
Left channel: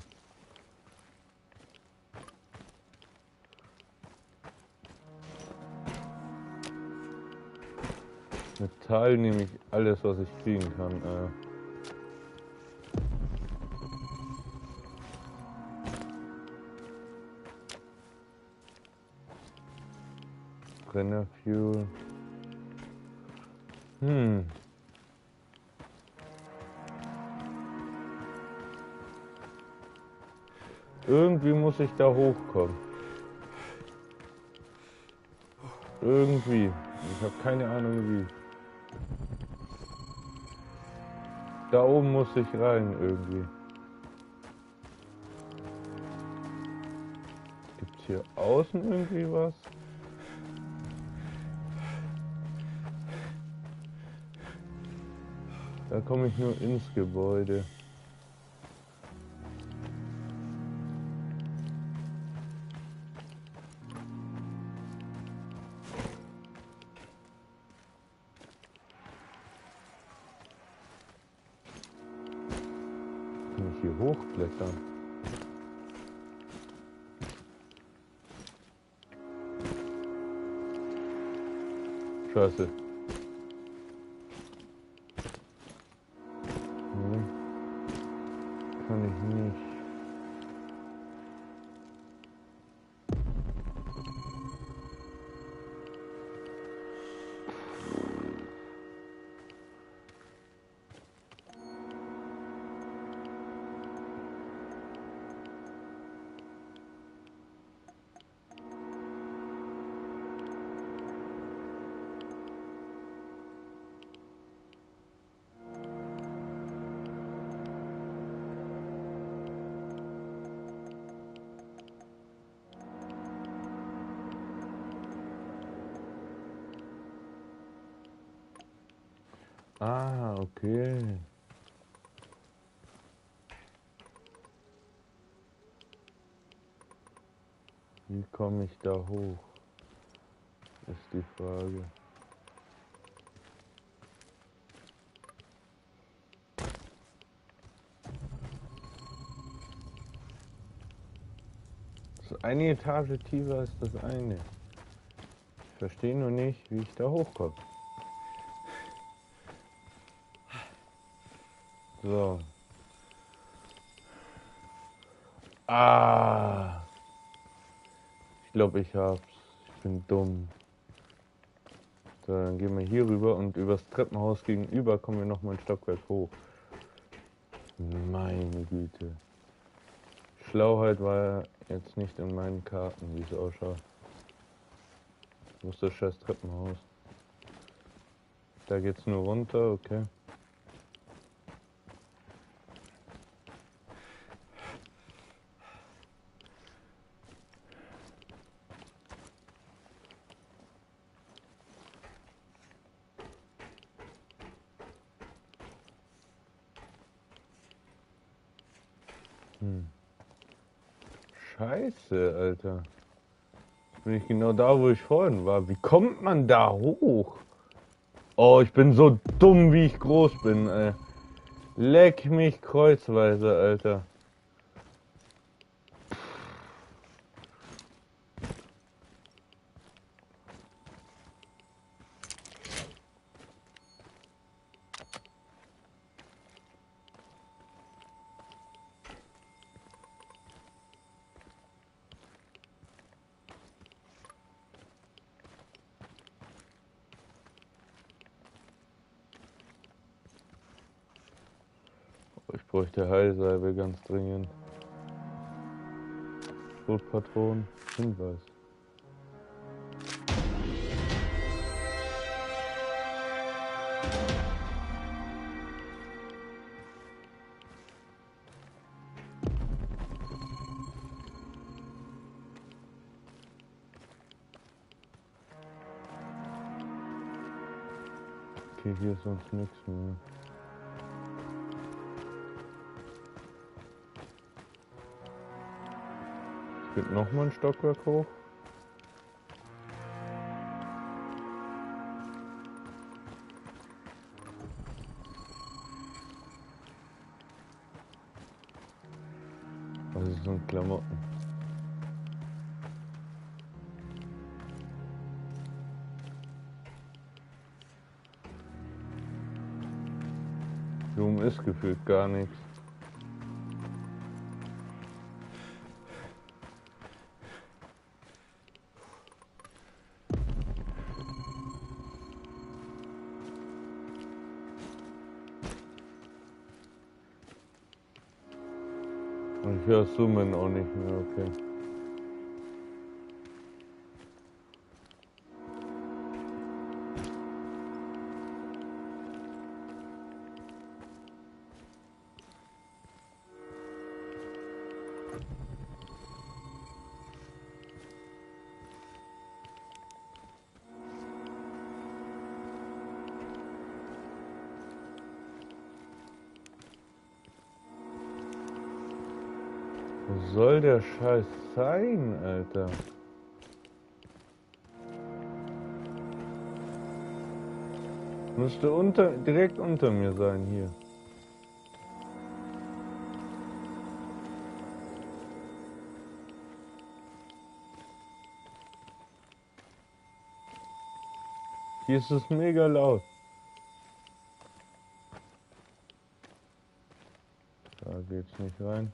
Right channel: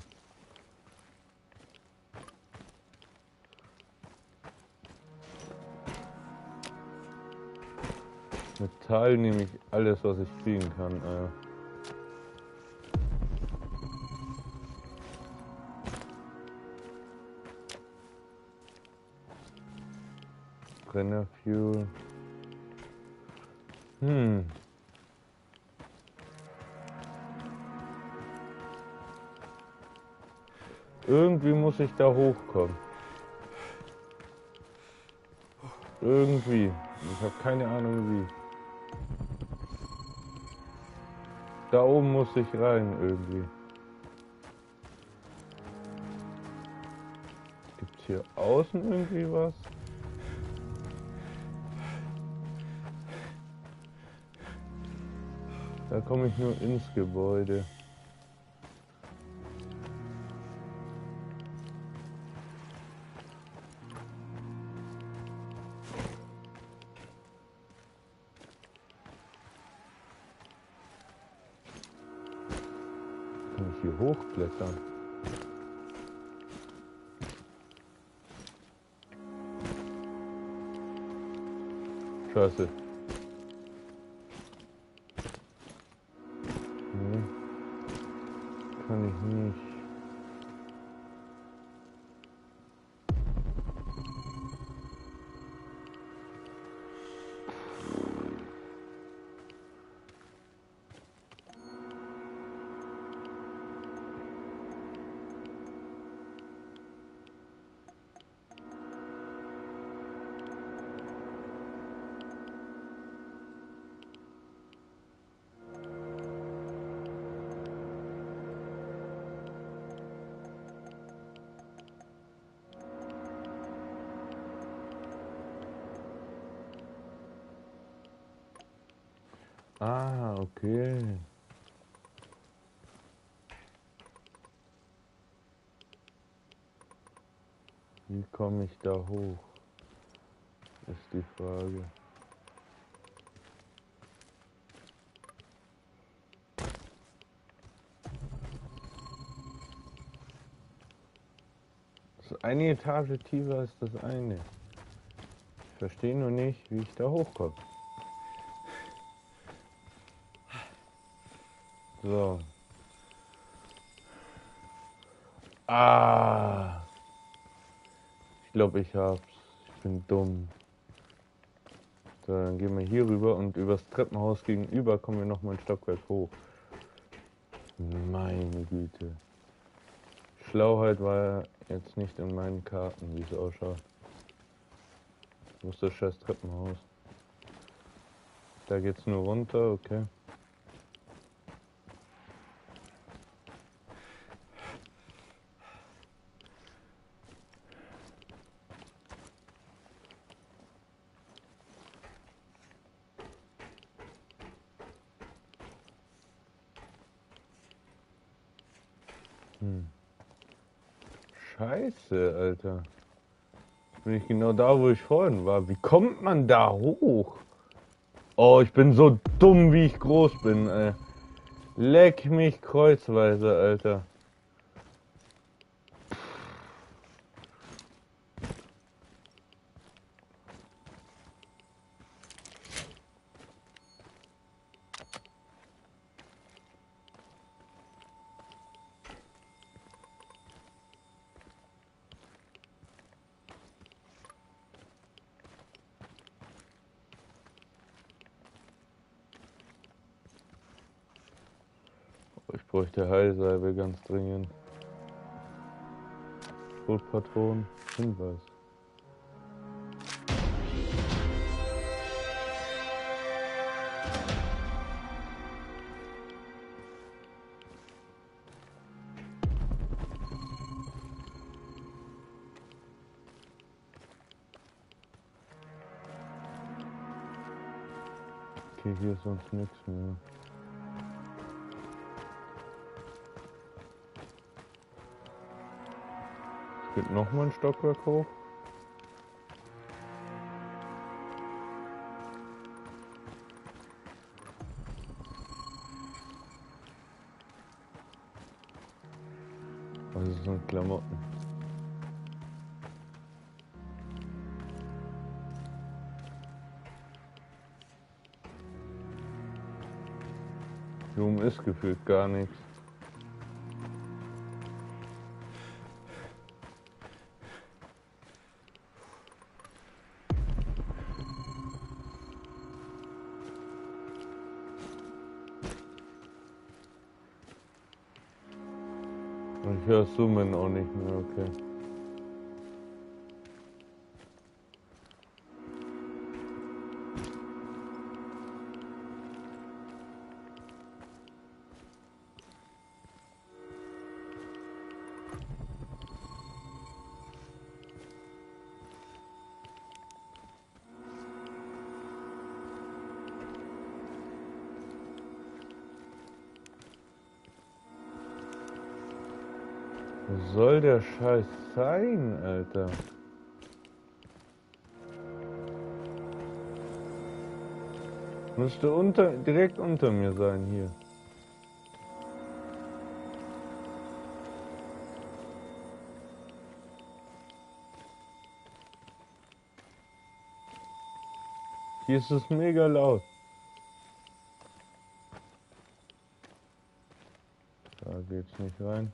Metall nehme ich alles, was ich kriegen kann. Brennerfuel. Irgendwie muss ich da hochkommen. Irgendwie. Ich habe keine Ahnung wie. Da oben muss ich rein irgendwie. Gibt's hier außen irgendwie was? Da komme ich nur ins Gebäude. Kann ich hier hochklettern? Scheiße. Nee. Kann ich nicht. Ah, okay. Wie komme ich da hoch? Ist die Frage. Das eine Etage tiefer als das eine. Ich verstehe nur nicht, wie ich da hochkomme. So. Ah. Ich glaube, ich hab's. Ich bin dumm. So, dann gehen wir hier rüber und übers Treppenhaus gegenüber kommen wir noch mal ein Stockwerk hoch. Meine Güte. Schlauheit war jetzt nicht in meinen Karten, wie es ausschaut. Wo ist das scheiß Treppenhaus? Da geht's nur runter, okay. Scheiße, Alter. Bin ich genau da, wo ich vorhin war. Wie kommt man da hoch? Oh, ich bin so dumm, wie ich groß bin, ey. Leck mich kreuzweise, Alter. Ich bräuchte Heilsalbe ganz dringend. Schrotpatronen, Hinweis. Okay, hier ist sonst nichts mehr. Es geht nochmal ein Stockwerk hoch. Was sind Klamotten? Hier oben ist gefühlt gar nichts. Und ich höre Summen auch nicht mehr, okay. Wo soll der Scheiß sein, Alter? Müsste direkt unter mir sein hier. Hier ist es mega laut. Da geht's nicht rein.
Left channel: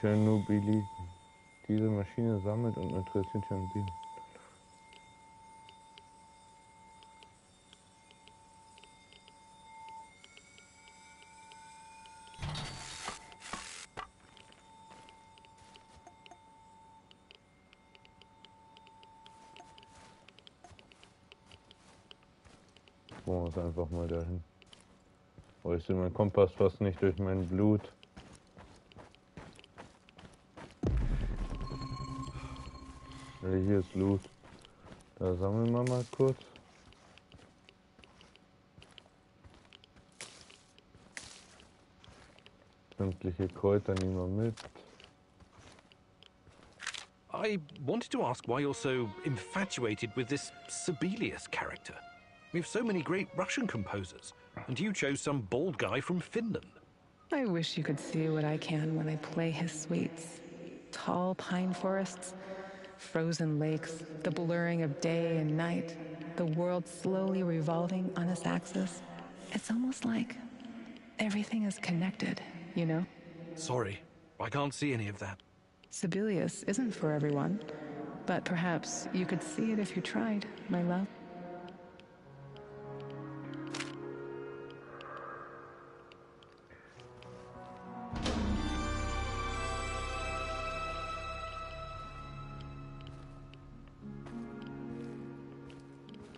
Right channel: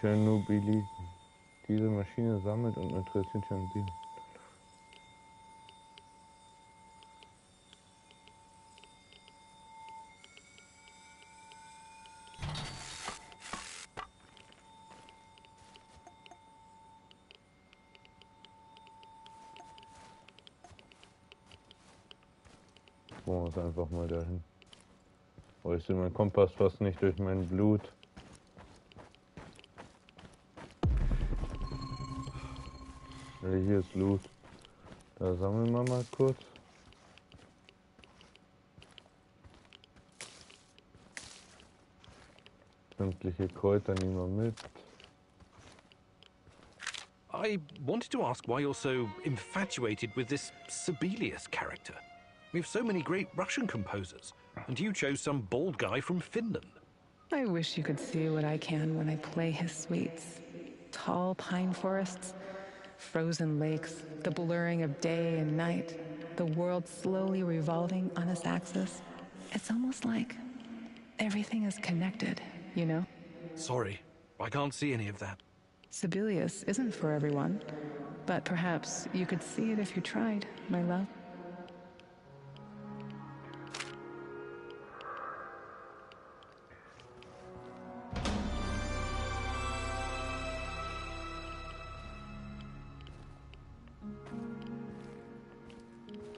Chernobylite. Diese Maschine sammelt und interessiert Tschernobyl. Ich muss einfach mal dahin. Oh, ich sehe meinen Kompass fast nicht durch mein Blut. Hier ist Loot. Da sammeln wir mal kurz. Sämtliche Kräuter nehmen wir mit. I wanted to ask why you're so infatuated with this Sibelius character. We have so many great Russian composers, and you chose some bald guy from Finland. I wish you could see what I can when I play his suites. Tall pine forests, frozen lakes, the blurring of day and night, the world slowly revolving on its axis. It's almost like everything is connected, you know? Sorry, I can't see any of that. Sibelius isn't for everyone, but perhaps you could see it if you tried, my love.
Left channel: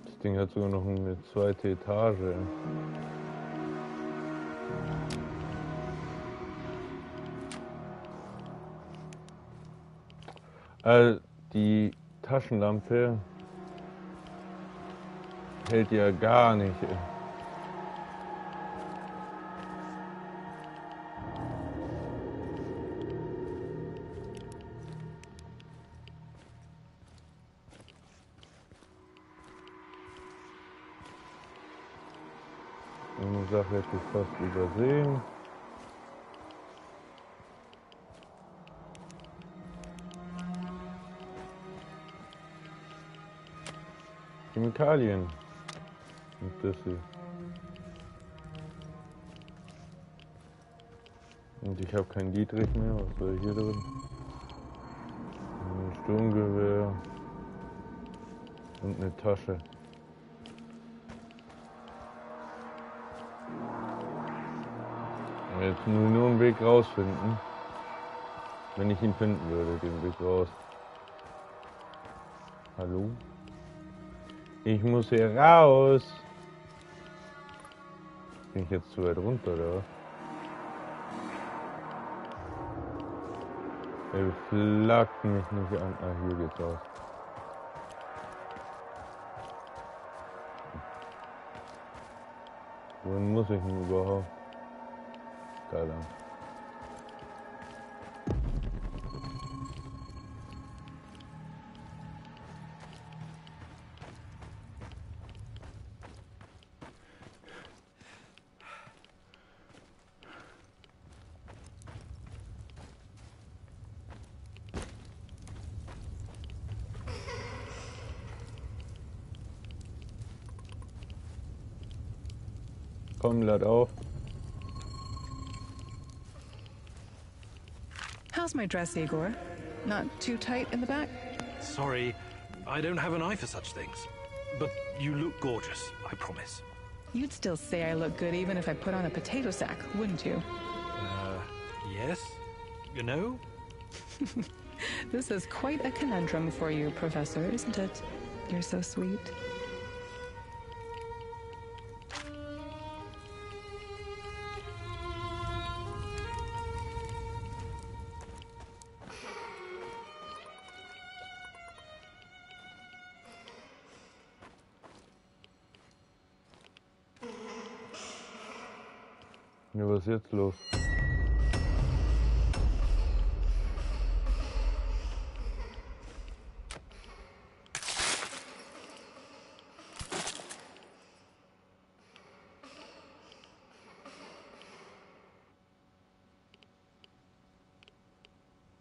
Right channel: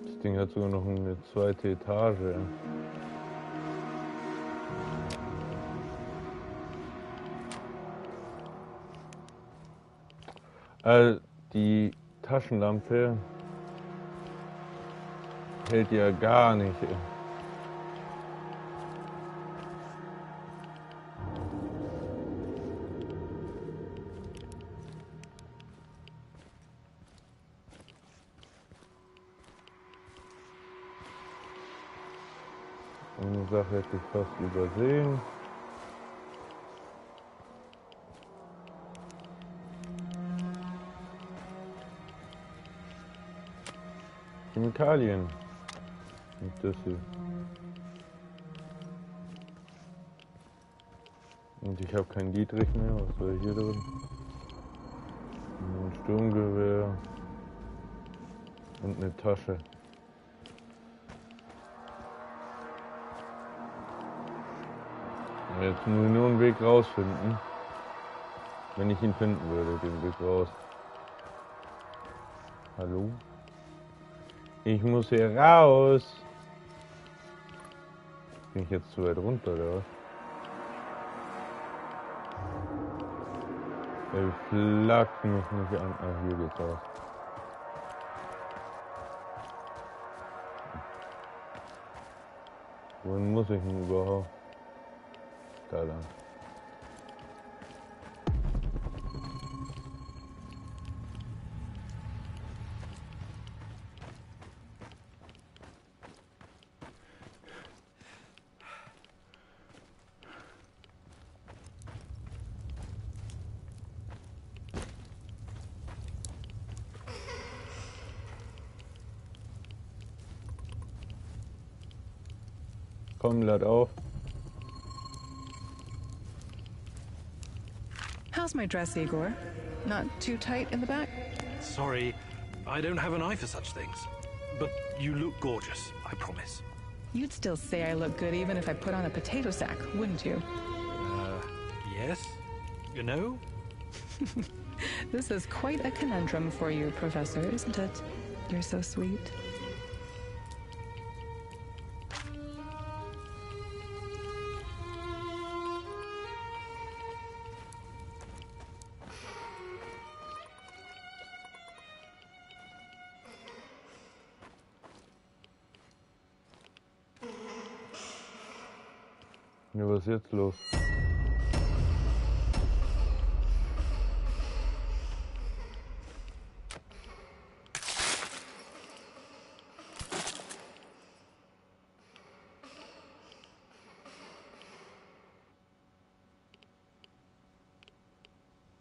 Das Ding hat sogar noch eine zweite Etage. Die Taschenlampe hält ja gar nicht. Eine Sache hätte ich fast übersehen. Chemikalien. Und das hier. Und ich habe kein Dietrich mehr. Was soll hier drin? Ein Sturmgewehr und eine Tasche. Und jetzt muss ich nur einen Weg rausfinden. Wenn ich ihn finden würde, den Weg raus. Hallo? Ich muss hier raus. Bin ich jetzt zu weit runter, oder was? Er flaggt mich nicht an. Ah, hier geht's raus. Wohin muss ich denn überhaupt? Da lang. Komm, lad auf. How's my dress, Igor? Not too tight in the back? Sorry, I don't have an eye for such things. But you look gorgeous, I promise. You'd still say I look good even if I put on a potato sack, wouldn't you? Yes? You know? This is quite a conundrum for you, Professor, isn't it? You're so sweet. Ja, was ist jetzt los?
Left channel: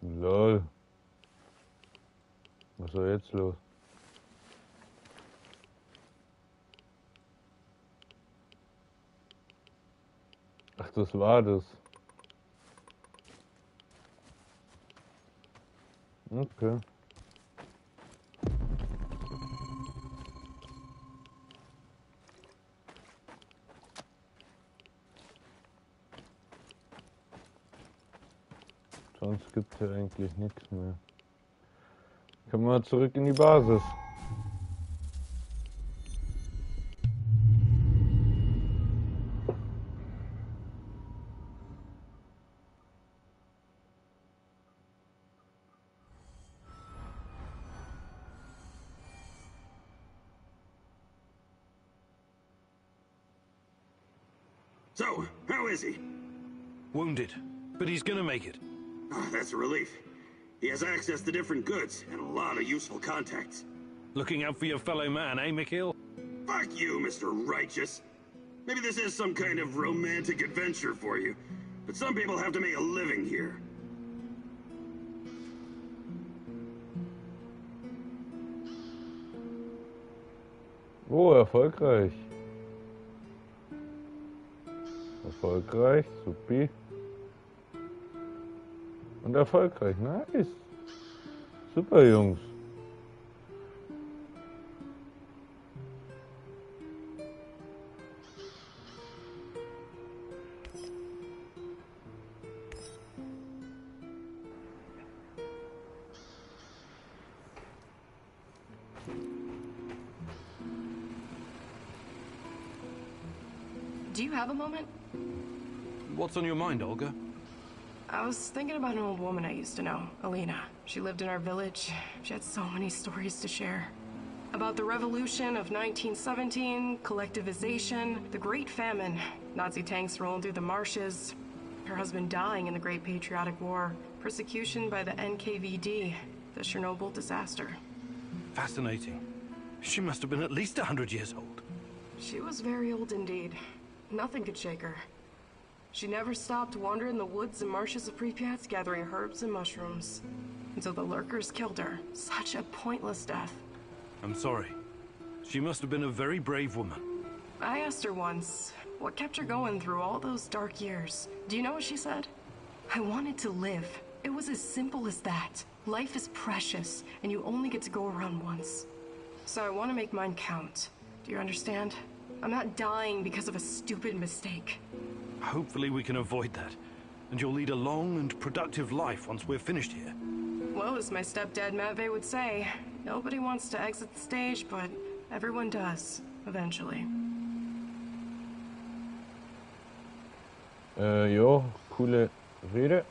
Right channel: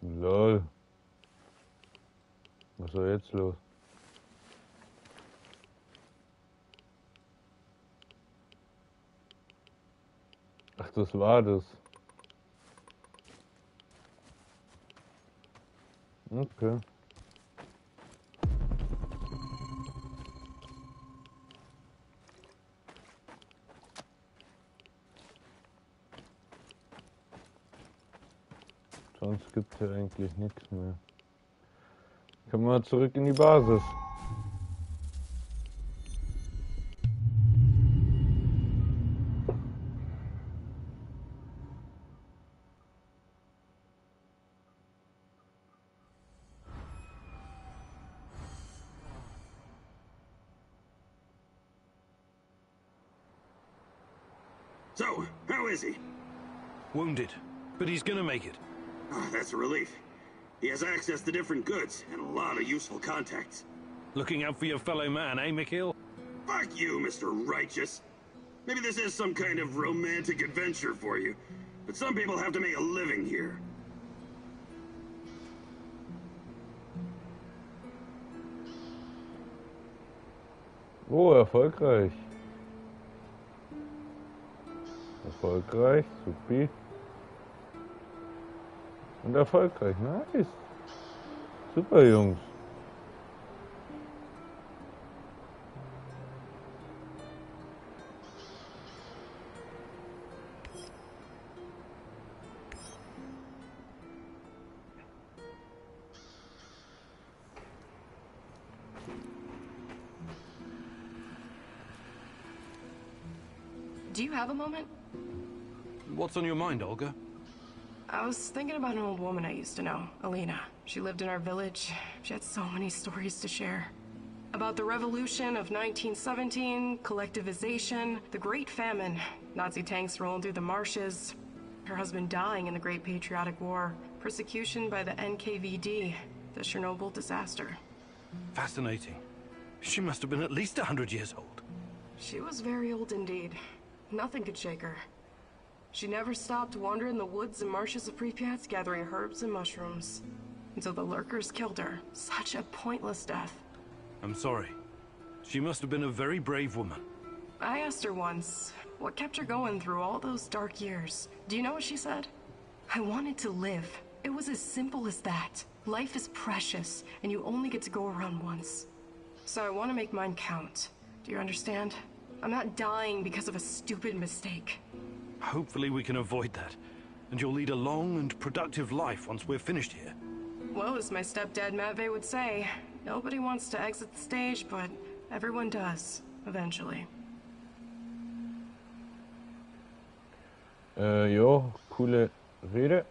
Lol. Was ist jetzt los? Ach, das war das. Okay. Sonst gibt es ja eigentlich nichts mehr. Kommen wir zurück in die Basis. So, how is he? Wounded, but he's gonna make it. Oh, that's a relief. He has access to different goods and a lot of useful contacts. Looking out for your fellow man, eh, Mikhail? Fuck you, Mr. Righteous. Maybe this is some kind of romantic adventure for you, but some people have to make a living here. Oh, erfolgreich. Erfolgreich, supi. Und erfolgreich, nice. Super, Jungs. Do you have a moment? What's on your mind, Olga? I was thinking about an old woman I used to know, Alina. She lived in our village. She had so many stories to share. About the revolution of 1917, collectivization, the Great Famine, Nazi tanks rolling through the marshes, her husband dying in the Great Patriotic War, persecution by the NKVD, the Chernobyl disaster. Fascinating. She must have been at least 100 years old. She was very old indeed. Nothing could shake her. She never stopped wandering the woods and marshes of Pripyat, gathering herbs and mushrooms, until the lurkers killed her. Such a pointless death. I'm sorry. She must have been a very brave woman. I asked her once, what kept her going through all those dark years? Do you know what she said? I wanted to live. It was as simple as that. Life is precious, and you only get to go around once. So I want to make mine count. Do you understand? I'm not dying because of a stupid mistake. Hopefully we can avoid that, and you'll lead a long and productive life once we're finished here. Well, as my stepdad Matvey would say, nobody wants to exit the stage, but everyone does, eventually. Jo, coole Rede.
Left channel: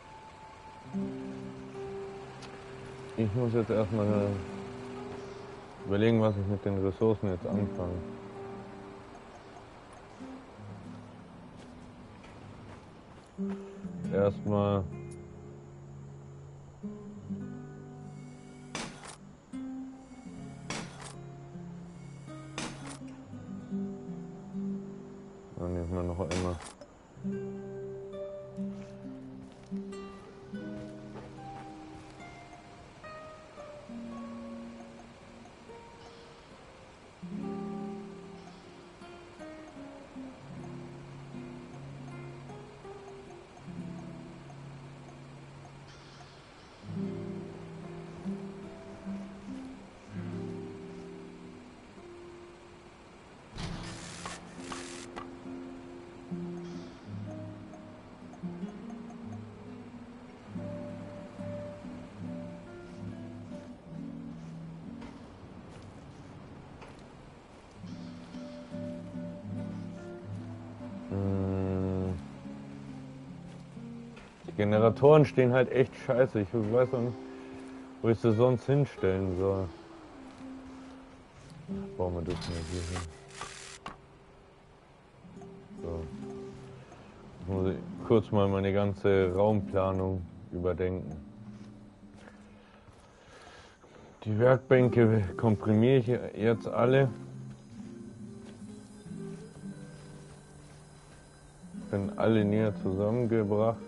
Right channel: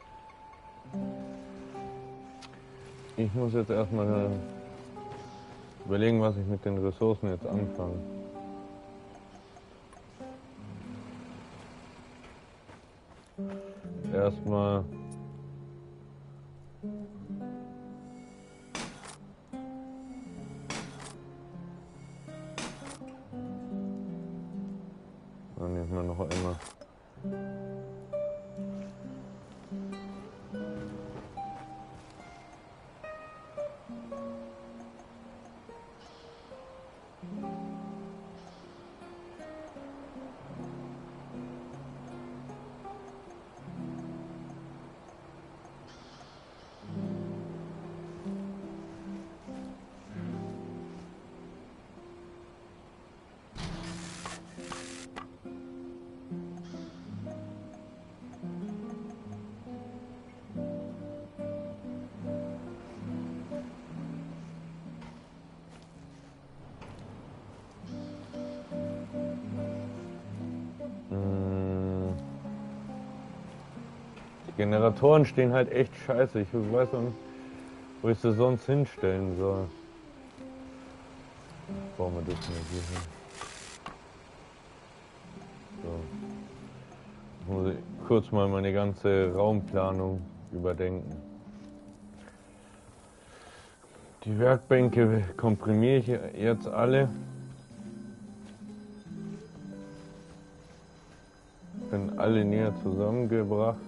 Ich muss jetzt erstmal überlegen, was ich mit den Ressourcen jetzt anfange. Erstmal dann nehmen wir noch einmal. Die Generatoren stehen halt echt scheiße. Ich weiß auch nicht, wo ich sie sonst hinstellen soll. Bauen wir das mal hier hin. So. Ich muss kurz mal meine ganze Raumplanung überdenken. Die Werkbänke komprimiere ich jetzt alle. Bin alle näher zusammengebracht.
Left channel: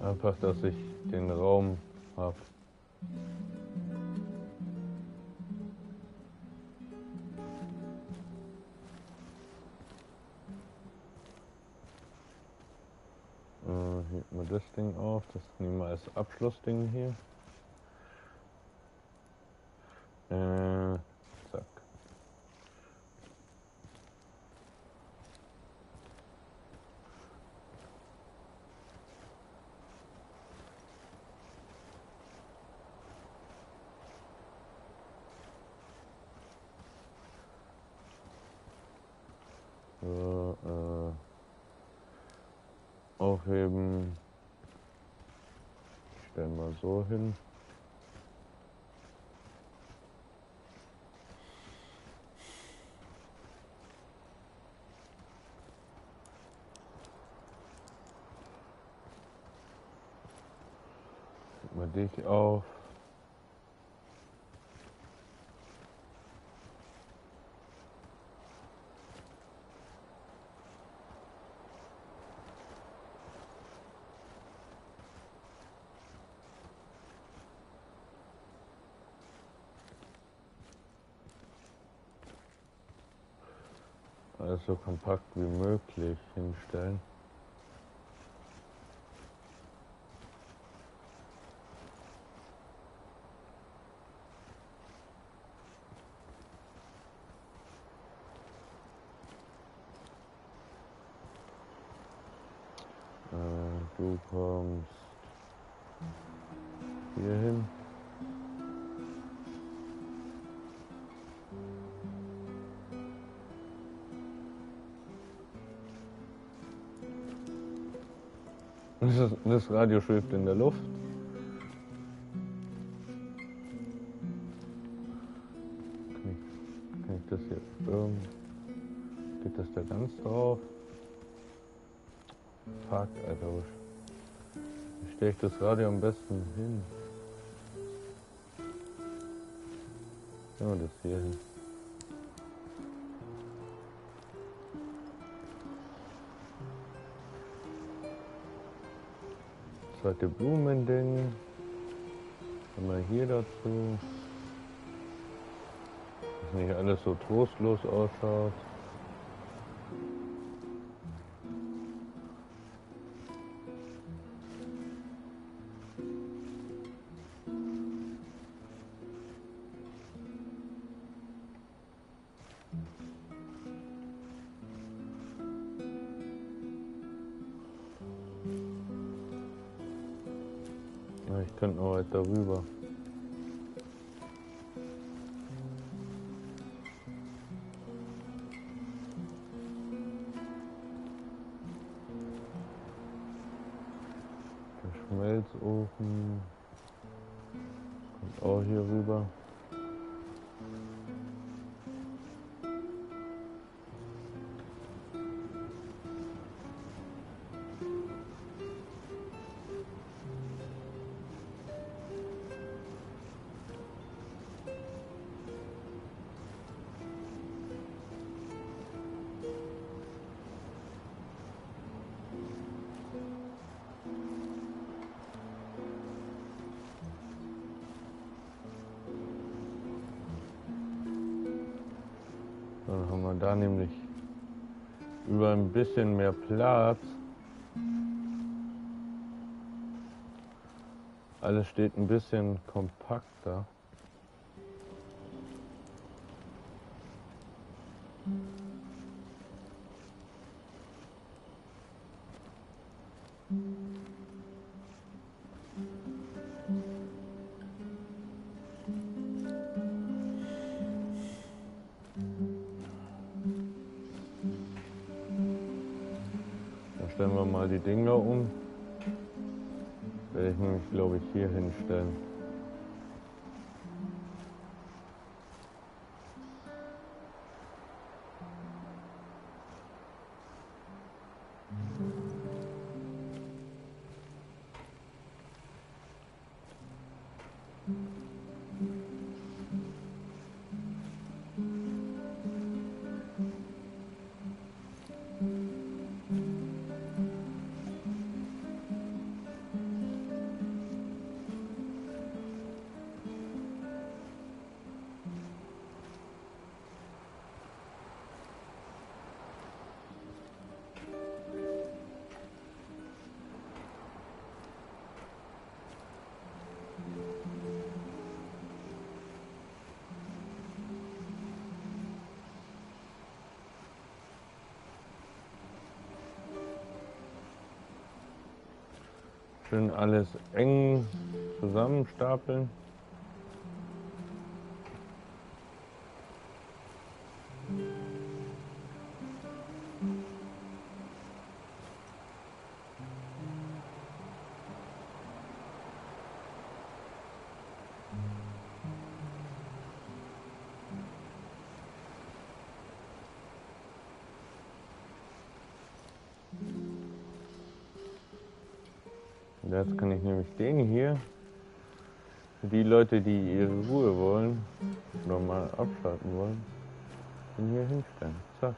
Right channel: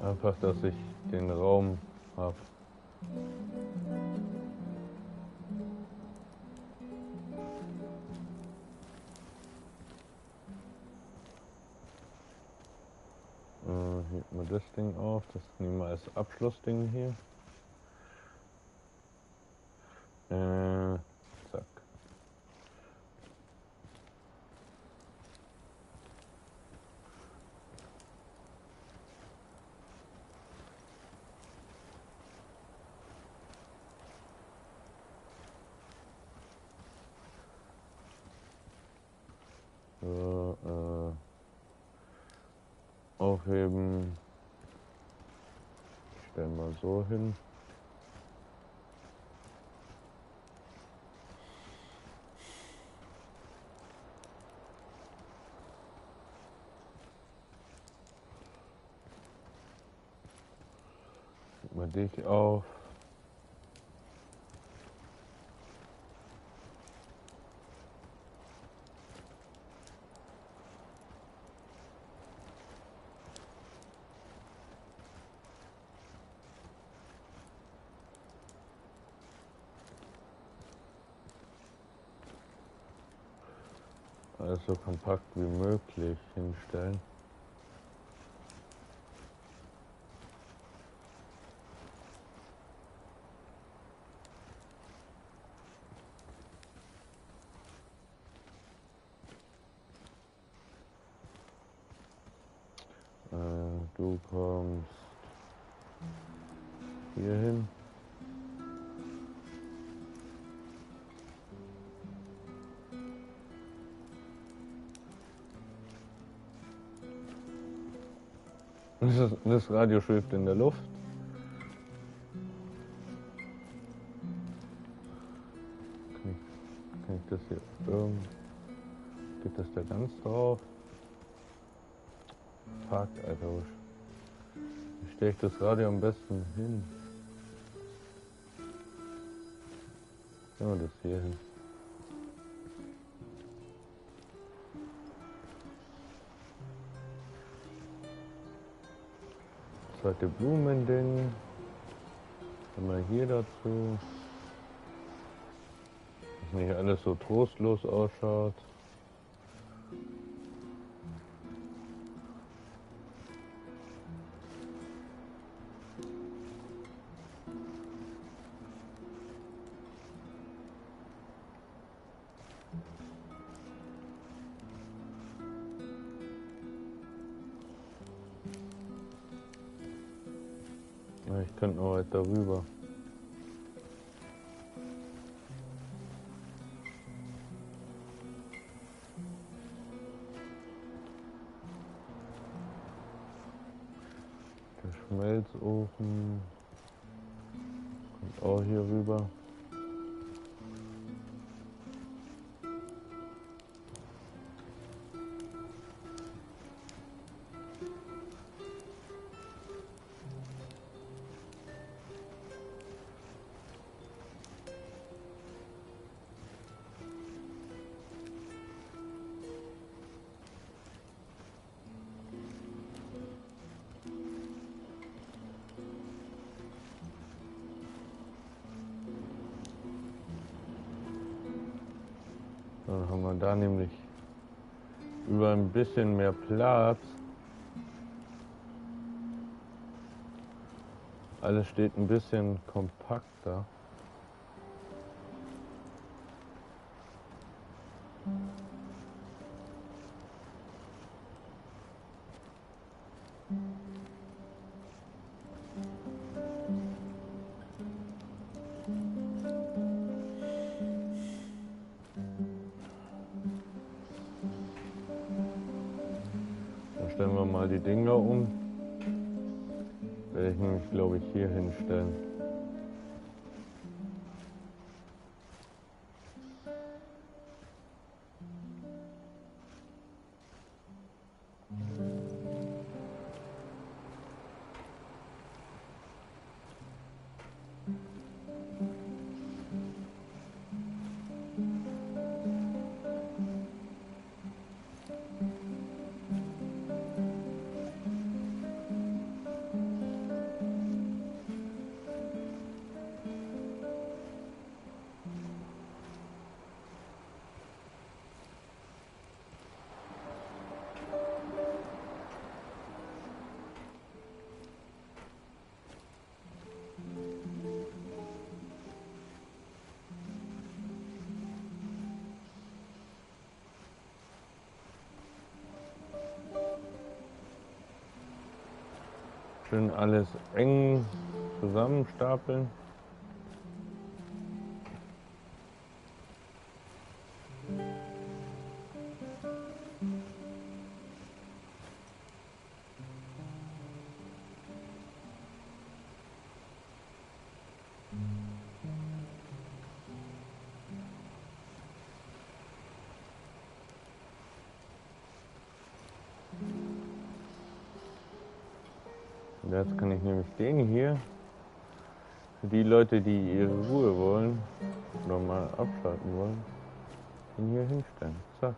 Einfach, dass ich den Raum habe. Hier mal das Ding auf, das nehmen wir als Abschlussding hier. Zack. So, aufheben. Stellen wir so hin. Mal dich auf. Alles so kompakt wie möglich hinstellen. Du kommst hier hin. Das Radio schwebt in der Luft. Kann ich das hier irgendwie... Geht das da ganz drauf? Fuck, Alter. Wie stelle ich das Radio am besten hin? Stellen wir das hier hin. Zweite Blumending. Dann mal hier dazu. nicht alles so trostlos ausschaut. Ich könnte noch weiter rüber. Der Schmelzofen kommt auch hier rüber. Dann haben wir da nämlich über ein bisschen mehr Platz. Alles steht ein bisschen kompakter. Stellen wir mal die Dinger um. Werde ich nämlich, glaube ich, hier hinstellen. Schön alles eng zusammenstapeln. Jetzt kann ich nämlich den hier, für die Leute, die ihre Ruhe wollen oder mal abschalten wollen, den hier hinstellen. Zack.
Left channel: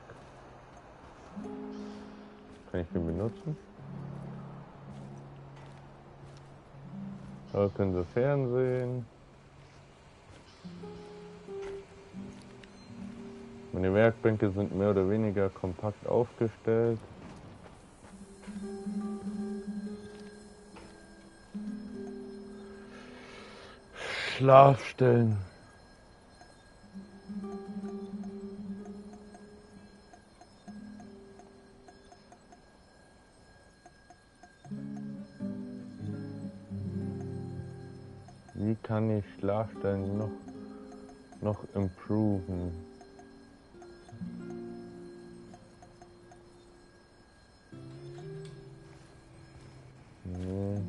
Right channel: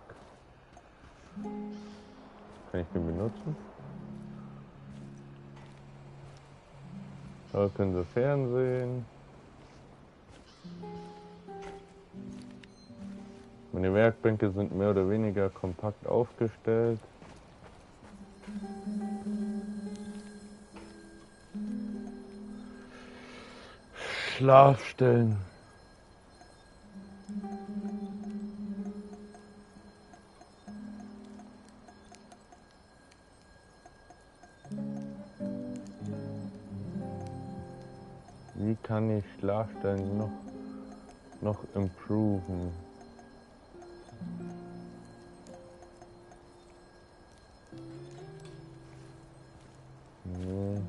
Kann ich den benutzen? Da können Sie Fernsehen. Meine Werkbänke sind mehr oder weniger kompakt aufgestellt. Schlafstellen. Wie kann ich Schlafstellen noch improven? Nee.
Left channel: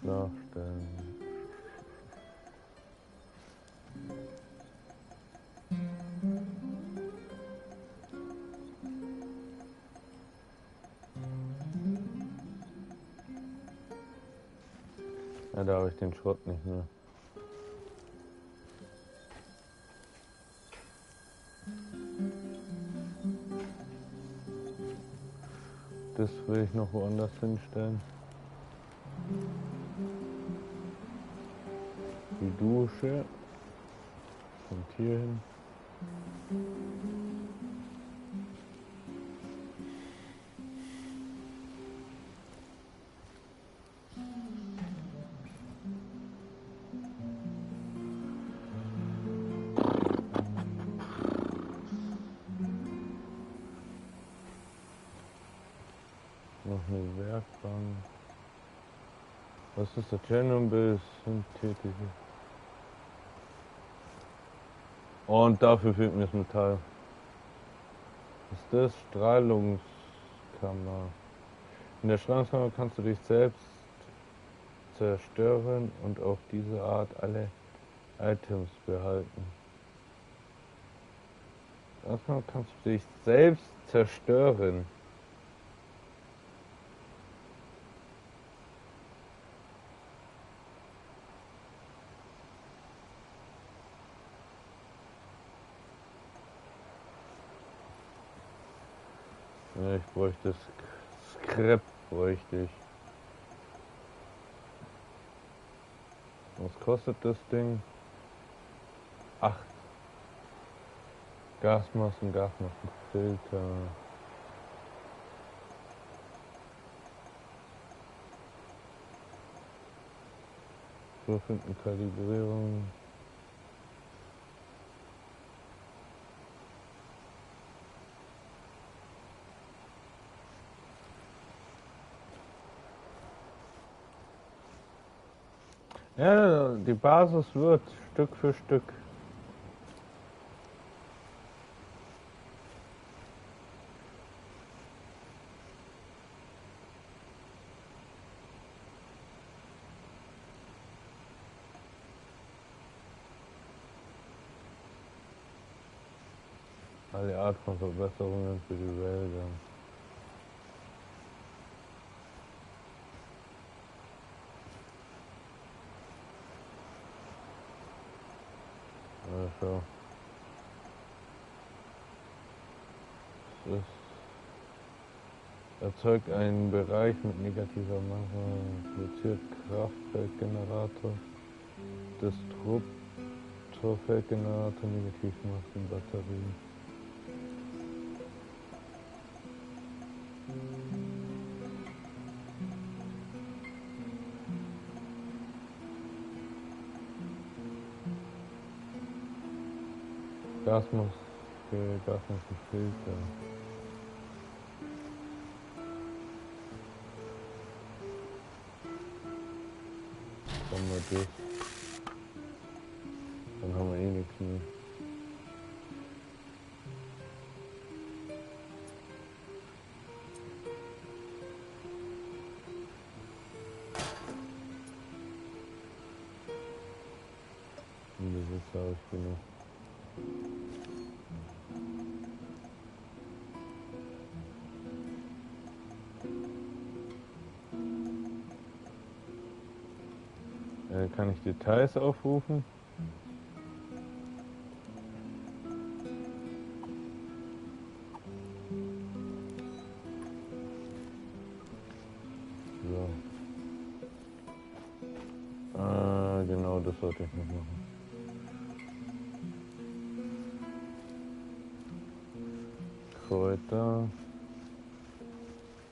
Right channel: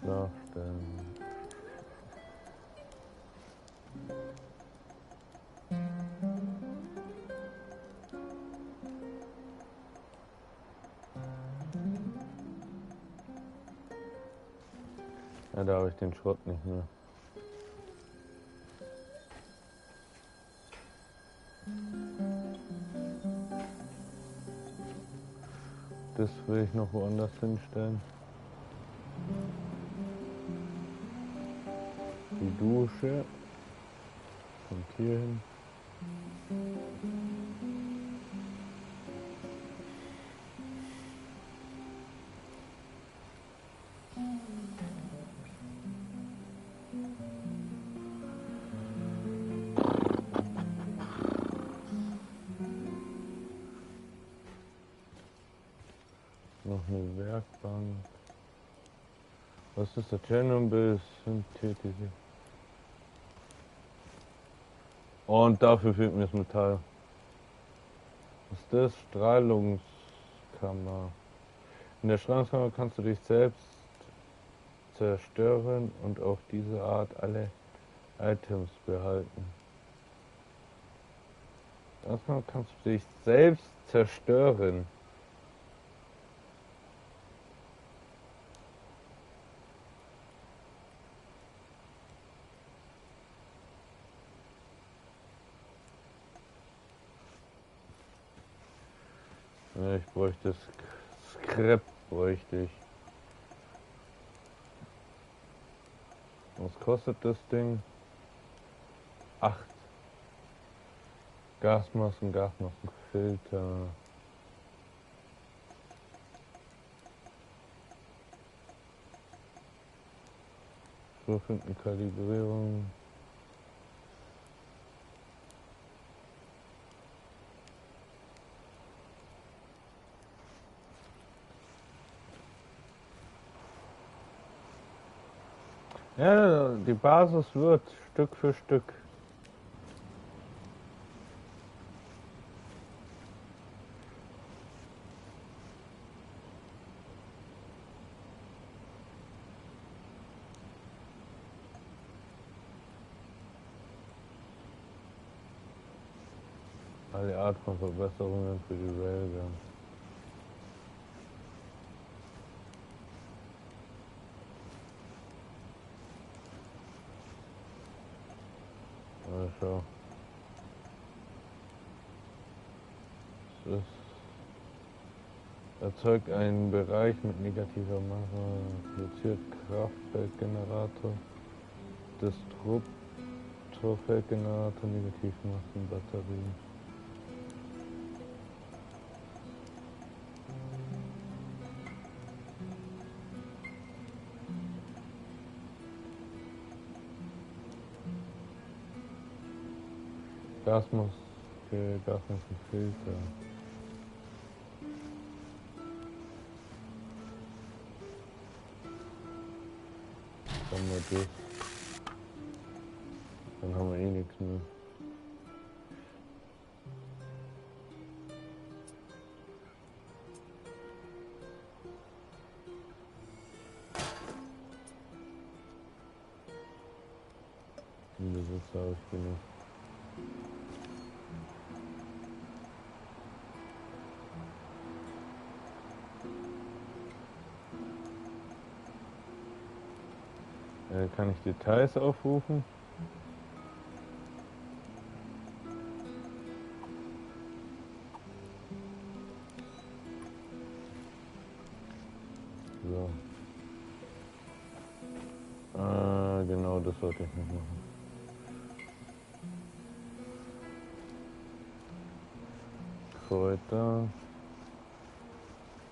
Schlafstellen. Ja, da habe ich den Schrott nicht mehr. Das will ich noch woanders hinstellen. Dusche. Kommt hier hin. Noch eine Werkbank. Was ist der Tschernobyl? Synthetische. Und dafür fehlt mir das Metall. Was ist das? Strahlungskammer. In der Strahlungskammer kannst du dich selbst zerstören und auf diese Art alle Items behalten. Das kannst du dich selbst zerstören. Ja, ich bräuchte Scrap, bräuchte ich. Was kostet das Ding? 8. Gasmaskenfilter. So finden Kalibrierung. Ja, die Basis wird Stück für Stück. Alle Art von Verbesserungen für die Railgun. Schau. Das erzeugt einen Bereich mit negativer Masse, produziert Kraftfeldgenerator, Destruktorfeldgenerator, Negativmassenbatterien. Gasmaskenfilter. Dann wir das. Dann haben wir eh nichts mehr. Und das ist habe ich genug. Kann ich Details aufrufen? So. Genau, das sollte ich noch machen. Kräuter.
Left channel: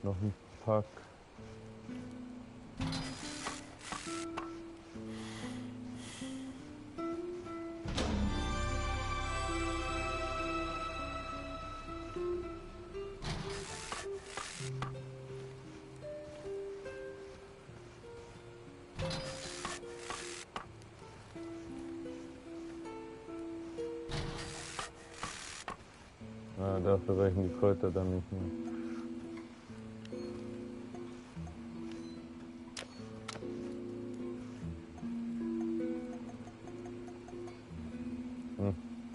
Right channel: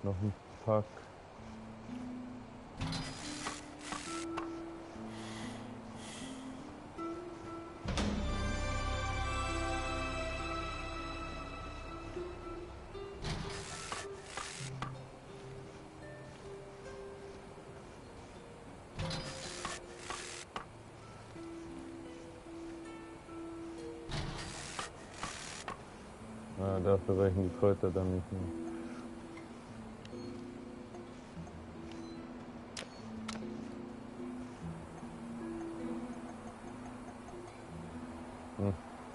Noch ein Pack. Dafür reichen die Kräuter dann nicht mehr.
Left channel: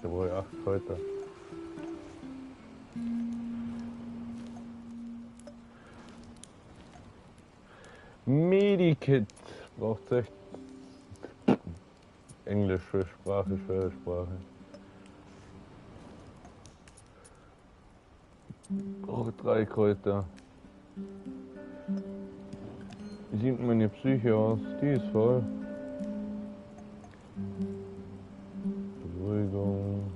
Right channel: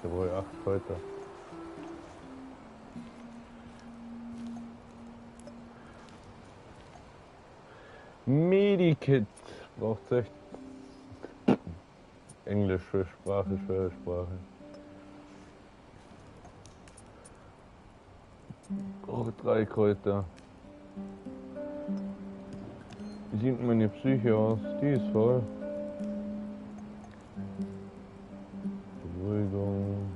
Da brauche ich 8 Kräuter. Medikit braucht echt Englisch für Sprache, schwere Sprache. Brauche 3 Kräuter. Wie sieht meine Psyche aus? Die ist voll. Beruhigung.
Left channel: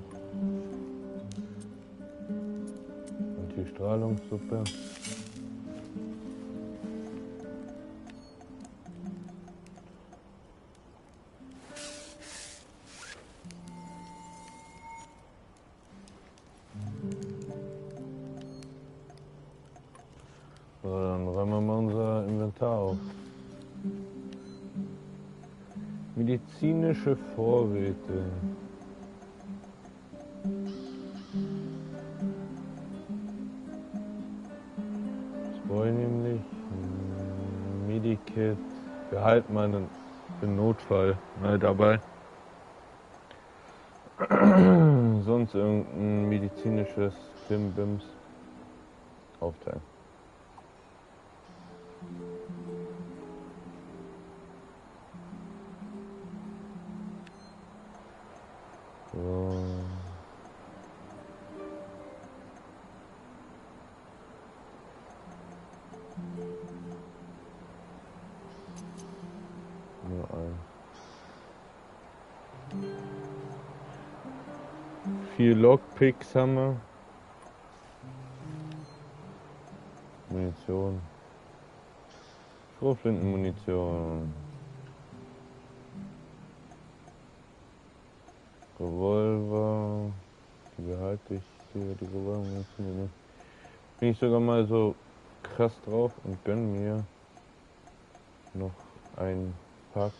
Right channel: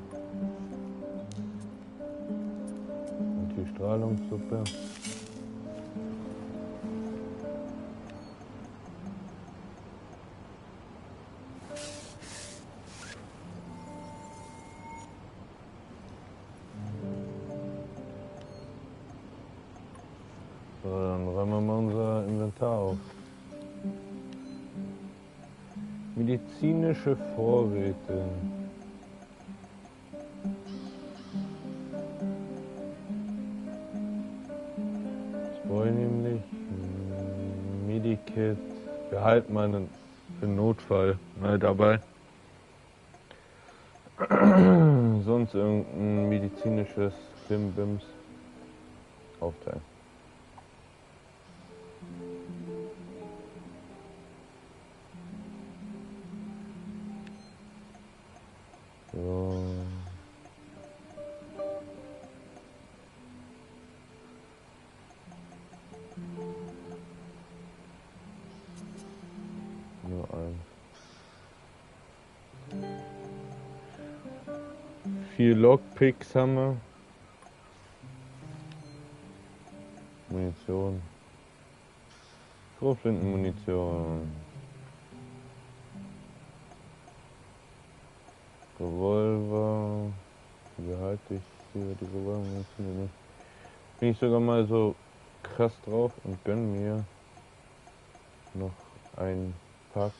Anti-Strahlungssuppe. So, dann räumen wir mal unser Inventar auf. Medizinische Vorräte. Das wollen wir nämlich. Medikit. Behalten wir einen für den Notfall mal dabei. Sonst irgendein medizinisches Klimbims aufteilen. So. Nur eins. 4 Lockpicks haben wir. Munition. Schrotflintenmunition. Revolver. Die behalte ich. Die Revolver-Munition nicht. Bin ich sogar mal so krass drauf und gönn mir noch ein Pack.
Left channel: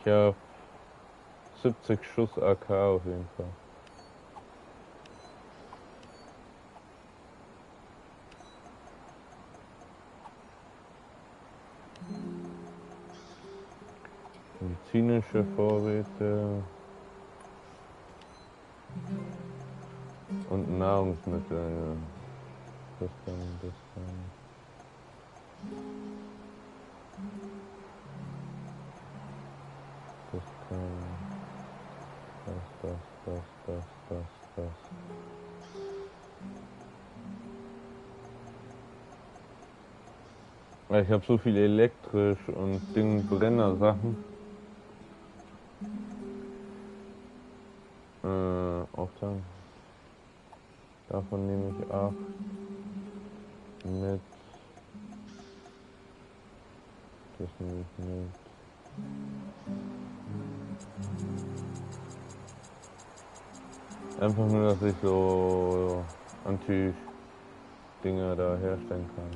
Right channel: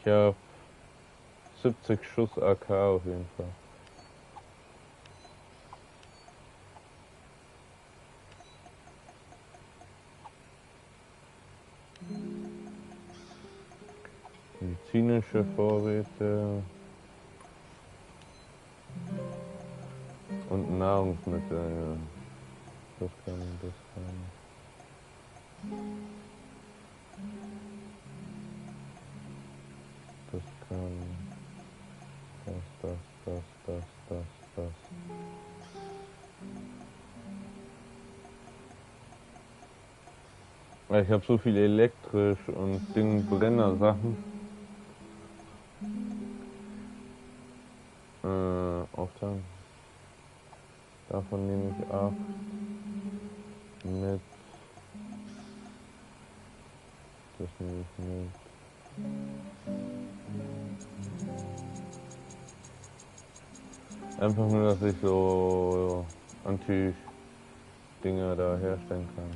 Ich habe 70 Schuss AK auf jeden Fall. Medizinische Vorräte und Nahrungsmittel, ja. Das kann. Das kann. Das. Ich habe so viel elektrisch und Brennersachen. Aufteilen. Davon nehme ich 8 mit. Das nehme ich mit. Einfach nur, dass ich so Anti-Dinger da herstellen kann.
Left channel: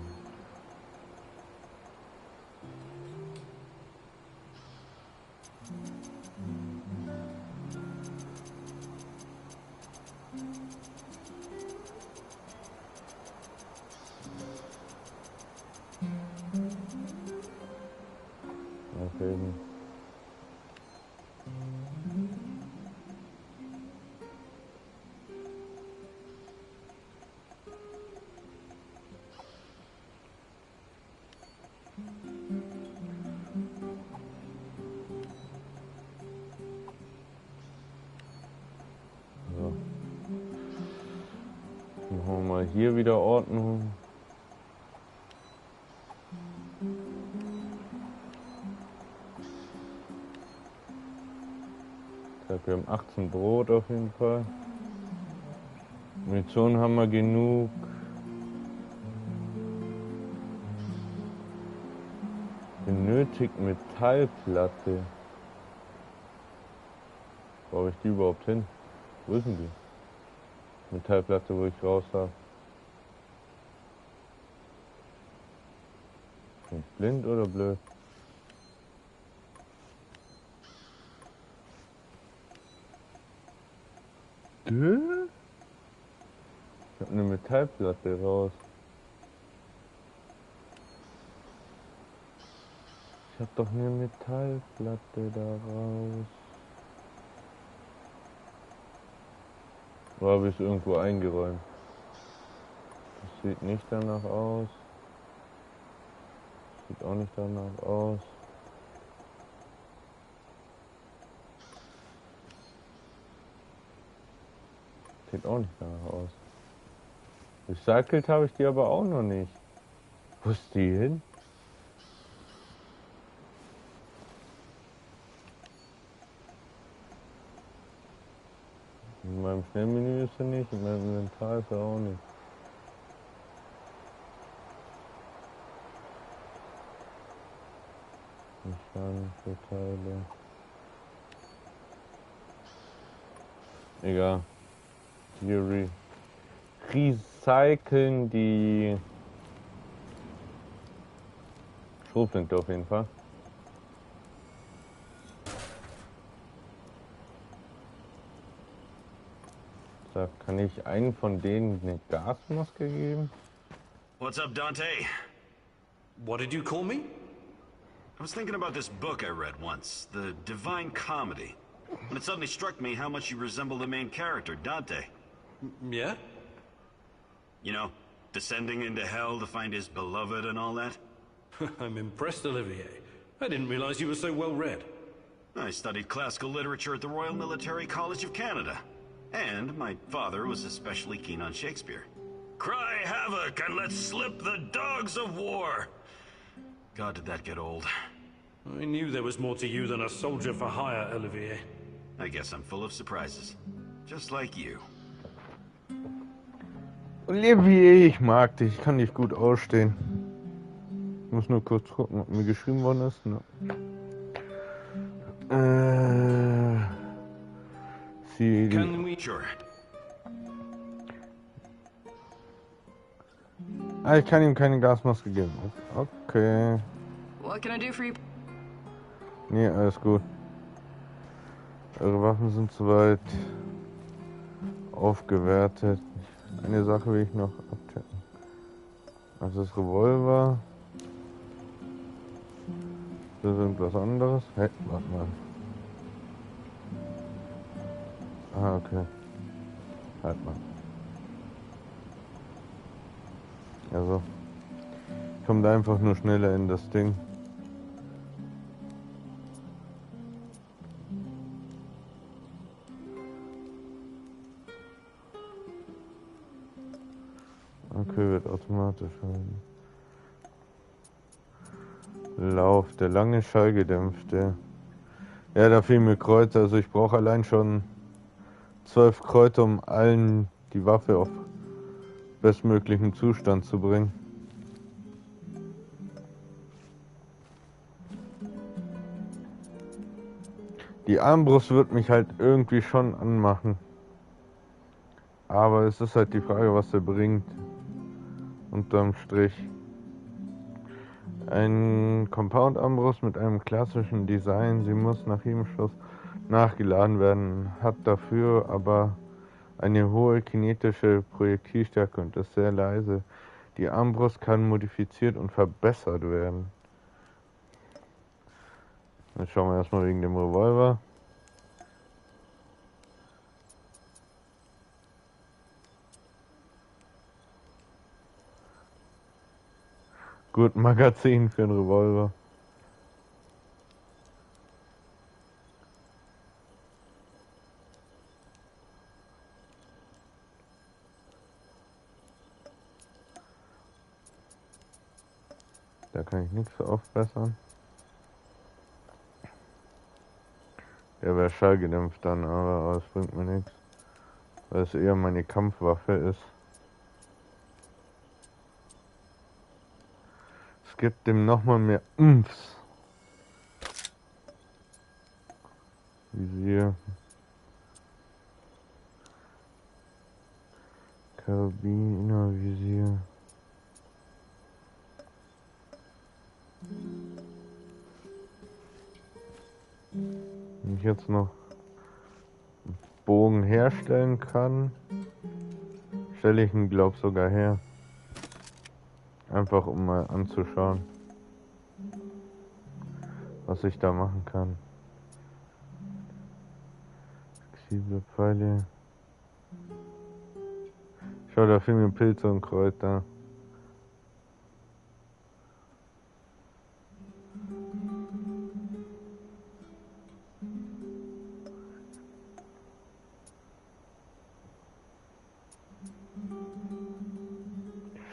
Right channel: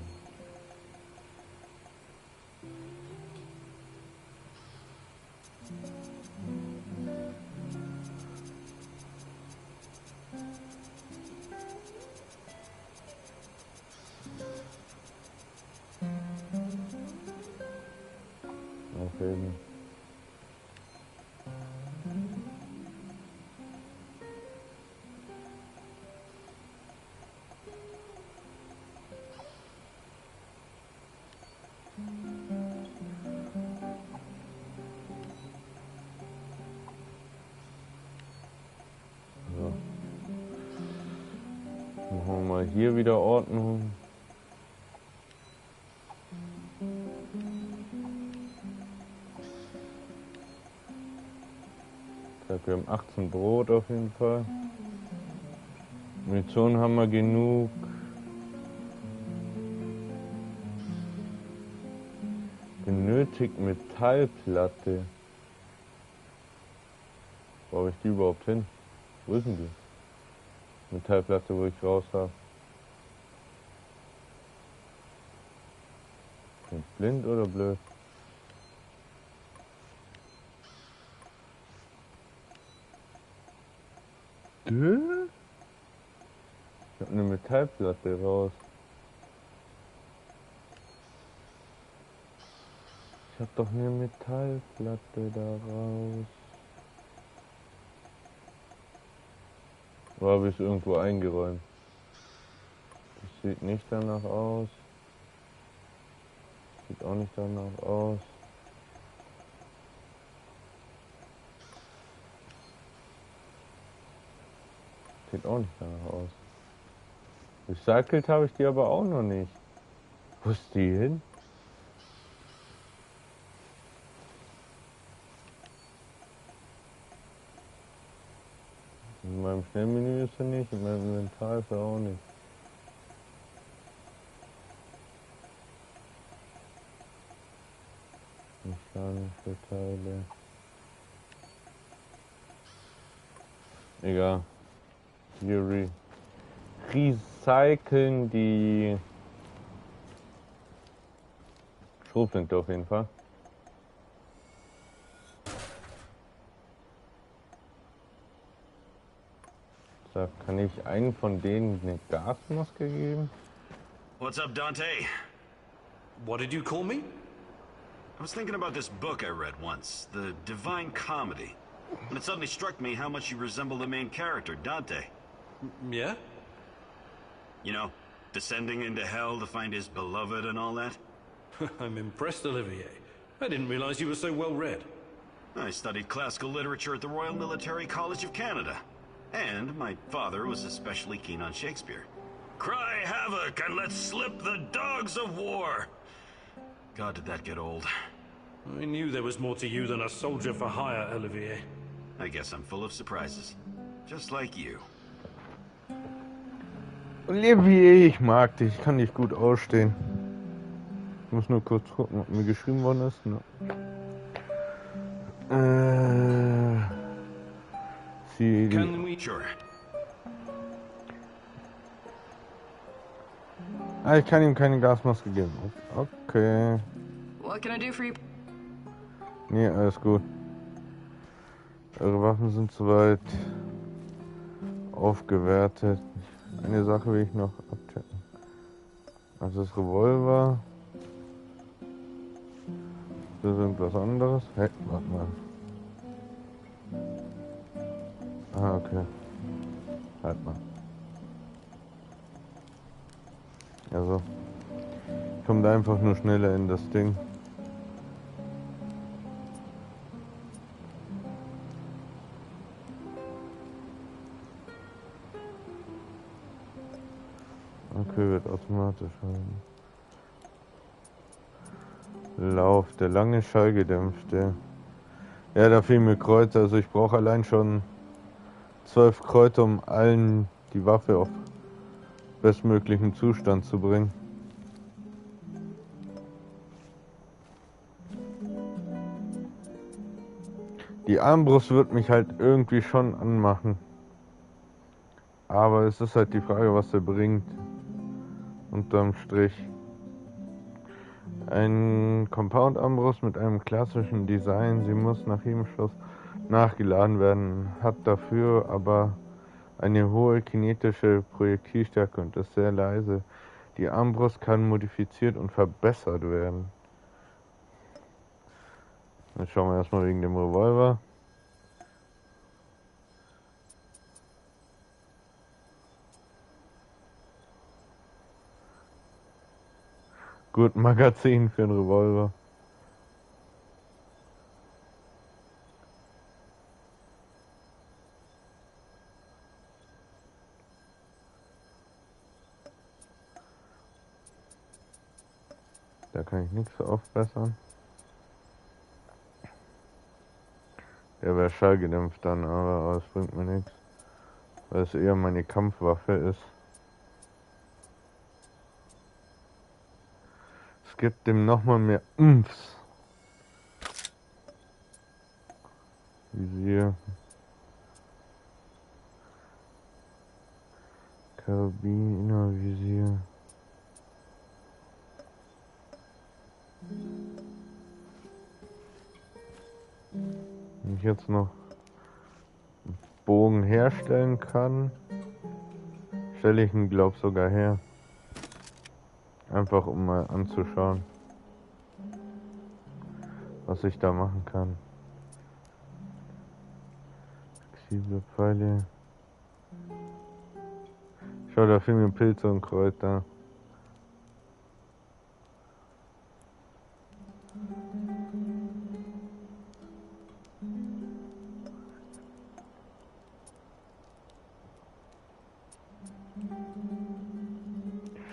Aufheben. So. Machen wir mal hier wieder Ordnung. Wir haben 18 Brot auf jeden Fall. Munition haben wir genug. Benötigt Metallplatte. Wo habe ich die überhaupt hin? Wo ist denn die? Metallplatte, wo ich raus habe. Bin ich blind oder blöd? Ich habe eine Metallplatte raus. Ich habe doch eine Metallplatte da raus. Oder habe ich es irgendwo eingeräumt? Das sieht nicht danach aus. Sieht auch nicht danach aus. Sieht auch nicht danach aus. Recycelt habe ich die aber auch noch nicht. Wo ist die hin? In meinem Schnellmenü ist sie nicht, in meinem Inventar ist sie auch nicht. Mechanische Teile. Egal. Wir recyceln die Schrotflinte auf jeden Fall. Da kann ich einen von denen eine Gasmaske geben. What's up, Dante? What did you call me? I was thinking about this book I read once, The Divine Comedy. And it suddenly struck me how much you resemble the main character, Dante. Yeah? You know, descending into hell to find his beloved and all that. I'm impressed, Olivier. I didn't realize you were so well read. I studied classical literature at the Royal Military College of Canada. And my father was especially keen on Shakespeare. Cry havoc and let's slip the dogs of war! God, did that get old. I knew there was more to you than a soldier for hire, Olivier. I guess I'm full of surprises. Just like you. Olivier, ich mag dich, ich kann dich gut ausstehen. Ich muss nur kurz gucken, ob mir geschrieben worden ist. Ne? Can we... Sure. Ah, ich kann ihm keine Gasmaske geben. Okay. What can I do for you? Nee, alles gut. Eure Waffen sind soweit aufgewertet. Eine Sache will ich noch abchecken. Also das Revolver. Das ist irgendwas anderes. Hey, warte mal. Ah, okay. Halt mal. Also. Ich komme da einfach nur schneller in das Ding. Okay, wird automatisch halten. Lauf, der lange Schallgedämpfte. Ja, da fehlen mir Kreuze, also ich brauche allein schon 12 Kreuze, um allen die Waffe auf bestmöglichen Zustand zu bringen. Die Armbrust wird mich halt irgendwie schon anmachen. Aber es ist halt die Frage, was er bringt. Unterm Strich. Ein Compound-Armbrust mit einem klassischen Design. Sie muss nach jedem Schuss nachgeladen werden. Hat dafür aber eine hohe kinetische Projektilstärke und ist sehr leise. Die Armbrust kann modifiziert und verbessert werden. Jetzt schauen wir erstmal wegen dem Revolver. Gut, Magazin für einen Revolver. Da kann ich nichts aufbessern. Der wäre schallgedämpft dann, aber es bringt mir nichts. Weil es eher meine Kampfwaffe ist. Es gibt dem nochmal mehr Umfs. Visier. Karabiner-Visier. Wenn ich jetzt noch einen Bogen herstellen kann, stelle ich ihn, glaub sogar her. Einfach um mal anzuschauen, was ich da machen kann. Flexible Pfeile. Schau, da fehlen mir Pilze und Kräuter.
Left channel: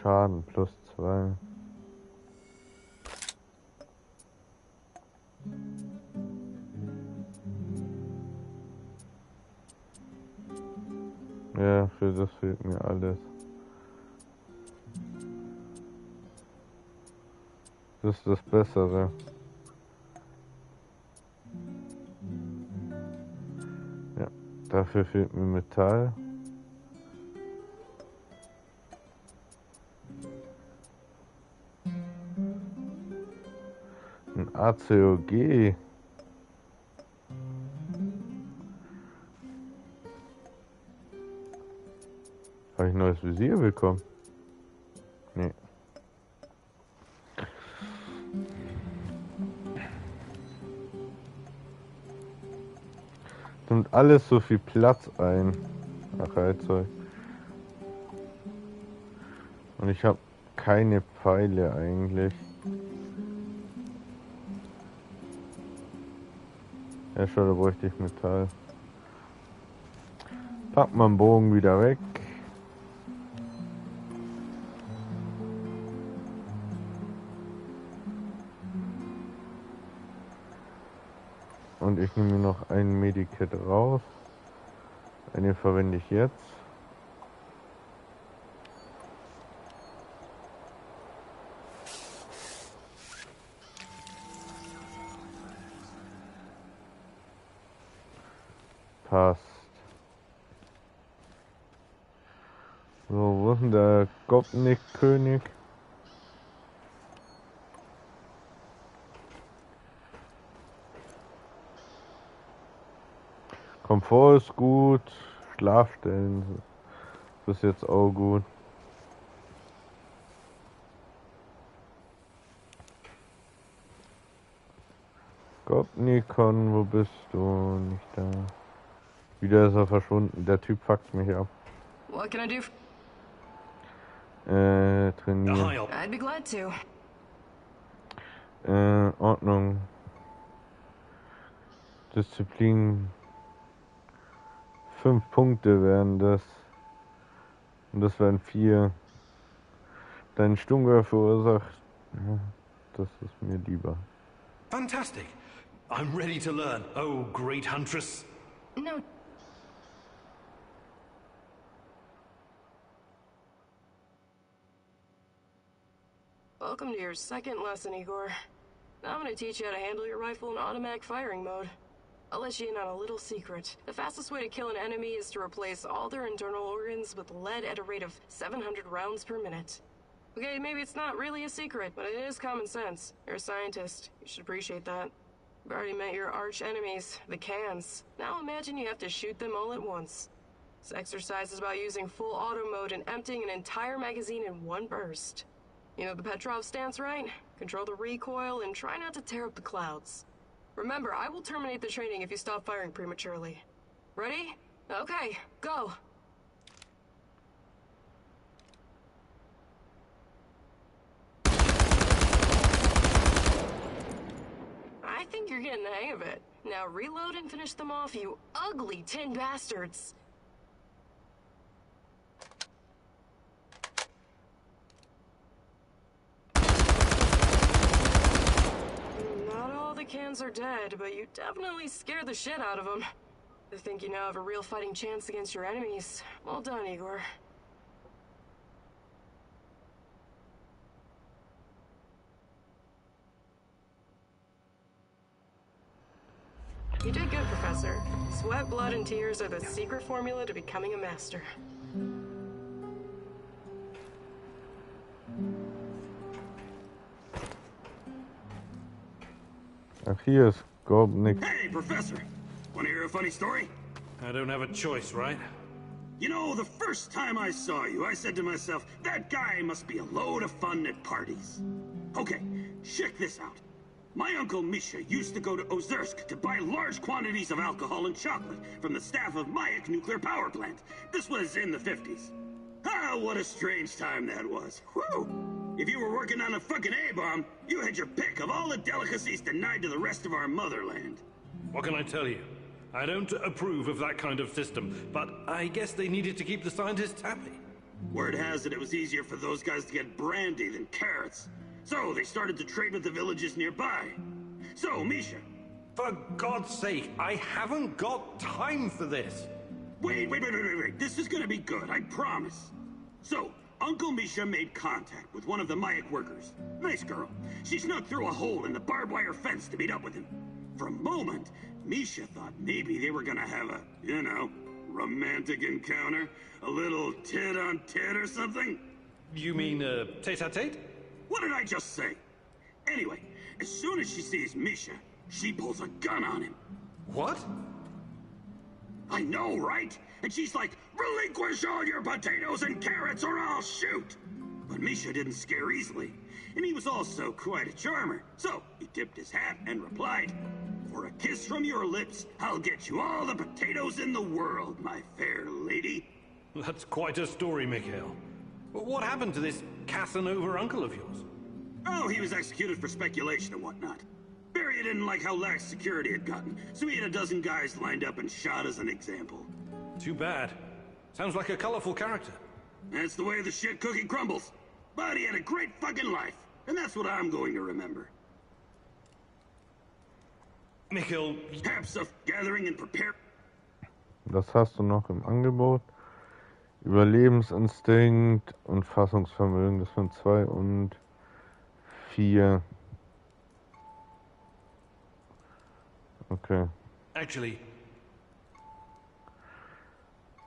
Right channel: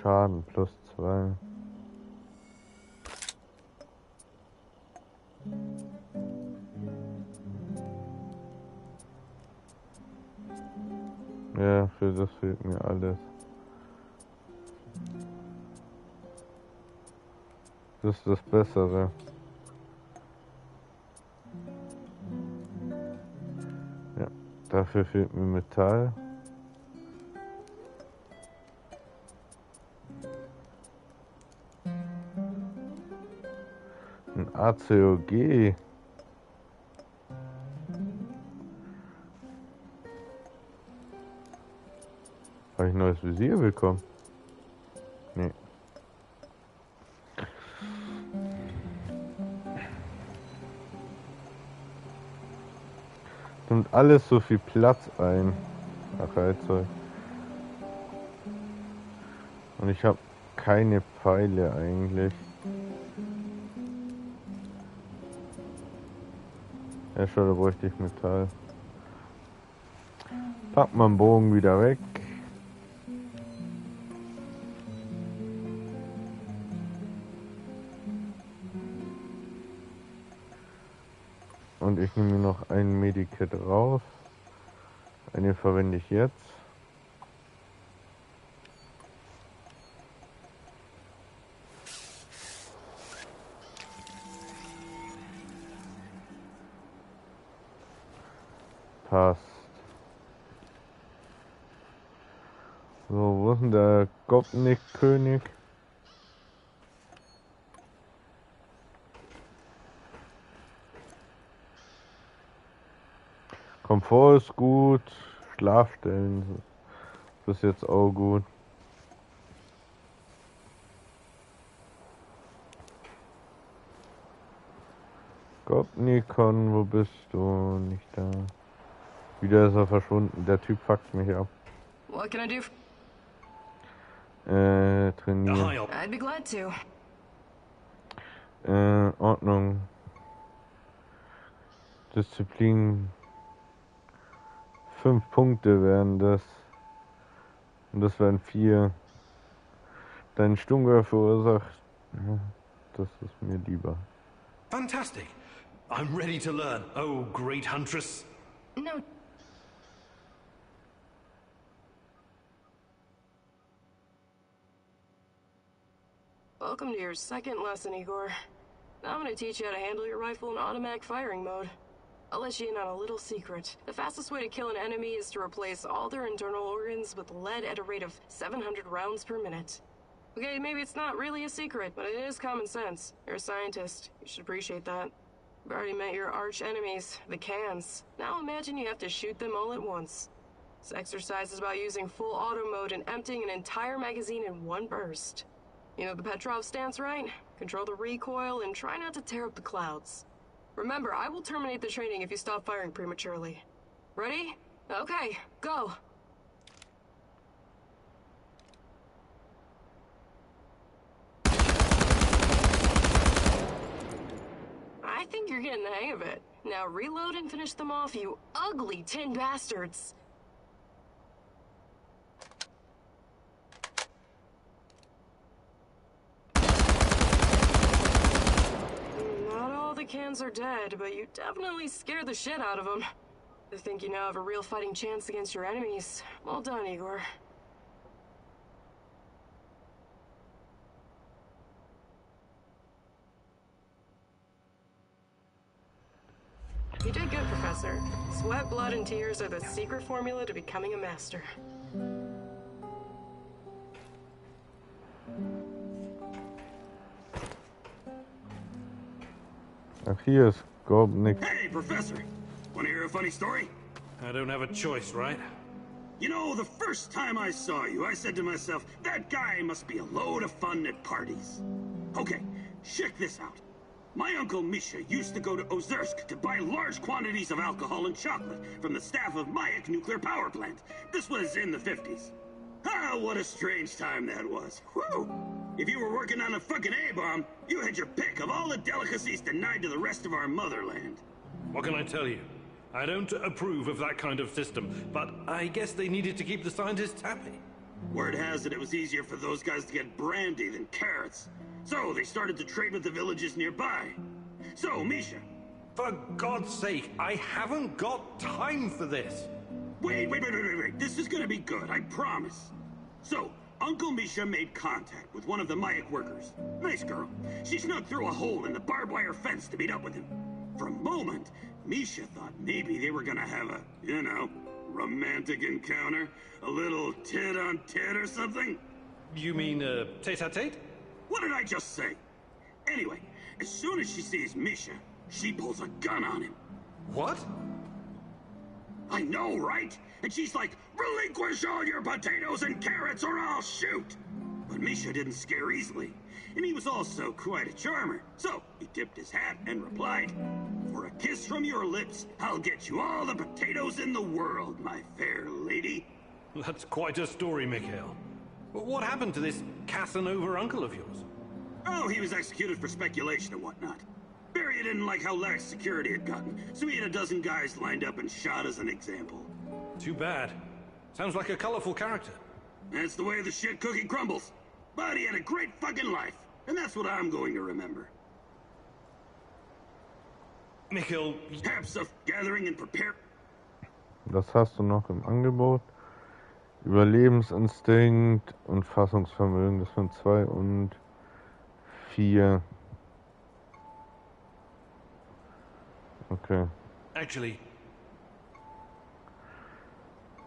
Schaden +2. Ja, für das fehlt mir alles. Das ist das Bessere. Ja, dafür fehlt mir Metall. Ein ACOG. Habe ich ein neues Visier bekommen? Nee. Nimmt alles so viel Platz ein. Ach, Heizzeug. Und ich habe keine Pfeile eigentlich. Ja, schon, da bräuchte ich Metall. Pack mal den Bogen wieder weg. Und ich nehme mir noch ein Medikit raus. Eine verwende ich jetzt. Passt. So, wo ist denn der Gopnik-König? Komfort ist gut, Schlafstellen ist jetzt auch gut. Gopnikon, wo bist du? Nicht da. Wieder ist er verschwunden. Der Typ fuckt mich ab. What can I do? Trainieren. I'd be glad to. Ordnung. Disziplin. 5 Punkte wären das. Und das wären 4. Dein Sturmgewehr verursacht. Das ist mir lieber. Fantastic. I'm ready to learn. Oh, great huntress. No. Welcome to your second lesson, Igor. Now I'm going to teach you how to handle your rifle in automatic firing mode. I'll let you in on a little secret. The fastest way to kill an enemy is to replace all their internal organs with lead at a rate of 700 rounds per minute. Okay, maybe it's not really a secret, but it is common sense. You're a scientist. You should appreciate that. You've already met your arch enemies, the cans. Now imagine you have to shoot them all at once. This exercise is about using full auto mode and emptying an entire magazine in one burst. You know the Petrov stance, right? Control the recoil and try not to tear up the clouds. Remember, I will terminate the training if you stop firing prematurely. Ready? Okay, go! I think you're getting the hang of it. Now reload and finish them off, you ugly tin bastards! Not all the cans are dead, but you definitely scared the shit out of them. I think you now have a real fighting chance against your enemies. Well done, Igor. You did good, Professor. Sweat, blood, and tears are the secret formula to becoming a master. Ach, hier ist Gopnik. Hey, Professor! Want to hear a funny story? I don't have a choice, right? You know, the first time I saw you, I said to myself, that guy must be a load of fun at parties. Okay, check this out. My uncle Misha used to go to Ozersk to buy large quantities of alcohol and chocolate from the staff of Mayak nuclear power plant. This was in the 50s. Ah, what a strange time that was. Whew! If you were working on a fucking A-bomb, you had your pick of all the delicacies denied to the rest of our motherland. What can I tell you? I don't approve of that kind of system, but I guess they needed to keep the scientists happy. Word has it was easier for those guys to get brandy than carrots. So they started to trade with the villages nearby. So, Misha. For God's sake, I haven't got time for this. Wait. This is gonna be good, I promise. So, Uncle Misha made contact with one of the Mayak workers. Nice girl. She snuck through a hole in the barbed wire fence to meet up with him. For a moment, Misha thought maybe they were gonna have a, romantic encounter. A little tit-on-tit or something. You mean, tete-a-tete? What did I just say? Anyway, as soon as she sees Misha, she pulls a gun on him. What? I know, right? And she's like, relinquish all your potatoes and carrots or I'll shoot! But Misha didn't scare easily, and he was also quite a charmer. So he tipped his hat and replied, for a kiss from your lips, I'll get you all the potatoes in the world, my fair lady. That's quite a story, Mikhail. What happened to this Casanova uncle of yours? Oh, he was executed for speculation and whatnot. Barry didn't like how lax security had gotten, so he had a dozen guys lined up and shot as an example. Too bad. Sounds like a colorful character. That's the way the shit cookie crumbles. But he had a great fucking life, and that's what I'm going to remember. Mikhail... Have stuff gathering and prepare... Das hast du noch im Angebot. Überlebensinstinkt und Fassungsvermögen, das sind 2 und 4. Okay. Actually.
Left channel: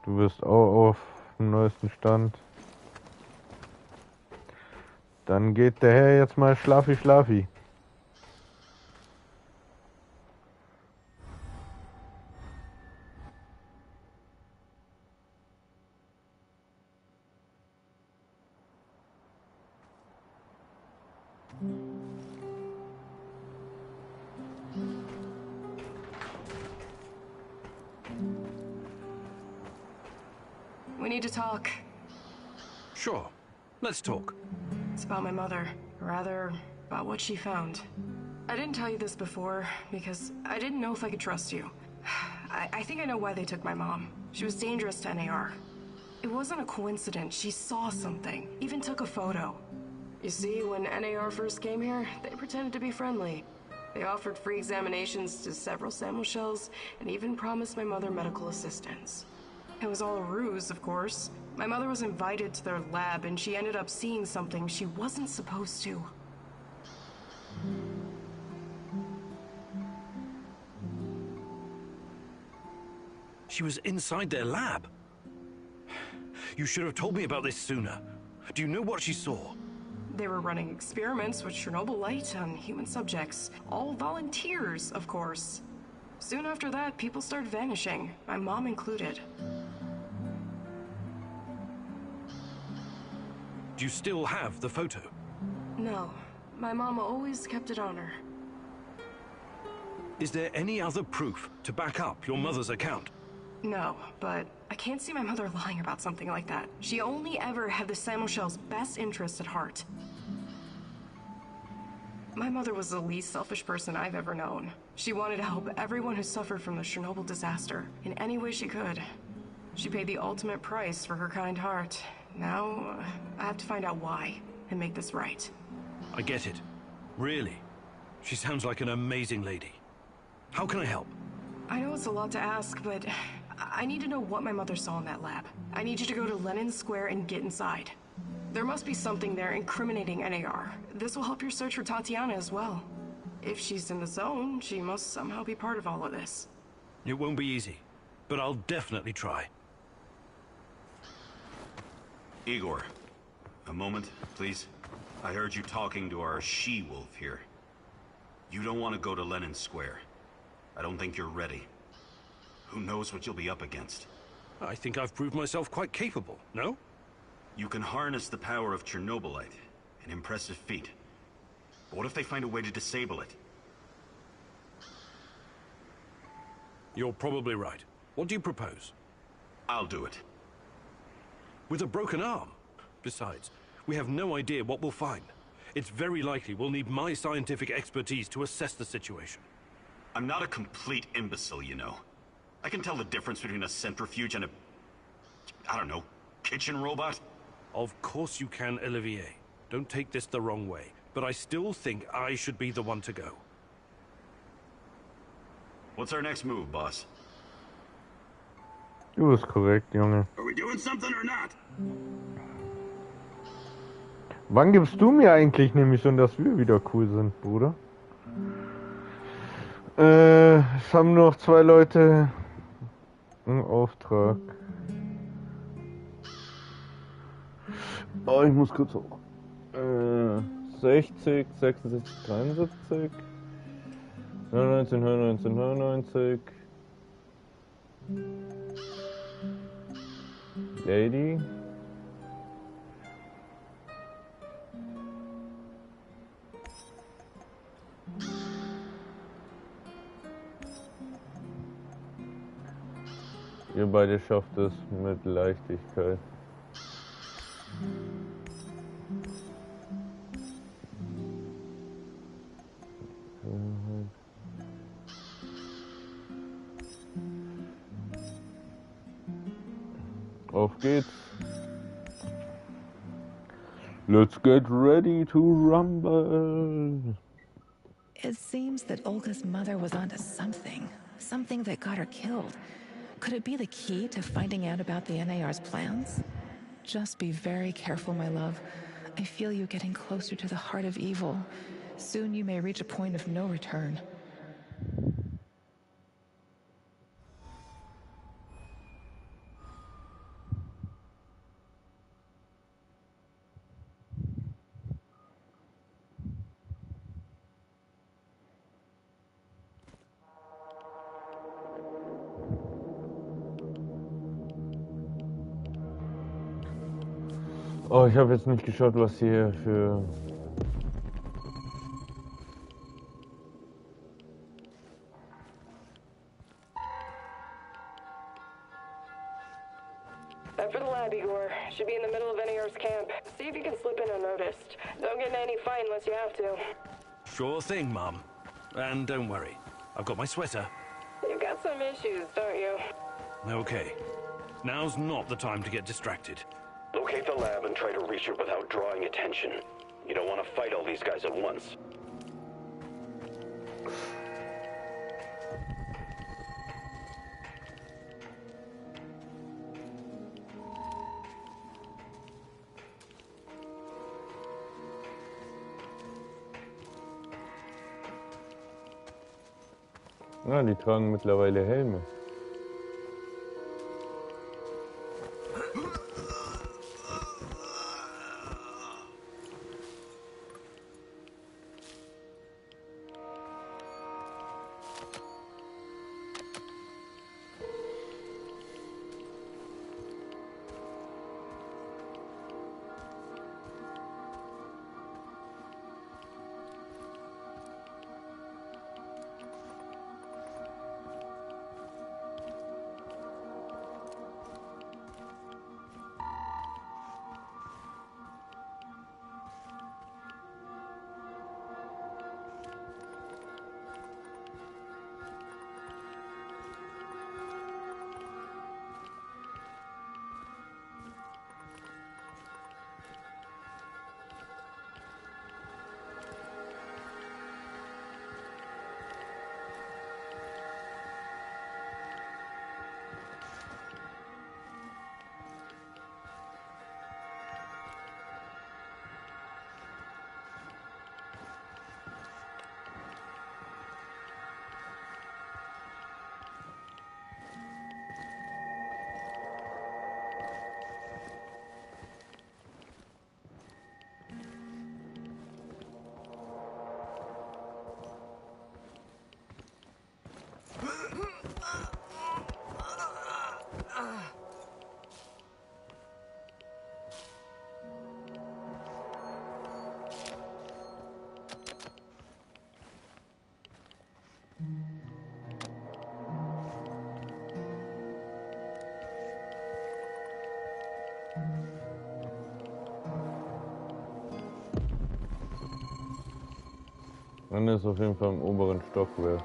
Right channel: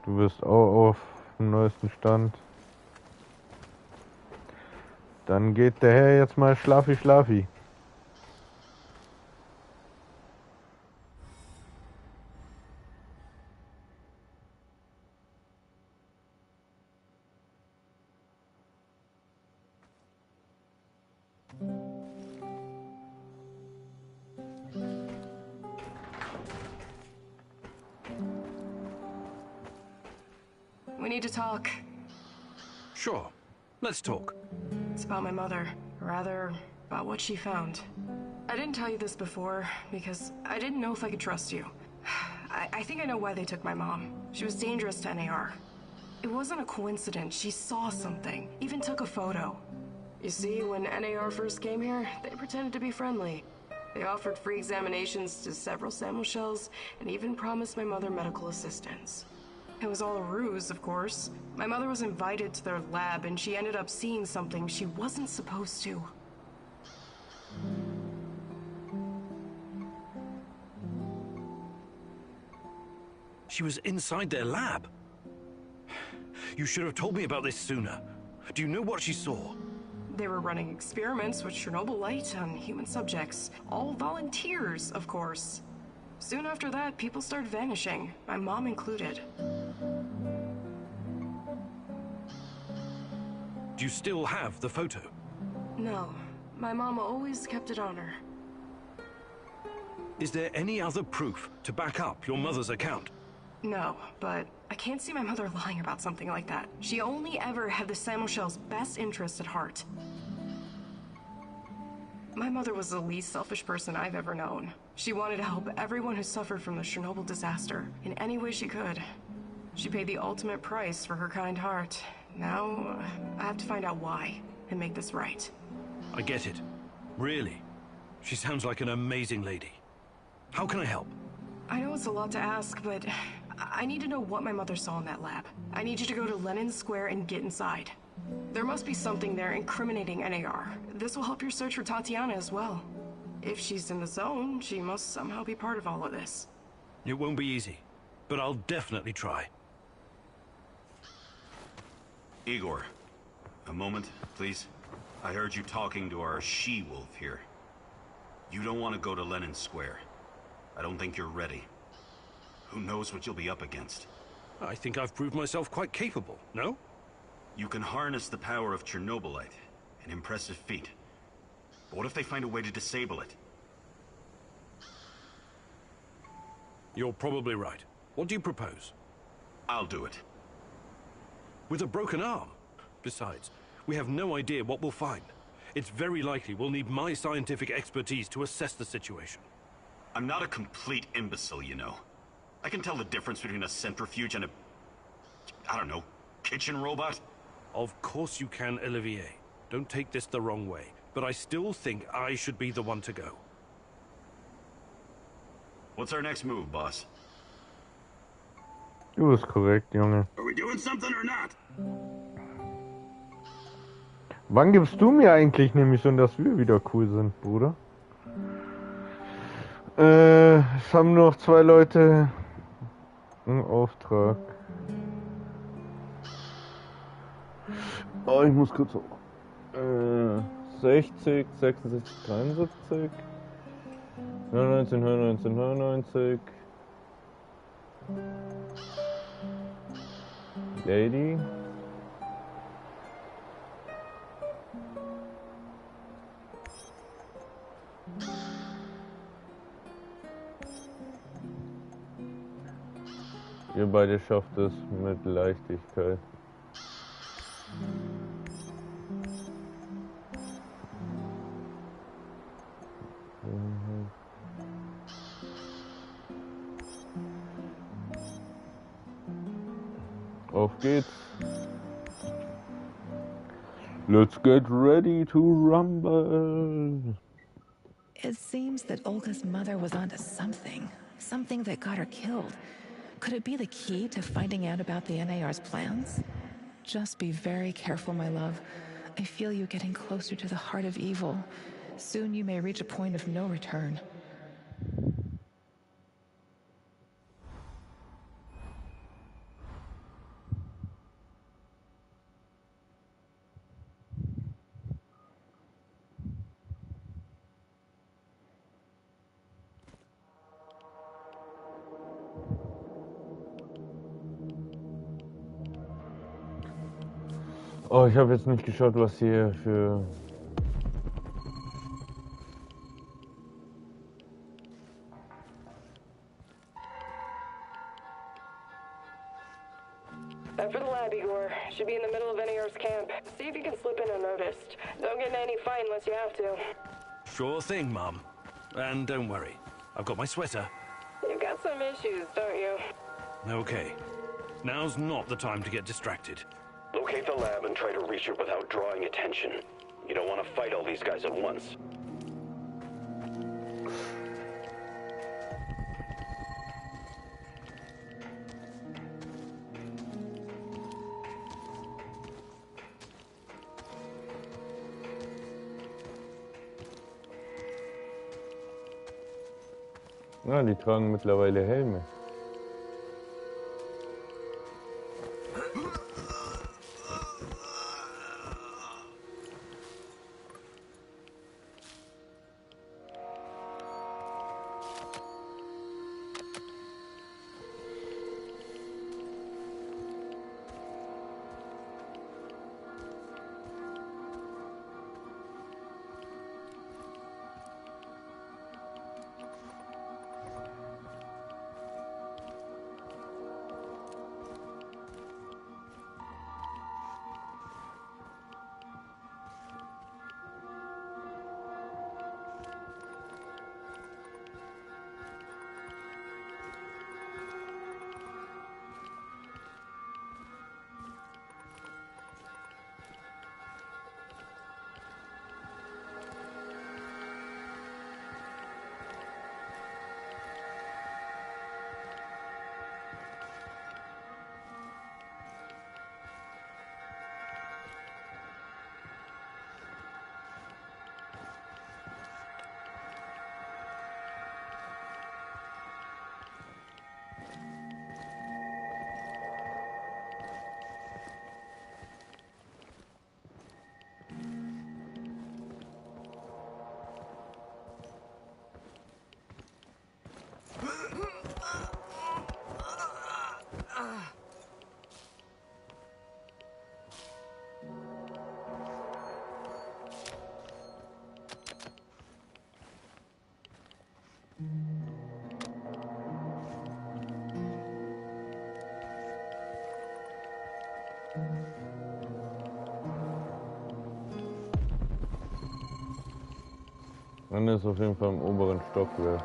Du bist auch auf dem neuesten Stand. Dann geht der Herr jetzt mal schlafi. We need to talk. Sure. Let's talk. It's about my mother. Rather, about what she found. I didn't tell you this before, because I didn't know if I could trust you. I think I know why they took my mom. She was dangerous to NAR. It wasn't a coincidence. She saw something. Even took a photo. You see, when NAR first came here, they pretended to be friendly. They offered free examinations to several sample shells, and even promised my mother medical assistance. It was all a ruse, of course. My mother was invited to their lab, and she ended up seeing something she wasn't supposed to. She was inside their lab. You should have told me about this sooner. Do you know what she saw? They were running experiments with Chernobylite on human subjects. All volunteers, of course. Soon after that, people started vanishing, my mom included. Do you still have the photo? No. My mama always kept it on her. Is there any other proof to back up your mother's account? No, but I can't see my mother lying about something like that. She only ever had the Samuel's best interest at heart. My mother was the least selfish person I've ever known. She wanted to help everyone who suffered from the Chernobyl disaster in any way she could. She paid the ultimate price for her kind heart. Now, I have to find out why and make this right. I get it. Really. She sounds like an amazing lady. How can I help? I know it's a lot to ask, but I need to know what my mother saw in that lab. I need you to go to Lenin Square and get inside. There must be something there incriminating NAR. This will help your search for Tatiana as well. If she's in the zone, she must somehow be part of all of this. It won't be easy, but I'll definitely try. Igor, a moment, please. I heard you talking to our she-wolf here. You don't want to go to Lenin Square. I don't think you're ready. Who knows what you'll be up against? I think I've proved myself quite capable, no? You can harness the power of Chernobylite. An impressive feat. But what if they find a way to disable it? You're probably right. What do you propose? I'll do it. With a broken arm? Besides, we have no idea what we'll find. It's very likely we'll need my scientific expertise to assess the situation. I'm not a complete imbecile, you know. I can tell the difference between a centrifuge and a... I don't know, kitchen robot? Of course you can, Olivier. Don't take this the wrong way, but I still think I should be the one to go. What's our next move, boss? Du bist korrekt, Junge. Are we doing something or not? Wann gibst du mir eigentlich eine Mission, dass wir wieder cool sind, Bruder? Es haben nur noch 2 Leute einen Auftrag. Oh, ich muss kurz hoch. 60, 66, 73, 99, 99, 99. Lady. Ihr beide schafft es mit Leichtigkeit. Auf geht's. Let's get ready to rumble. It seems that Olga's mother was onto something. Something that got her killed. Could it be the key to finding out about the NAR's plans? Just be very careful, my love. I feel you getting closer to the heart of evil. Soon you may reach a point of no return. Oh, ich habe jetzt nicht geschaut, was hier für... After the lab, Igor. Should be in the middle of NAR's camp. See if you can slip in unnoticed. Don't get in any fight unless you have to. Sure thing, Mom. And don't worry, I've got my sweater. You've got some issues, don't you? Okay. Now's not the time to get distracted. Locate the lab and try to reach it without drawing attention. You don't want to fight all these guys at once. Ja, die tragen mittlerweile Helme. Man ist auf jeden Fall im oberen Stockwerk.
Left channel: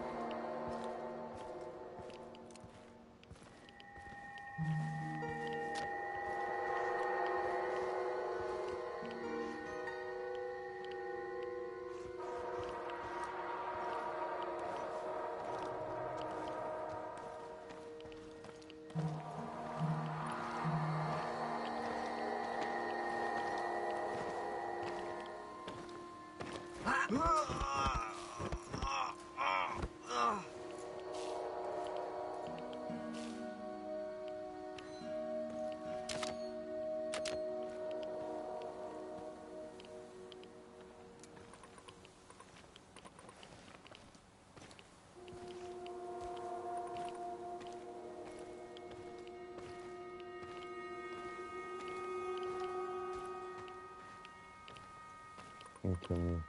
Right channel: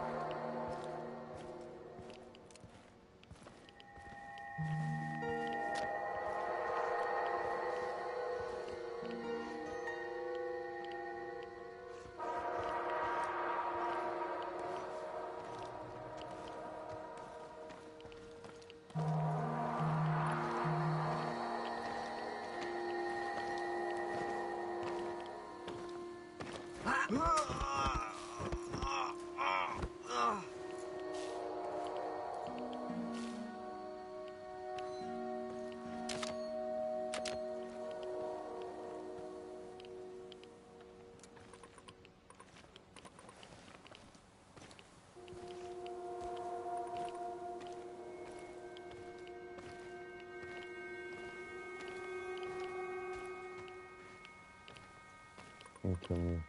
Continue.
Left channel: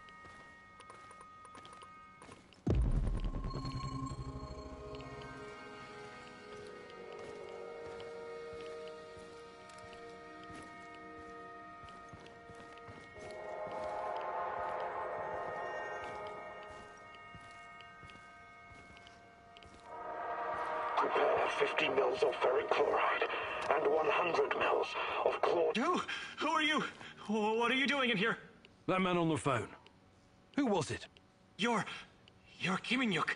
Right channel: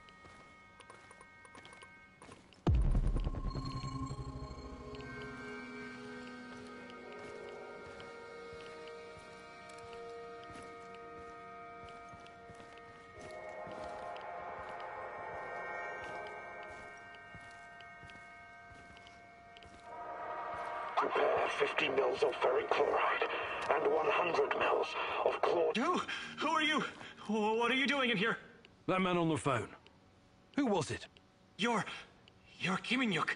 Prepare 50 mils of ferric chloride and 100 mils of chloride. Who are you? What are you doing in here? That man on the phone. Who was it? You're Kiminyuk.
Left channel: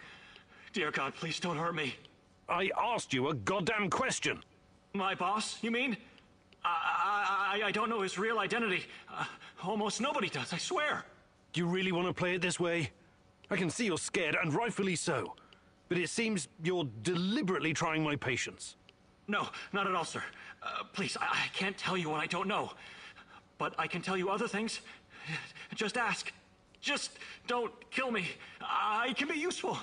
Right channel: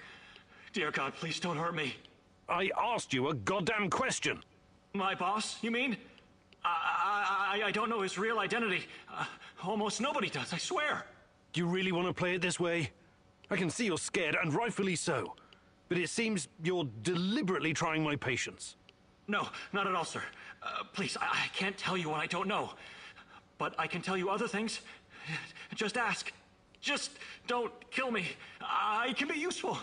Dear God, please don't hurt me. I asked you a goddamn question. My boss, you mean? I don't know his real identity. Almost nobody does, I swear. Do you really want to play it this way? I can see you're scared, and rightfully so. But it seems you're deliberately trying my patience. No, not at all, sir. Please, I can't tell you what I don't know. But I can tell you other things. Just ask. Just don't kill me. I can be useful.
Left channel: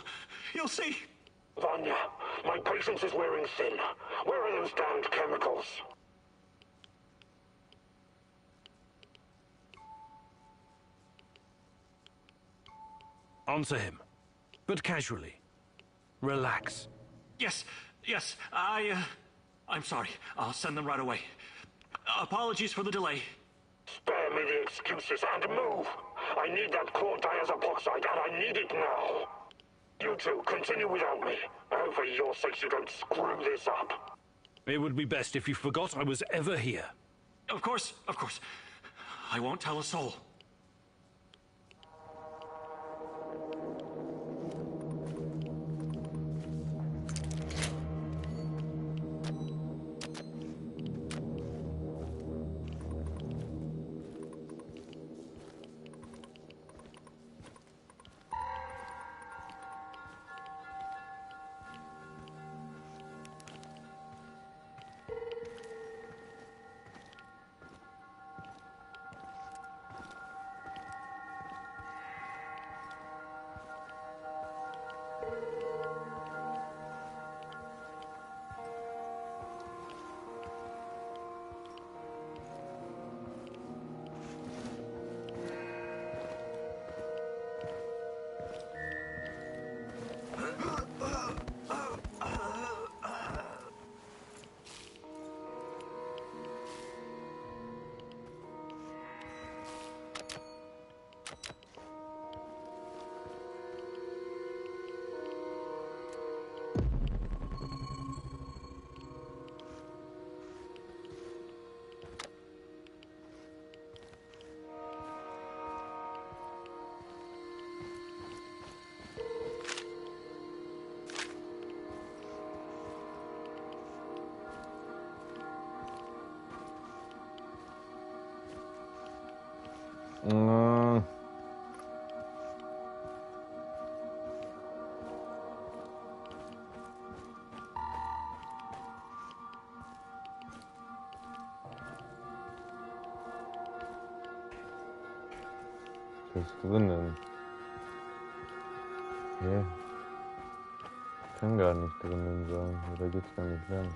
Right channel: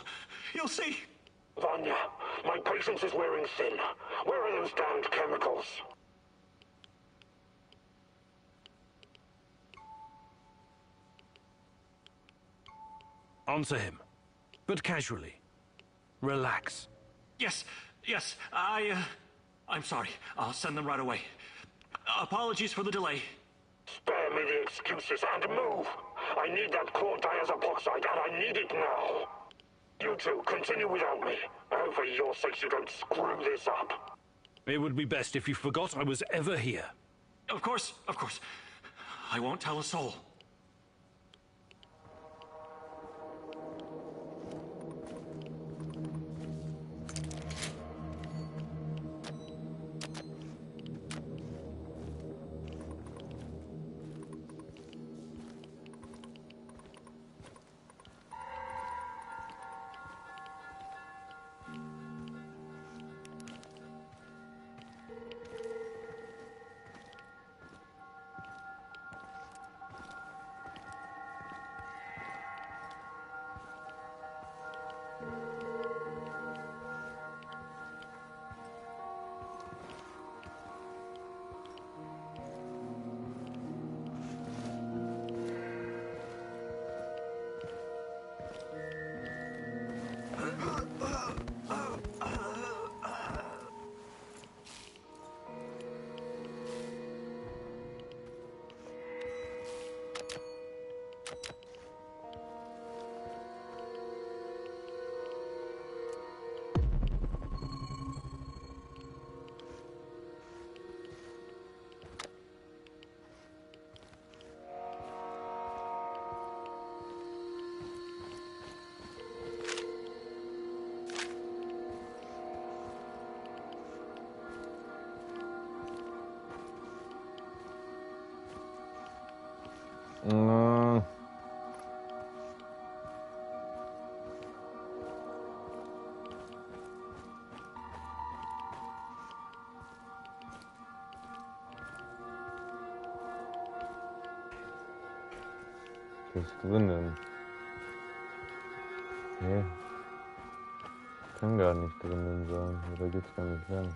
You'll see. Vanya, my patience is wearing thin. Where are those damned chemicals? Answer him, but casually. Relax. Yes, I'm sorry. I'll send them right away. Apologies for the delay. Spare me the excuses and move. I need that chlordiazopoxide, and I need it now. You two, continue without me. I hope for your sakes you don't screw this up. It would be best if you forgot I was ever here. Of course. I won't tell a soul. Was ist drinnen? Hä? Kann gar nicht drinnen sein. Oder geht's gar nicht lang?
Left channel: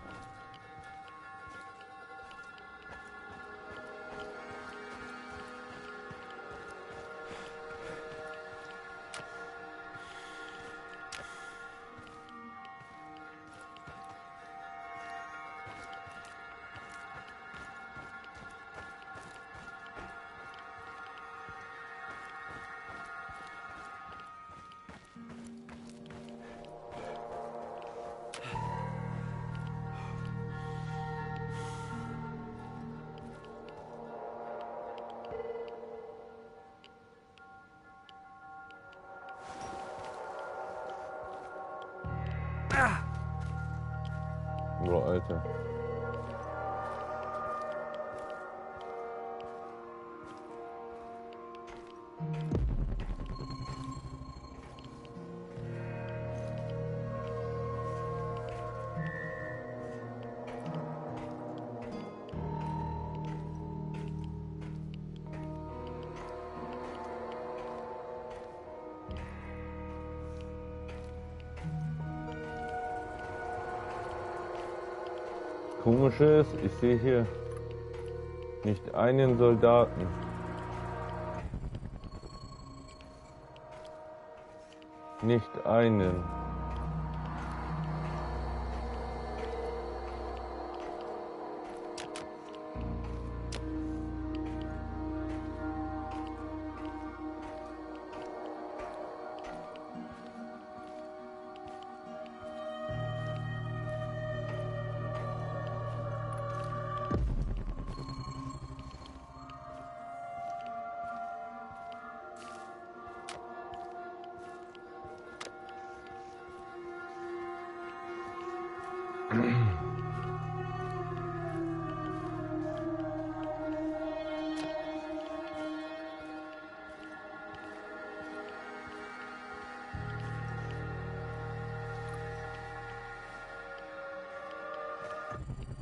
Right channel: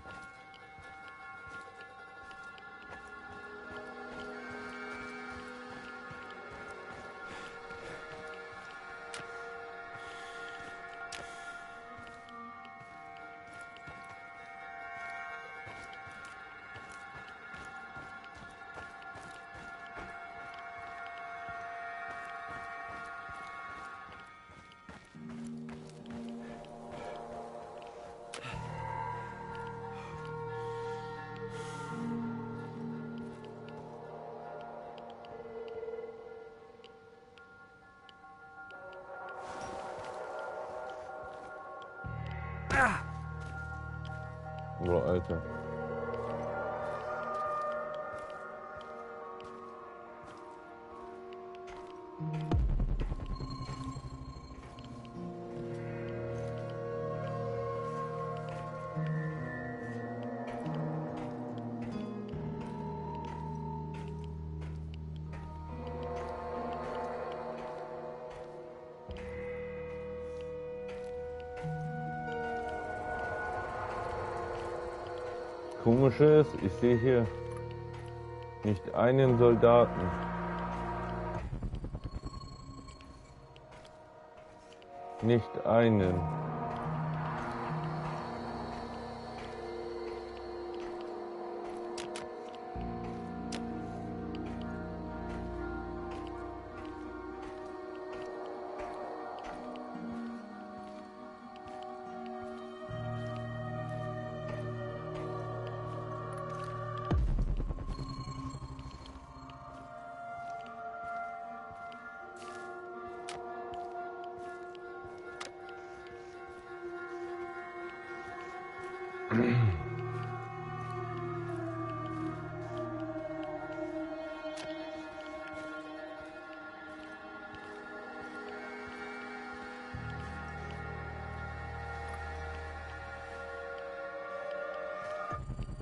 Boah, Alter. Komische ist, ich sehe hier nicht einen Soldaten. Nicht einen.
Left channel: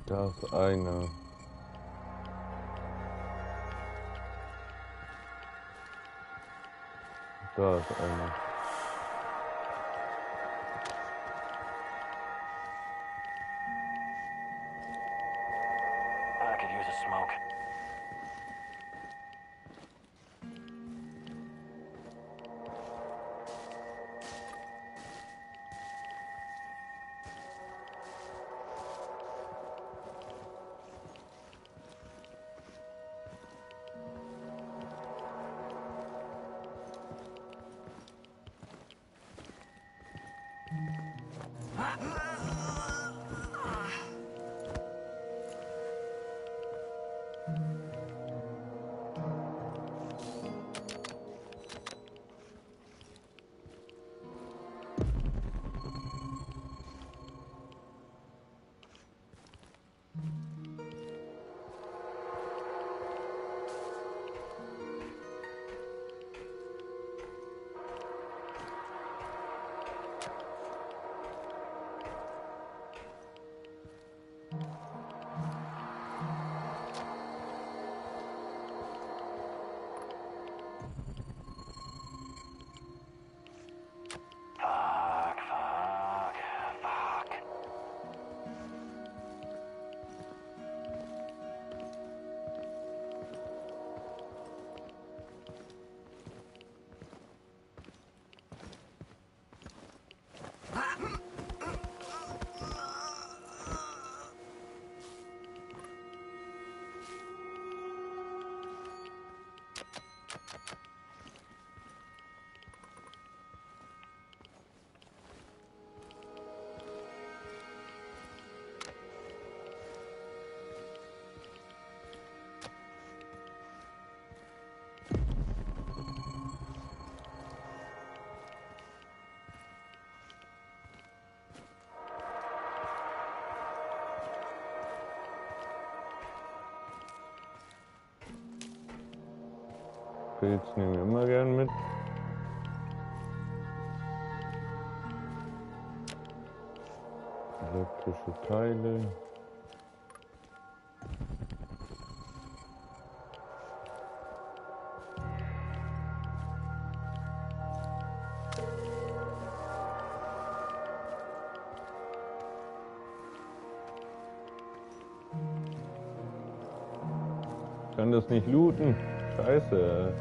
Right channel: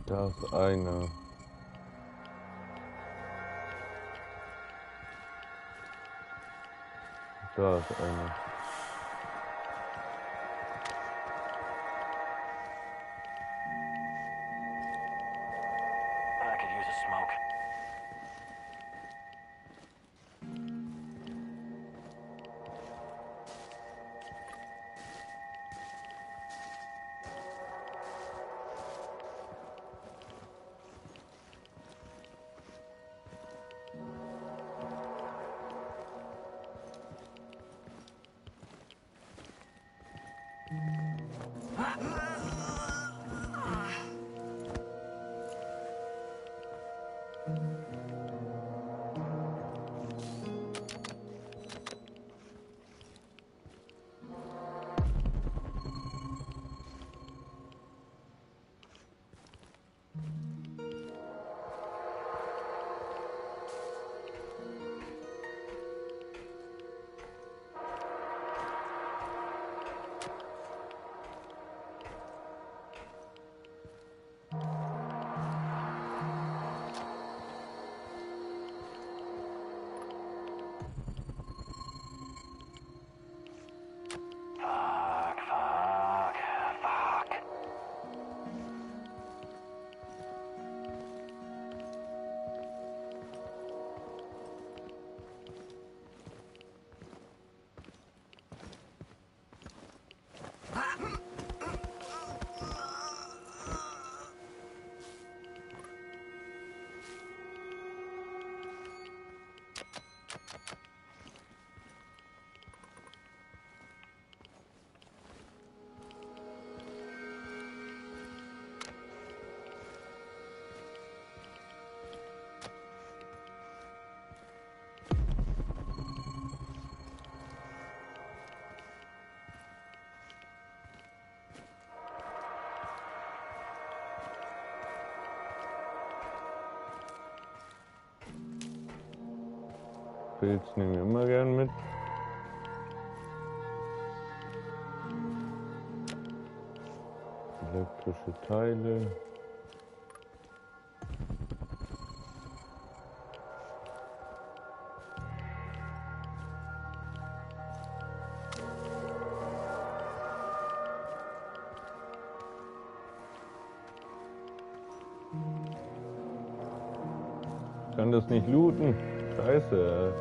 Da ist einer. Da ist einer. I could use a smoke. Pilz nehmen wir immer gern mit. Elektrische Teile. Ich kann das nicht looten. Scheiße.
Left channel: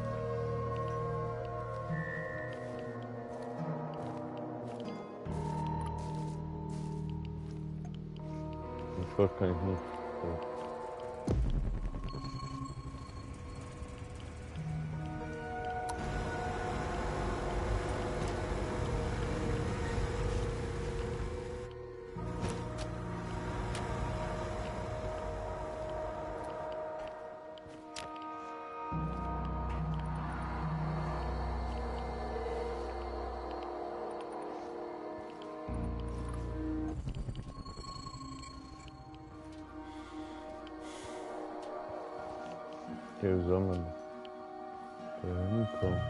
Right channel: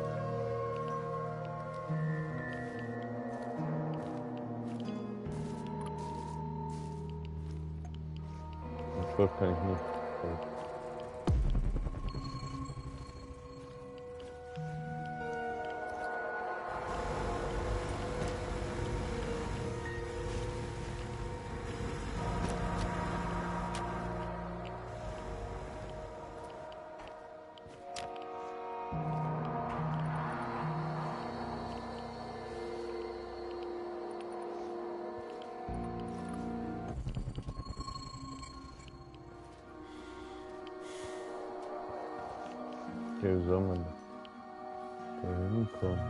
Den Schrott kann ich nicht. Hier soll man da hinkommen.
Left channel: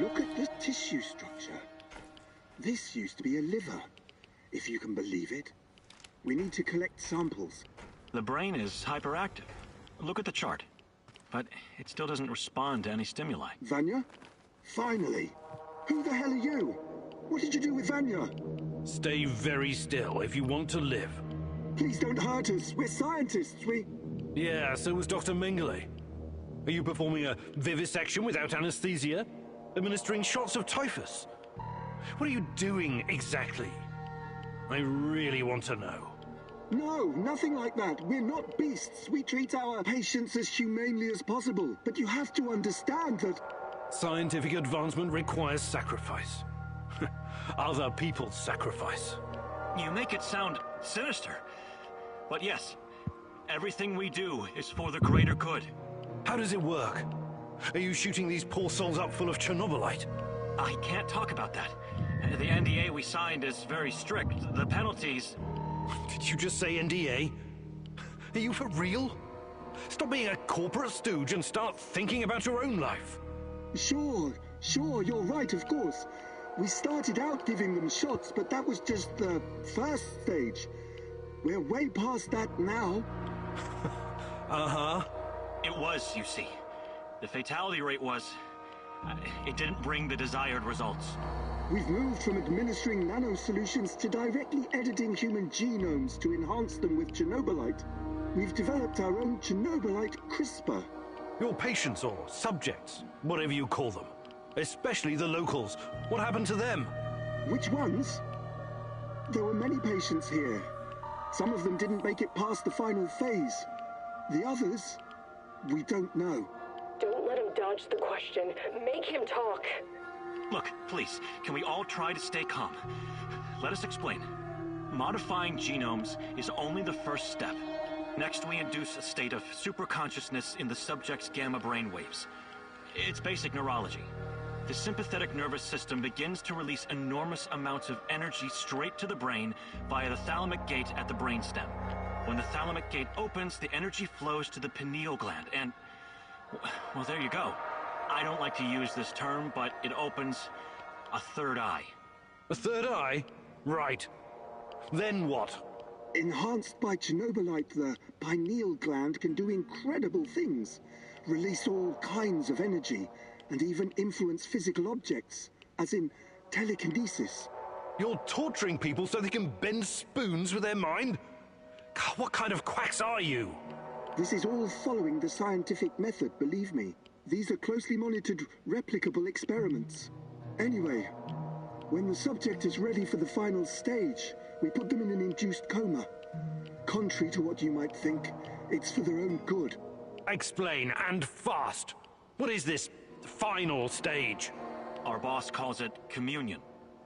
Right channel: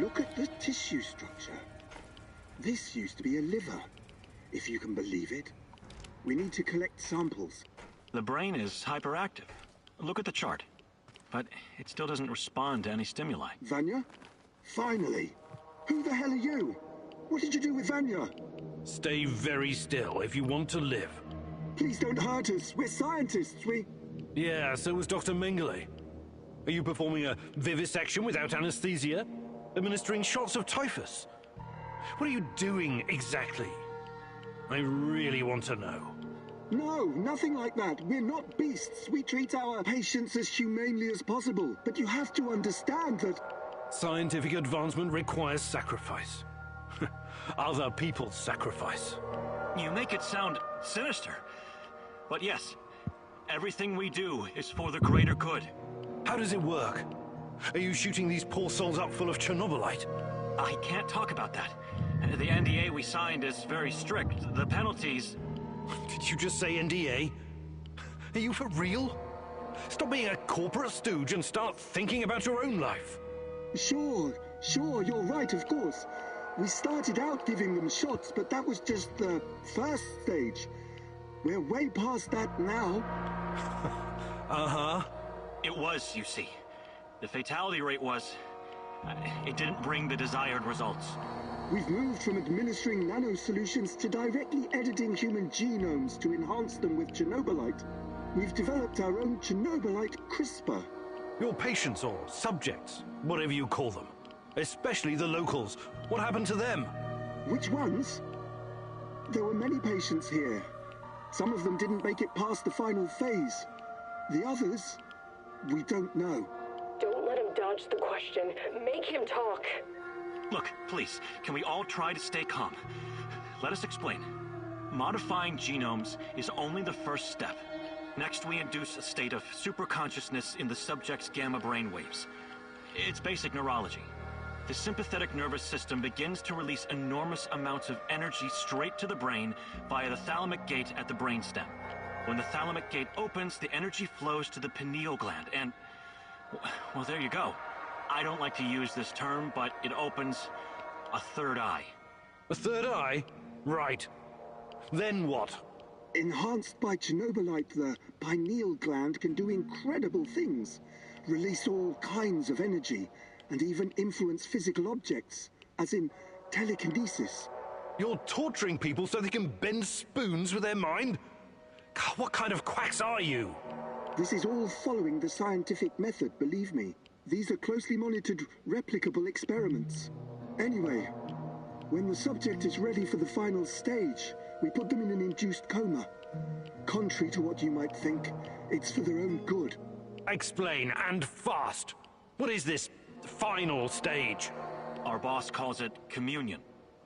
Look at the tissue structure. This used to be a liver, if you can believe it. We need to collect samples. The brain is hyperactive. Look at the chart. But it still doesn't respond to any stimuli. Vanya? Finally! Who the hell are you? What did you do with Vanya? Stay very still if you want to live. Please don't hurt us. We're scientists. Yeah, so was Dr. Mengele. Are you performing a vivisection without anesthesia? Administering shots of typhus? What are you doing exactly? I really want to know. No, nothing like that. We're not beasts. We treat our patients as humanely as possible. But you have to understand that... Scientific advancement requires sacrifice. Other people's sacrifice. You make it sound sinister. But yes, everything we do is for the greater good. How does it work? Are you shooting these poor souls up full of Chernobylite? I can't talk about that. The NDA we signed is very strict. The penalties... Did you just say NDA? Are you for real? Stop being a corporate stooge and start thinking about your own life. Sure, you're right, of course. We started out giving them shots, but that was just the first stage. We're way past that now. Uh-huh. It was, you see. The fatality rate was... it didn't bring the desired results. We've moved from administering nanosolutions to directly editing human genomes to enhance them with Chernobylite. We've developed our own Chernobylite CRISPR. Your patients or subjects, whatever you call them. Especially the locals. What happened to them? Which ones? There were many patients here. Some of them didn't make it past the final phase. The others, we don't know. Don't let him dodge the question. Make him talk. Look, please, can we all try to stay calm? Let us explain. Modifying genomes is only the first step. Next, we induce a state of superconsciousness in the subject's gamma brainwaves. It's basic neurology. The sympathetic nervous system begins to release enormous amounts of energy straight to the brain via the thalamic gate at the brainstem. When the thalamic gate opens, the energy flows to the pineal gland and... well, there you go. I don't like to use this term, but it opens a third eye. A third eye? Right. Then what? Enhanced by Chernobylite, the pineal gland can do incredible things. Release all kinds of energy, and even influence physical objects, as in telekinesis. You're torturing people so they can bend spoons with their mind? God, what kind of quacks are you? This is all following the scientific method, believe me. These are closely monitored, replicable experiments. Anyway, when the subject is ready for the final stage, we put them in an induced coma. Contrary to what you might think, it's for their own good. Explain, and fast. What is this final stage? Our boss calls it communion.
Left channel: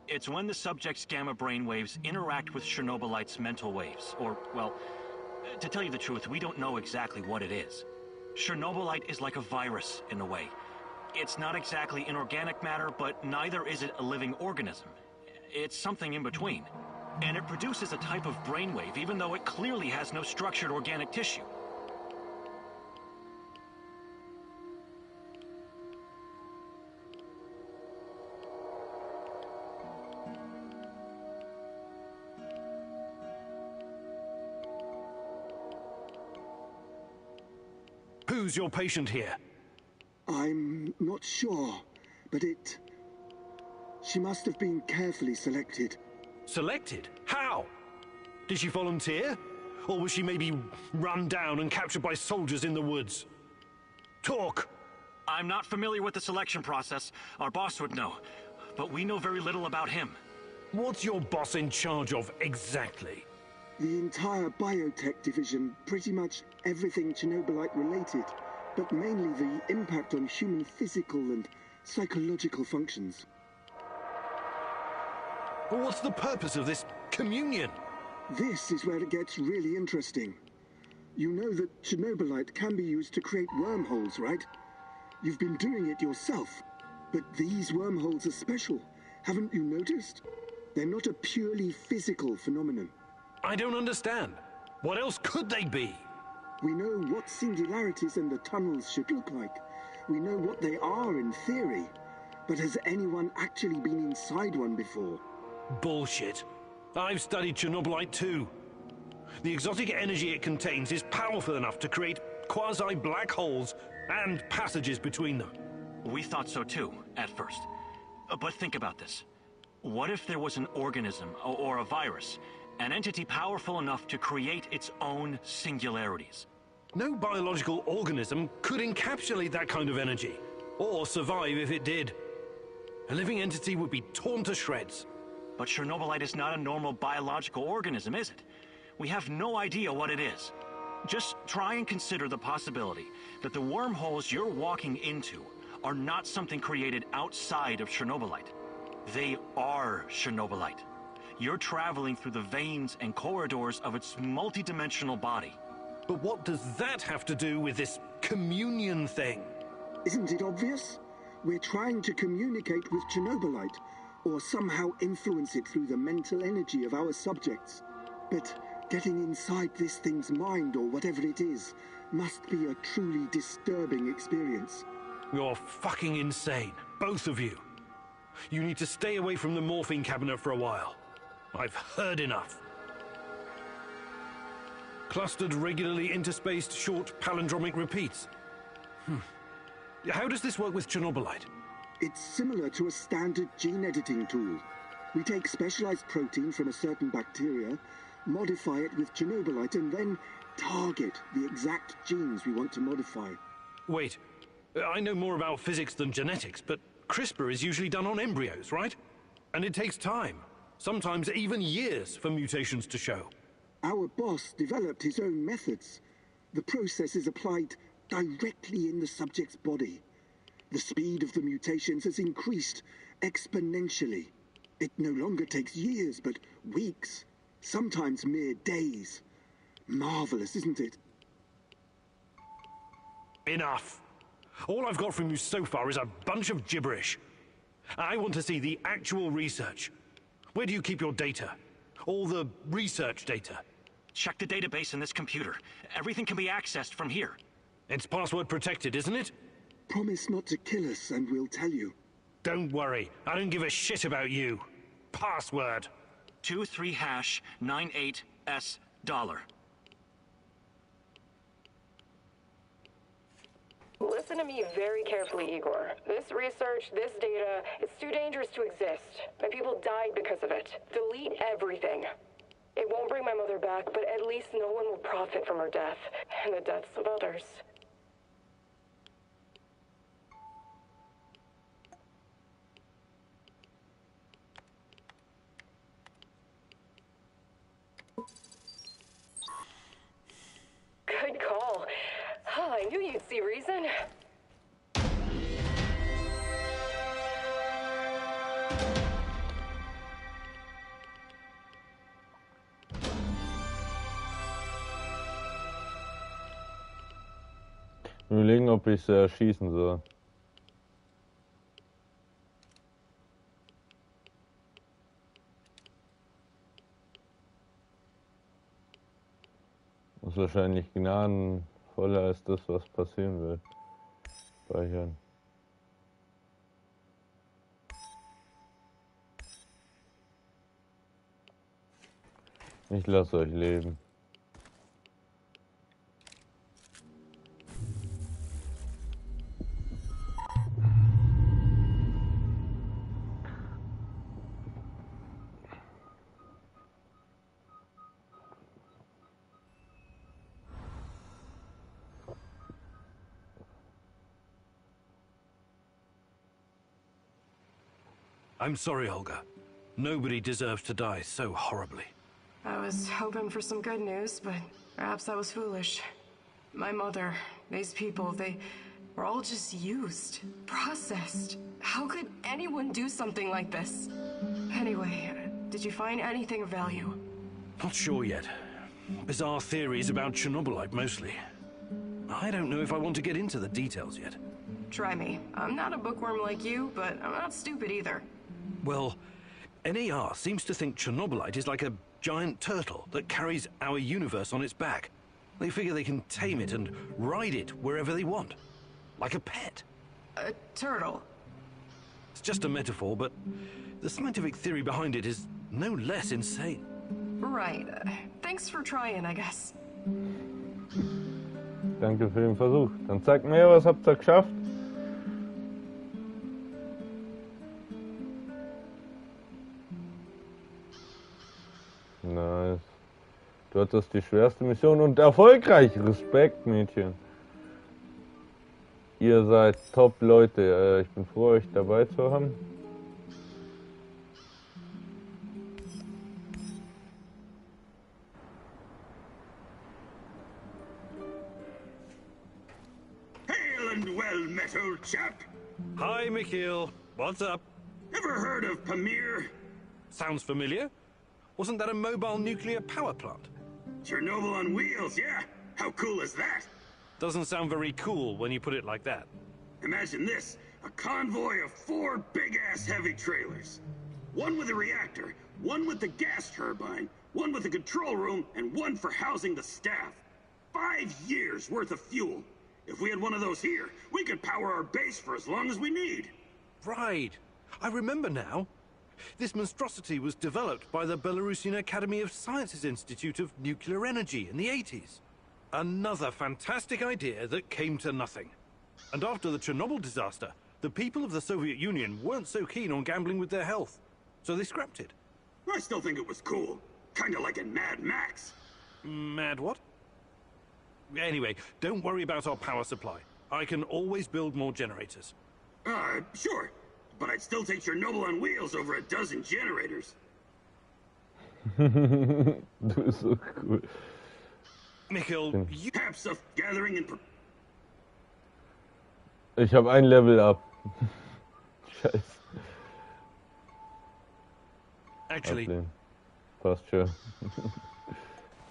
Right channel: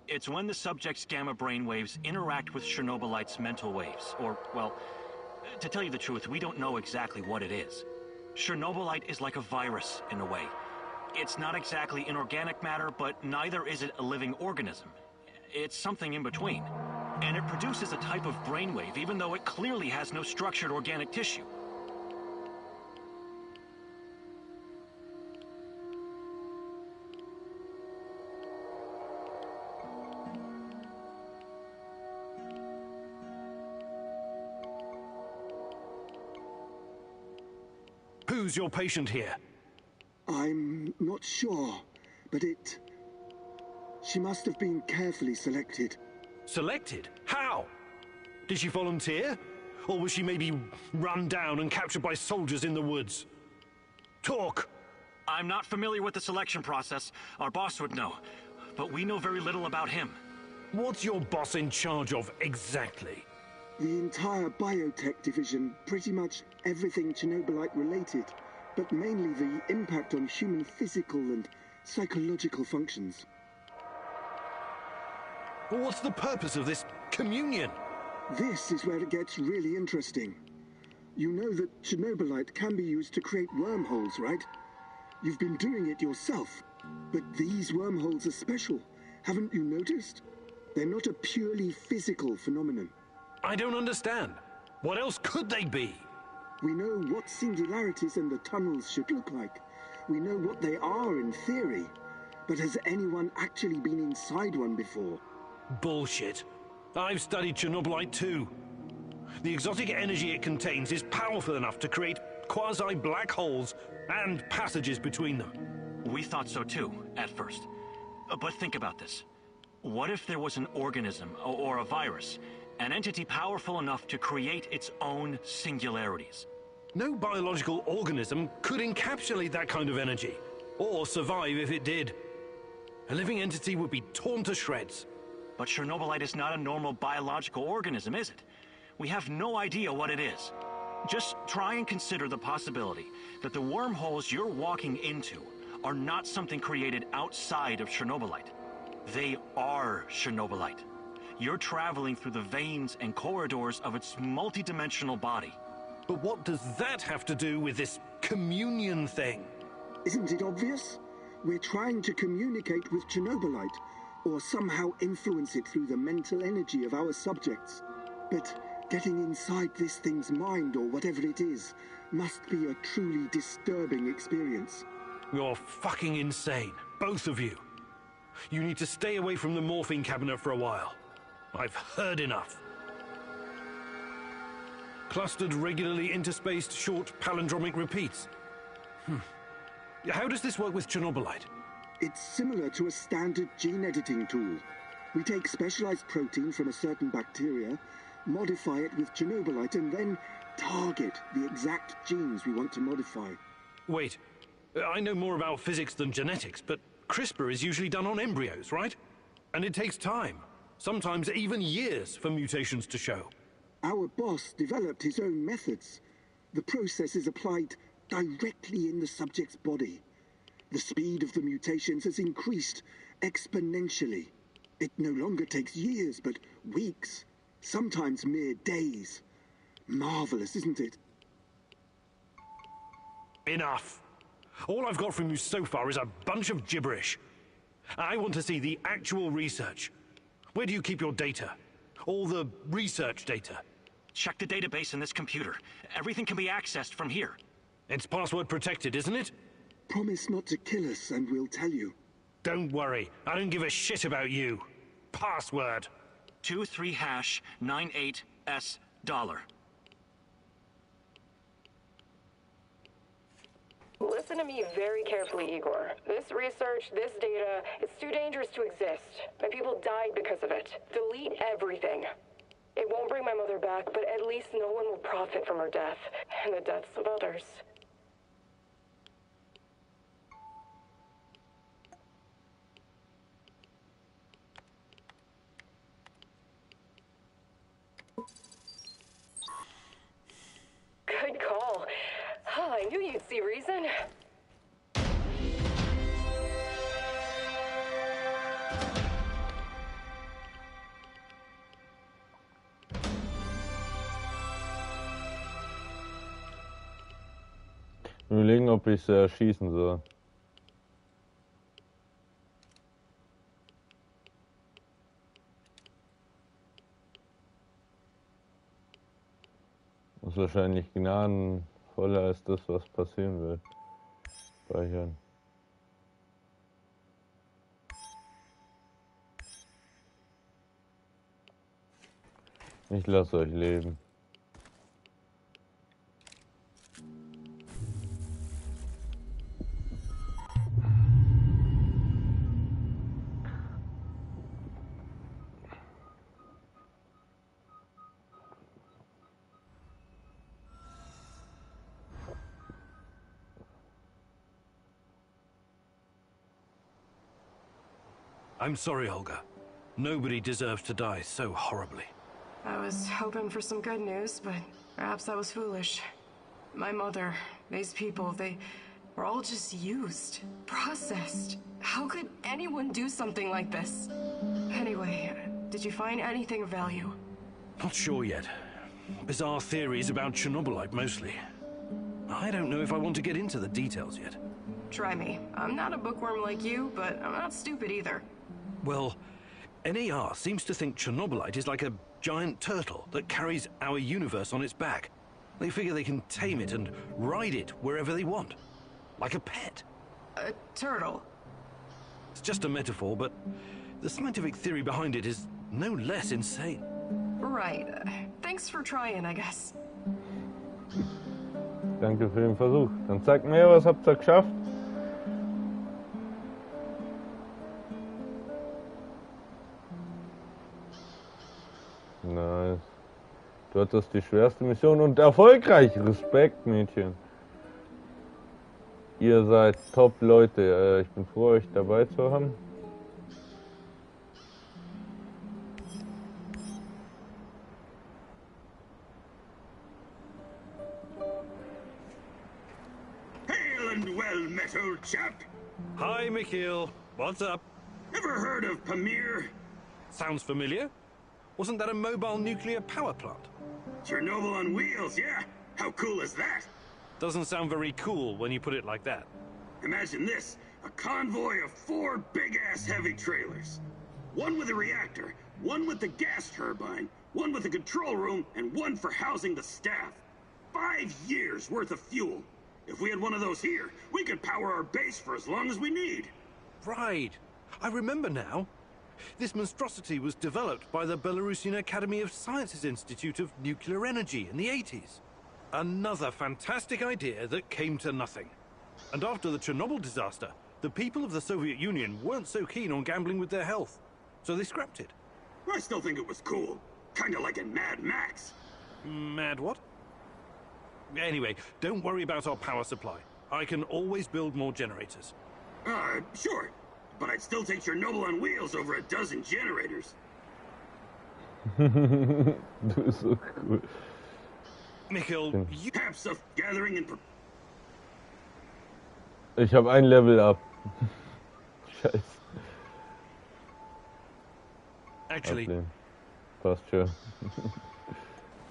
It's when the subject's gamma brainwaves interact with Chernobylite's mental waves. Or, well, to tell you the truth, we don't know exactly what it is. Chernobylite is like a virus, in a way. It's not exactly inorganic matter, but neither is it a living organism. It's something in between. And it produces a type of brainwave, even though it clearly has no structured organic tissue. Who's your patient here? I'm not sure, but she must have been carefully selected. Selected? How? Did she volunteer? Or was she maybe run down and captured by soldiers in the woods? Talk! I'm not familiar with the selection process. Our boss would know. But we know very little about him. What's your boss in charge of exactly? The entire biotech division, pretty much everything Chernobylite related, but mainly the impact on human physical and psychological functions. Well, what's the purpose of this communion? This is where it gets really interesting. You know that Chernobylite can be used to create wormholes, right? You've been doing it yourself. But these wormholes are special. Haven't you noticed? They're not a purely physical phenomenon. I don't understand. What else could they be? We know what singularities and the tunnels should look like. We know what they are in theory. But has anyone actually been inside one before? Bullshit. I've studied Chernobylite too. The exotic energy it contains is powerful enough to create quasi-black holes and passages between them. We thought so too, at first. But think about this. What if there was an organism, or a virus, an entity powerful enough to create its own singularities? No biological organism could encapsulate that kind of energy, or survive if it did. A living entity would be torn to shreds. But Chernobylite is not a normal biological organism, is it? We have no idea what it is. Just try and consider the possibility that the wormholes you're walking into are not something created outside of Chernobylite. They are Chernobylite. You're traveling through the veins and corridors of its multidimensional body. But what does that have to do with this communion thing? Isn't it obvious? We're trying to communicate with Chernobylite, or somehow influence it through the mental energy of our subjects. But getting inside this thing's mind, or whatever it is, must be a truly disturbing experience. You're fucking insane, both of you. You need to stay away from the morphine cabinet for a while. I've heard enough. Clustered, regularly interspaced, short palindromic repeats. How does this work with Chernobylite? It's similar to a standard gene editing tool. We take specialized protein from a certain bacteria, modify it with Chernobylite, and then target the exact genes we want to modify. Wait, I know more about physics than genetics, but CRISPR is usually done on embryos, right? And it takes time, sometimes even years, for mutations to show. Our boss developed his own methods. The process is applied directly in the subject's body. The speed of the mutations has increased exponentially. It no longer takes years, but weeks, sometimes mere days. Marvelous, isn't it? Enough. All I've got from you so far is a bunch of gibberish. I want to see the actual research. Where do you keep your data? All the research data? Check the database in this computer. Everything can be accessed from here. It's password protected, isn't it? Promise not to kill us and we'll tell you. Don't worry. I don't give a shit about you. Password. 23#98S$. Listen to me very carefully, Igor. This research, this data, it's too dangerous to exist. My people died because of it. Delete everything. It won't bring my mother back, but at least no one will profit from her death, and the deaths of others. Good call. I knew you'd see reason. Überlegen, ob ich sie erschießen soll. Das ist wahrscheinlich gnadenvoller als das, was passieren wird. Speichern. Ich lasse euch leben. I'm sorry, Olga. Nobody deserves to die so horribly. I was hoping for some good news, but perhaps I was foolish. My mother, these people, they were all just used, processed. How could anyone do something like this? Anyway, did you find anything of value? Not sure yet. Bizarre theories about Chernobylite, mostly. I don't know if I want to get into the details yet. Try me. I'm not a bookworm like you, but I'm not stupid either. Well, NAR seems to think Chernobylite is like a giant turtle that carries our universe on its back. They figure they can tame it and ride it wherever they want. Like a pet. A turtle? It's just a metaphor, but the scientific theory behind it is no less insane. Right. Thanks for trying, I guess. Danke für den Versuch. Dann zeigt mir, was habt ihr geschafft? Nice. Du hattest die schwerste Mission und erfolgreich. Respekt, Mädchen. Ihr seid top Leute. Ich bin froh, euch dabei zu haben. Hail and well met, old chap. Hi, Mikhail. What's up? Ever heard of Pamir? Sounds familiar. Wasn't that a mobile nuclear power plant? Chernobyl on wheels, yeah? How cool is that? Doesn't sound very cool when you put it like that. Imagine this, a convoy of 4 big-ass heavy trailers. One with a reactor, one with the gas turbine, one with the control room, and one for housing the staff. 5 years worth of fuel. If we had one of those here, we could power our base for as long as we need. Right. I remember now. This monstrosity was developed by the Belarusian Academy of Sciences Institute of Nuclear Energy in the 80s. Another fantastic idea that came to nothing. And after the Chernobyl disaster, the people of the Soviet Union weren't so keen on gambling with their health, so they scrapped it. I still think it was cool. Kinda like in Mad Max. Mad what? Anyway, don't worry about our power supply. I can always build more generators. Sure. But I'd still take Chernobyl on wheels over a dozen generators. Du bist so cool. Mikhail, you... Perhaps of gathering and... Ich habe ein Level up. Scheiße. Actually... Ablehnen. Passt schon.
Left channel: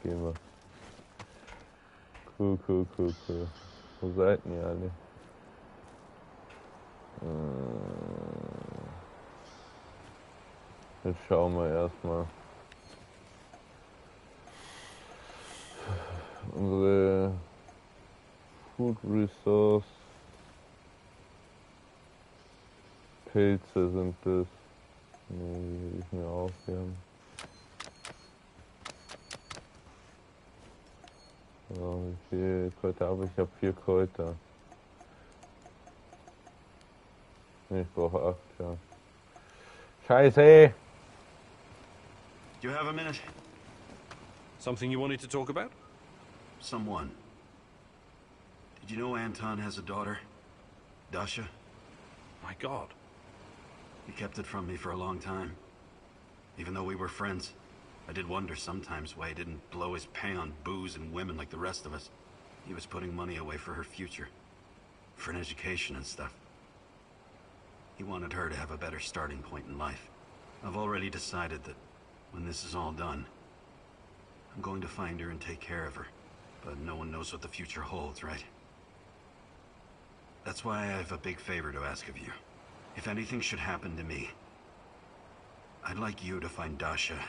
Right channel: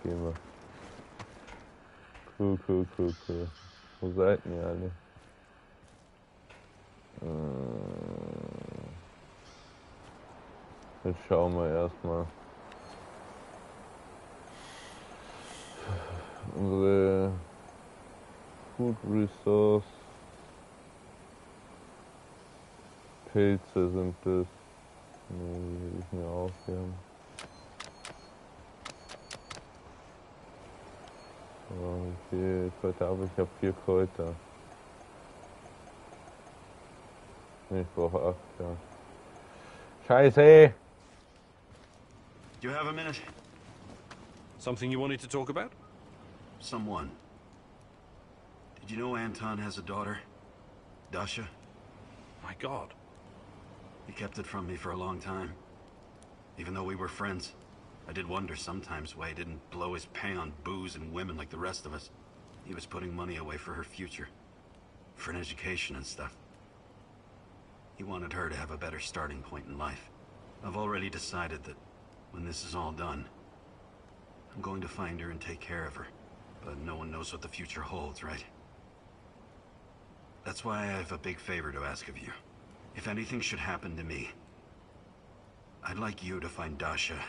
Gehen wir. Cool. Wo seid ihr alle? Jetzt schauen wir erstmal. Unsere Food Resource Pilze sind das. Ne, die will ich mir aufheben. So, wie viel Kräuter habe ich? Ich habe 4 Kräuter. Ich brauche 8, ja. Scheiße! Do you have a minute? Something you wanted to talk about? Someone. Did you know Anton has a daughter? Dasha? My God. He kept it from me for a long time. Even though we were friends, I did wonder sometimes why he didn't blow his pay on booze and women like the rest of us. He was putting money away for her future. For an education and stuff. He wanted her to have a better starting point in life. I've already decided that when this is all done, I'm going to find her and take care of her. But no one knows what the future holds, right? That's why I have a big favor to ask of you. If anything should happen to me, I'd like you to find Dasha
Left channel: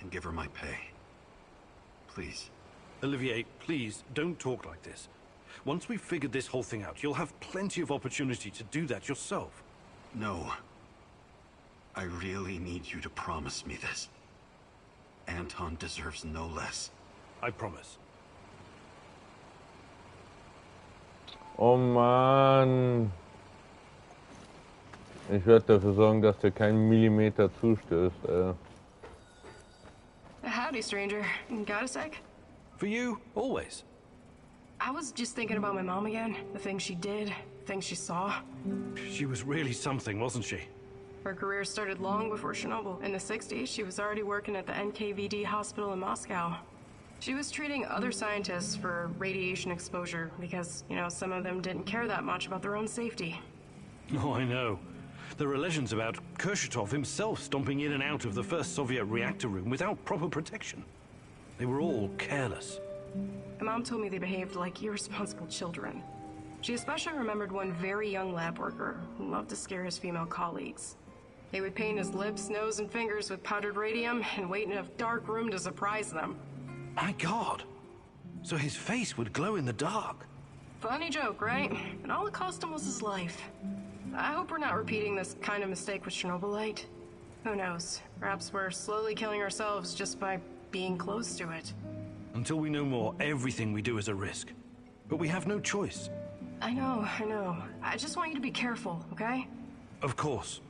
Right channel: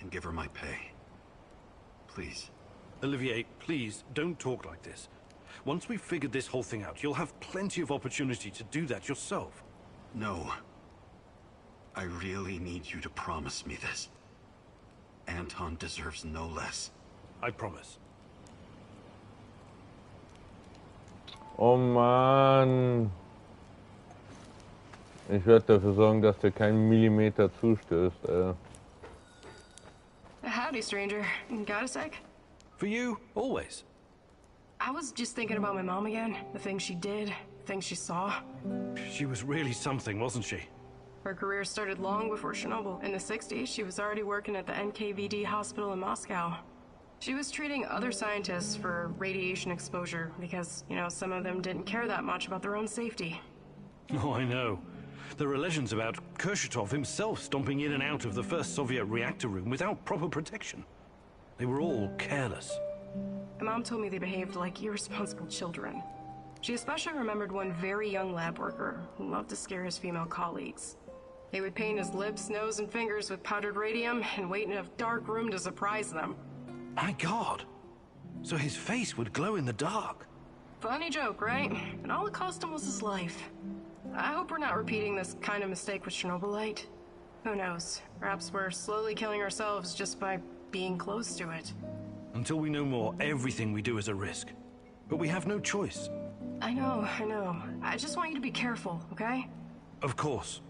and give her my pay. Please. Olivier, please, don't talk like this. Once we've figured this whole thing out, you'll have plenty of opportunity to do that yourself. No. I really need you to promise me this. Anton deserves no less. I promise. Oh Mann. Ich werde dafür sorgen, dass der keinen Millimeter zustößt, Howdy, stranger. Got a sec? For you, always. I was just thinking about my mom again. The things she did, things she saw. She was really something, wasn't she? Her career started long before Chernobyl. In the 60s, she was already working at the NKVD hospital in Moscow. She was treating other scientists for radiation exposure because, you know, some of them didn't care that much about their own safety. Oh, I know. There are legends about Kurchatov himself stomping in and out of the first Soviet reactor room without proper protection. They were all careless. My mom told me they behaved like irresponsible children. She especially remembered one very young lab worker who loved to scare his female colleagues. They would paint his lips, nose, and fingers with powdered radium and wait in a dark room to surprise them. My God! So his face would glow in the dark. Funny joke, right? And all it cost him was his life. I hope we're not repeating this kind of mistake with Chernobylite. Who knows? Perhaps we're slowly killing ourselves just by being close to it. Until we know more, everything we do is a risk. But we have no choice. I know. I just want you to be careful, okay? Of course.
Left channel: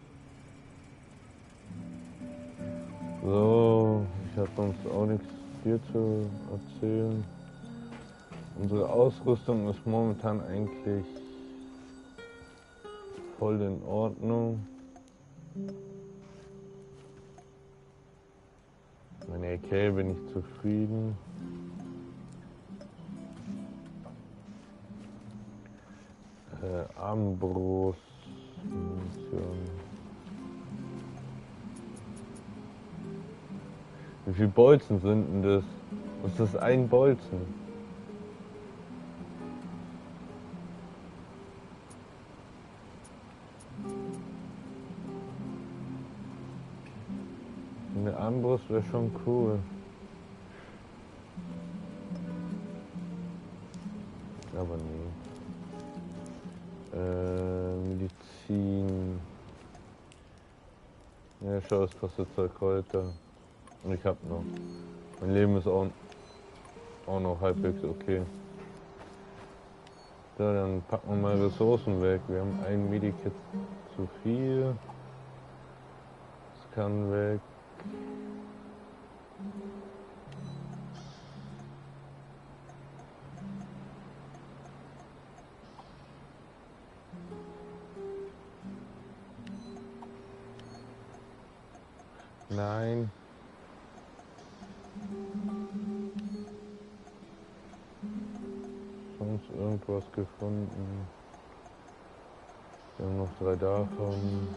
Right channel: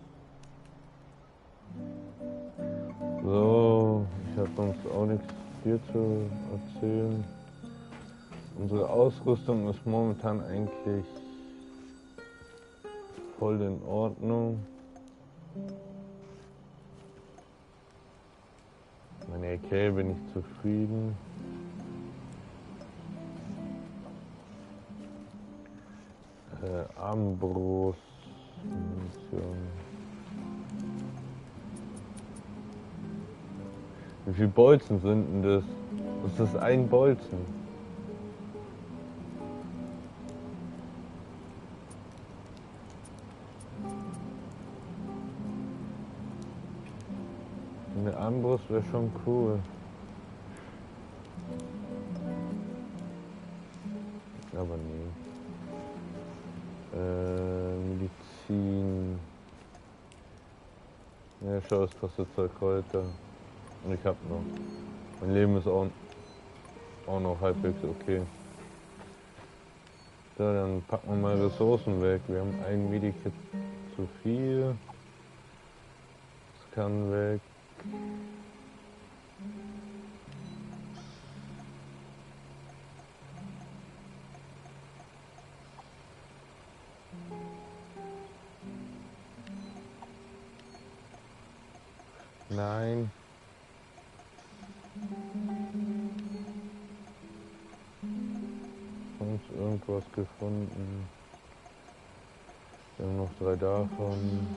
So, ich habe sonst auch nichts viel zu erzählen. Unsere Ausrüstung ist momentan eigentlich voll in Ordnung. Meine AK bin ich zufrieden. Armbrust, Munition. Wie viele Bolzen sind denn das? Das ist ein Bolzen. Eine Armbrust wäre schon cool. Aber nee. Medizin. Ja, schau, es kostet 2 Kräuter. Und ich hab noch. Mein Leben ist auch noch halbwegs okay. So, dann packen wir mal Ressourcen weg. Wir haben ein Medikit zu viel. Das kann weg. Nein. Sonst irgendwas gefunden. Wir haben noch 3 davon.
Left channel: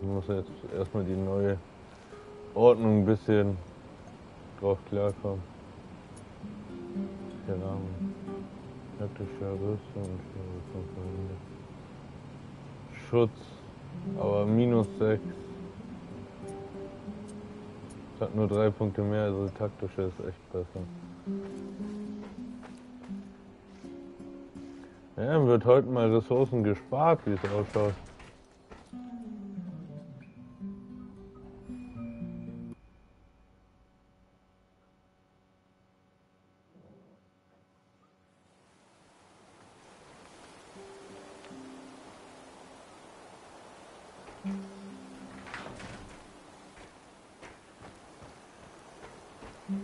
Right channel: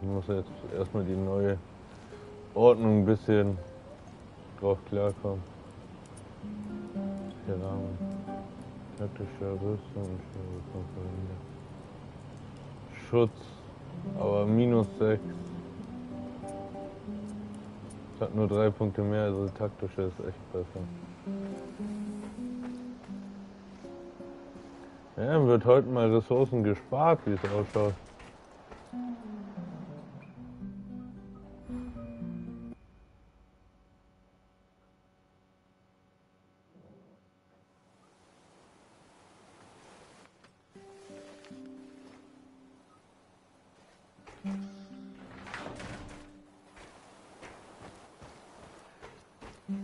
Ich muss jetzt erstmal die neue Ordnung ein bisschen drauf klarkommen. Der Rahmen. Taktische Rüstung, Schutz, aber -6. Es hat nur 3 Punkte mehr, also taktische ist echt besser. Ja, dann wird heute mal Ressourcen gespart, wie es ausschaut.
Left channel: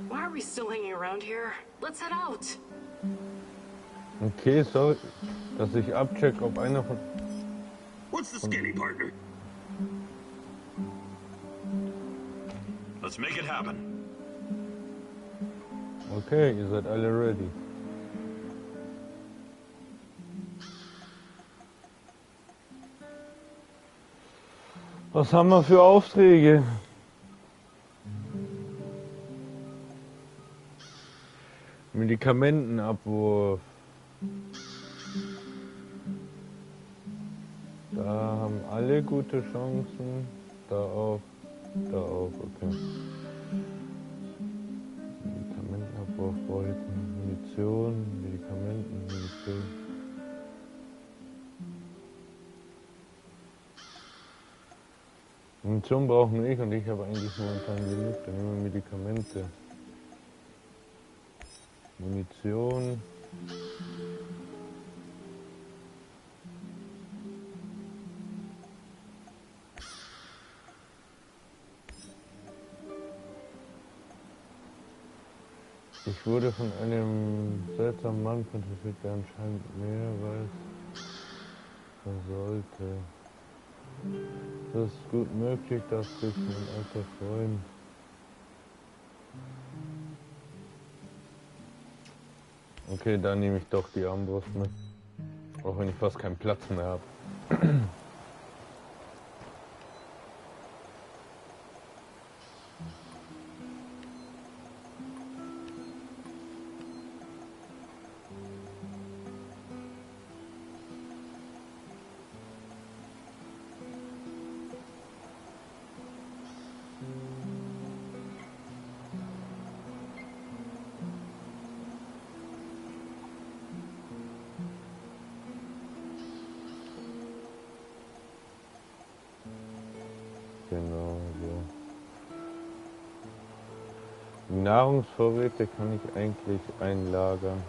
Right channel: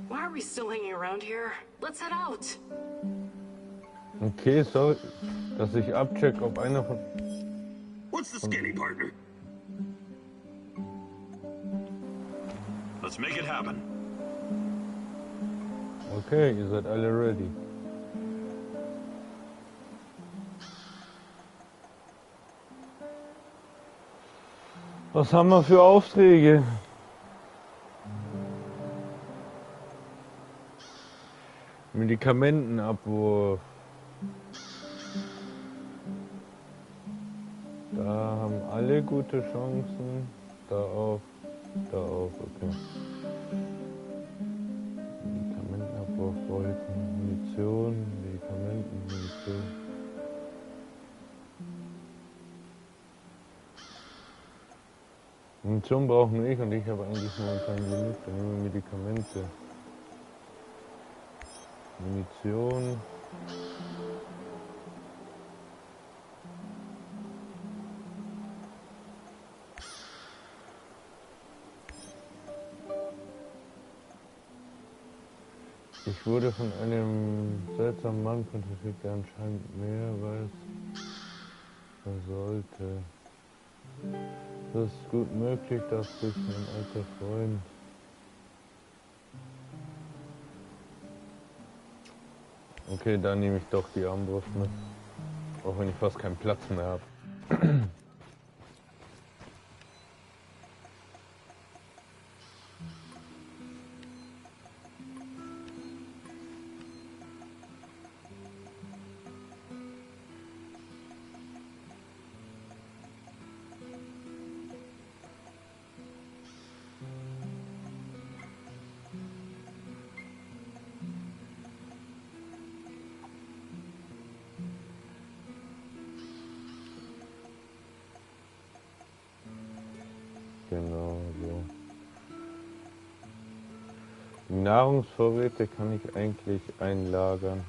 Why are we still hanging around here? Let's head out. Okay, sorry, dass ich abcheck, ob einer von... What's the skinny, partner? Let's make it happen. Okay, ihr seid alle ready. Was haben wir für Aufträge? Medikamentenabwurf. Da haben alle gute Chancen. Da auch, okay. Medikamentenabwurf, Bolzen, Munition, Munition. Munition brauchen wir nicht und ich habe eigentlich momentan genug, dann nehmen wir Medikamente. Munition. Ich wurde von einem seltsamen Mann kontaktiert, der anscheinend mehr weiß, was er sollte. Es ist gut möglich, dass sich mein alter Freund Okay, dann nehme ich doch die Armbrust mit. Auch wenn ich fast keinen Platz mehr habe. Genau so. Die Nahrungsvorräte kann ich eigentlich einlagern.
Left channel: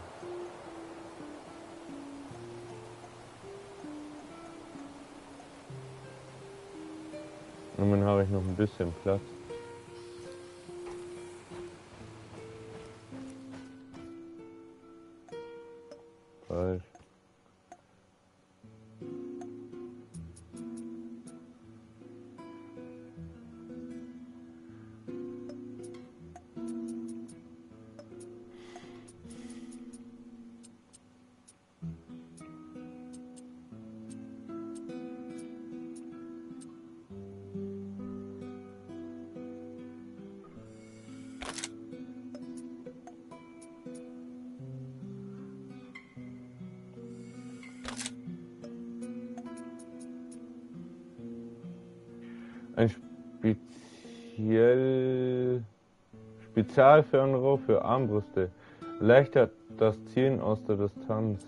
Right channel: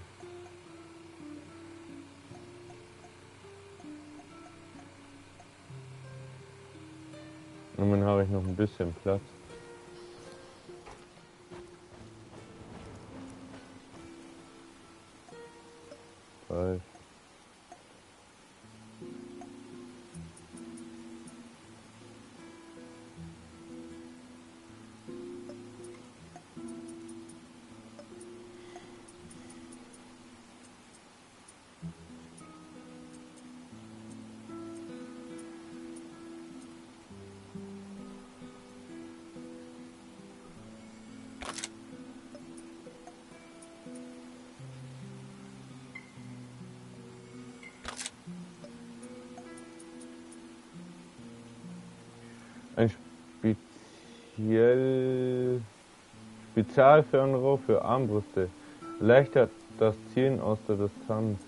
Und dann habe ich noch ein bisschen Platz. Falsch. Ein Spezialfernrohr für Armbrüste erleichtert das Zielen aus der Distanz.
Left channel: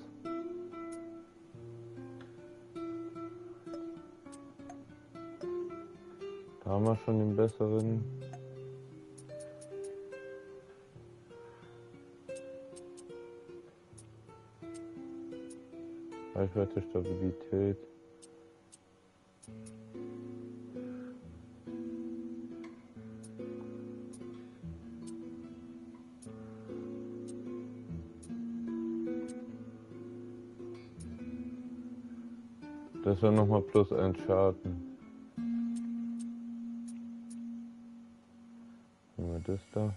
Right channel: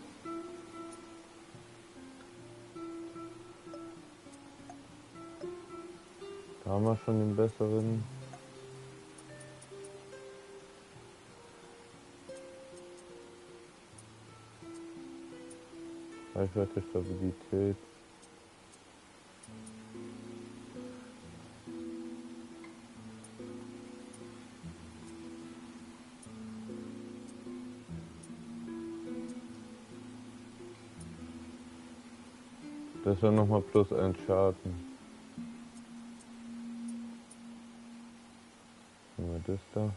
Da haben wir schon den besseren. Reichweite, Stabilität. Das ist ja nochmal plus ein Schaden. Nehmen wir das da.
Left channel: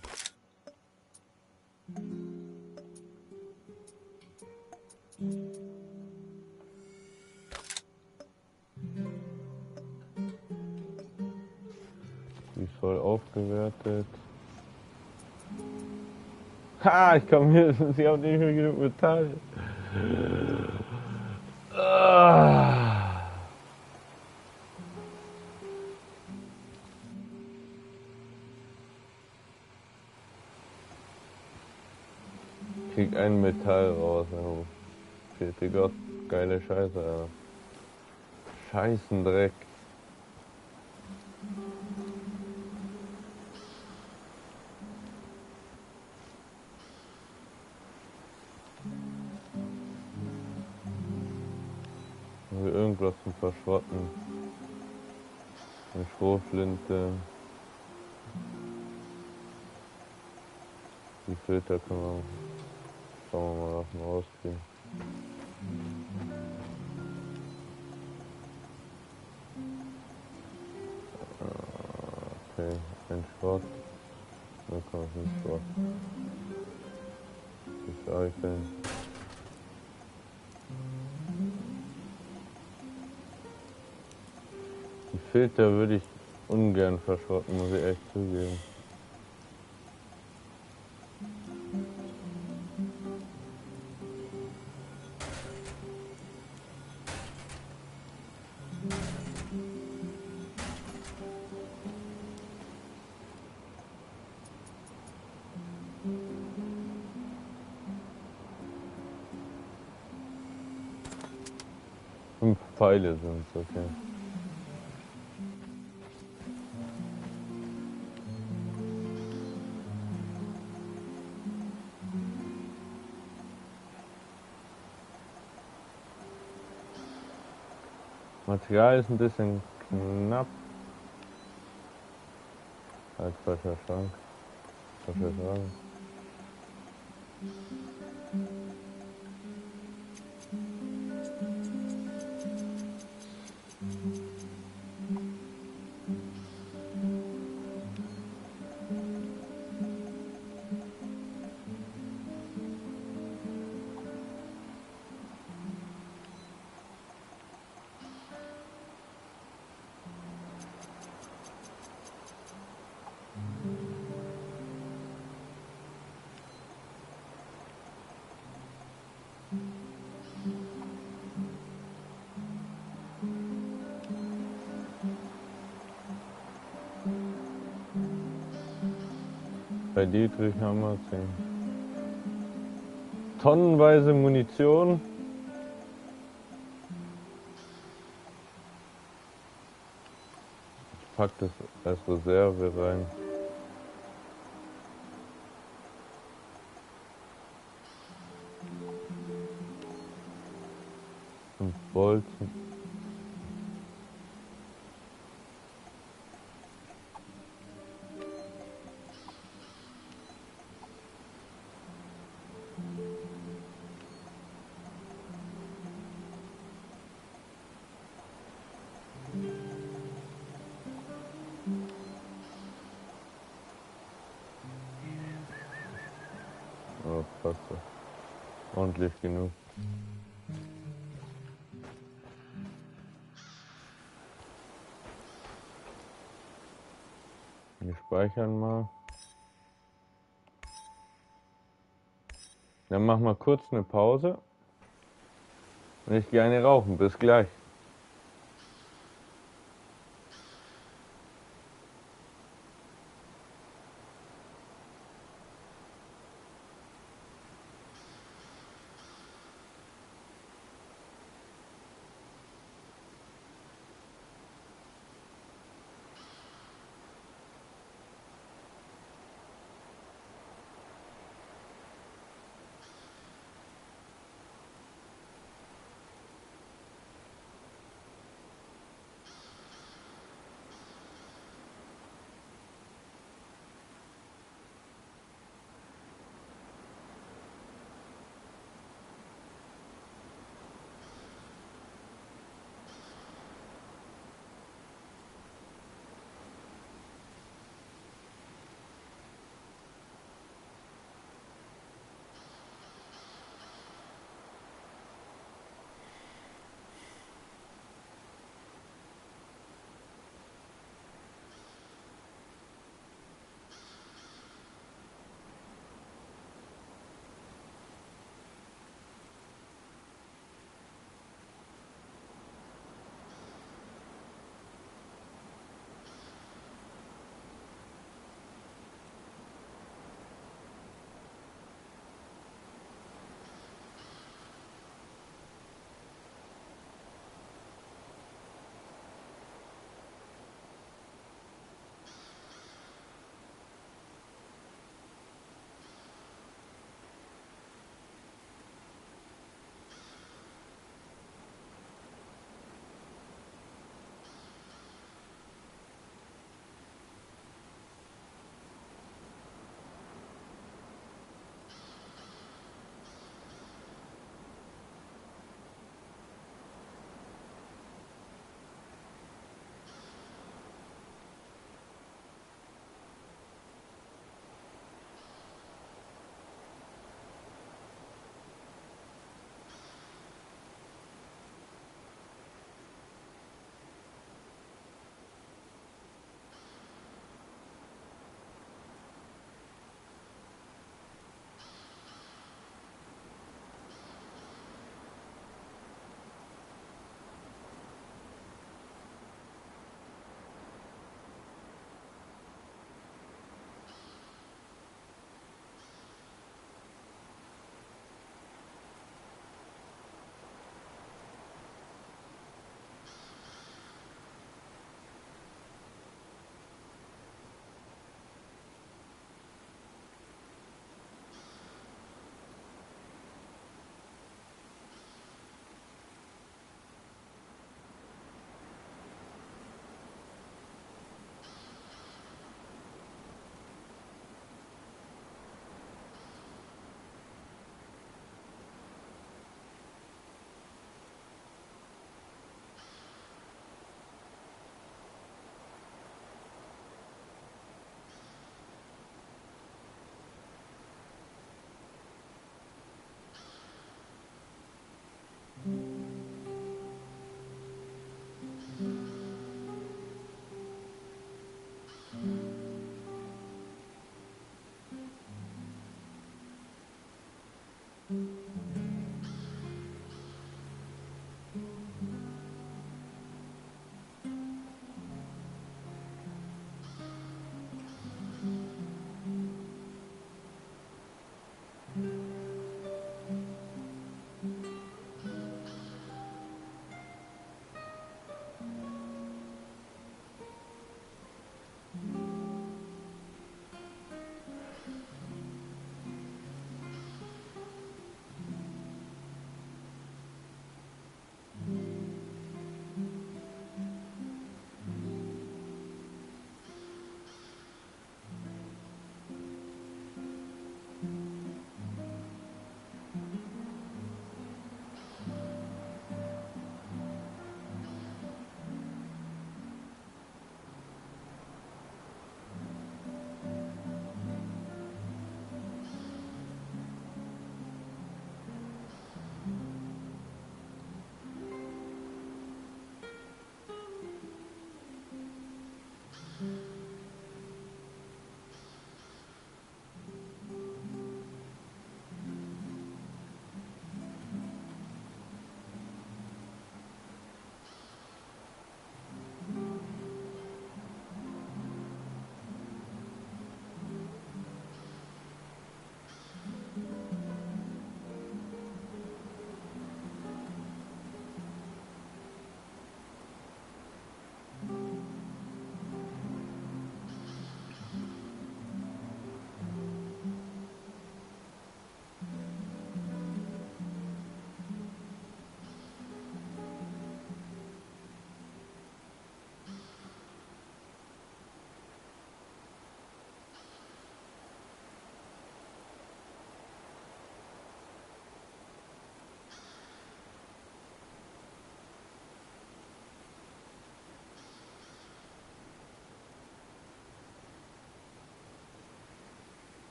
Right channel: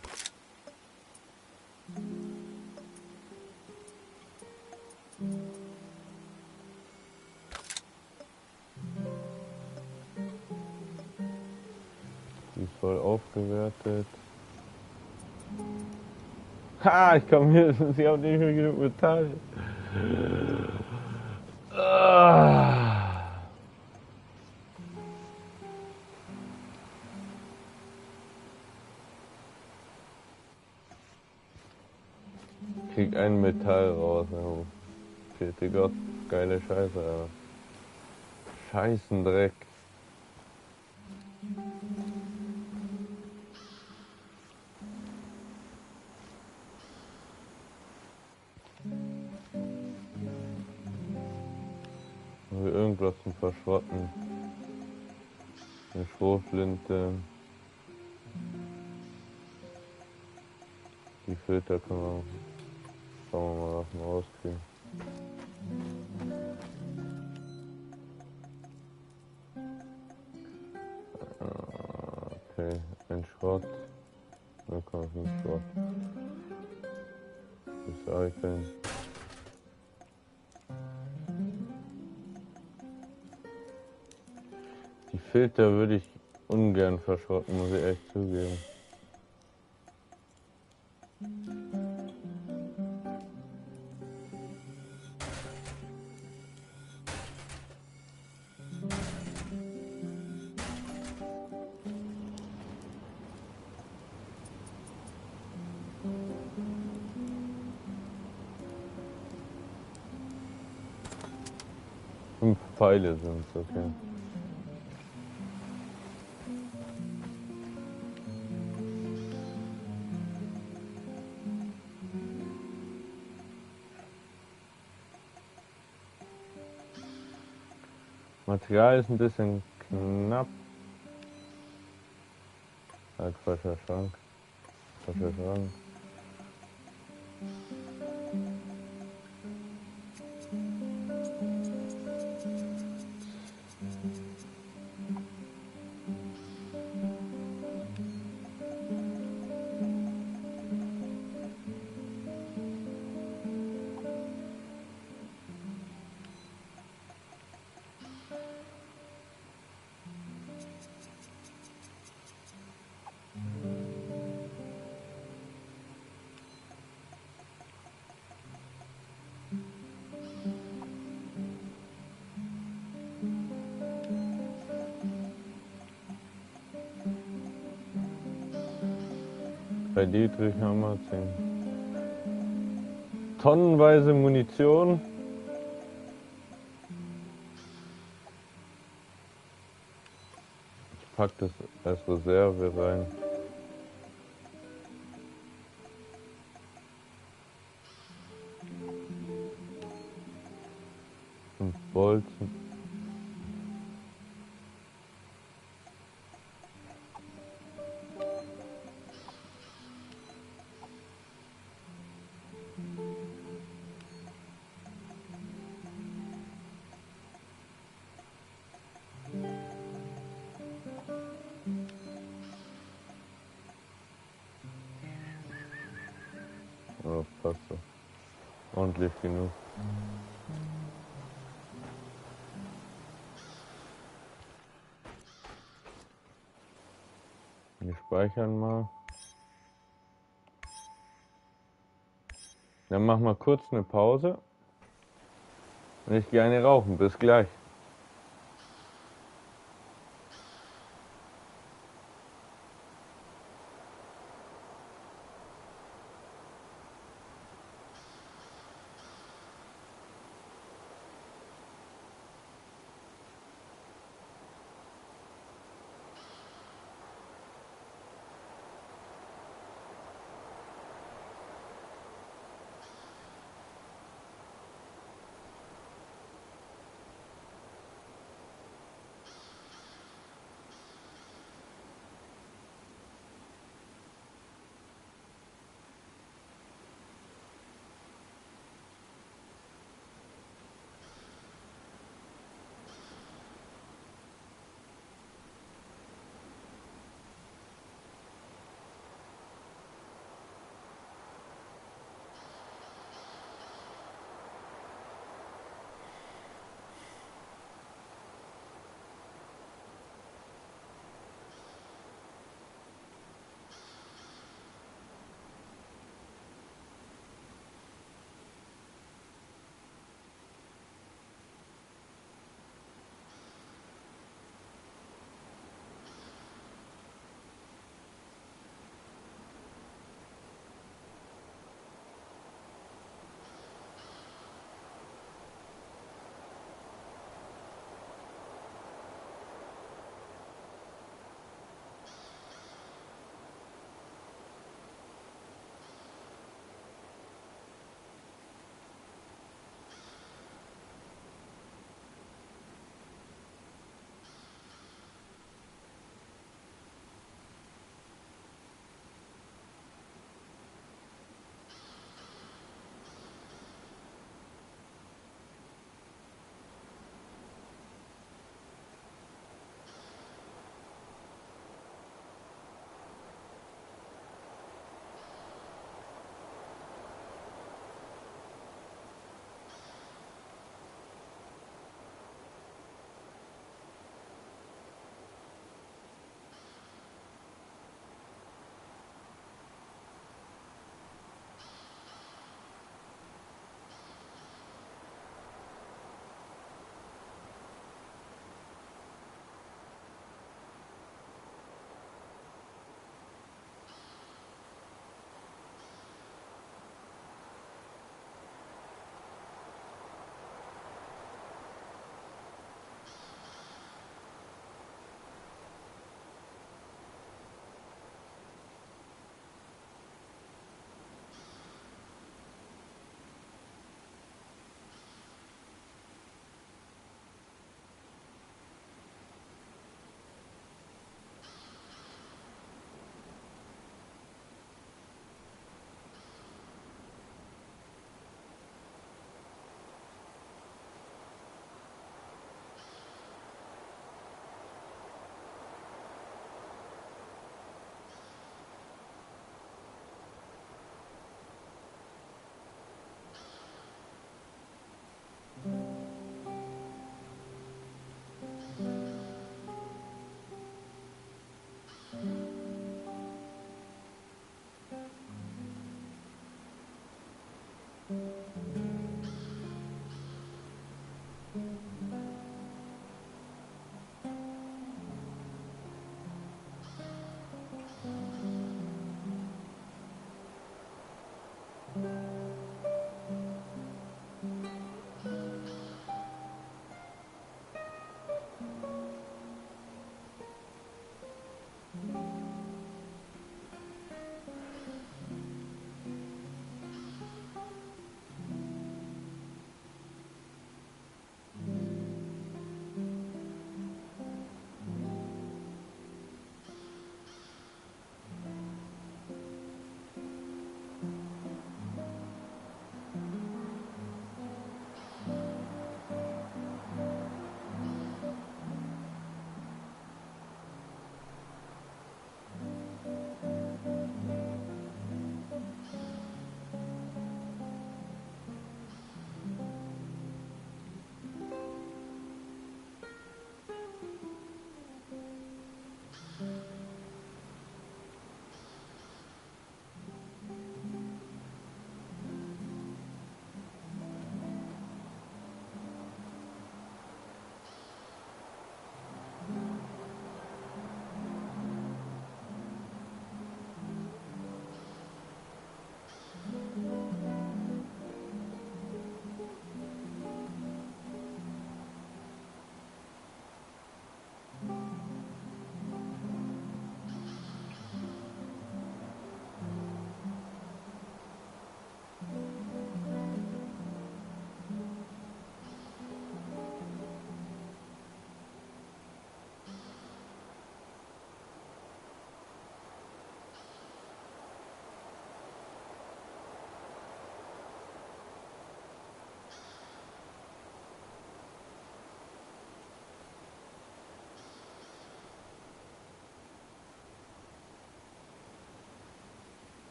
Die ist voll aufgewertet. Ha, ich komme hier, sie haben nicht mehr genug Metall. Krieg ein Metall raus. Oh. Vierte Gott, geile Scheiße. Ja. Scheißendreck. Haben wir irgendwas zum Verschrotten? Eine Schrotflinte. Die Filter können wir. Schauen wir mal, was wir rauskriegen. Okay, ein Schrott. 0,5 Schrott. Recyceln. Die Filter würde ich ungern verschrotten, muss ich echt zugeben. Pfeile sind es, okay. Material ist ein bisschen knapp. Halt falscher Schrank. Falscher Schrank. Bei Dietrich haben wir 10. Tonnenweise Munition. Ich pack das als Reserve rein. Und Bolzen. Oh, passt so. Ordentlich genug. Wir speichern mal. Dann machen wir kurz eine Pause. Und ich gehe eine rauchen. Bis gleich.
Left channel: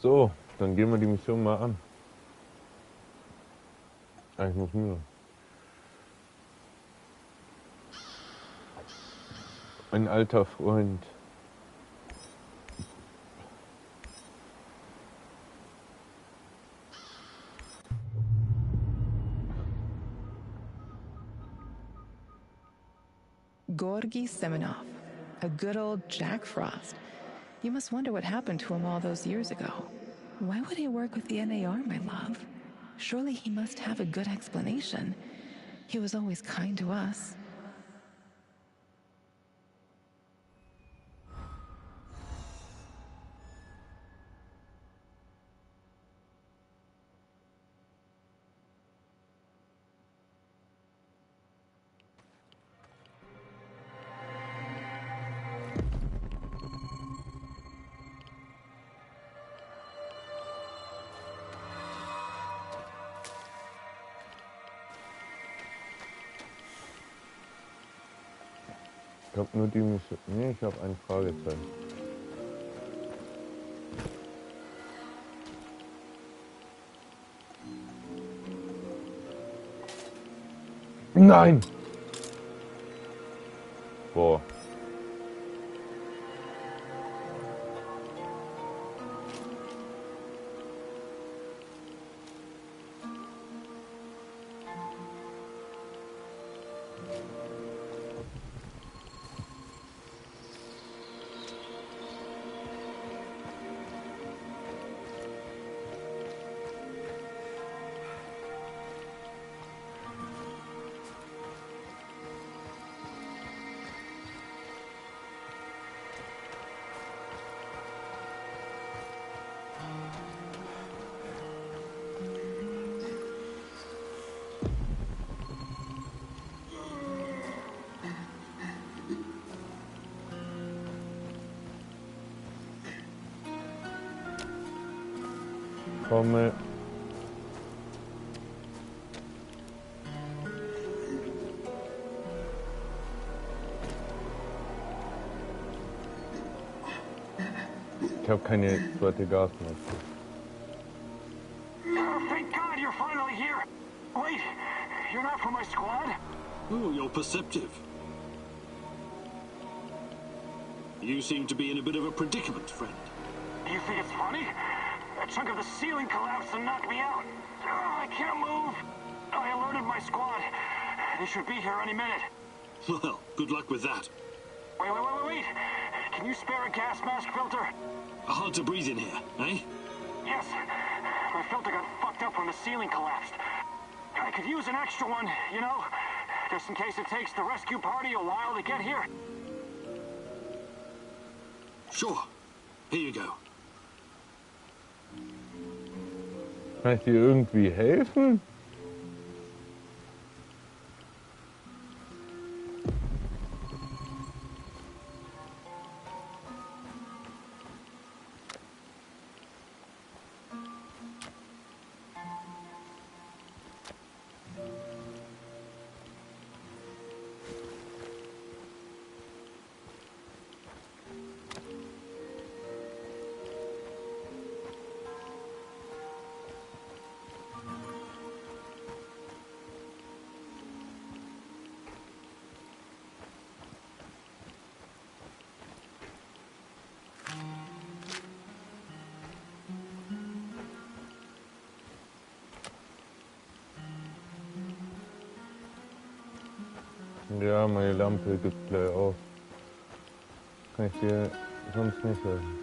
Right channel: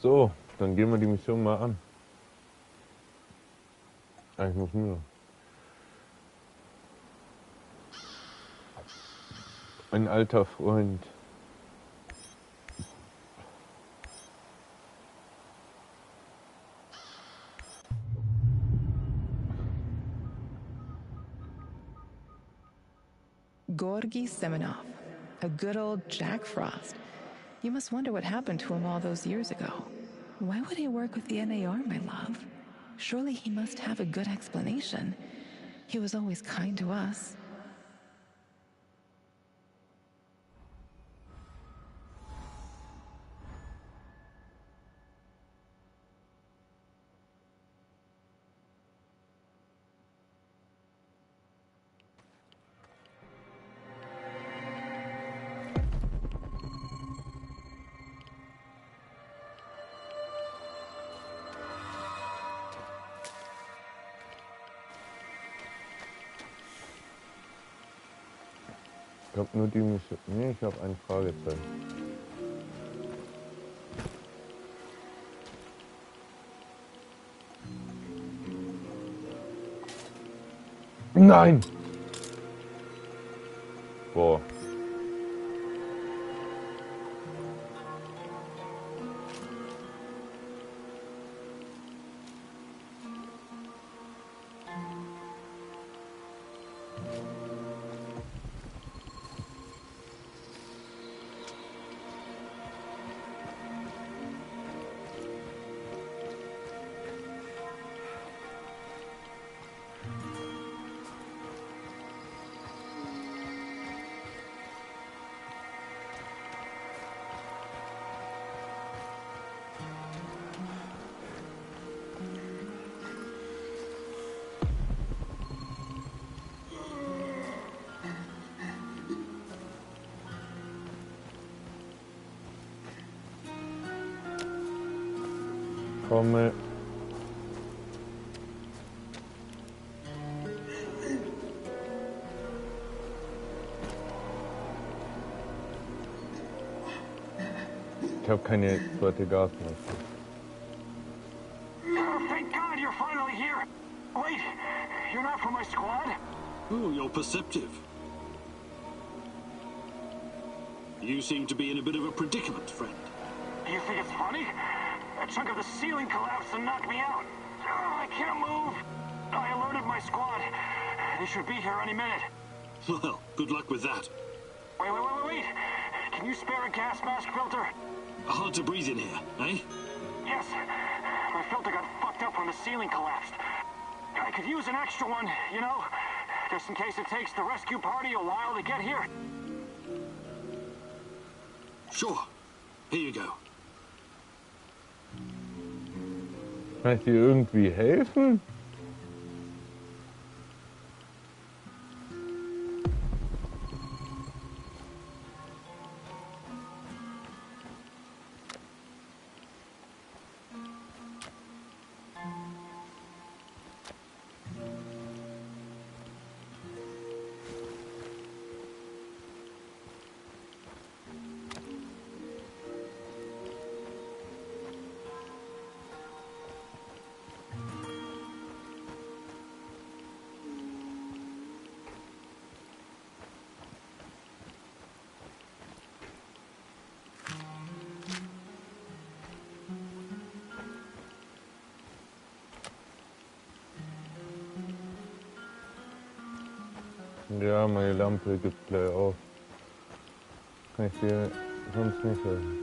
So, dann gehen wir die Mission mal an. Ich muss nur. Ein alter Freund. Gorgi Semenov, a good old Jack Frost. You must wonder what happened to him all those years ago. Why would he work with the NAR, my love? Surely he must have a good explanation. He was always kind to us. Ich hab nur die Mission. Nee, ich habe ein Fragezeichen. Nein! Boah. Komme. Ich habe keine zweite Gasmaske. Thank God you're finally here. Wait, you're not from my squad? Oh, you're perceptive. You seem to be in a bit of a predicament, friend. You think it's funny? A chunk of the ceiling collapsed and knocked me out. I can't move. I alerted my squad. They should be here any minute. Well, good luck with that. Wait. Can you spare a gas mask filter? Hard to breathe in here, eh? Yes. My filter got fucked up when the ceiling collapsed. I could use an extra one, you know? Just in case it takes the rescue party a while to get here. Sure. Here you go. Kann ich dir irgendwie helfen? Ja, meine Lampe gibt gleich auf. Kann ich dir sonst nicht helfen.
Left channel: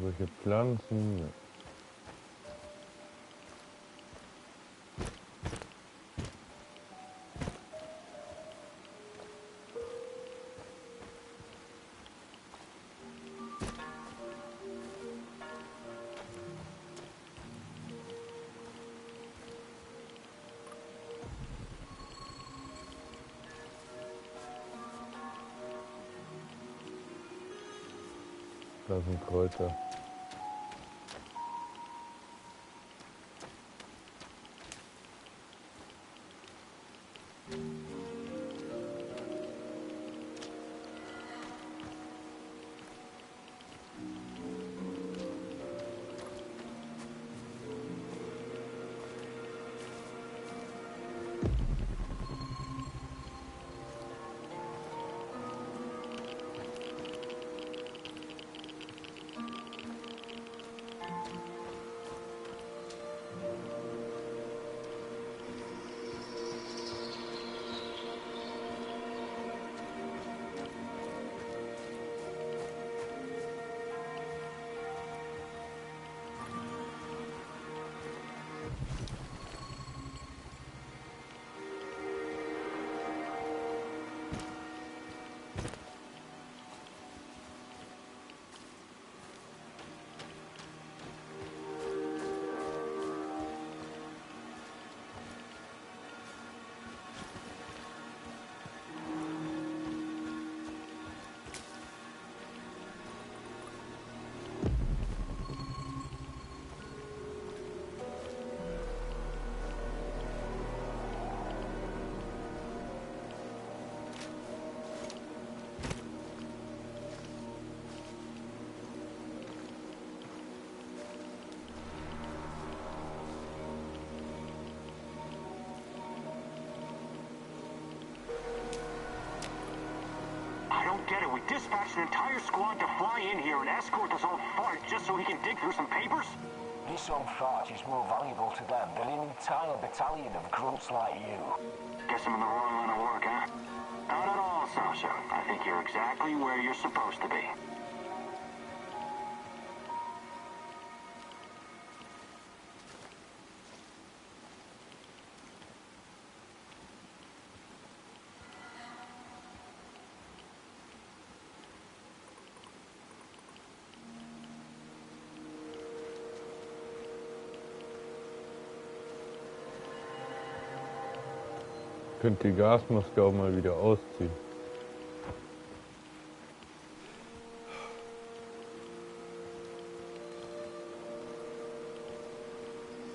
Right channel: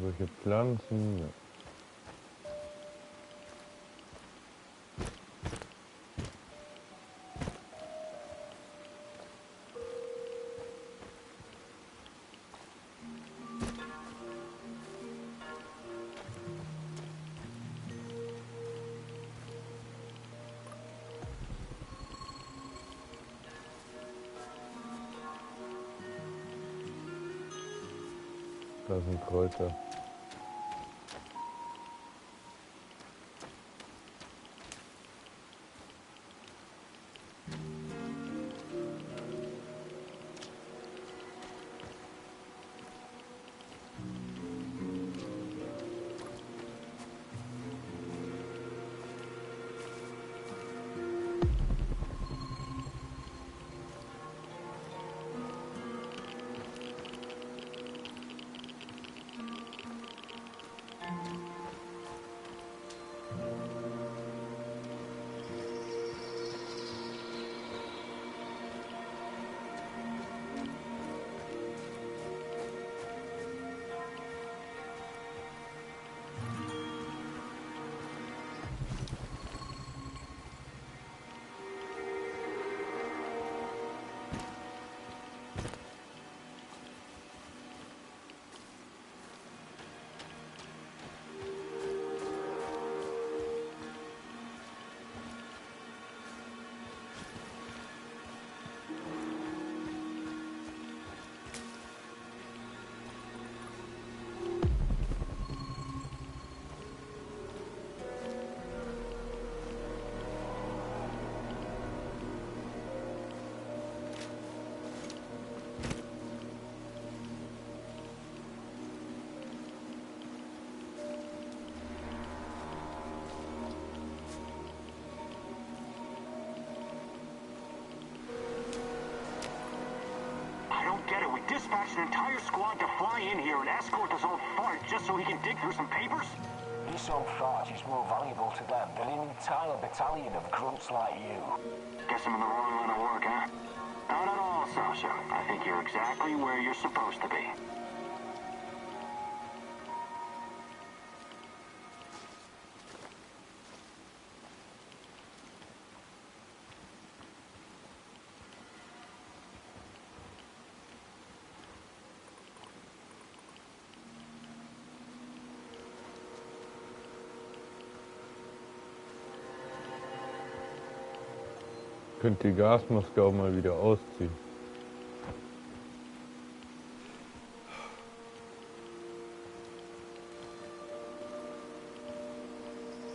Solche Pflanzen. Ja. Da sind Kräuter. get it. We dispatched an entire squad to fly in here and escort this old fart just so he can dig through some papers? This old fart is more valuable to them than an entire battalion of grunts like you. Guess I'm in the wrong line of work, huh? Not at all, Sasha. I think you're exactly where you're supposed to be. Könnt die Gasmaske auch mal wieder ausziehen.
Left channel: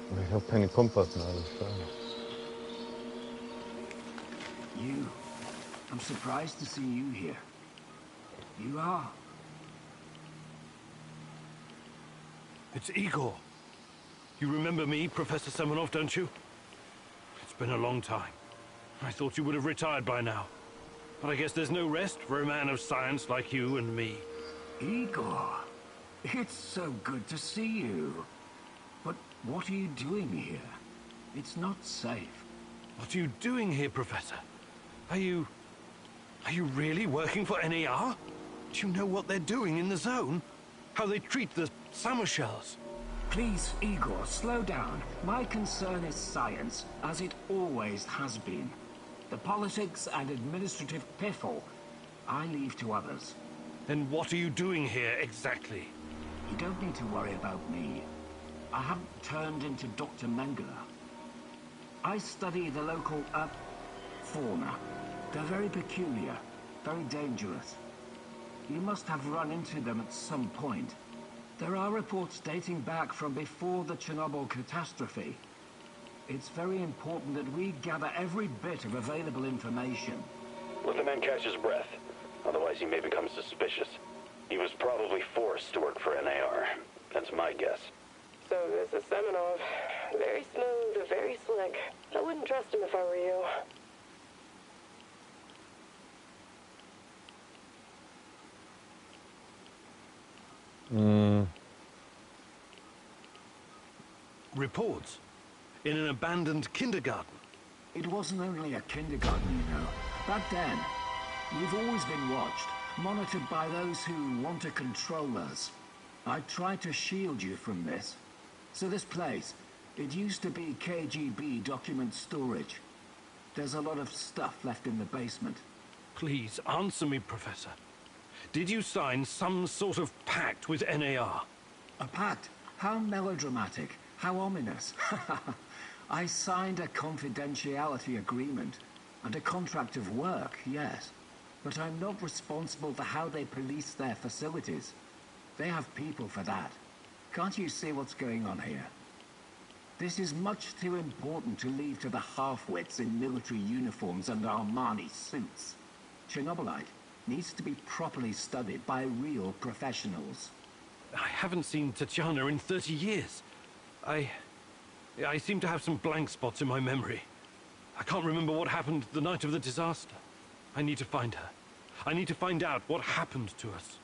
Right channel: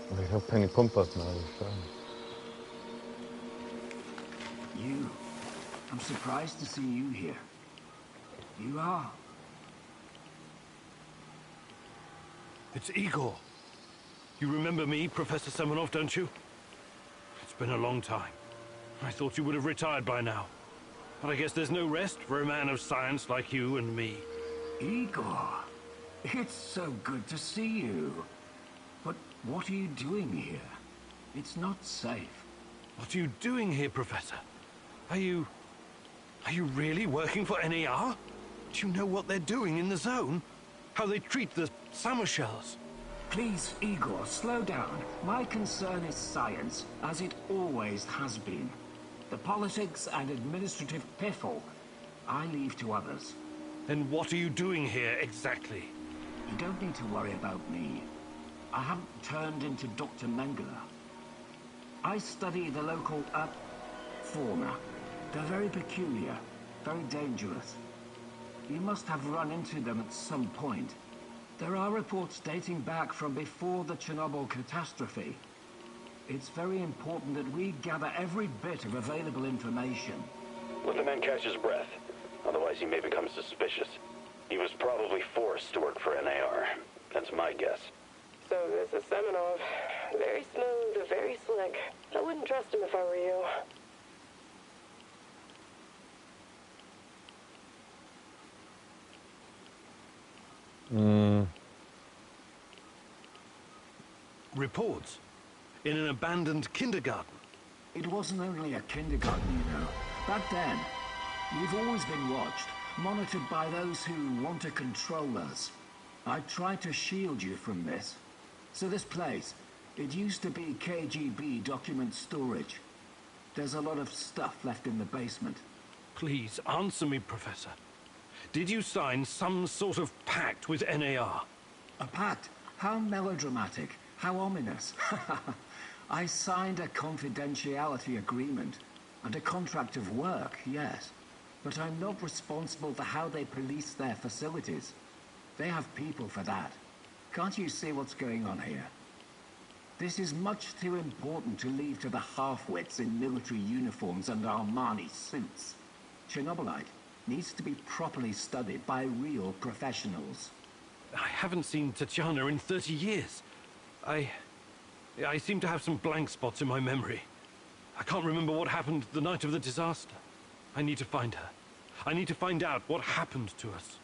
Aber ich habe keine Kompassnadel. You. I'm surprised to see you here. You are. It's Igor. You remember me, Professor Semenov, don't you? It's been a long time. I thought you would have retired by now. But I guess there's no rest for a man of science like you and me. Igor, it's so good to see you. But what are you doing here? It's not safe. What are you doing here, Professor? Are you really working for NAR? Do you know what they're doing in the zone? How they treat the summer shells? Please, Igor, slow down. My concern is science, as it always has been. The politics and administrative piffle, I leave to others. Then what are you doing here, exactly? You don't need to worry about me. I haven't turned into Dr. Mengele. I study the local, fauna. They're very peculiar, very dangerous. You must have run into them at some point. There are reports dating back from before the Chernobyl catastrophe. It's very important that we gather every bit of available information. Let the man catch his breath. Otherwise he may become suspicious. He was probably forced to work for NAR. That's my guess. So this is Semenov. Very smooth, very slick. I wouldn't trust him if I were you. Reports? In an abandoned kindergarten? It wasn't only a kindergarten, you know. Back then, we've always been watched, monitored by those who want to control us. I tried to shield you from this. So this place, it used to be KGB document storage. There's a lot of stuff left in the basement. Please, answer me, Professor. Did you sign some sort of pact with NAR? A pact? How melodramatic. How ominous. I signed a confidentiality agreement and a contract of work, yes. But I'm not responsible for how they police their facilities. They have people for that. Can't you see what's going on here? This is much too important to leave to the half-wits in military uniforms and Armani suits. Chernobylite needs to be properly studied by real professionals. I haven't seen Tatiana in 30 years. I seem to have some blank spots in my memory. I can't remember what happened the night of the disaster. I need to find her. I need to find out what happened to us.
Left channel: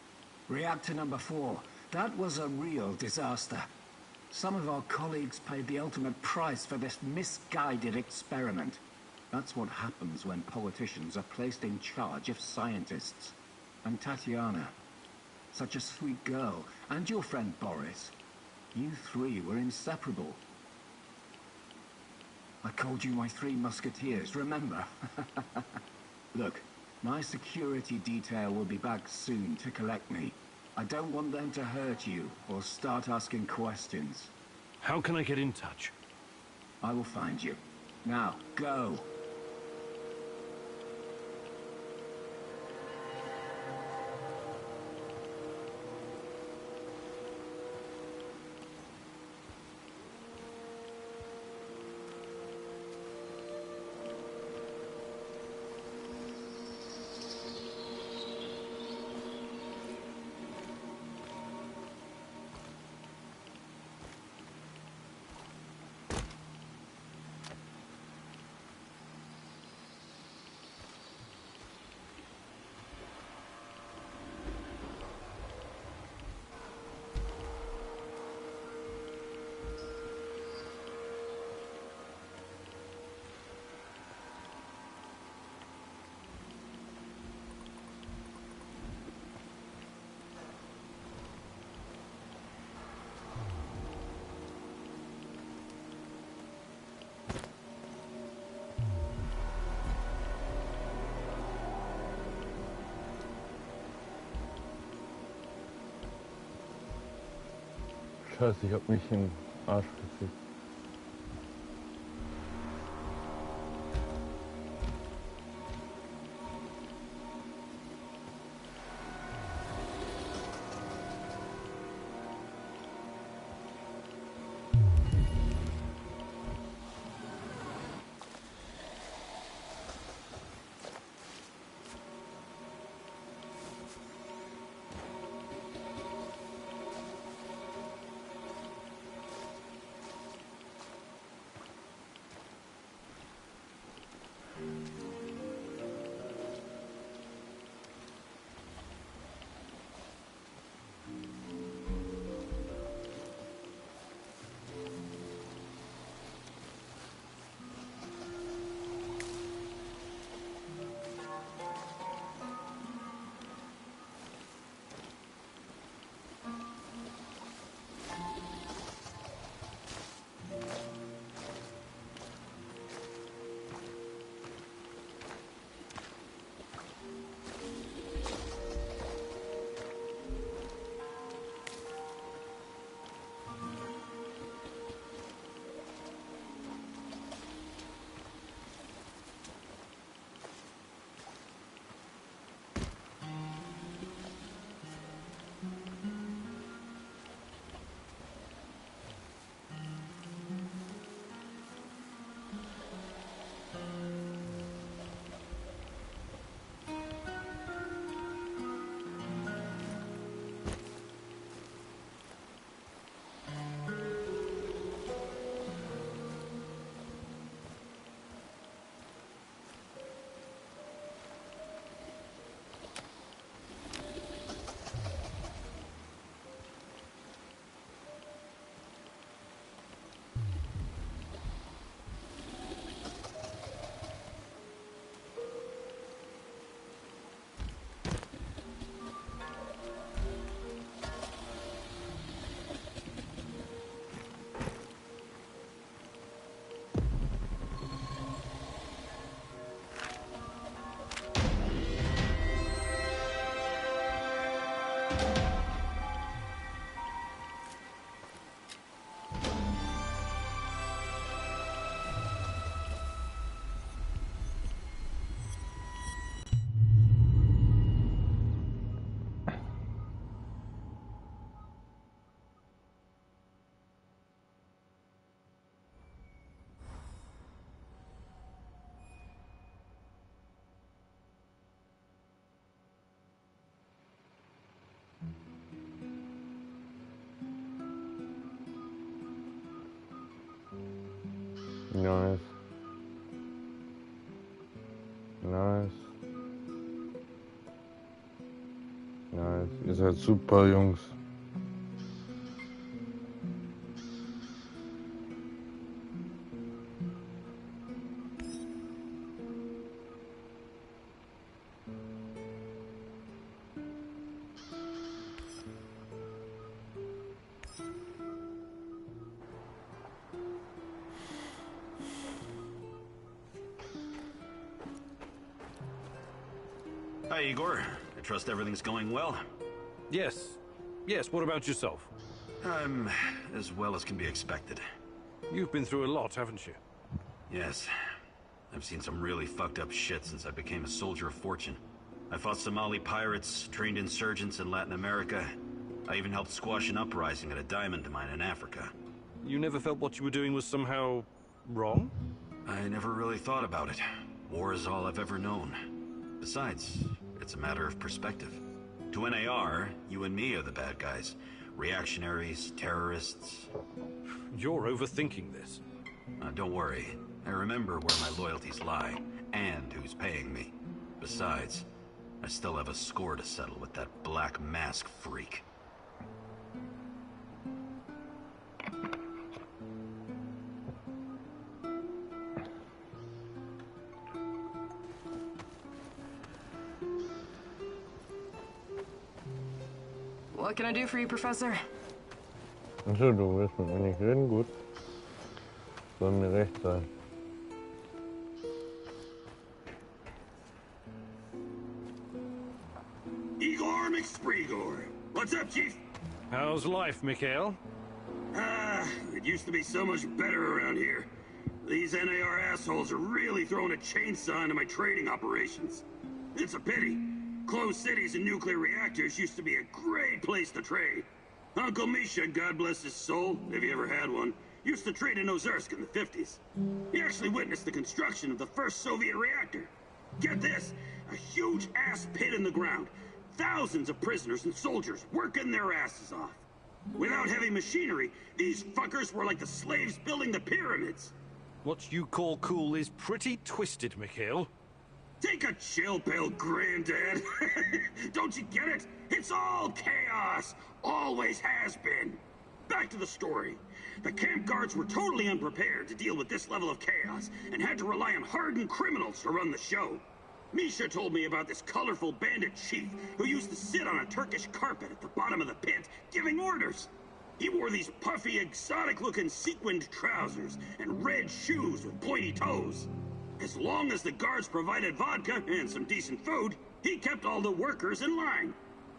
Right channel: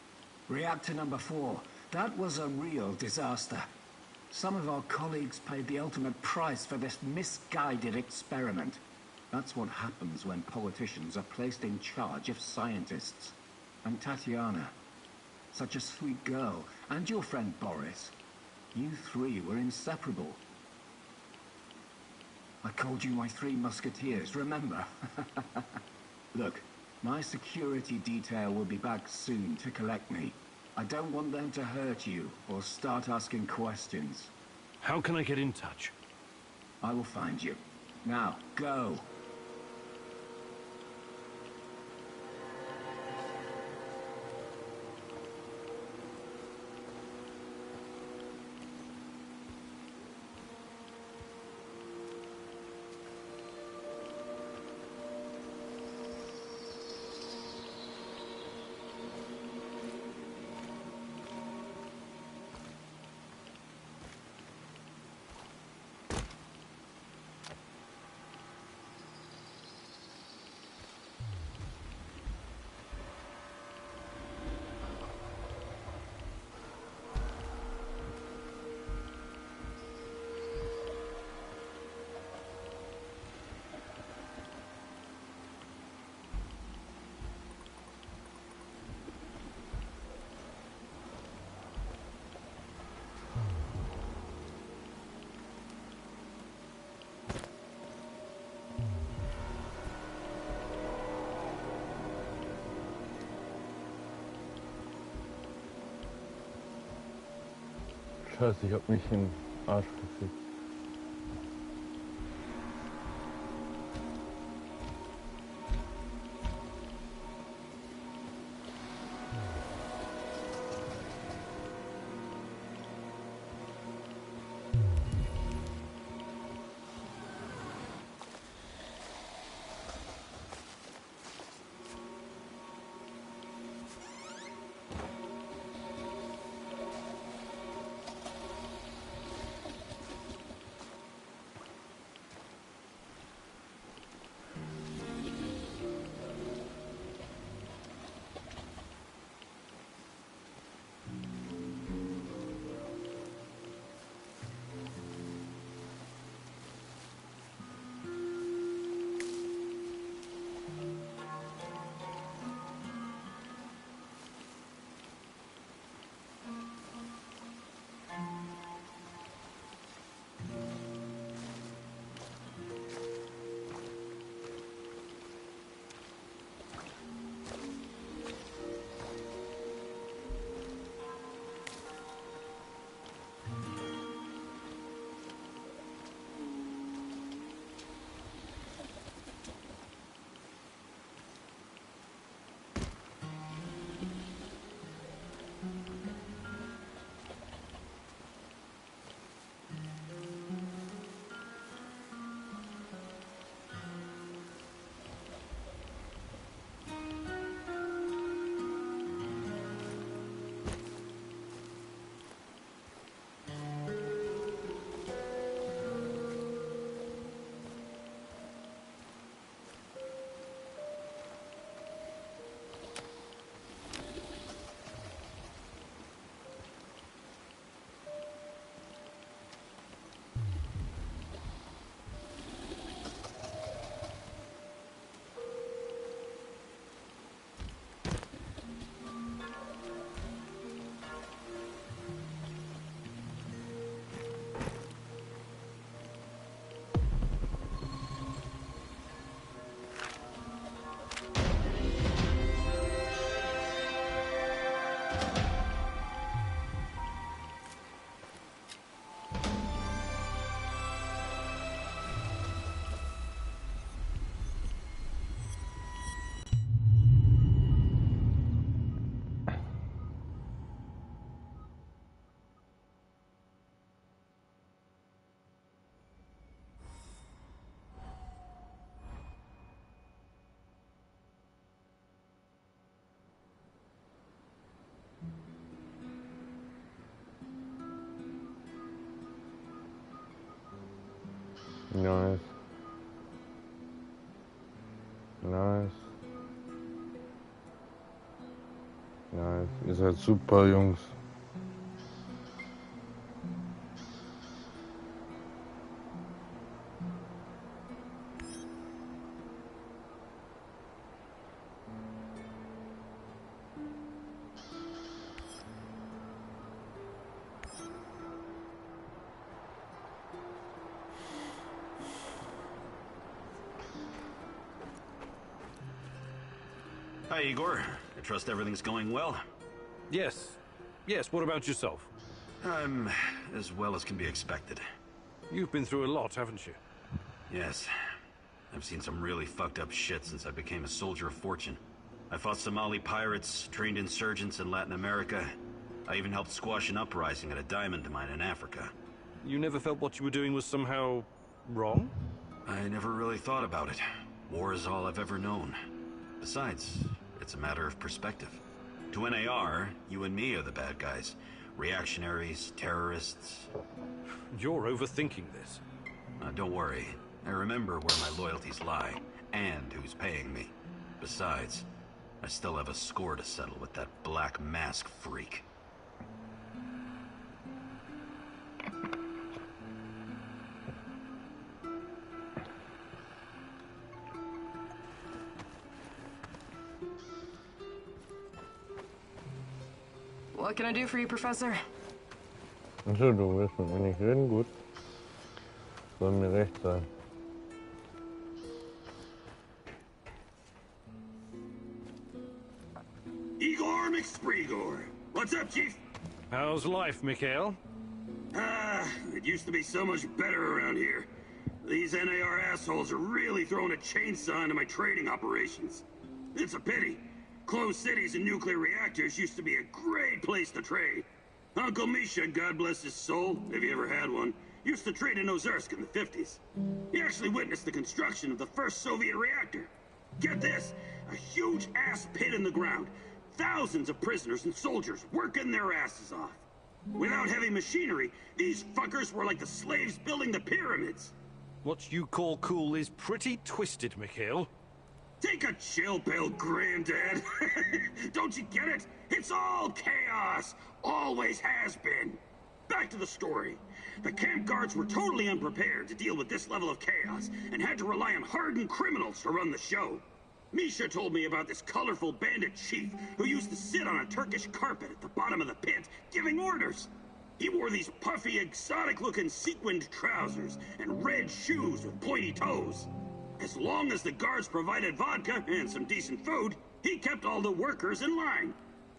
Reactor number 4. That was a real disaster. Some of our colleagues paid the ultimate price for this misguided experiment. That's what happens when politicians are placed in charge of scientists. And Tatiana, such a sweet girl, and your friend Boris. You three were inseparable. I called you my 3 musketeers, remember? Look, my security detail will be back soon to collect me. I don't want them to hurt you or start asking questions. How can I get in touch? I will find you. Now, go. Scheiße, ich hab mich in den Arsch gekriegt. Nice. Nice. Nice. Ihr seid super, Jungs. Hi, Igor. I trust everything's going well? Yes. Yes, what about yourself? I'm as well as can be expected. You've been through a lot, haven't you? Yes. I've seen some really fucked up shit since I became a soldier of fortune. I fought Somali pirates, trained insurgents in Latin America. I even helped squash an uprising at a diamond mine in Africa. You never felt what you were doing was somehow wrong? I never really thought about it. War is all I've ever known. Besides, it's a matter of perspective. To NAR, you and me are the bad guys. Reactionaries, terrorists. You're overthinking this. Don't worry. I remember where my loyalties lie, and who's paying me. Besides, I still have a score to settle with that Black Mask freak. What can I do for you, Professor? Achso, du willst mit mir nicht reden? Gut. Soll mir recht sein. Igor McSpreegor. What's up, Chief? How's life, Mikhail? It used to be so much better around here. These NAR assholes are really throwing a chainsaw into my trading operations. It's a pity. Closed cities and nuclear reactors used to be a great place to trade. Uncle Misha, God bless his soul, if he ever had one, used to trade in Ozersk in the 50s. He actually witnessed the construction of the first Soviet reactor. Get this, a huge ass pit in the ground. Thousands of prisoners and soldiers working their asses off. Without heavy machinery, these fuckers were like the slaves building the pyramids. What you call cool is pretty twisted, Mikhail. Take a chill pill, Granddad. Don't you get it? It's all chaos. Always has been. Back to the story. The camp guards were totally unprepared to deal with this level of chaos and had to rely on hardened criminals to run the show. Misha told me about this colorful bandit chief who used to sit on a Turkish carpet at the bottom of the pit giving orders. He wore these puffy, exotic-looking sequined trousers and red shoes with pointy toes. As long as the guards provided vodka and some decent food, he kept all the workers in line.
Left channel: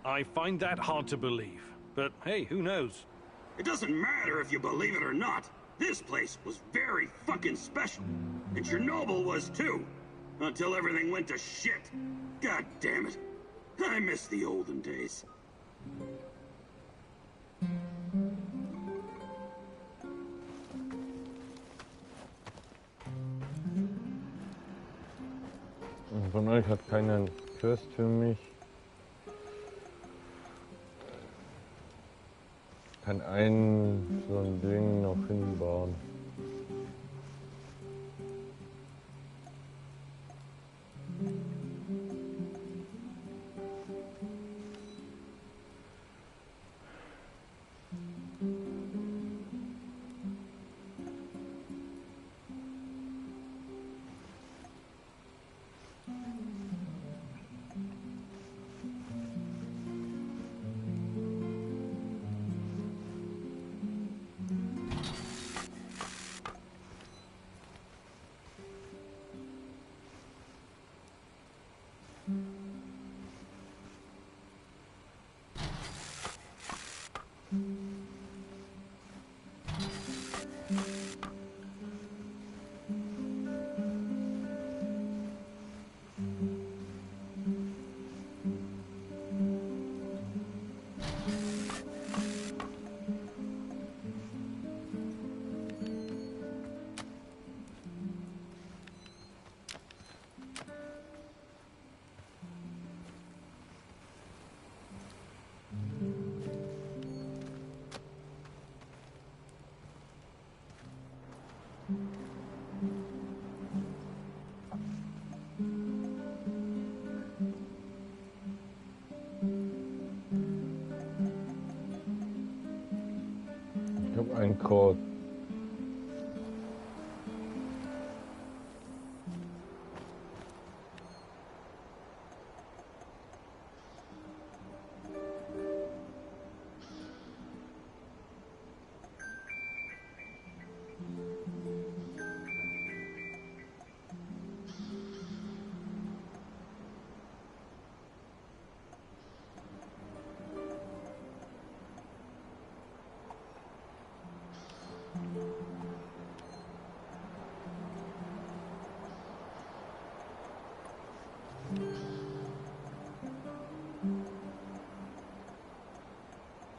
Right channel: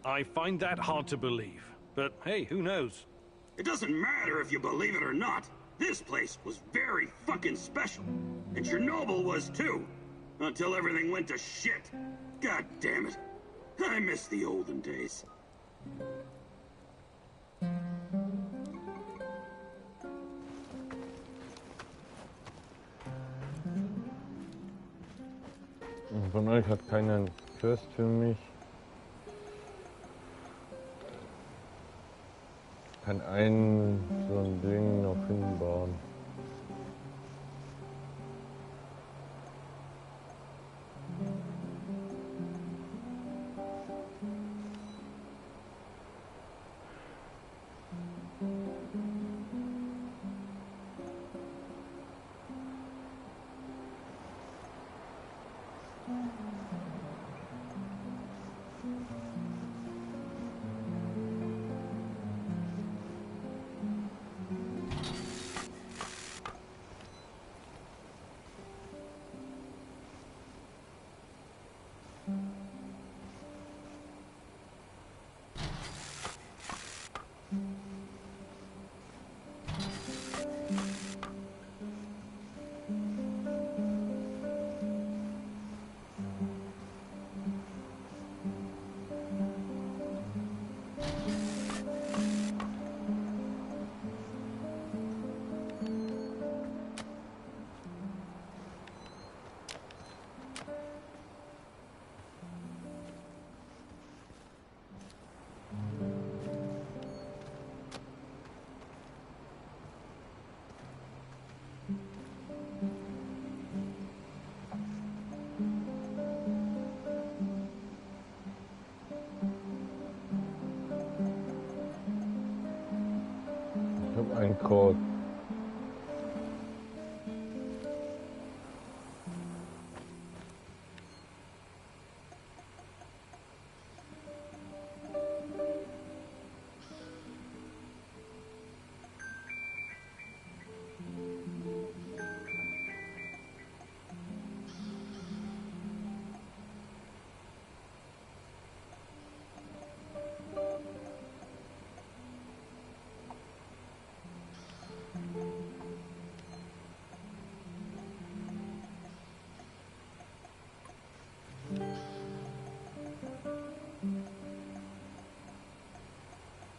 I find that hard to believe. But hey, who knows? It doesn't matter if you believe it or not. This place was very fucking special. And Chernobyl was too. Until everything went to shit. God damn it. I miss the olden days. Von euch hat keiner einen Quest für mich. Kann so ein Ding noch hinbauen. Ich habe einen Code.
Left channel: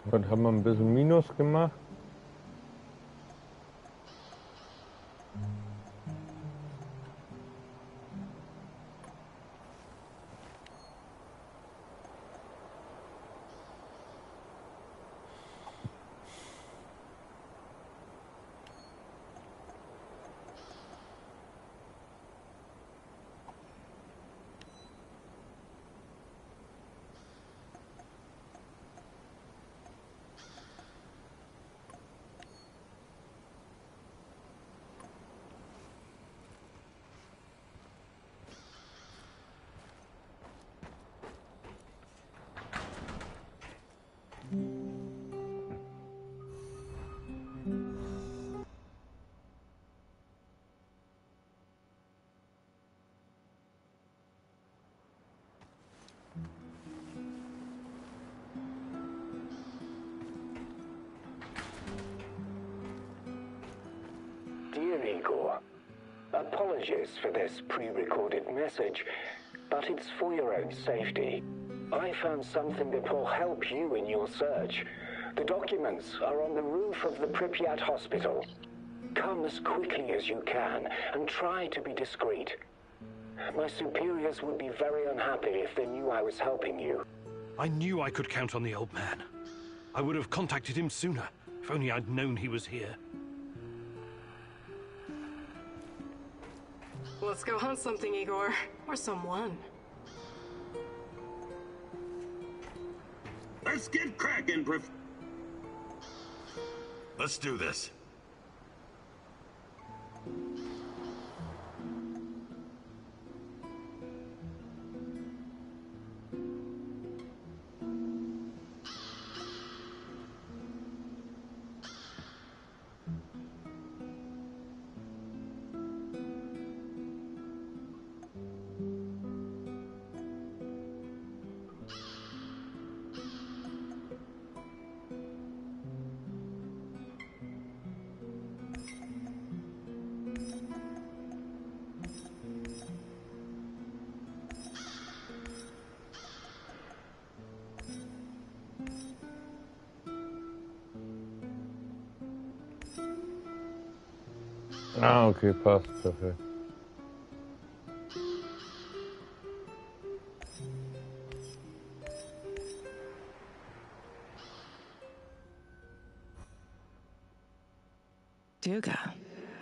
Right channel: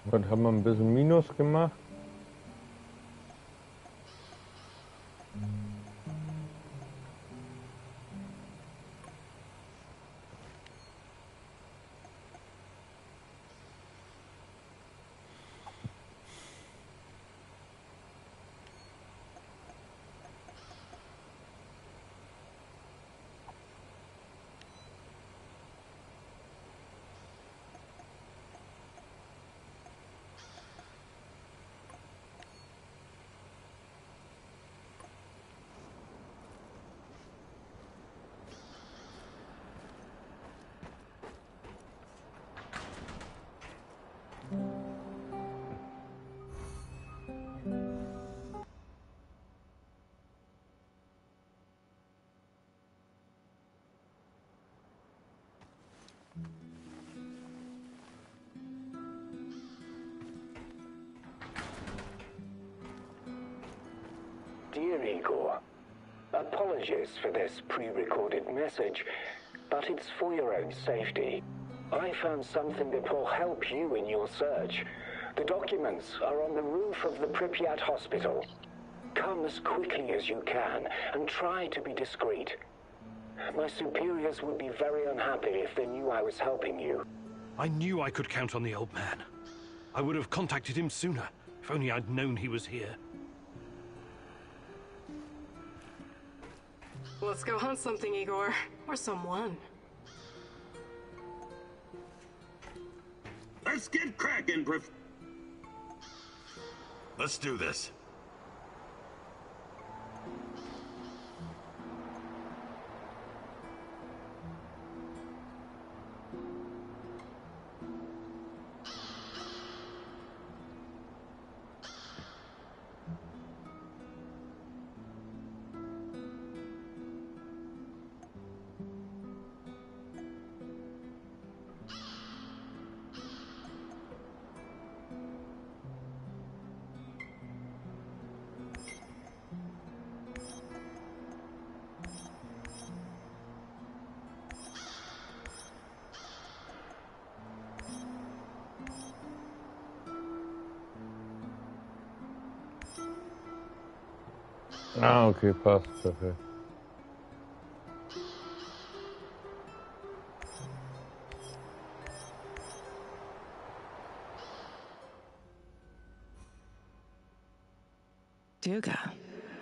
Was haben wir ein bisschen Minus gemacht? Igor. Apologies for this pre-recorded message, but it's for your own safety. I found something that will help you in your search. The documents are on the roof of the Pripyat hospital. Come as quickly as you can, and try to be discreet. My superiors would be very unhappy if they knew I was helping you. I knew I could count on the old man. I would have contacted him sooner, if only I'd known he was here. Let's go hunt something, Igor. Or someone. Let's get cracking, Let's do this. Ah, okay, passt, perfekt. Duga,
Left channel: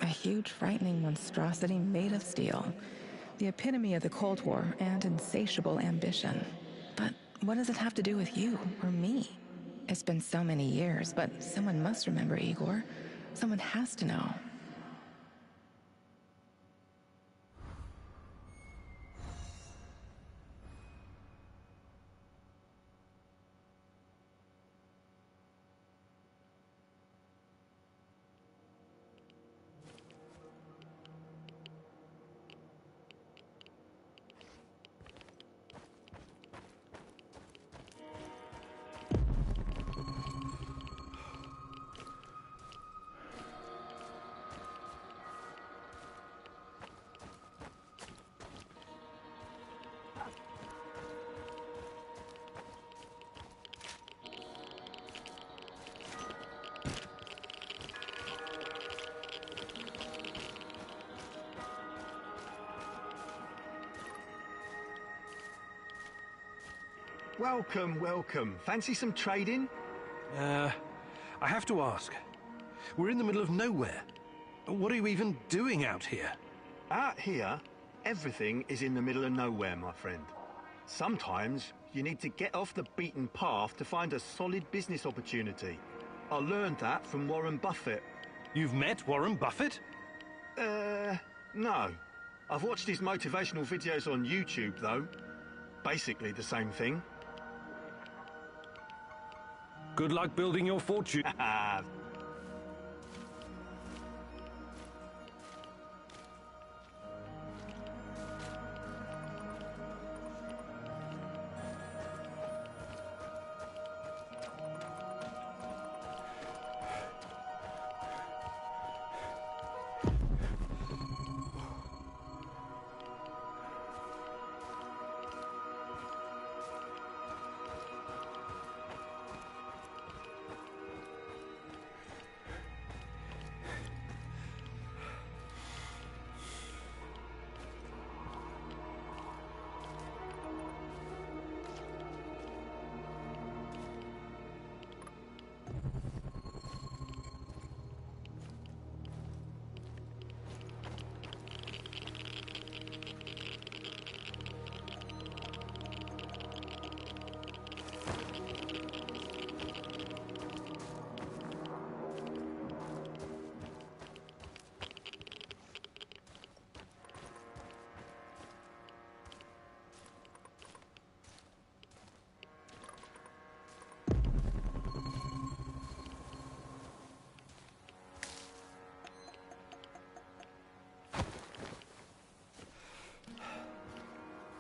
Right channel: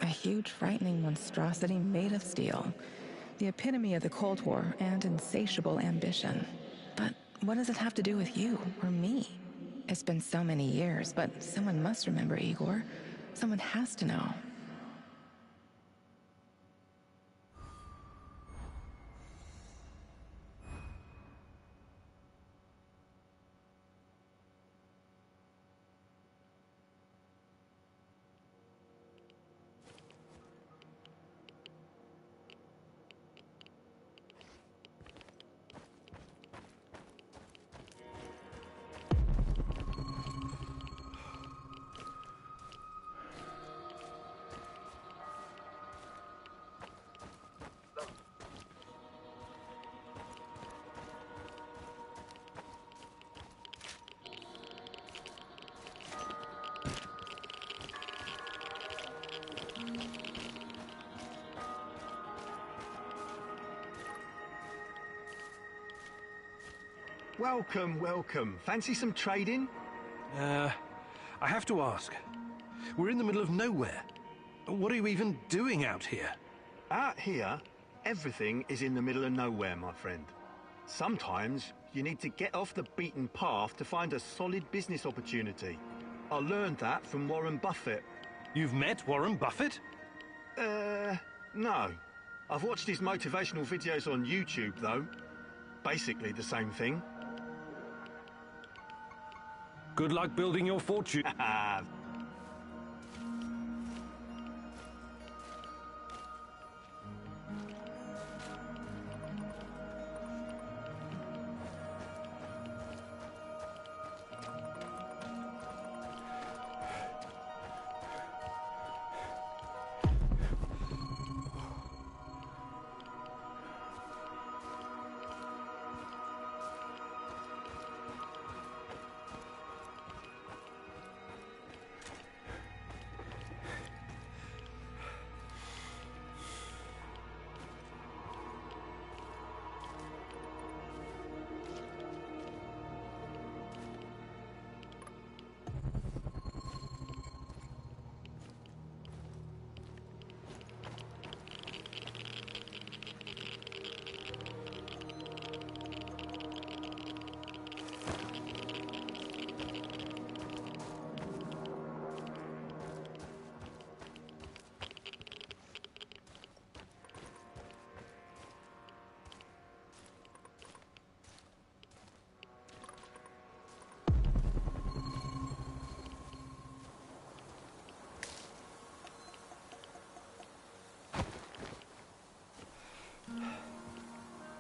a huge, frightening monstrosity made of steel. The epitome of the Cold War and insatiable ambition. But what does it have to do with you or me? It's been so many years, but someone must remember Igor. Someone has to know. Welcome, welcome. Fancy some trading? I have to ask. We're in the middle of nowhere. What are you even doing out here? Out here, everything is in the middle of nowhere, my friend. Sometimes you need to get off the beaten path to find a solid business opportunity. I learned that from Warren Buffett. You've met Warren Buffett? No. I've watched his motivational videos on YouTube, though. Basically the same thing. Good luck building your fortune.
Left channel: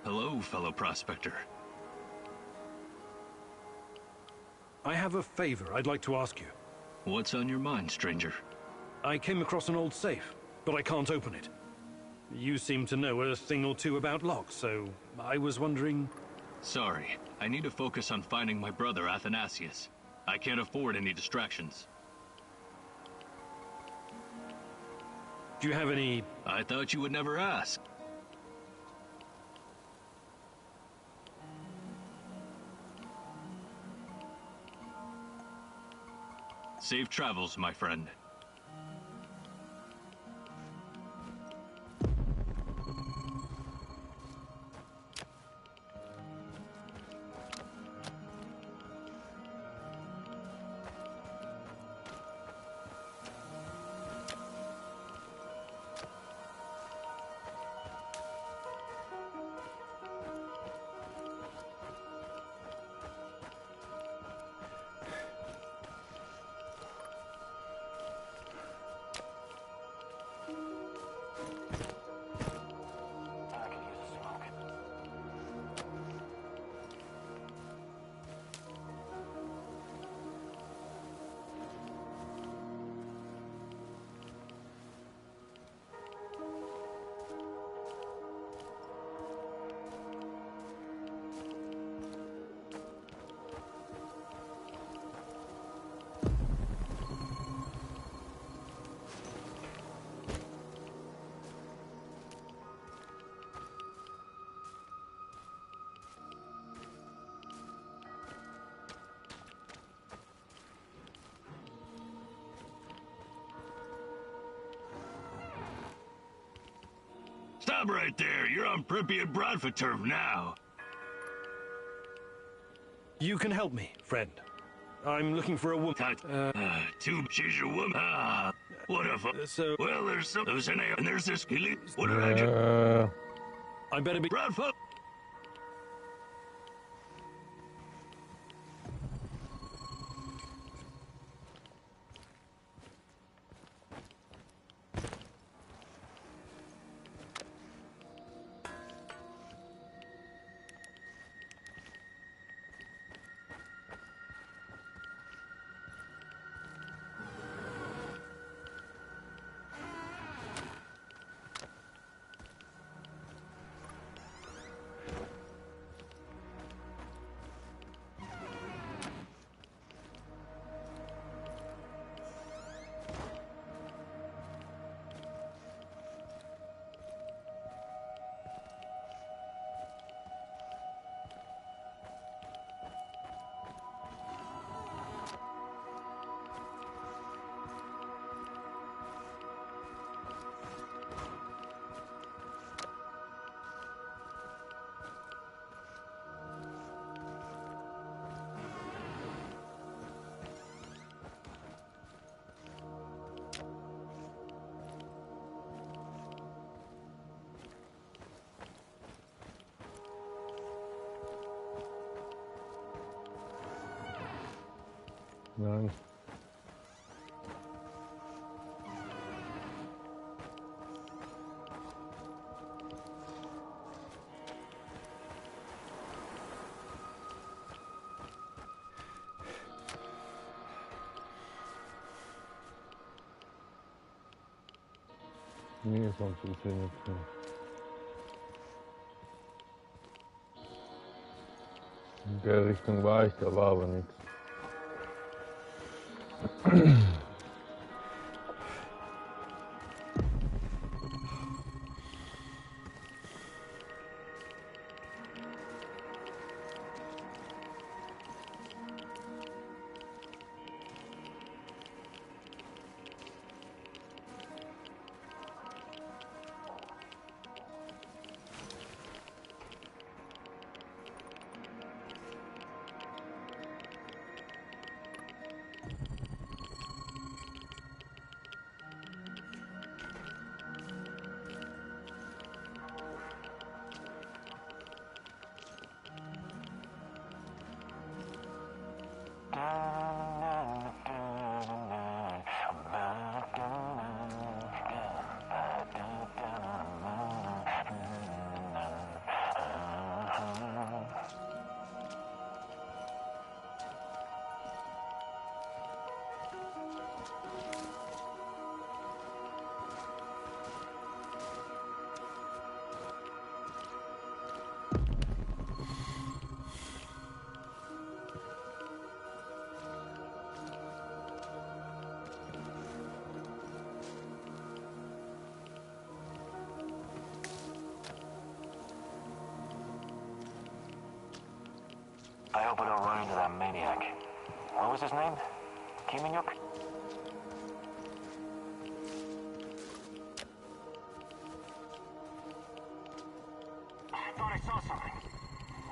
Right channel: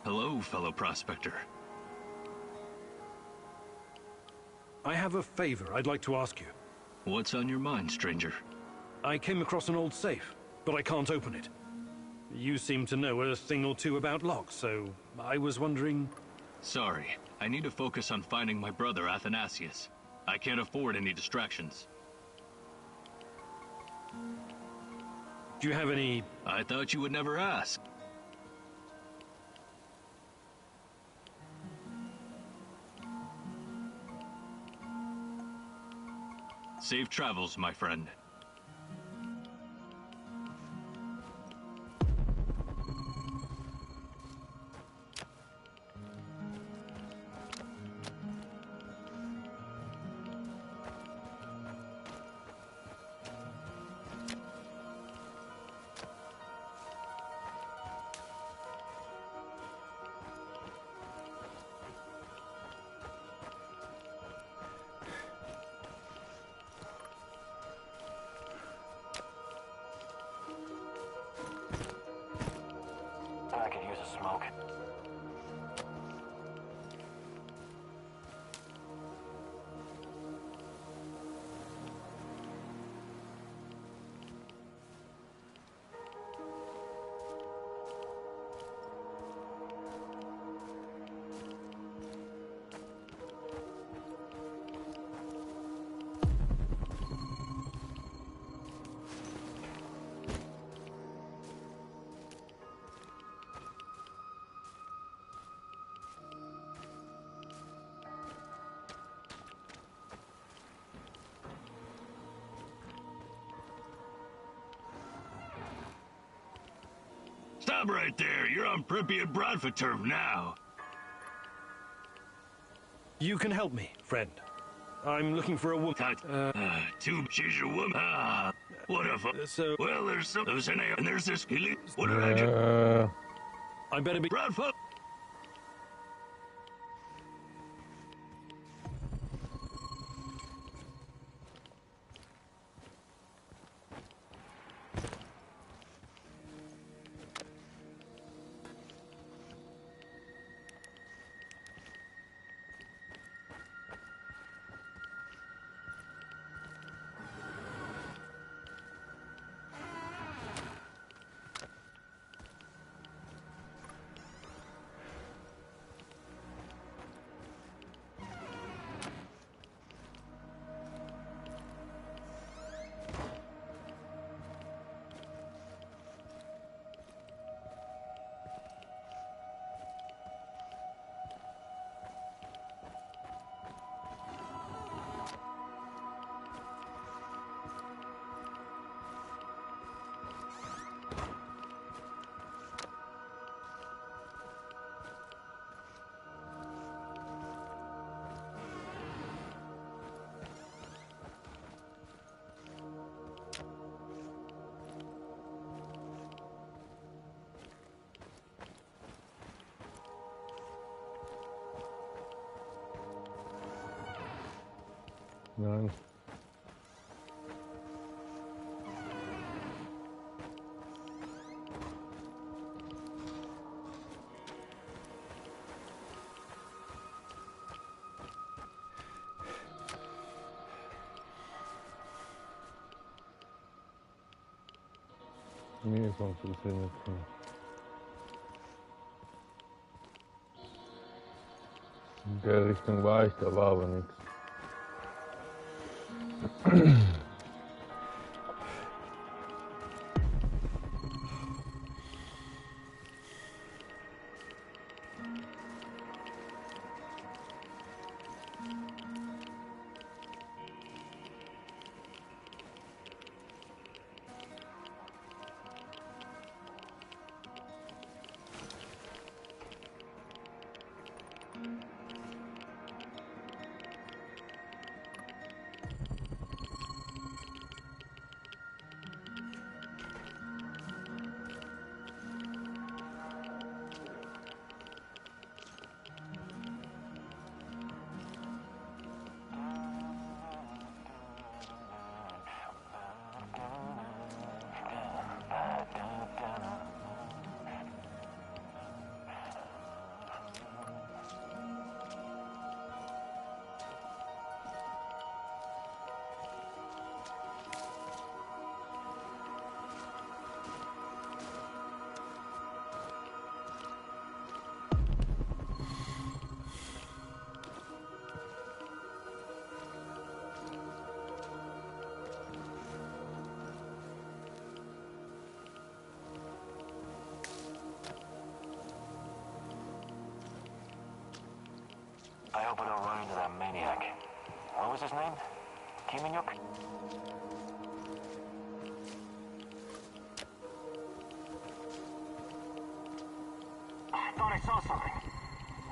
Hello, fellow prospector. I have a favor I'd like to ask you. What's on your mind, stranger? I came across an old safe. but I can't open it. You seem to know a thing or two about locks, so I was wondering... Sorry, I need to focus on finding my brother Athanasius. I can't afford any distractions. Do you have any... I thought you would never ask. Safe travels, my friend. I could use a smoke. Stop right there. You're on Pripyat Bradford turf now. You can help me, friend. I'm looking for a woman. She's your woman. What a so... Well, there's some... And there's this... What did I do? I better be... Bradford! Nein. Nee, sonst ist hier nichts mehr. In der Richtung war ich, da war aber nichts. hope I don't run into that maniac. What was his name? Kiminyuk? I thought I saw something.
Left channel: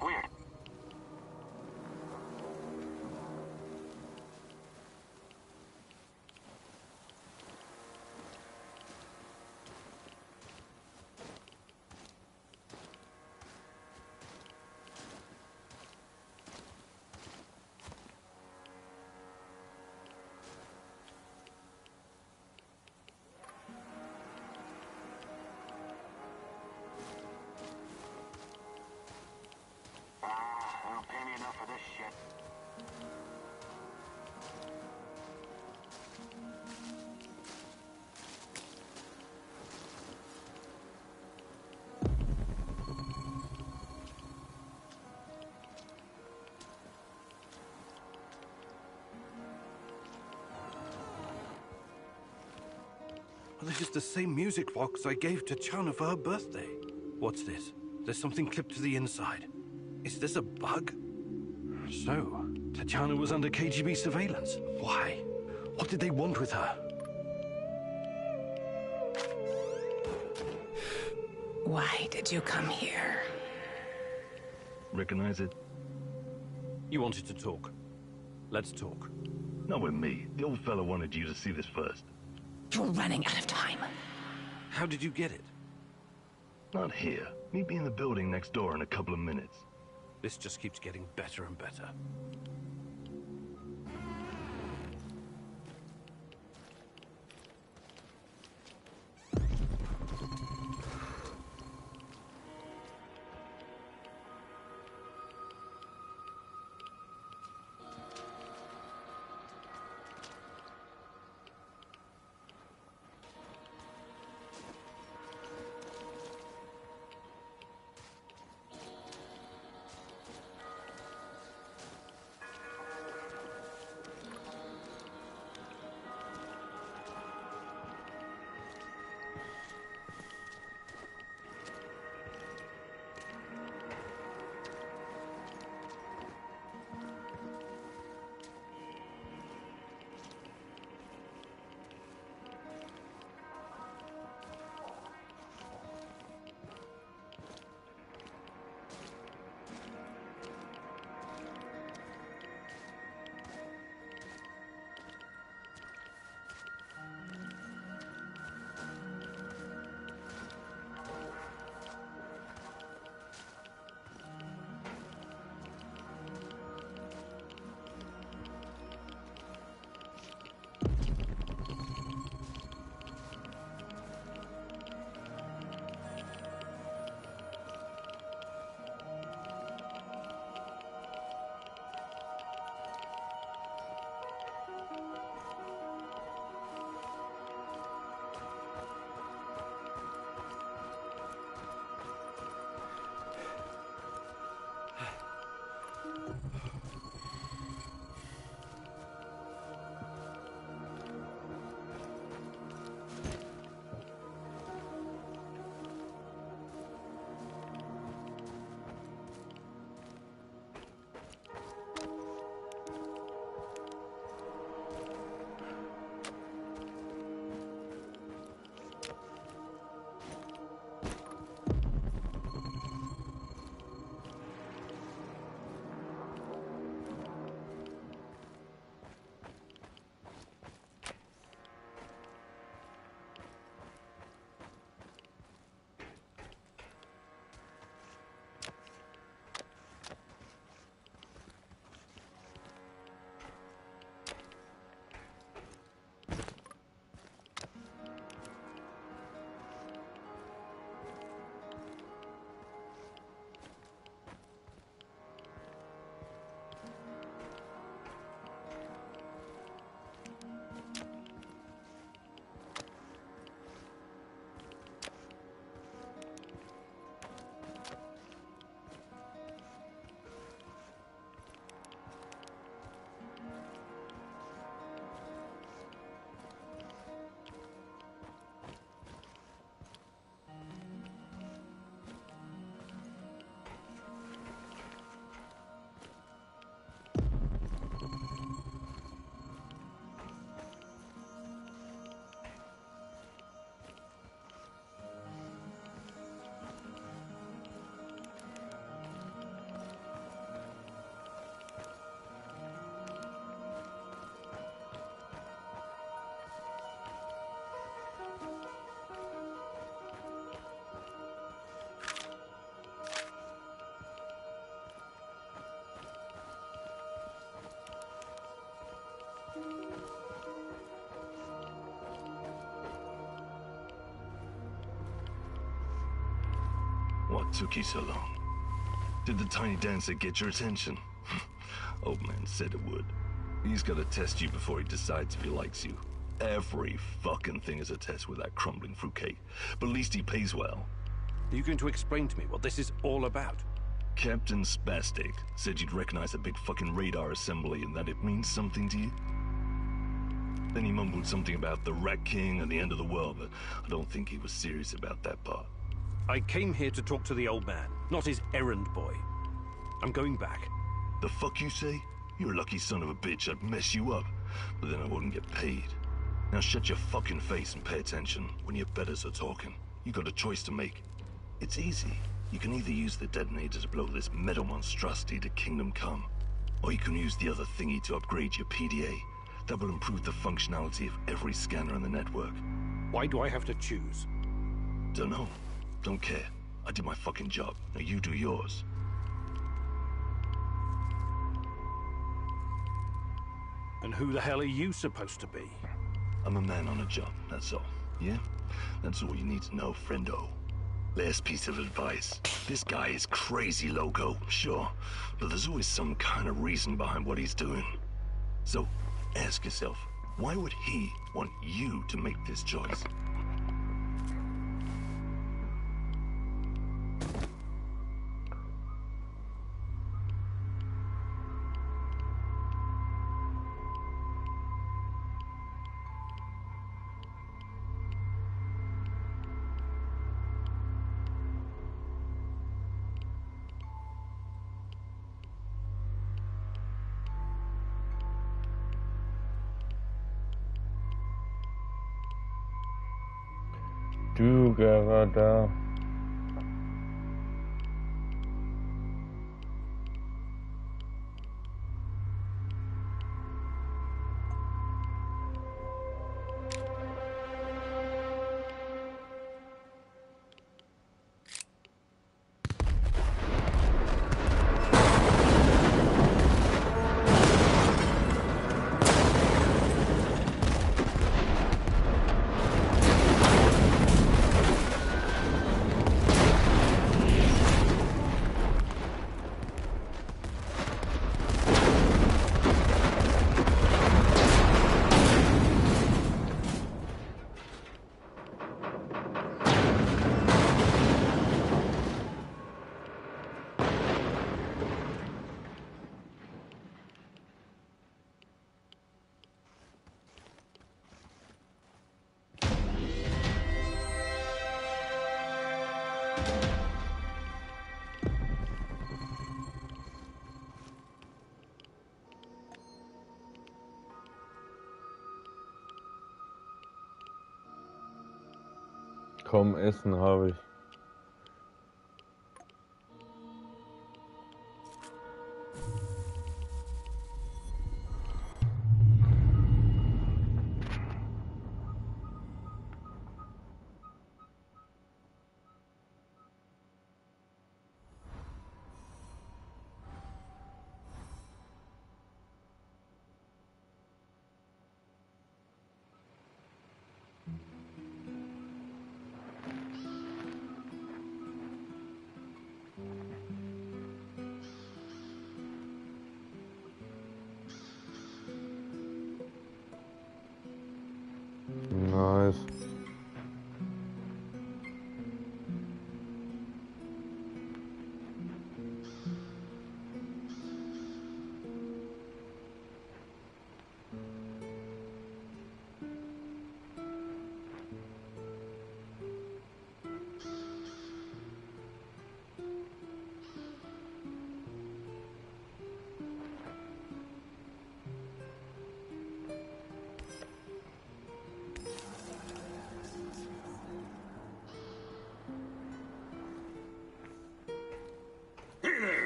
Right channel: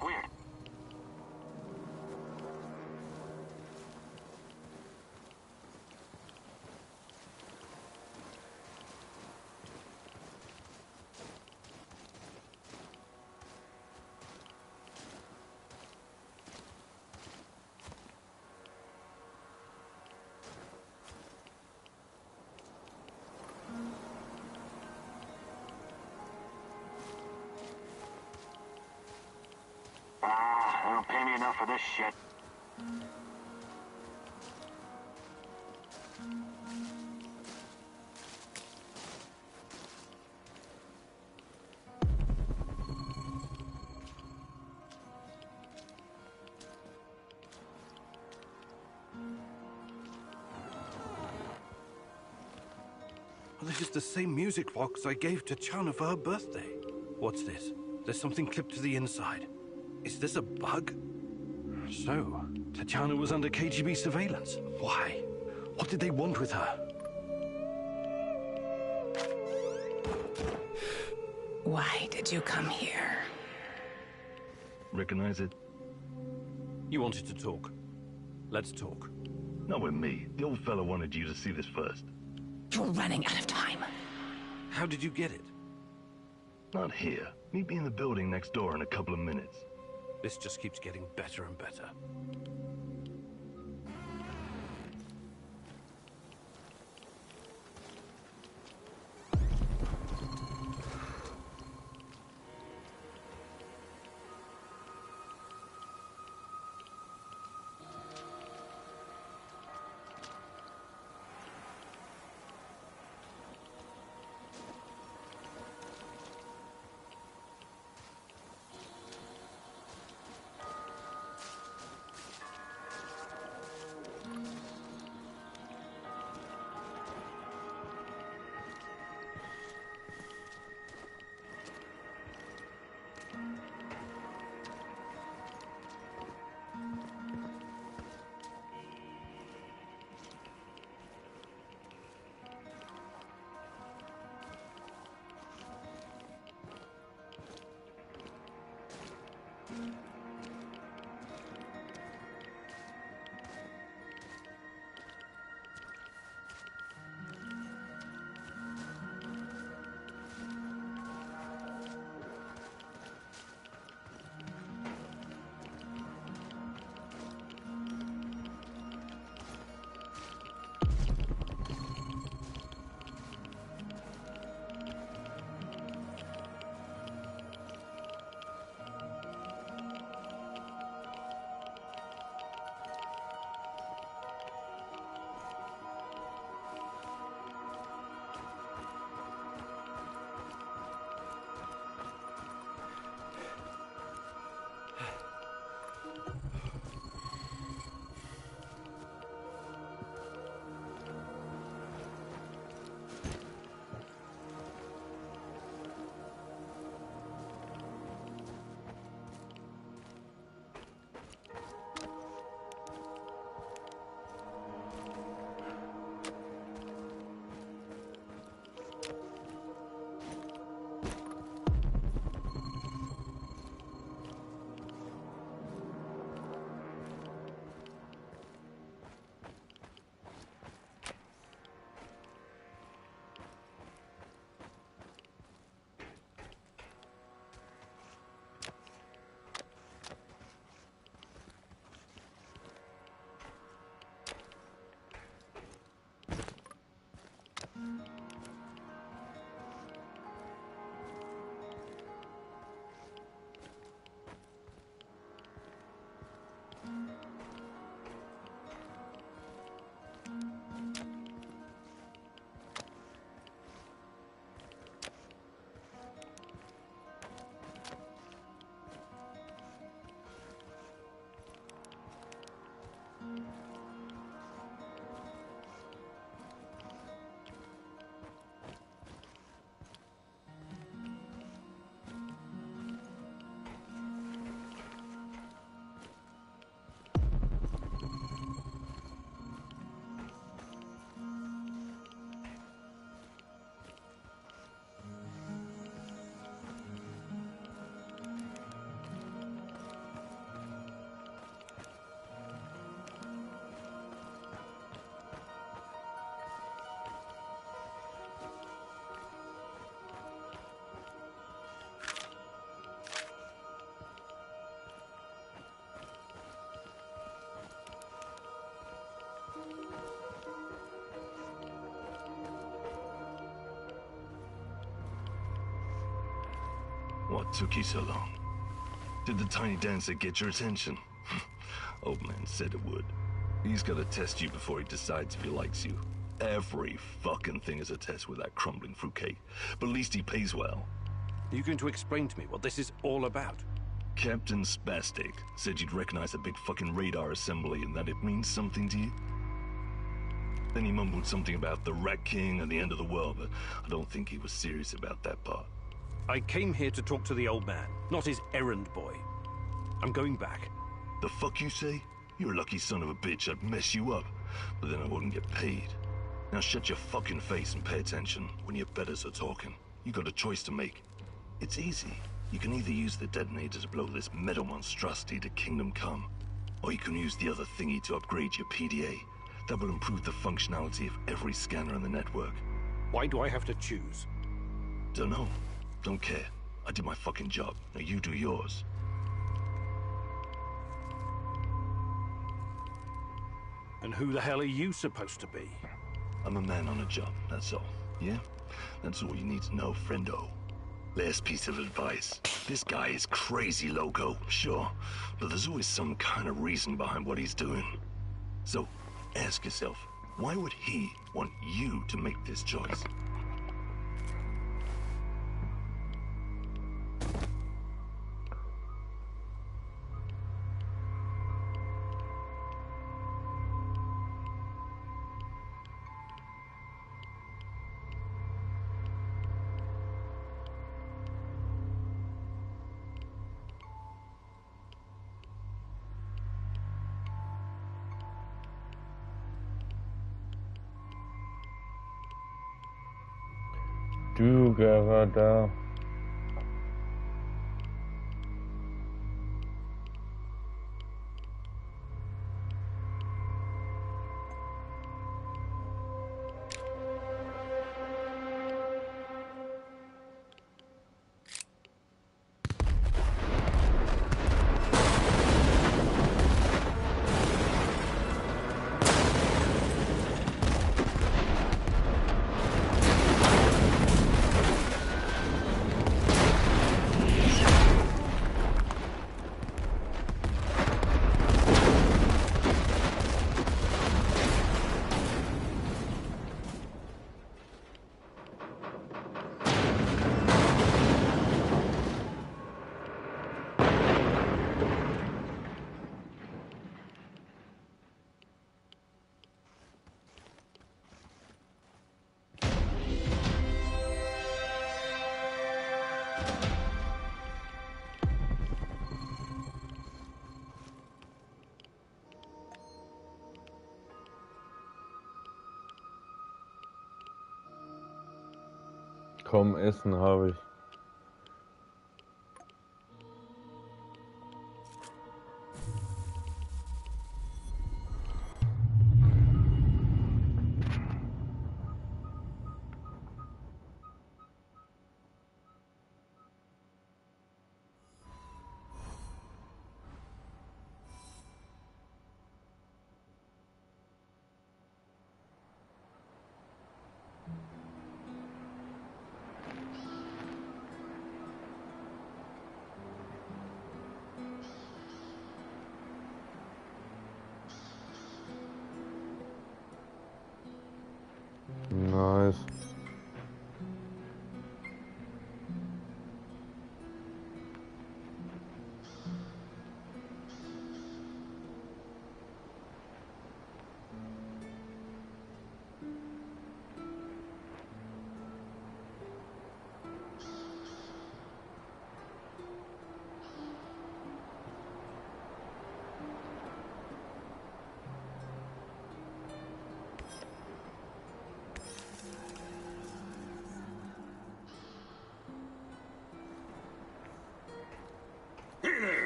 Weird. They don't pay me enough for this shit. Well, this is the same music box I gave to Chana for her birthday. What's this? There's something clipped to the inside. Is this a bug? So, Tatiana was under KGB surveillance. Why? What did they want with her? Why did you come here? Recognize it? You wanted to talk. Let's talk. Not with me. The old fella wanted you to see this first. You're running out of time. How did you get it? Not here. Meet me in the building next door in a couple of minutes. This just keeps getting better and better. What took you so long? Did the tiny dancer get your attention? Old man said it would. He's gotta test you before he decides if he likes you. Every fucking thing is a test with that crumbling fruitcake. But at least he pays well. Are you going to explain to me what this is all about? Captain Spastic said you'd recognize a big fucking radar assembly and that it means something to you. Then he mumbled something about the Rat King and the end of the world, but I don't think he was serious about that part. I came here to talk to the old man, not his errand boy. I'm going back. The fuck you say? You're a lucky son of a bitch. I'd mess you up, but then I wouldn't get paid. Now shut your fucking face and pay attention when your betters are talking. You got a choice to make. It's easy. You can either use the detonator to blow this metal monstrosity to Kingdom Come, or you can use the other thingy to upgrade your PDA. That will improve the functionality of every scanner in the network. Why do I have to choose? Dunno. Don't care. I did my fucking job. Now you do yours. And who the hell are you supposed to be? I'm a man on a job, that's all. Yeah? That's all you need to know, friendo. Last piece of advice. This guy is crazy loco, sure. But there's always some kind of reason behind what he's doing. So, ask yourself, why would he want you to make this choice? Du Gerada. Kaum Essen habe ich. Nice.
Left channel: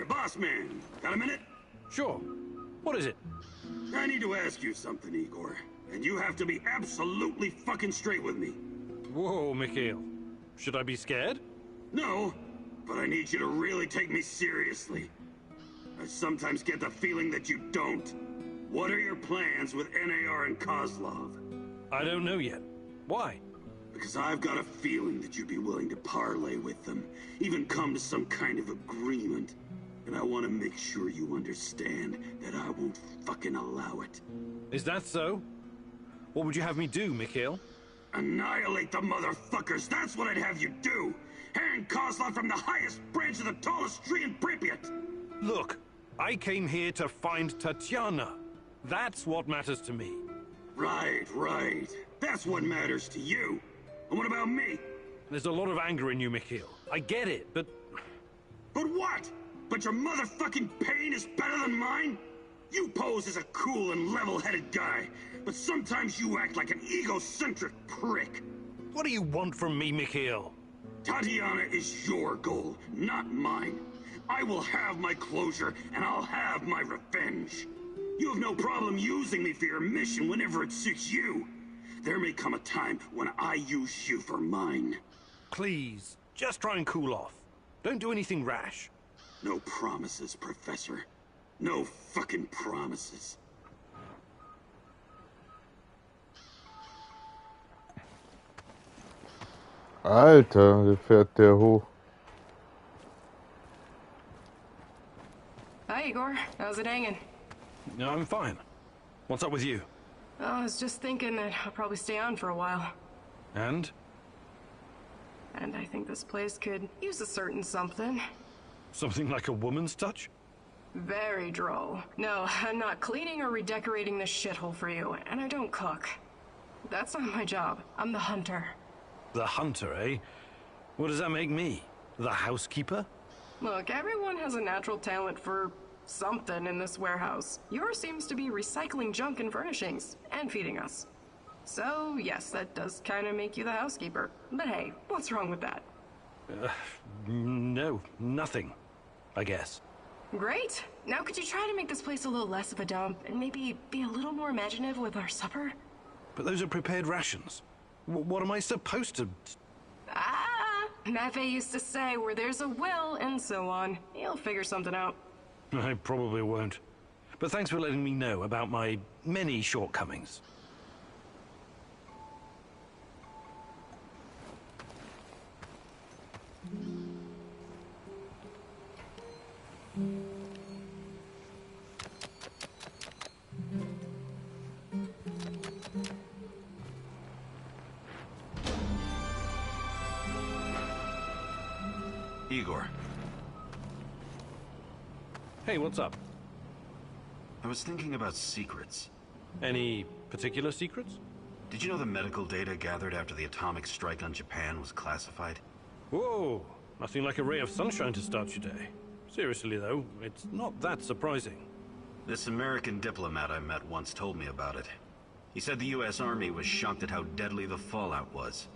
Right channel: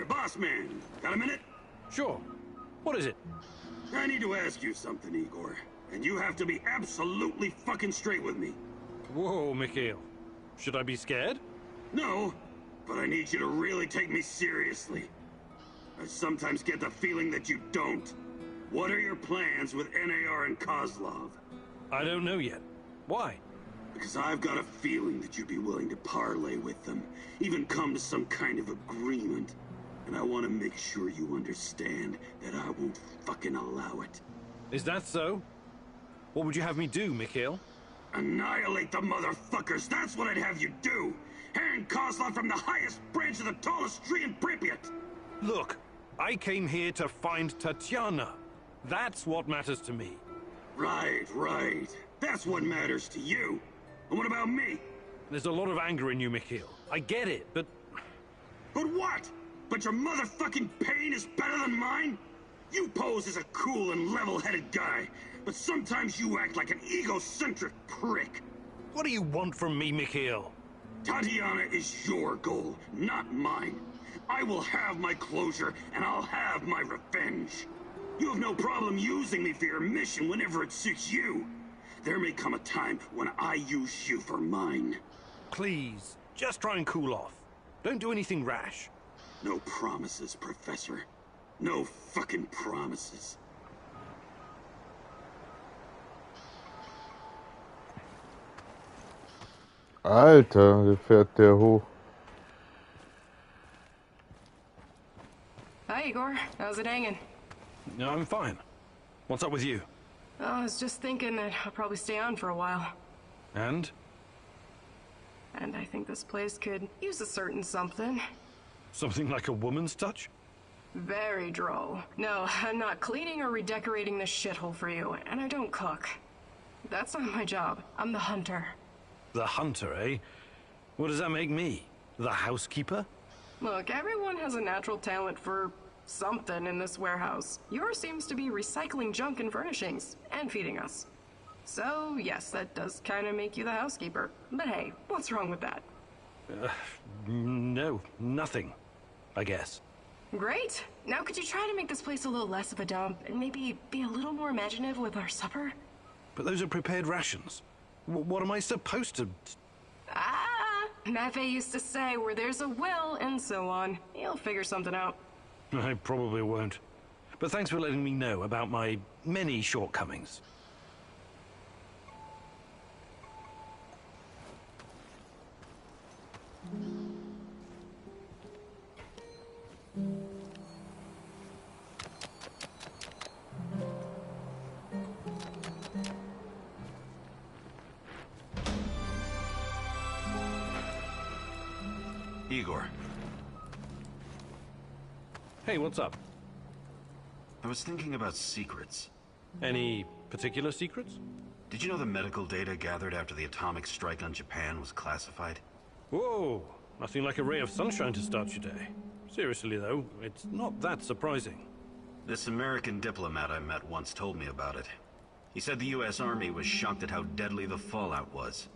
Boss man, got a minute? Sure. What is it? I need to ask you something, Igor. And you have to be absolutely fucking straight with me. Whoa, Mikhail. Should I be scared? No, but I need you to really take me seriously. I sometimes get the feeling that you don't. What are your plans with NAR and Kozlov? I don't know yet. Why? Because I've got a feeling that you'd be willing to parlay with them, even come to some kind of agreement. And I want to make sure you understand that I won't fucking allow it. Is that so? What would you have me do, Mikhail? Annihilate the motherfuckers, that's what I'd have you do! Hang Kozlov from the highest branch of the tallest tree in Pripyat! Look, I came here to find Tatiana. That's what matters to me. Right. That's what matters to you. And what about me? There's a lot of anger in you, Mikhail. I get it, but... But what? But your motherfucking pain is better than mine? You pose as a cool and level-headed guy, but sometimes you act like an egocentric prick. What do you want from me, Mikhail? Tatiana is your goal, not mine. I will have my closure, and I'll have my revenge. You have no problem using me for your mission whenever it suits you. There may come a time when I use you for mine. Please, just try and cool off. Don't do anything rash. No promises, Professor. No fucking promises. Alter, wie fährt der hoch? Hi, Igor. How's it hanging? No, I'm fine. What's up with you? I was just thinking that I'll probably stay on for a while. And? And I think this place could use a certain something. Something like a woman's touch? Very droll. No, I'm not cleaning or redecorating this shithole for you, and I don't cook. That's not my job. I'm the hunter. The hunter, eh? What does that make me? The housekeeper? Look, everyone has a natural talent for something in this warehouse. Yours seems to be recycling junk and furnishings, and feeding us. So, yes, that does kind of make you the housekeeper. But hey, what's wrong with that? No, nothing, I guess. Great. Now could you try to make this place a little less of a dump, and maybe be a little more imaginative with our supper? But those are prepared rations. What am I supposed to... Maffei used to say, where there's a will, and so on. You'll figure something out. I probably won't. But thanks for letting me know about my many shortcomings. Igor. Hey, what's up? I was thinking about secrets. Any particular secrets? Did you know the medical data gathered after the atomic strike on Japan was classified? Whoa, nothing like a ray of sunshine to start your day. Seriously though, it's not that surprising. This American diplomat I met once told me about it. He said the US Army was shocked at how deadly the fallout was.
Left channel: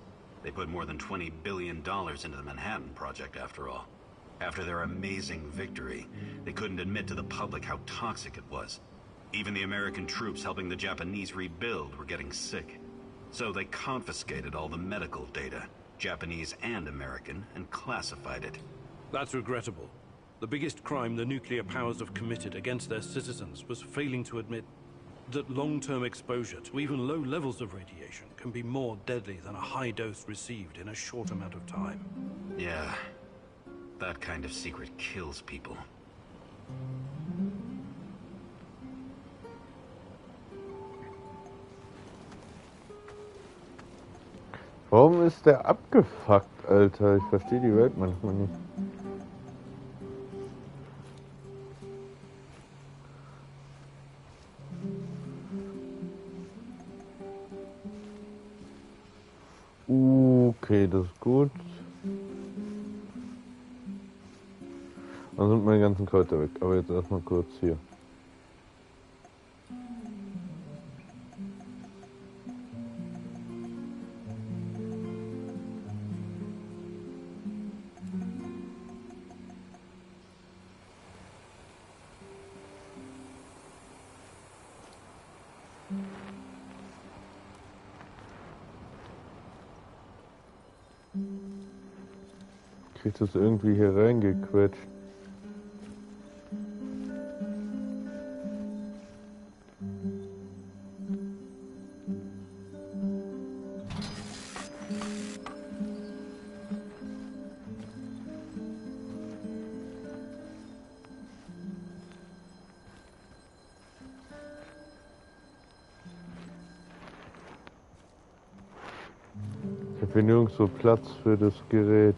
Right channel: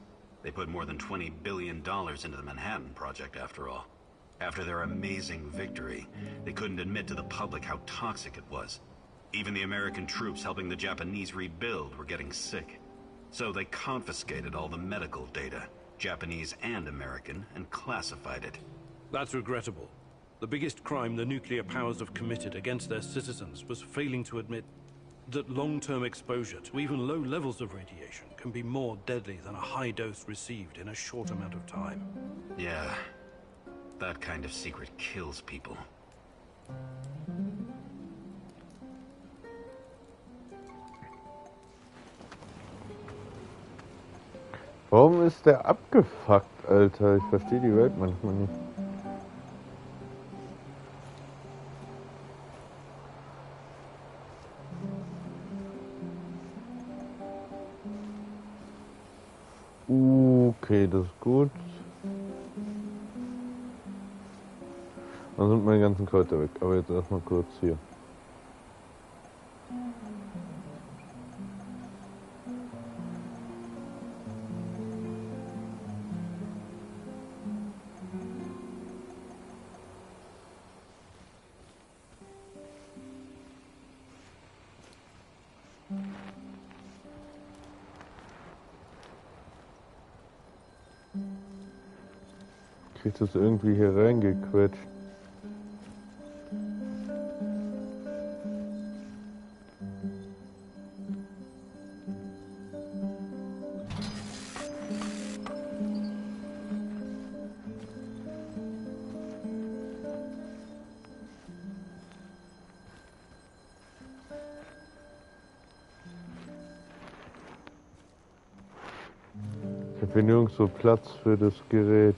They put more than $20 billion into the Manhattan Project, after all. After their amazing victory, they couldn't admit to the public how toxic it was. Even the American troops helping the Japanese rebuild were getting sick. So they confiscated all the medical data, Japanese and American, and classified it. That's regrettable. The biggest crime the nuclear powers have committed against their citizens was failing to admit that long-term exposure to even low levels of radiation can be more deadly than a high dose received in a short amount of time. Yeah, that kind of secret kills people. Warum ist der abgefuckt, Alter? Ich verstehe die Welt manchmal nicht. Okay, das ist gut. Dann sind meine ganzen Kräuter weg, aber jetzt erstmal kurz hier. Kriegt das irgendwie hier reingequetscht. Ich bin nirgendwo Platz für das Gerät.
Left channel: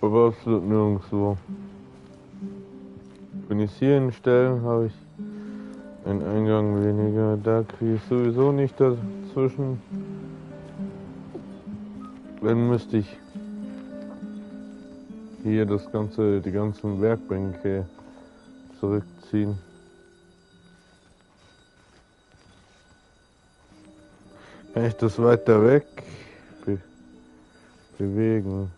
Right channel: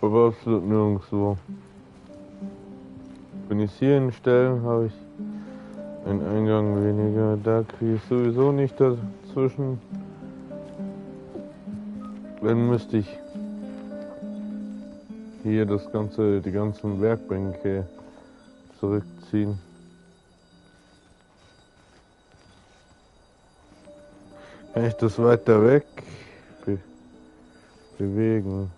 Aber absolut nirgendwo. Wenn ich es hier hinstelle, habe ich einen Eingang weniger. Da kriege ich sowieso nicht dazwischen. Dann müsste ich hier die ganzen Werkbänke zurückziehen. Kann ich das weiter weg bewegen?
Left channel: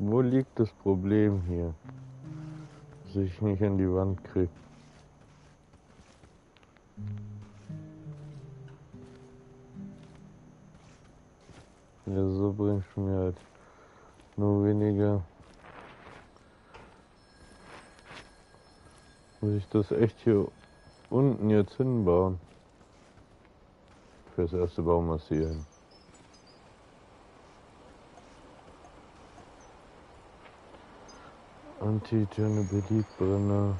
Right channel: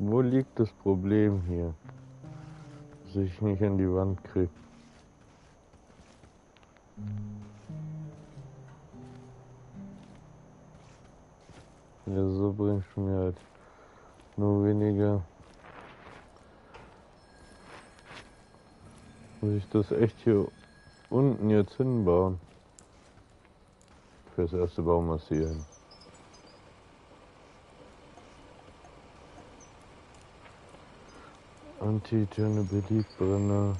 Wo liegt das Problem hier, dass ich nicht an die Wand kriege? Ja, so bringst du mir halt nur weniger. Muss ich das echt hier unten jetzt hinbauen? Fürs erste Baumassieren. Anti-Chernobylite-Brenner.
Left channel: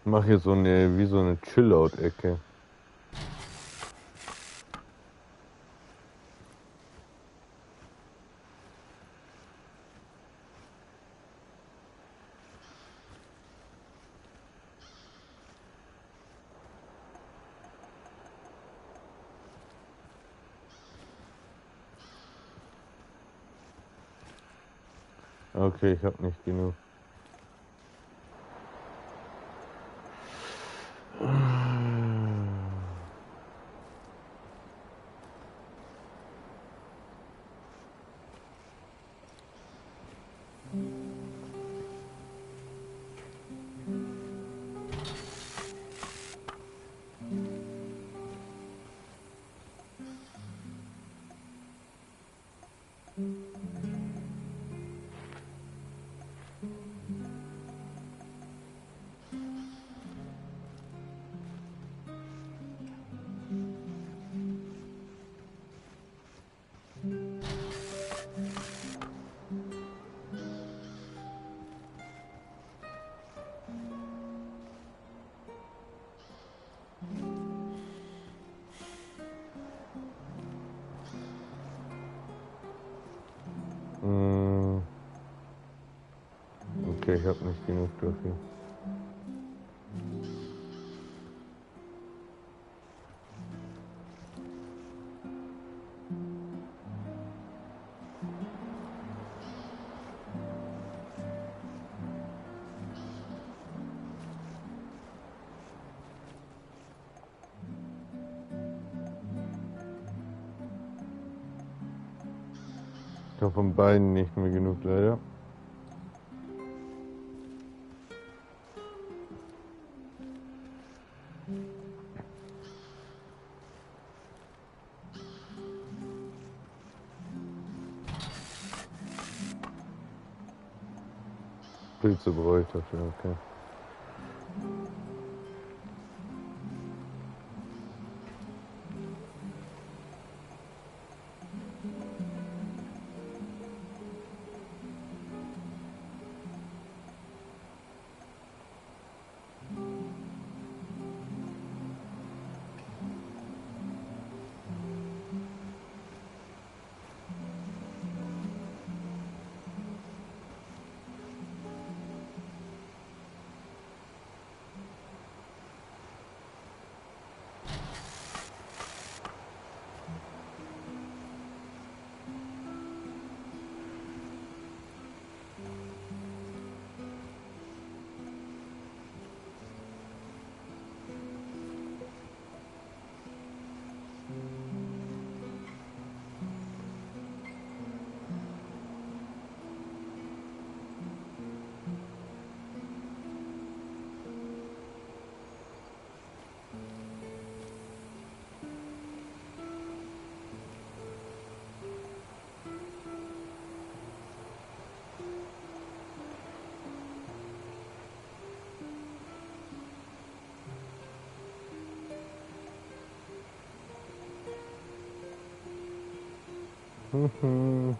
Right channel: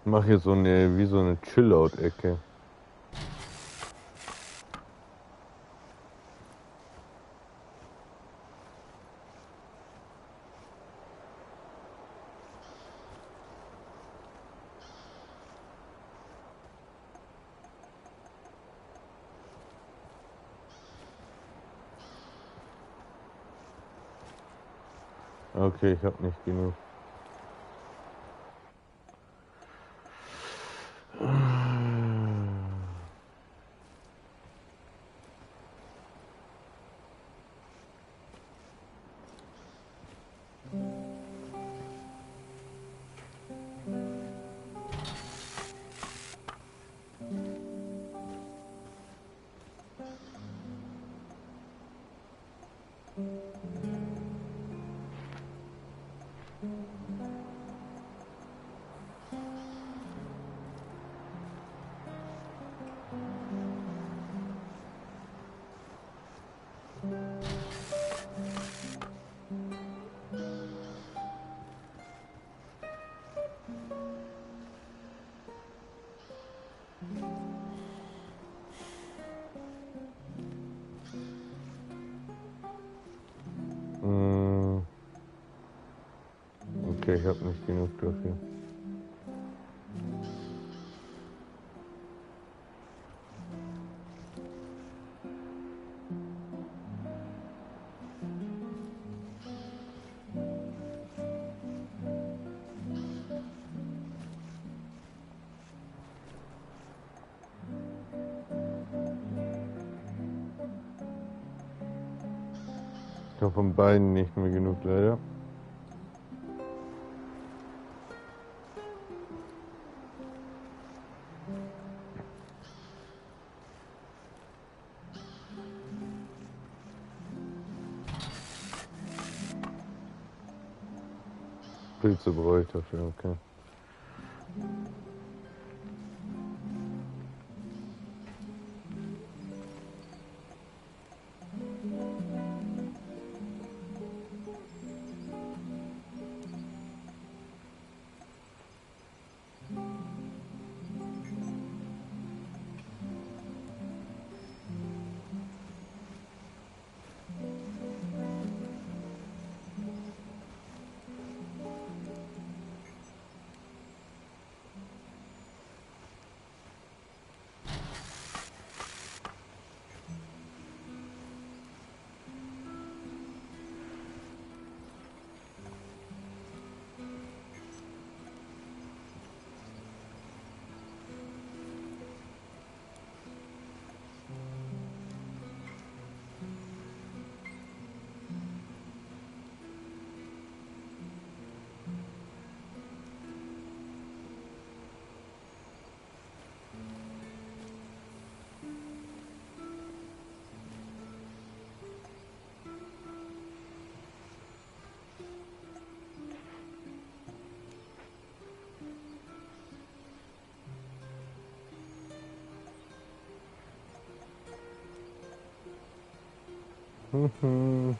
Ich mache hier wie so eine Chill-Out-Ecke. Okay, ich habe nicht genug. Okay, ich habe nicht genug dafür. Ich habe von beiden nicht mehr genug, leider. Pilze brauche ich dafür, okay. Wie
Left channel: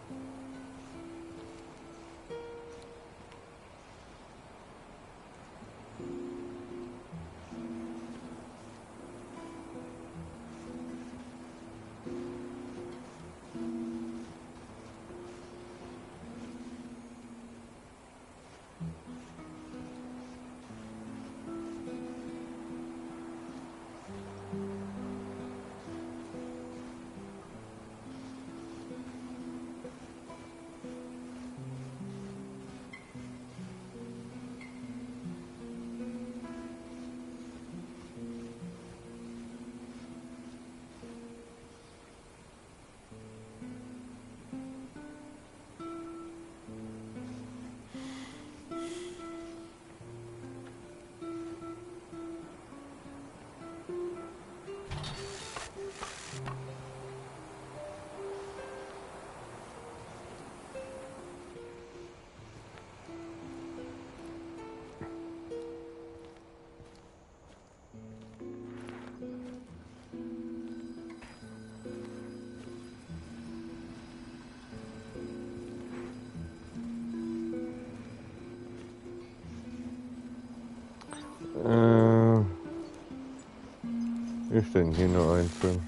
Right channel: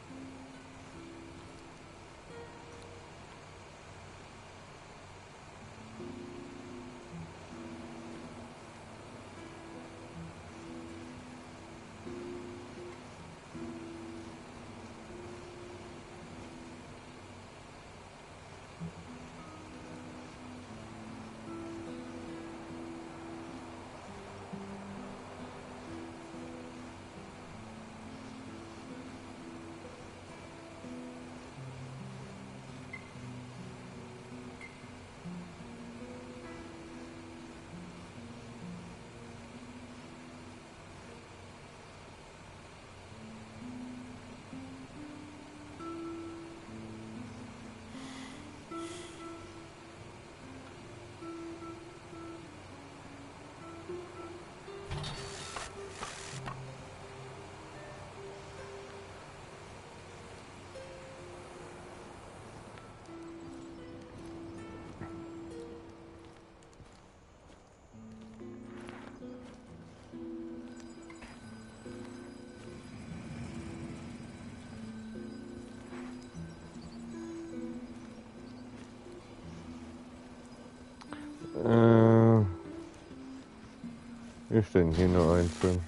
ist denn hier nur einzeln?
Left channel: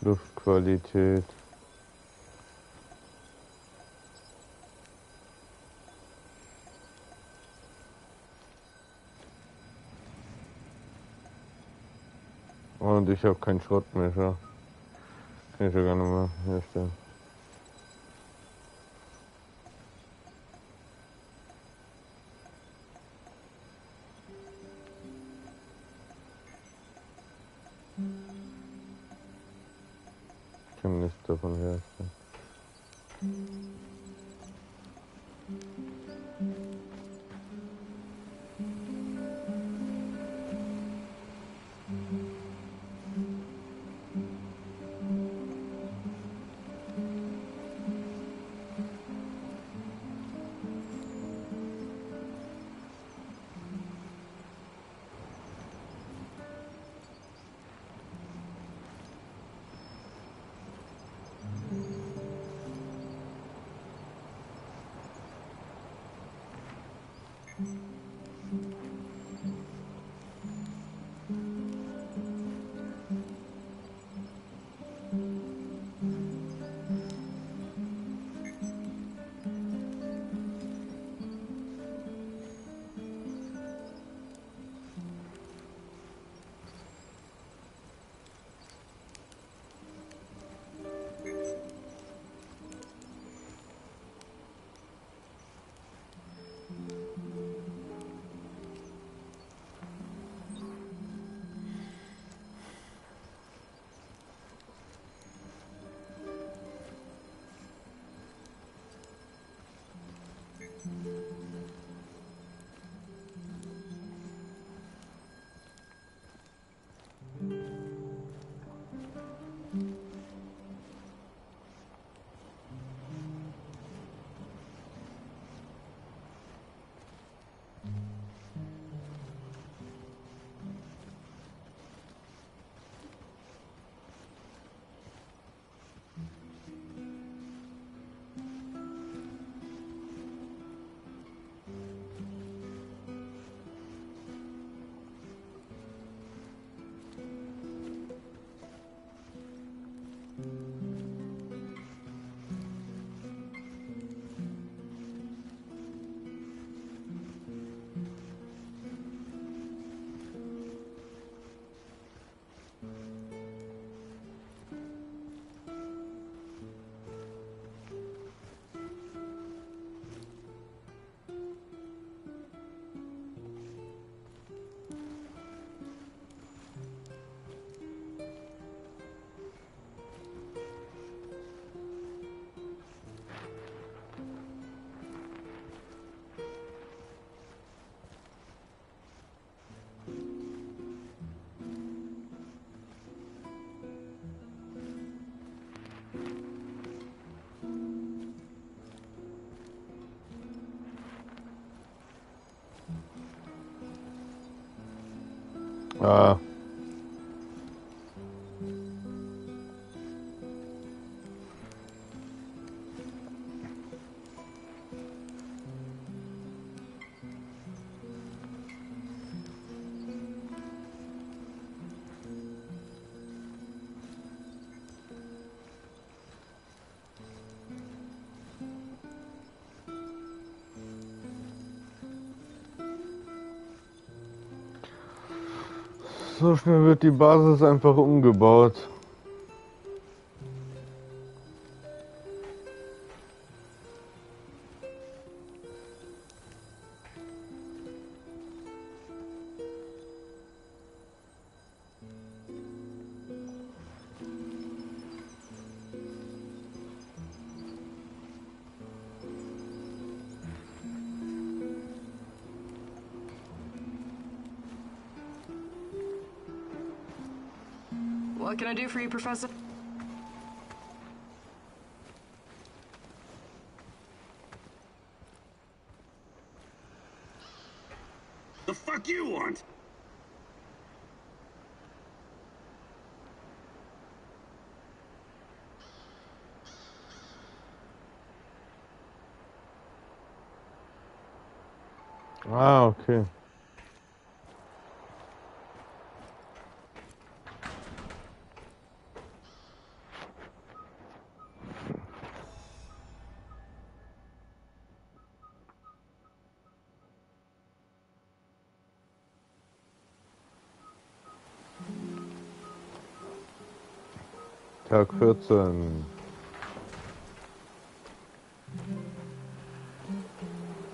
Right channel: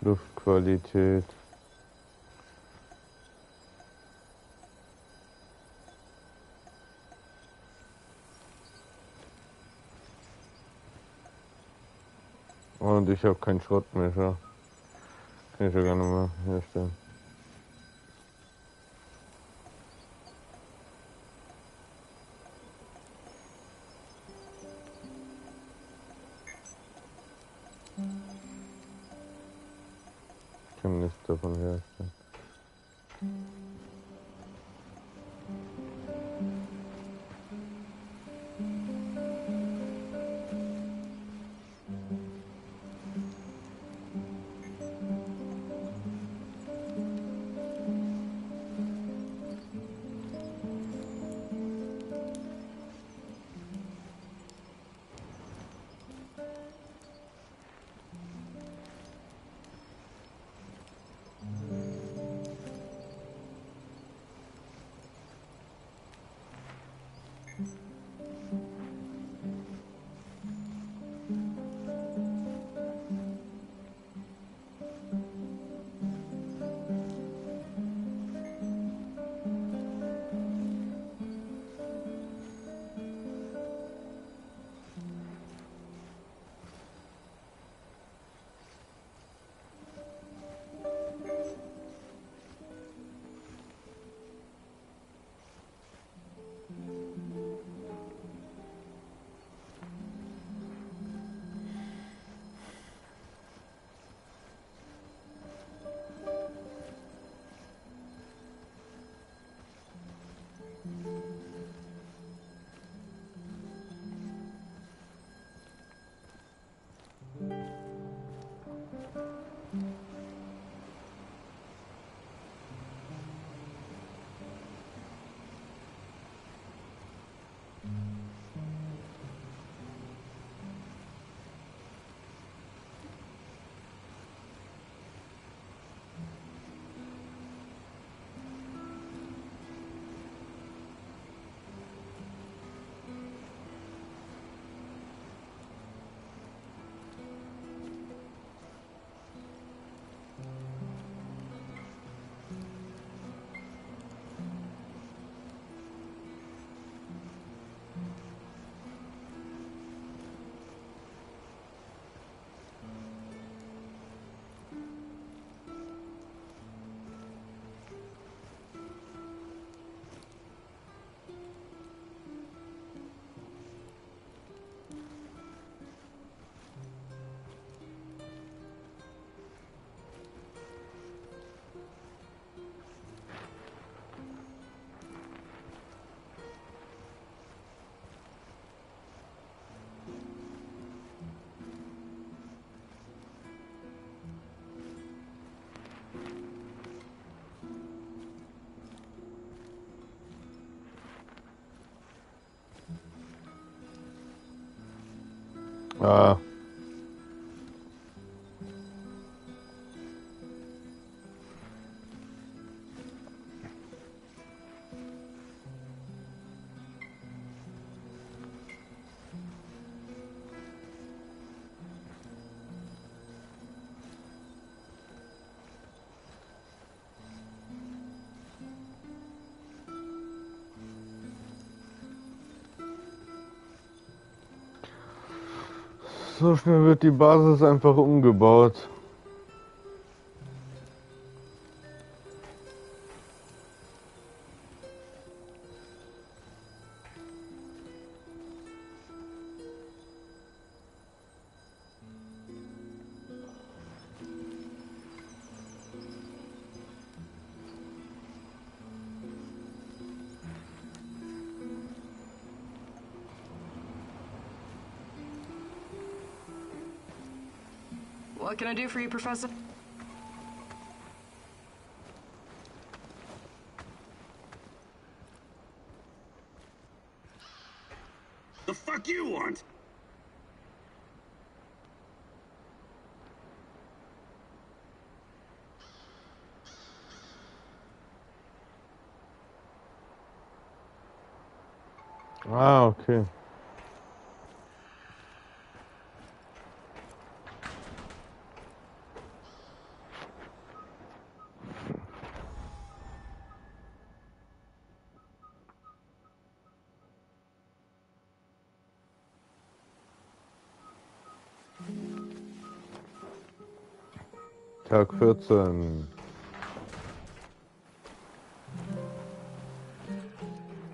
Luftqualität. Und ich habe keinen Schrottmesser. Kann ich ja gar nicht mehr herstellen. Ich kann nichts davon herstellen. Ah. So schnell wird die Basis einfach umgebaut. What can I do for you, Professor? The fuck you want? Ah, okay. Tag 14.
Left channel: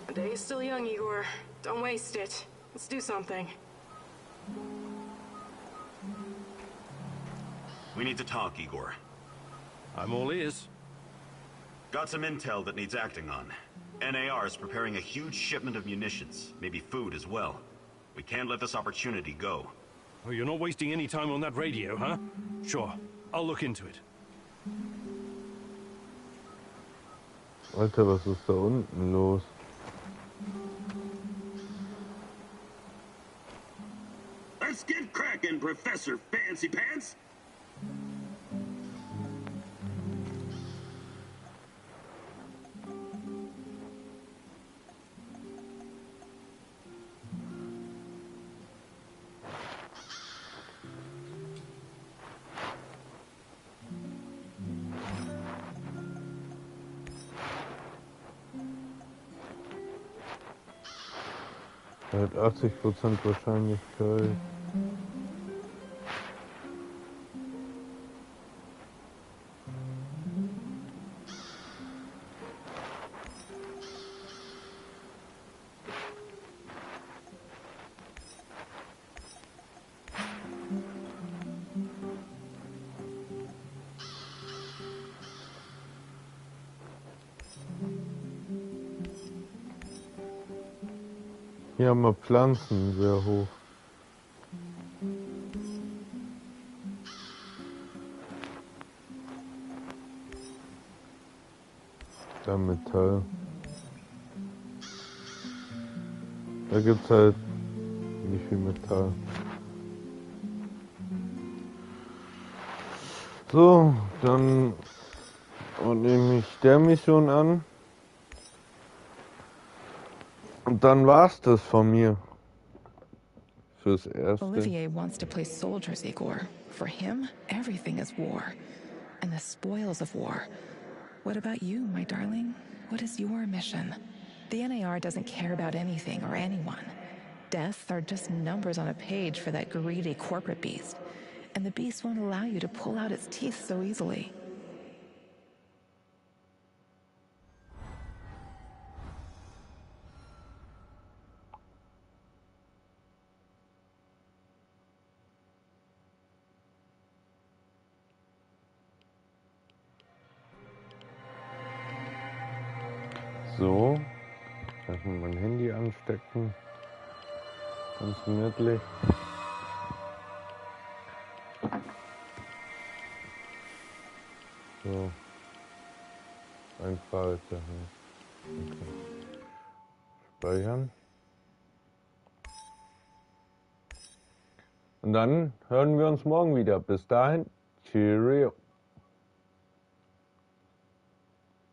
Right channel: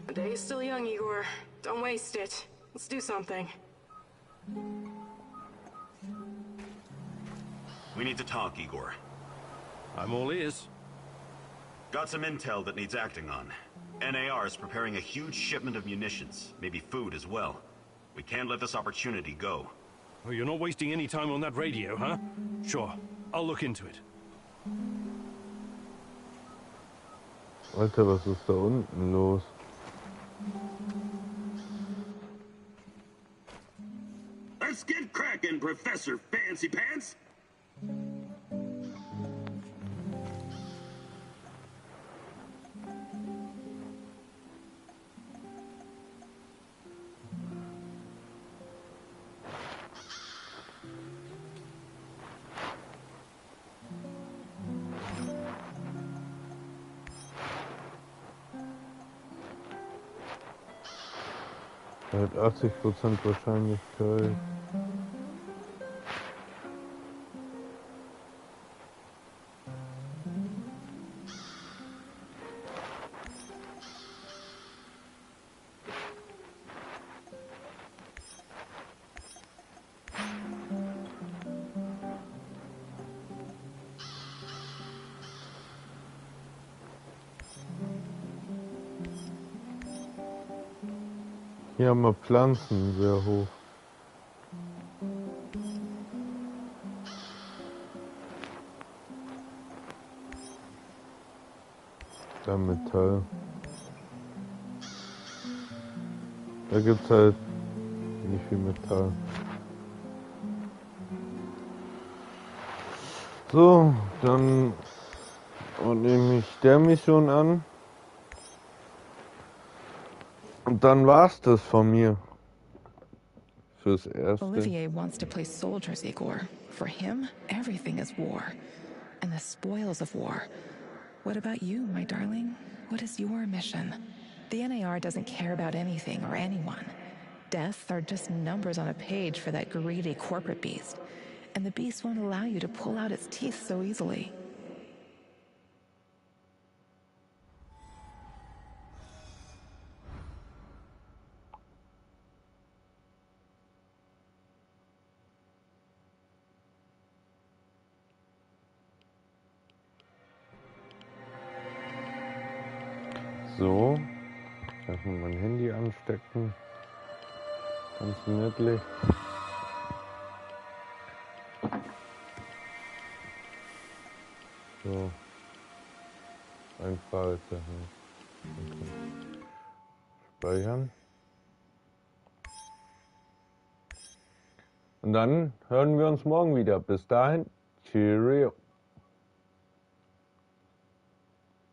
The day is still young, Igor. Don't waste it. Let's do something. We need to talk, Igor. I'm all ears. Got some intel that needs acting on. NAR is preparing a huge shipment of munitions, maybe food as well. We can't let this opportunity go. Oh, you're not wasting any time on that radio, huh? Sure, I'll look into it. Alter, was ist da unten los? Let's get cracking, Professor Fancy Pants! Mit 80% Wahrscheinlichkeit. Hier haben wir Pflanzen sehr hoch. Da Metall. Da gibt's halt nicht viel Metall. So, dann nehme ich der Mission an. Und dann war's das von mir. Fürs Erste. Olivier wants to play soldiers, Igor. For him, everything is war. And the spoils of war. What about you, my darling? What is your mission? The NAR doesn't care about anything or anyone. Death are just numbers on a page for that greedy corporate beast. And the beast won't allow you to pull out its teeth so easily. So, erstmal mein Handy anstecken. Ganz gemütlich. So, ein Fragezeichen. Okay. Speichern. Und dann hören wir uns morgen wieder. Bis dahin, Cheerio.